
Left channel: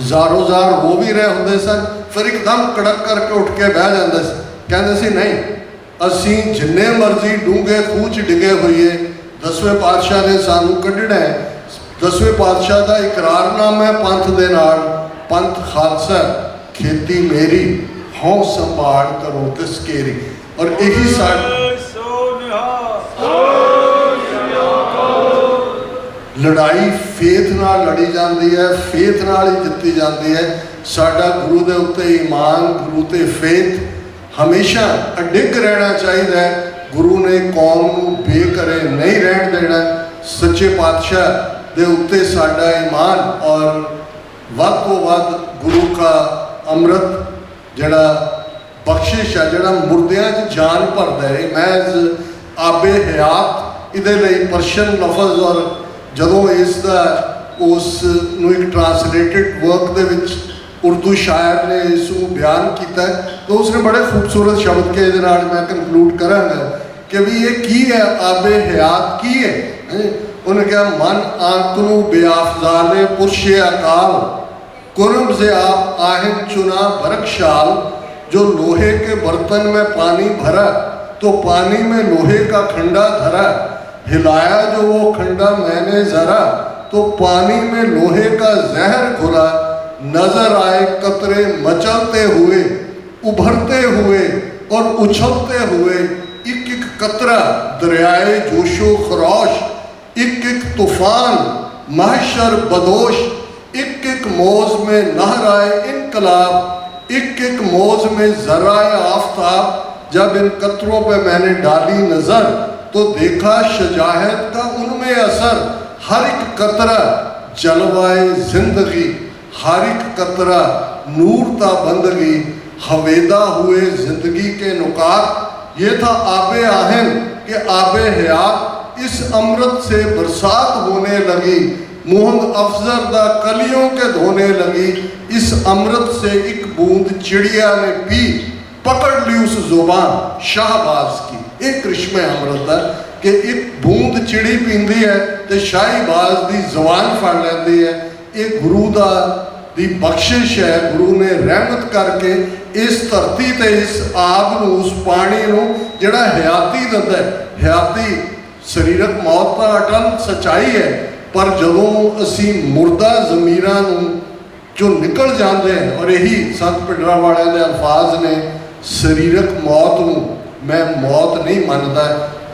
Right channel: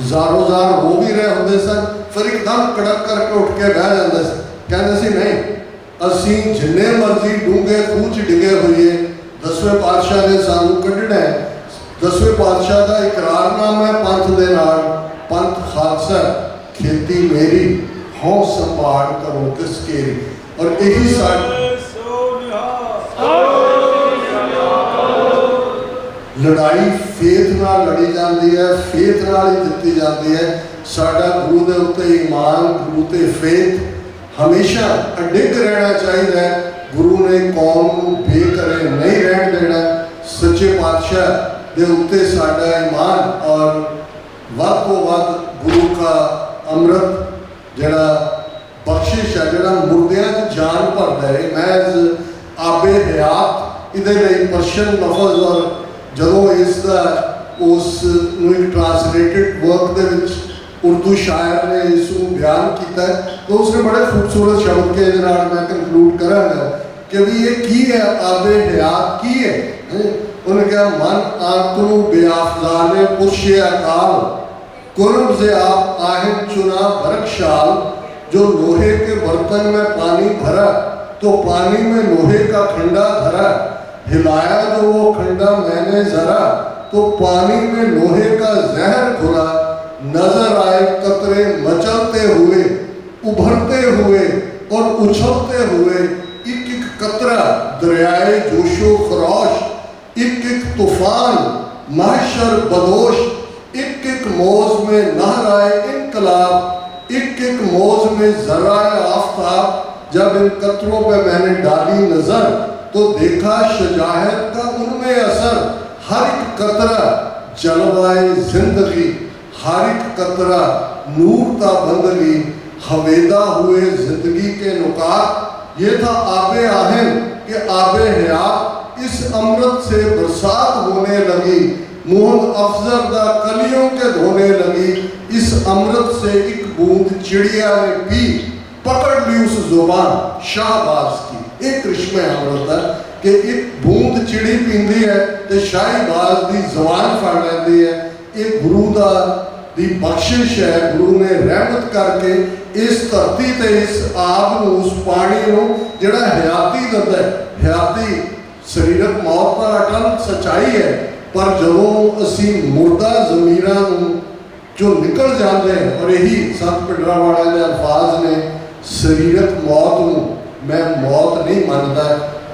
ਜ਼ਾਰੋ ਜ਼ਾਰ ਹੋ ਵੀ ਰਹੇ ਹੁੰਦੇ ਸਨ, ਫਿਰ ਇੱਕਦਮ ਕੜਕ ਕਰਕੇ ਉੱਠ ਕੇ ਬਹਿ ਜਾਂਦੇ ਸੀ, ਕਹਿੰਦੇ ਸੀ ਨਹੀਂ ਅਸੀਂ ਜਿੰਨੇ ਮਰਜ਼ੀ ਡੂੰਘੇ ਖੂਹ 'ਚ ਡਿੱਗੇ ਹੋਈਏ, 10ਵੇਂ ਪਾਤਸ਼ਾਹ ਨੇ ਸਾਨੂੰ ਕੱਢਣਾ ਹੈ। 10ਵੇਂ ਪਾਤਸ਼ਾਹ ਦਾ ਇਕਰਾਰਨਾਮਾ ਹੈ ਪੰਥ ਦੇ ਨਾਲ, ਪੰਥ ਖਾਲਸਾ ਖੇਤੀ ਮੇਰੀ ਹਉ ਸੰਭਾਲ ਕਰੋ ਤਿਸ ਕੇਰੀ। ਔਰ ਇਹੀ ਸਾਡੀ ਲੜਾਈ ਫੇਥ ਨਾਲ ਲੜੀ ਜਾਂਦੀ ਹੈ, ਫੇਥ ਨਾਲ ਹੀ ਜਿੱਤੀ ਜਾਂਦੀ ਹੈ। ਸਾਡਾ ਗੁਰੂ ਦੇ ਉੱਤੇ ਈਮਾਨ, ਗੁਰੂ ਤੇ ਫੇਥ ਹਮੇਸ਼ਾ ਅਡਿੱਗ ਰਹਿਣਾ ਚਾਹੀਦਾ ਹੈ। ਗੁਰੂ ਨੇ ਕੌਮ ਨੂੰ ਬੇਘਰੇ ਨਹੀਂ ਰਹਿਣ ਦੇਣਾ। ਸੱਚੇ ਪਾਤਸ਼ਾਹ ਦੇ ਉੱਤੇ ਸਾਡਾ ਈਮਾਨ ਔਰ ਵੱਧ ਤੋਂ ਵੱਧ ਗੁਰੂ ਦਾ ਅੰਮ੍ਰਿਤ ਜਿਹੜਾ ਬਖਸ਼ਿਸ਼ ਹੈ, ਜਿਹੜਾ ਮੁਰਦਿਆਂ 'ਚ ਜਾਨ ਭਰਦਾ ਹੈ, ਮੈਂ ਆਬੇ ਹਯਾਤ ਇਹਦੇ ਲਈ ਪਰਸ਼ੀਅਨ ਲਫ਼ਜ਼, ਔਰ ਜਦੋਂ ਇਸ ਦਾ ਉਸ ਨੂੰ ਇੱਕ ਟਰਾਂਸਲੇਟਡ ਵਰਕ ਦੇ ਵਿੱਚ ਉਰਦੂ ਸ਼ਾਇਰ ਨੇ ਇਸ ਨੂੰ ਬਿਆਨ ਕੀਤਾ ਤਾਂ ਉਸਨੇ ਬੜੇ ਖੂਬਸੂਰਤ ਸ਼ਬਦ ਕੇ ਇਹਦੇ ਨਾਲ ਮੈਂ ਕੰਕਲੂਡ ਕਰਾਂਗਾ ਕਿ ਵੀ ਇਹ ਕੀ ਹੈ, ਆਬੇ ਹਯਾਤ ਕੀ ਹੈ। ਉਹਨੇ ਕਿਹਾ ਮਨ ਆਤਰੂ ਬੇਆਫਜ਼ਾਲੇ ਪੁਰਸ਼ੇ ਅਕਾਲ कुर्ब से आप आहें चुना बरकशाल, जो लोहे के बर्तन में पानी भरा तो पानी में लोहे का खंडा धरा, हिलाया जो वो खंडा मैंने जरा तो पानी में लोहे का जहर घुला, नजर आए कतरे मचलते हुए उभरते हुए और उछलते हुए, एक एक कतरा दरियाए जोशो खरोश, एक एक तूफान महशर बदोश, एक एक मौज में नहराए इनकलाब, एक एक मौज में जराए आफ्ताब। जब इन कतरों पे मैंने डाली नजर तो देखा शजाहत का उनमें असर, हर एक कतरा जलवाए जिंदगी, हर एक कतरा नूर ता बंदगी, हवेदा हुए जिंदगी के नुकात। ये था आबे आहन के आबे हयात, इस अमृत से बरसात होने लगी, मोहम्मद अफजल दा कलियों के धोने लगी। इस अमृत से एक बूंद चिड़िया ने पी, पकड़ ली उस जुबान शाहबाज की। एक कृष्ण अमृत है कि एक बूंद चिड़ी पींदी है तो शाहीबाज की जुबान फड़ लेंदी है। एक गुरु का ਦੀ ਬਖਸ਼ਿਸ਼ ਹੈ। ਗੁਰੂ ਨੇ ਰਹਿਮਤ ਕਰਕੇ ਇਸ ਧਰਤੀ ਤੇ ਇਸ ਆਗ ਨੂੰ, ਉਸ ਪਾਣੀ ਨੂੰ ਜਿਹੜਾ ਹਯਾਤੀ ਦਿੰਦਾ ਹੈ, ਹਯਾਤੀ ਸਰੀਰਕ ਮੌਤ ਤਾਂ ਅਟਲ ਸੱਚਾਈ ਹੈ, ਪਰ ਜਦੋਂ ਅਸੀਂ ਮੁਰਦਾ ਜ਼ਮੀਰਾਂ ਨੂੰ ਜੋ ਨਿਕਲ ਜਾਂਦੇ ਹਨ, ਔਰ ਇਹੀ ਸੰਤ ਭਿੰਡਰਾਂਵਾਲਿਆਂ ਦੇ ਅਲਫਾਜ਼ ਨੇ, ਸਰੀਰਕ ਮੌਤ ਨੂੰ ਮੈਂ ਮੌਤ ਨਹੀਂ ਮੰਨਦਾ,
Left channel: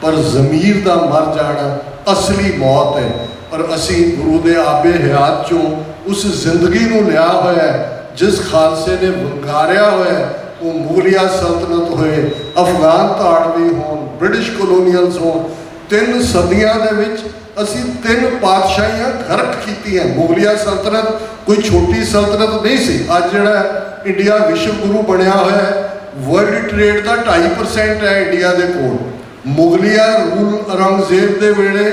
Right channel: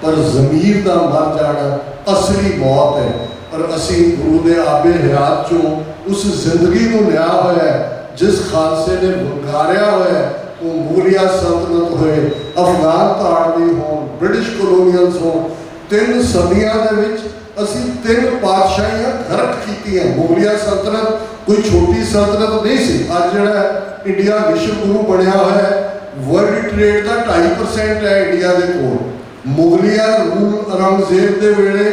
ਪਰ ਜ਼ਮੀਰ ਦਾ ਮਰ ਜਾਣਾ ਅਸਲੀ ਮੌਤ ਹੈ। ਔਰ ਅਸੀਂ ਗੁਰੂ ਦੇ ਆਬੇ ਹਯਾਤ ਚੋਂ ਉਸ ਜ਼ਿੰਦਗੀ ਨੂੰ ਲਿਆ ਹੋਇਆ ਹੈ ਜਿਸ ਖਾਲਸੇ ਨੇ ਵੰਗਾਰਿਆ ਹੋਇਆ ਹੈ। ਉਹ ਮੁਗਲਿਆ ਸਲਤਨਤ ਹੋਏ, ਅਫਗਾਨ ਧਾੜਵੀ ਹੋਣ, ਬ੍ਰਿਟਿਸ਼ ਕਲੋਨੀਅਲਸ ਹੋਣ, 3 ਸਦੀਆਂ ਦੇ ਵਿੱਚ ਅਸੀਂ 3 ਪਾਤਸ਼ਾਹੀਆਂ ਗਰਕ ਕੀਤੀਆਂ। ਮੁਗਲਿਆ ਸਲਤਨਤ ਕੋਈ ਛੋਟੀ ਸਲਤਨਤ ਨਹੀਂ ਸੀ। ਅੱਜ ਜਿਹੜਾ ਇੰਡੀਆ ਵਿਸ਼ਵ ਗੁਰੂ ਬਣਿਆ ਹੋਇਆ ਹੈ, ਵਰਲਡ ਟ੍ਰੇਡ ਦਾ 2.5% ਹੈ ਇੰਡੀਆ ਦੇ ਕੋਲ। ਮੁਗਲਿਆ ਰੂਲ ਔਰੰਗਜ਼ੇਬ ਦੇ ਵੇਲੇ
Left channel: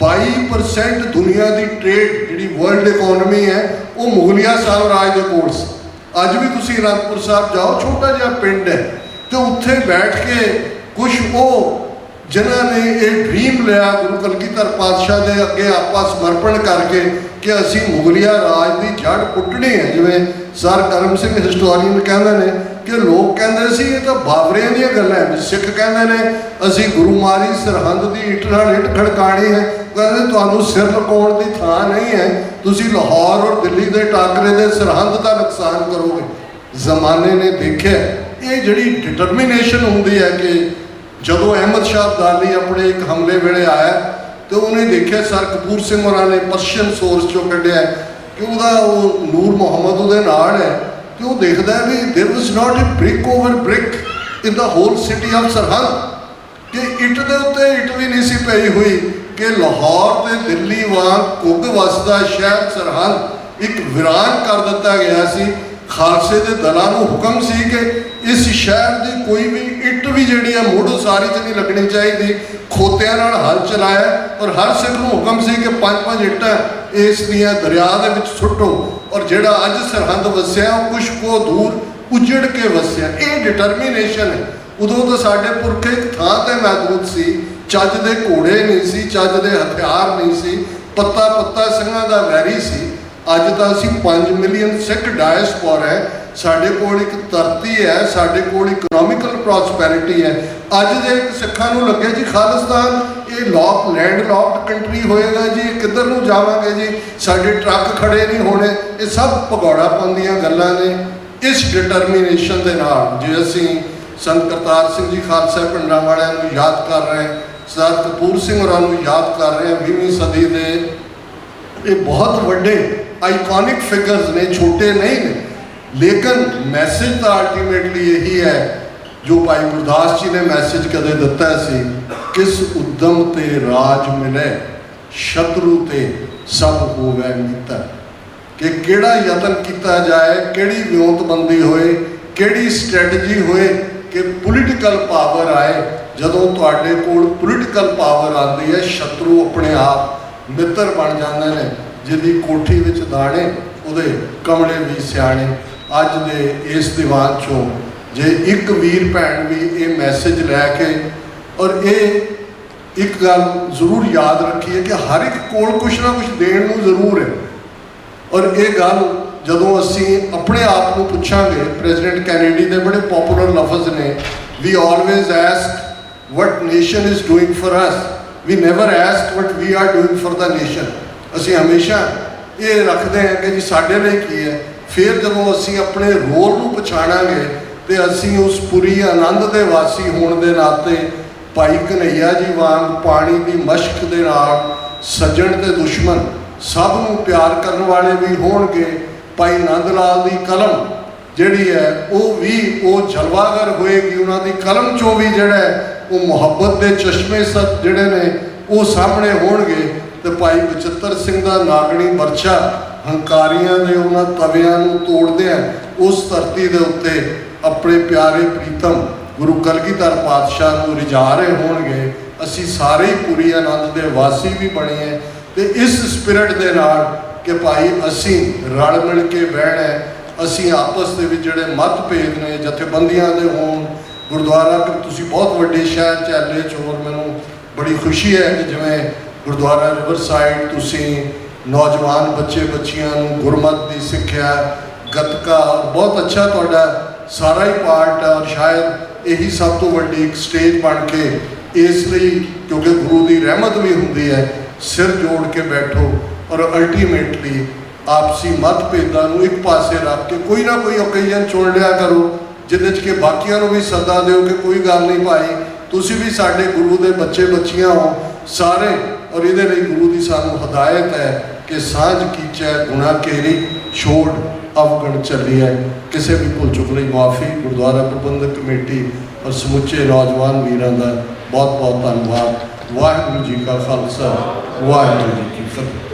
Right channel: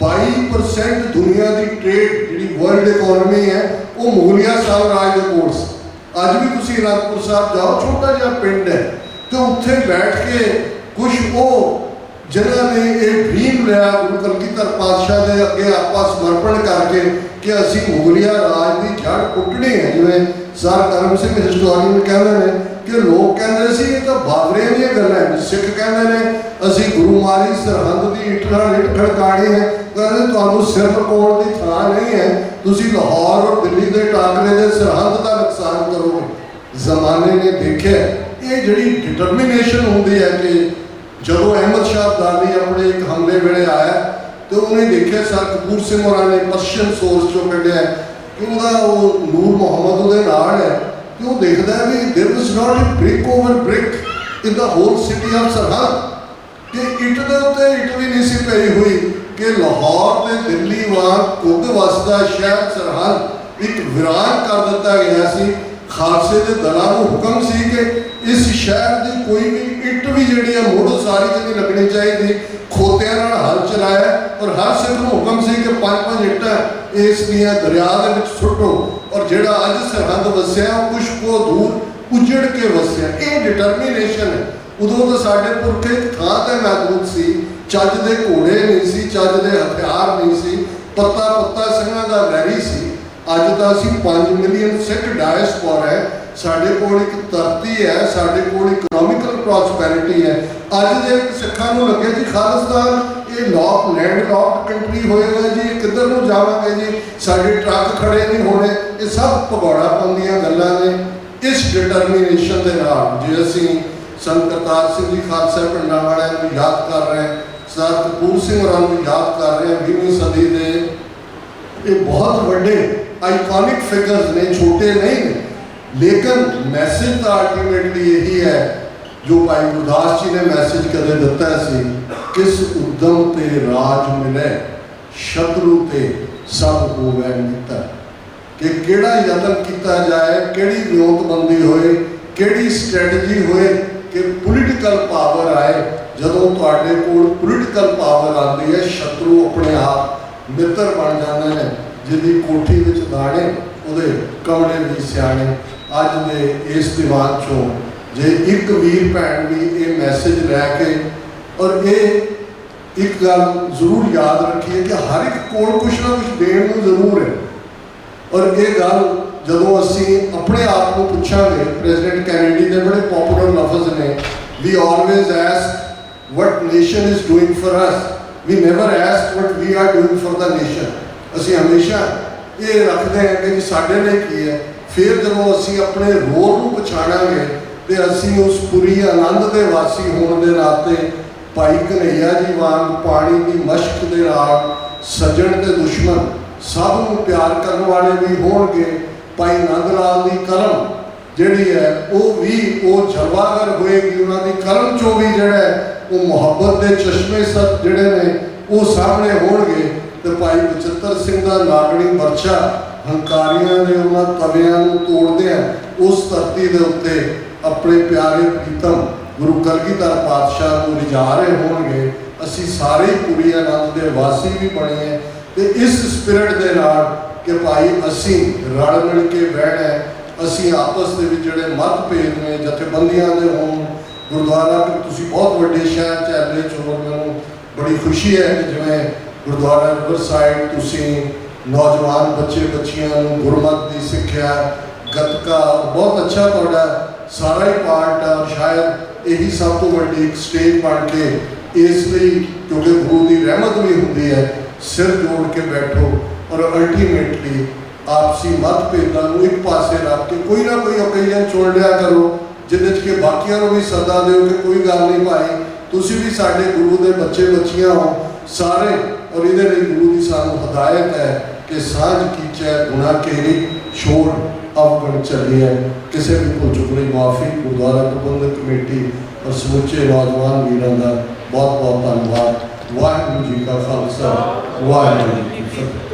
22% ਦੁਨੀਆ ਦੀ ਟ੍ਰੇਡ ਜਿਹੜੀ ਵਰਲਡ ਇਕੋਨਮੀ ਹੈ ਉਹ ਮੁਗਲਿਆ ਸਾਮਰਾਜ ਦੇ ਕੋਲ ਸੀ। ਅੱਜ ਵੀ ਤੁਸੀਂ ਅਨੰਦਪੁਰ ਸਾਹਿਬ ਜਾਓ, ਛੋਟਾ ਜਿਹਾ ਪਿੰਡ ਹੈ, ਤੇ ਉੱਥੇ ਬੈਠ ਕੇ ਕੁਝ ਉਹ ਜਿਨ੍ਹਾਂ ਨੇ ਇਹ ਡ੍ਰੀਮ ਲਿਆ ਗੁਰੂ ਕਲਗੀਧਰ ਪਾਤਸ਼ਾਹ ਦੇ ਅੱਗੇ ਆਪਾਂ ਸਮਰਪਣ ਕਰਕੇ ਕਿ ਅਸੀਂ ਮੁਗਲਿਆ ਰਾਜ ਦੀ ਜੜ ਪੁੱਟਣੀ ਹੈ। ਜਿਵੇਂ ਸਰ ਕਰਮ ਸਿੰਘ ਹਿਸਟੋਰੀਅਨ ਕਹਿੰਦੇ ਨੇ ਕਿ ਲੋਕ ਕਹਿੰਦੇ ਸੀ ਇਹ ਤਾਂ ਬਾਬਰਿਆਂ ਦੀਆਂ ਗੱਲਾਂ ਹੈ, ਸਿੱਖ ਕਹਿੰਦੇ ਨੇ ਅਸੀਂ ਗੁਰੂ ਮਾਰੀ ਸਰਹੰਦ ਦੀ ਇੱਟ ਨਾਲ ਇੱਟ ਖੜਕਾਣੀ ਹੈ। ਕਹਿੰਦੇ ਤੁਹਾਨੂੰ ਸਿਰ ਲੁਕਾਉਣ ਦੀ ਥਾਂ ਨਹੀਂ ਹੈ, ਤੁਸੀਂ ਲਾਹੌਰ ਔਰ ਦਿੱਲੀ ਦੇ ਟਾਕਰੇ ਦੇ ਸਰਹੰਦ ਦਾ ਨੁਕਸਾਨ ਕਰੋਗੇ। ਜ਼ਮਾਨੇ ਨੇ ਦੇਖਿਆ ਇਹ ਜਿਹੜੀ ਡਿਟਰਮੀਨੇਸ਼ਨ ਹੁੰਦੀ ਹੈ ਕਿ ਜਦੋਂ ਅਹਿਮਦ ਸ਼ਾਹ ਅਬਦਾਲੀ ਆਪਣੇ ਇੱਕ ਹਮਲੇ ਵੇਲੇ ਆਇਆ ਤੇ ਉਹਨੇ ਦੇਖਿਆ ਸਰ ਕਪੂਰ ਸਿੰਘ ਹੋਰਾਂ ਨੇ ਪਰਸ਼ੀਅਨ ਸੋਰਸ ਚੋਂ ਕੱਢਿਆ ਕਿ ਉਹਦਾ ਉਹ ਨੂਰ ਮੁਹੰਮਦ ਉਹਦੇ ਨਾਲ ਹੈ, ਤੇ ਉਹ ਦੇਖਦਾ ਵੀ there was not a brick over brick in the whole city of Sirhind, ਕਿ ਇੱਟ ਦੇ ਉੱਤੇ ਇੱਟ ਵੀ ਨਹੀਂ ਸੀ ਪਈ ਹੋਈ, ਕਿ ਲਾਹੌਰ ਤੇ ਦਿੱਲੀ ਵਾਂਗ ਘੁੱਗ ਵਸਦਾ ਸ਼ਹਿਰ ਸਰਹੰਦ ਇੱਕ ਵਿਰਾਨ ਕਰ ਦਿੱਤਾ ਗਿਆ ਸੀ। ਖਾਲਸੇ ਦੇ ਦਲਾਂ ਨੂੰ ਹੁਕਮ ਸੀ ਕਿ ਇਸ ਸ਼ਹਿਰ ਦੀ ਕੋਈ ਵੀ ਇੱਟ ਵੀ ਜਿਹੜੀ ਹੈ ਮੁੱਢ ਉਸਾਰੀ 'ਚ ਨਹੀਂ ਲੱਗਣੀ ਚਾਹੀਦੀ। ਖੋਤਿਆਂ ਨਾਲ ਹਲ ਚਲਾਇਆ ਔਰ ਹਰ ਸਿੱਖ ਨੂੰ ਹੁਕਮ ਸੀ ਕਿ 5-5 ਇੱਟਾਂ ਇਸ ਦੀਆਂ ਦਰਿਆ ਦੇ ਵਿੱਚ ਸੁੱਟੋ। ਔਰ ਜਿਹੜਾ ਅੱਜ ਸਰਹੰਦ ਵਸਿਆ ਉਹ ਕੁਛ ਕੋ ਦੂਰ ਉਜੜ ਕੇ ਵਸਿਆ। ਇਹ ਡਿਟਰਮੀਨੇਸ਼ਨ ਹੈ। ਉਦੋਂ ਤਾਂ ਸਾਡੇ ਪੁਰਖੇ ਇੱਕ ਥਾਂ ਤੇ ਮੌਜੂਦ ਸੀ, ਚੱਜ ਦੇ ਘੋੜੇ ਨਹੀਂ ਸੀ, ਚੱਜ ਦੇ ਹਥਿਆਰ ਨਹੀਂ ਸੀ, ਪੱਤਾ ਸਿੰਘਾਂ ਦਾ ਵੈਰੀ ਸੀ। ਅੱਜ ਤਾਂ ਅਸੀਂ 5 ਮਿਲੀਅਨ ਸਿੱਖ ਡਾਇਸਪੋਰਾ ਹੈ, ਸਾਡੇ ਕੋਲ ਇੱਕ ਧਰਤੀ ਹੈ, ਸਾਡੇ ਕੋਲ ਇਕਨੋਮਿਕਲ ਪ੍ਰੋਸਪੈਰਿਟੀ ਹੈ। ਅੱਜ ਜੇ ਸਿੱਖਾਂ ਨੂੰ ਲੱਗੇ ਜੀ ਖਾਲਿਸਤਾਨ ਇਹ ਲੈਂਡ ਲੌਕਡ ਕੰਟਰੀ ਹੋਏਗਾ ਜੀ, ਕਿੱਧਰ ਨੂੰ ਜਾਵਾਂਗੇ ਜੀ, ਸਾਡੇ ਟਰੱਕ ਖੜੇ ਨਹੀਂ ਹੋਣੇ, ਇਹ ਸਭ ਭਗੌੜਾ ਪਾਉਂਦੀਆਂ ਗੱਲਾਂ ਨੇ। ਇਸ ਡਿਟਰਮੀਨੇਸ਼ਨ ਦੇ ਨਾਲ ਜੇ ਅਸੀਂ ਸੰਤ ਕਰਤਾਰ ਸਿੰਘ ਜੀ ਖਾਲਸਾ ਭਿੰਡਰਾਂਵਾਲਿਆਂ ਨੂੰ ਯਾਦ ਕਰ ਰਹੇ ਹਾਂ, ਸਰ ਕਪੂਰ ਸਿੰਘ ਹੋਰਾਂ ਨੂੰ ਯਾਦ ਕਰ ਰਹੇ ਹਾਂ, 20ਵੀਂ ਸਦੀ ਦੇ ਇਹ ਬਹੁਤ ਵੱਡੇ ਆਈਕੋਨਿਕ ਫਿਗਰਸ ਨੇ, ਛੋਟੇ ਨਹੀਂ ਨੇ, ਲੇਕਿਨ ਮੈਸੇਜ ਤਾਂ ਅਲਟੀਮੇਟਲੀ ਇਹੀ ਹੈ ਜੋ ਭਾਈ ਗੁਰਦਾਸ ਜੀ ਨੇ ਮੈਸੇਜ ਕਦੇ ਦਿੱਤਾ ਸੀ, ਕਿਸ ਉਦਮ ਤੇ ਰਾਜ ਮਿਲੇ ਸ਼ਤਰੂ ਤੇ ਸਭ ਹੋਵੇ ਮਿੱਤਰ, ਕਿ ਕਿਹੜਾ ਯਤਨ ਕੀਤਾ ਜਾਏ, ਕਿਹੜੀ ਵਿਉਂਤਬੰਦੀ ਹੋਏ, ਕਿਹੜੀ ਸਟ੍ਰੈਟਜੀ ਹੋਏ ਕਿ ਪੋਲੀਟੀਕਲ ਪਾਵਰ ਆਏ। ਜਦੋਂ ਤੁਹਾਡੇ ਕੋਲ ਪੋਲੀਟੀਕਲ ਪਾਵਰ ਆਉਂਦੀ ਹੈ, ਸ਼ਤਰੂ ਆਪਣੇ ਆਪ ਮਿੱਤਰ ਬਣ ਜਾਂਦੇ ਨੇ। ਜਿਹਦੀ ਕੋਠੀ ਵਿੱਚ ਦਾਣੇ ਉਹਦੇ ਕਮਲੇ ਵੀ ਸਿਆਣੇ। ਅੱਜ ਦੇ ਇਸ ਦੀਵਾਨ ਚੋਂ ਜੇ ਇੱਕ ਵੀਰ ਭੈਣ ਵੀ ਇਹ ਮੈਸੇਜ ਲੈ ਕੇ, ਔਰ ਇਹ ਇੱਕ ਗੱਲ ਜ਼ਰੂਰ ਯਾਦ ਰੱਖੀਏ ਕਿ ਹਰ ਇੱਕ ਕੋਲ ਕੁਛ ਨਾ ਕੁਛ ਦੇਣ ਨੂੰ ਜ਼ਰੂਰ ਹੈ। ਔਰ ਇਹ ਗੱਲ ਜਦੋਂ ਅਸੀਂ ਆਪਣੇ ਆਪ ਨੂੰ ਪੁੱਛਾਂਗੇ, ਪ੍ਰੈਜ਼ੀਡੈਂਟ ਕੈਨੇਡੀ ਦੇ ਬੜੇ ਪਪੂਲਰ ਲਫ਼ਜ਼ ਨੇ, we always ask what nation is doing for us, we never ask what we are doing for the nation. ਅਸੀਂ ਹਮੇਸ਼ਾ ਇਹ ਰੱਖਦੇ ਹਾਂ ਕਿ ਜੀ ਸਾਡੇ ਲਈ ਕੀ ਹੈ। ਫਿਰ ਜਦੋਂ ਅਸੀਂ ਆਪਣੇ ਰੋਲ ਨੂੰ ਪਛਾਣਾਂਗੇ ਤੇ ਅਸੀਂ ਉਸ ਪੁਰੀ ਆਨੰਦ ਦੇ ਵਾਸੀ ਹੋਣ ਦੇ ਨਾਤੇ ਭਾਈ ਕਨ੍ਹਈਆ ਜੀ ਵਾਂਗ ਪਾਣੀ ਦੀ ਮਸ਼ਕ ਦੇ ਨਾਲ ਸੱਜਣ ਤੇ ਦੁਸ਼ਮਣ ਸਭ ਨੂੰ ਪਿਆਰ ਕਰਨ ਵਾਲੇ ਵੀ ਹੋਣਗੇ। ਭਾਈ ਨੰਦ ਲਾਲ ਦੀ ਕਲਮ ਜਿਹੜੀ ਹੈ ਉਹ ਵੀ ਉਹ ਜਲਵਾਗਰ ਹੋਏਗੀ, ਉਹਨਾਂ ਦੀ ਕਲਮ ਚੋਂ ਵੀ ਜਿਹੜਾ ਉਹ ਮੁਹੱਬਤ ਦੇ ਚਸ਼ਮੇ ਸਤ ਜਿਹੜੇ ਨੇ ਉਹ ਸਾਹਮਣੇ ਹੋਣਗੇ। ਤੇ ਭਾਈ ਬਚਿੱਤਰ ਸਿੰਘ ਦਾ ਨਾਗਣੀ ਵਰਛਾ ਹੰਕਾਰੀਆਂ ਦੇ ਉਹਨਾਂ ਤਵਿਆਂ ਨੂੰ ਤੋੜਦਿਆਂ ਉਸ ਧਰਤੀ ਦੇ ਉੱਤੇ ਆਪਣੇ ਪਿਆਰੇ ਪ੍ਰੀਤਮ ਗੁਰੂ ਕਲਗੀਧਰ ਪਾਤਸ਼ਾਹ ਨੂੰ ਰਿਝਾ ਰਹੇ ਹੋਣਗੇ। ਅਸੀਂ ਸਾਰੇ ਪੂਰੀ ਆਨੰਦ ਦੇ ਵਾਸੀ ਵੀ ਬਣੇ ਤੇ ਇਸ ਸਪਿਰਿਟ ਦੇ ਨਾਲ ਕਿ ਭਾਈ ਅਸੀਂ ਰਲ ਮਿਲ ਕੇ ਬਹਿਣਾ, ਅਸੀਂ ਆਪਸ ਦੇ ਵਿੱਚ ਜਿਹੜੇ ਮਤਭੇਦ ਨੇ ਜਥੇਬੰਦੀਆਂ ਦੇ ਹੋਣ, ਗੁਰਦੁਆਰਾ ਤੁਸੀਂ ਬਹੁਤ ਵੱਡੇ ਸ਼ਹਿਰ ਚ ਐਲੇ 'ਚ, ਹੋਰ ਮੈਨੂੰ ਬੜੀ ਖੁਸ਼ੀ ਹੈ ਕਿ ਜਿਵੇਂ ਗੁਰਦੁਆਰਾ ਰਿਵਰਸਾਈਡ ਤੁਸੀਂ ਨੌਜਵਾਨ ਬੱਚੇ ਬੱਚੀਆਂ ਨੂੰ ਗੁਰਮਤਿ ਦੀ ਸਿੱਖਿਆ, ਗੱਤਕਾ, ਬਹੁਤ ਅੱਛਾ ਤੁਹਾਡਾ ਸਾਰਾ ਹੀ ਪਾਰਟ ਆ। ਸ਼ਾਇਦ ਇਹੀ ਸਭ ਤੋਂ ਵੱਡੀ ਇੱਕ ਸਟੇਜ ਬਣ ਕੇ, ਇਸ ਲਈ ਕਿਉਂਕਿ ਗੁਰੂ ਦੀ ਰਹਿਮਤ ਵੀ ਹੁੰਦੀ ਹੈ, ਸਿਰ ਜੋੜ ਕੇ ਬੈਠੋ ਔਰ ਅਲਟੀਮੇਟਲੀ ਆਪਸੀ ਮਤਭੇਦਾਂ ਨੂੰ ਇੱਕ ਪਾਸੇ ਰੱਖ ਕੇ ਕੋਈ ਨਾ ਕੋਈ ਓਕੇਜ਼ਨ ਚੁਣ ਲਿਆ ਕਰੋ, ਜਿਹਦੇ 'ਚ ਕਿ ਬਾਕੀਆਂ ਨੂੰ ਵੀ ਸੱਦਾ ਦਿਓ ਕਿ ਕੋਈ ਗੱਲ ਨਹੀਂ ਭਾਈ, ਤੁਸੀਂ ਵੀ ਸਾਡੇ ਗੁਰੂ ਦੇ ਬੱਚੇ ਬੱਚੀਆਂ ਹੋ ਸਾਰੇ। ਔਰ ਇਹਦੇ ਲਈ ਗੁਰੂ ਦੀ ਸਾਨੂੰ ਹਦਾਇਤ ਹੈ ਕਿ ਸਾਂਝ ਕੀਚੈ ਗੁਣਾ ਕੇਰੀ, ਛੋੜ ਅਵਗਣ ਚੱਲੀ ਹੈ। ਕਿਸੇ ਵੀ ਭੁੱਲ ਚੁੱਕ ਲਈ ਮਾਫੀ। ਗੁਰਦੁਆਰਾ ਪ੍ਰਬੰਧਕ ਕਮੇਟੀ ਔਰ ਸਮੁੱਚੇ ਨੌਜਵਾਨ ਵੀਰਾਂ ਦਾ ਬਹੁਤ ਬਹੁਤ ਧੰਨਵਾਦ। ਵਾਹਿਗੁਰੂ ਜੀ ਕਾ ਖਾਲਸਾ, ਵਾਹਿਗੁਰੂ ਜੀ ਕੀ ਫਤਿਹ।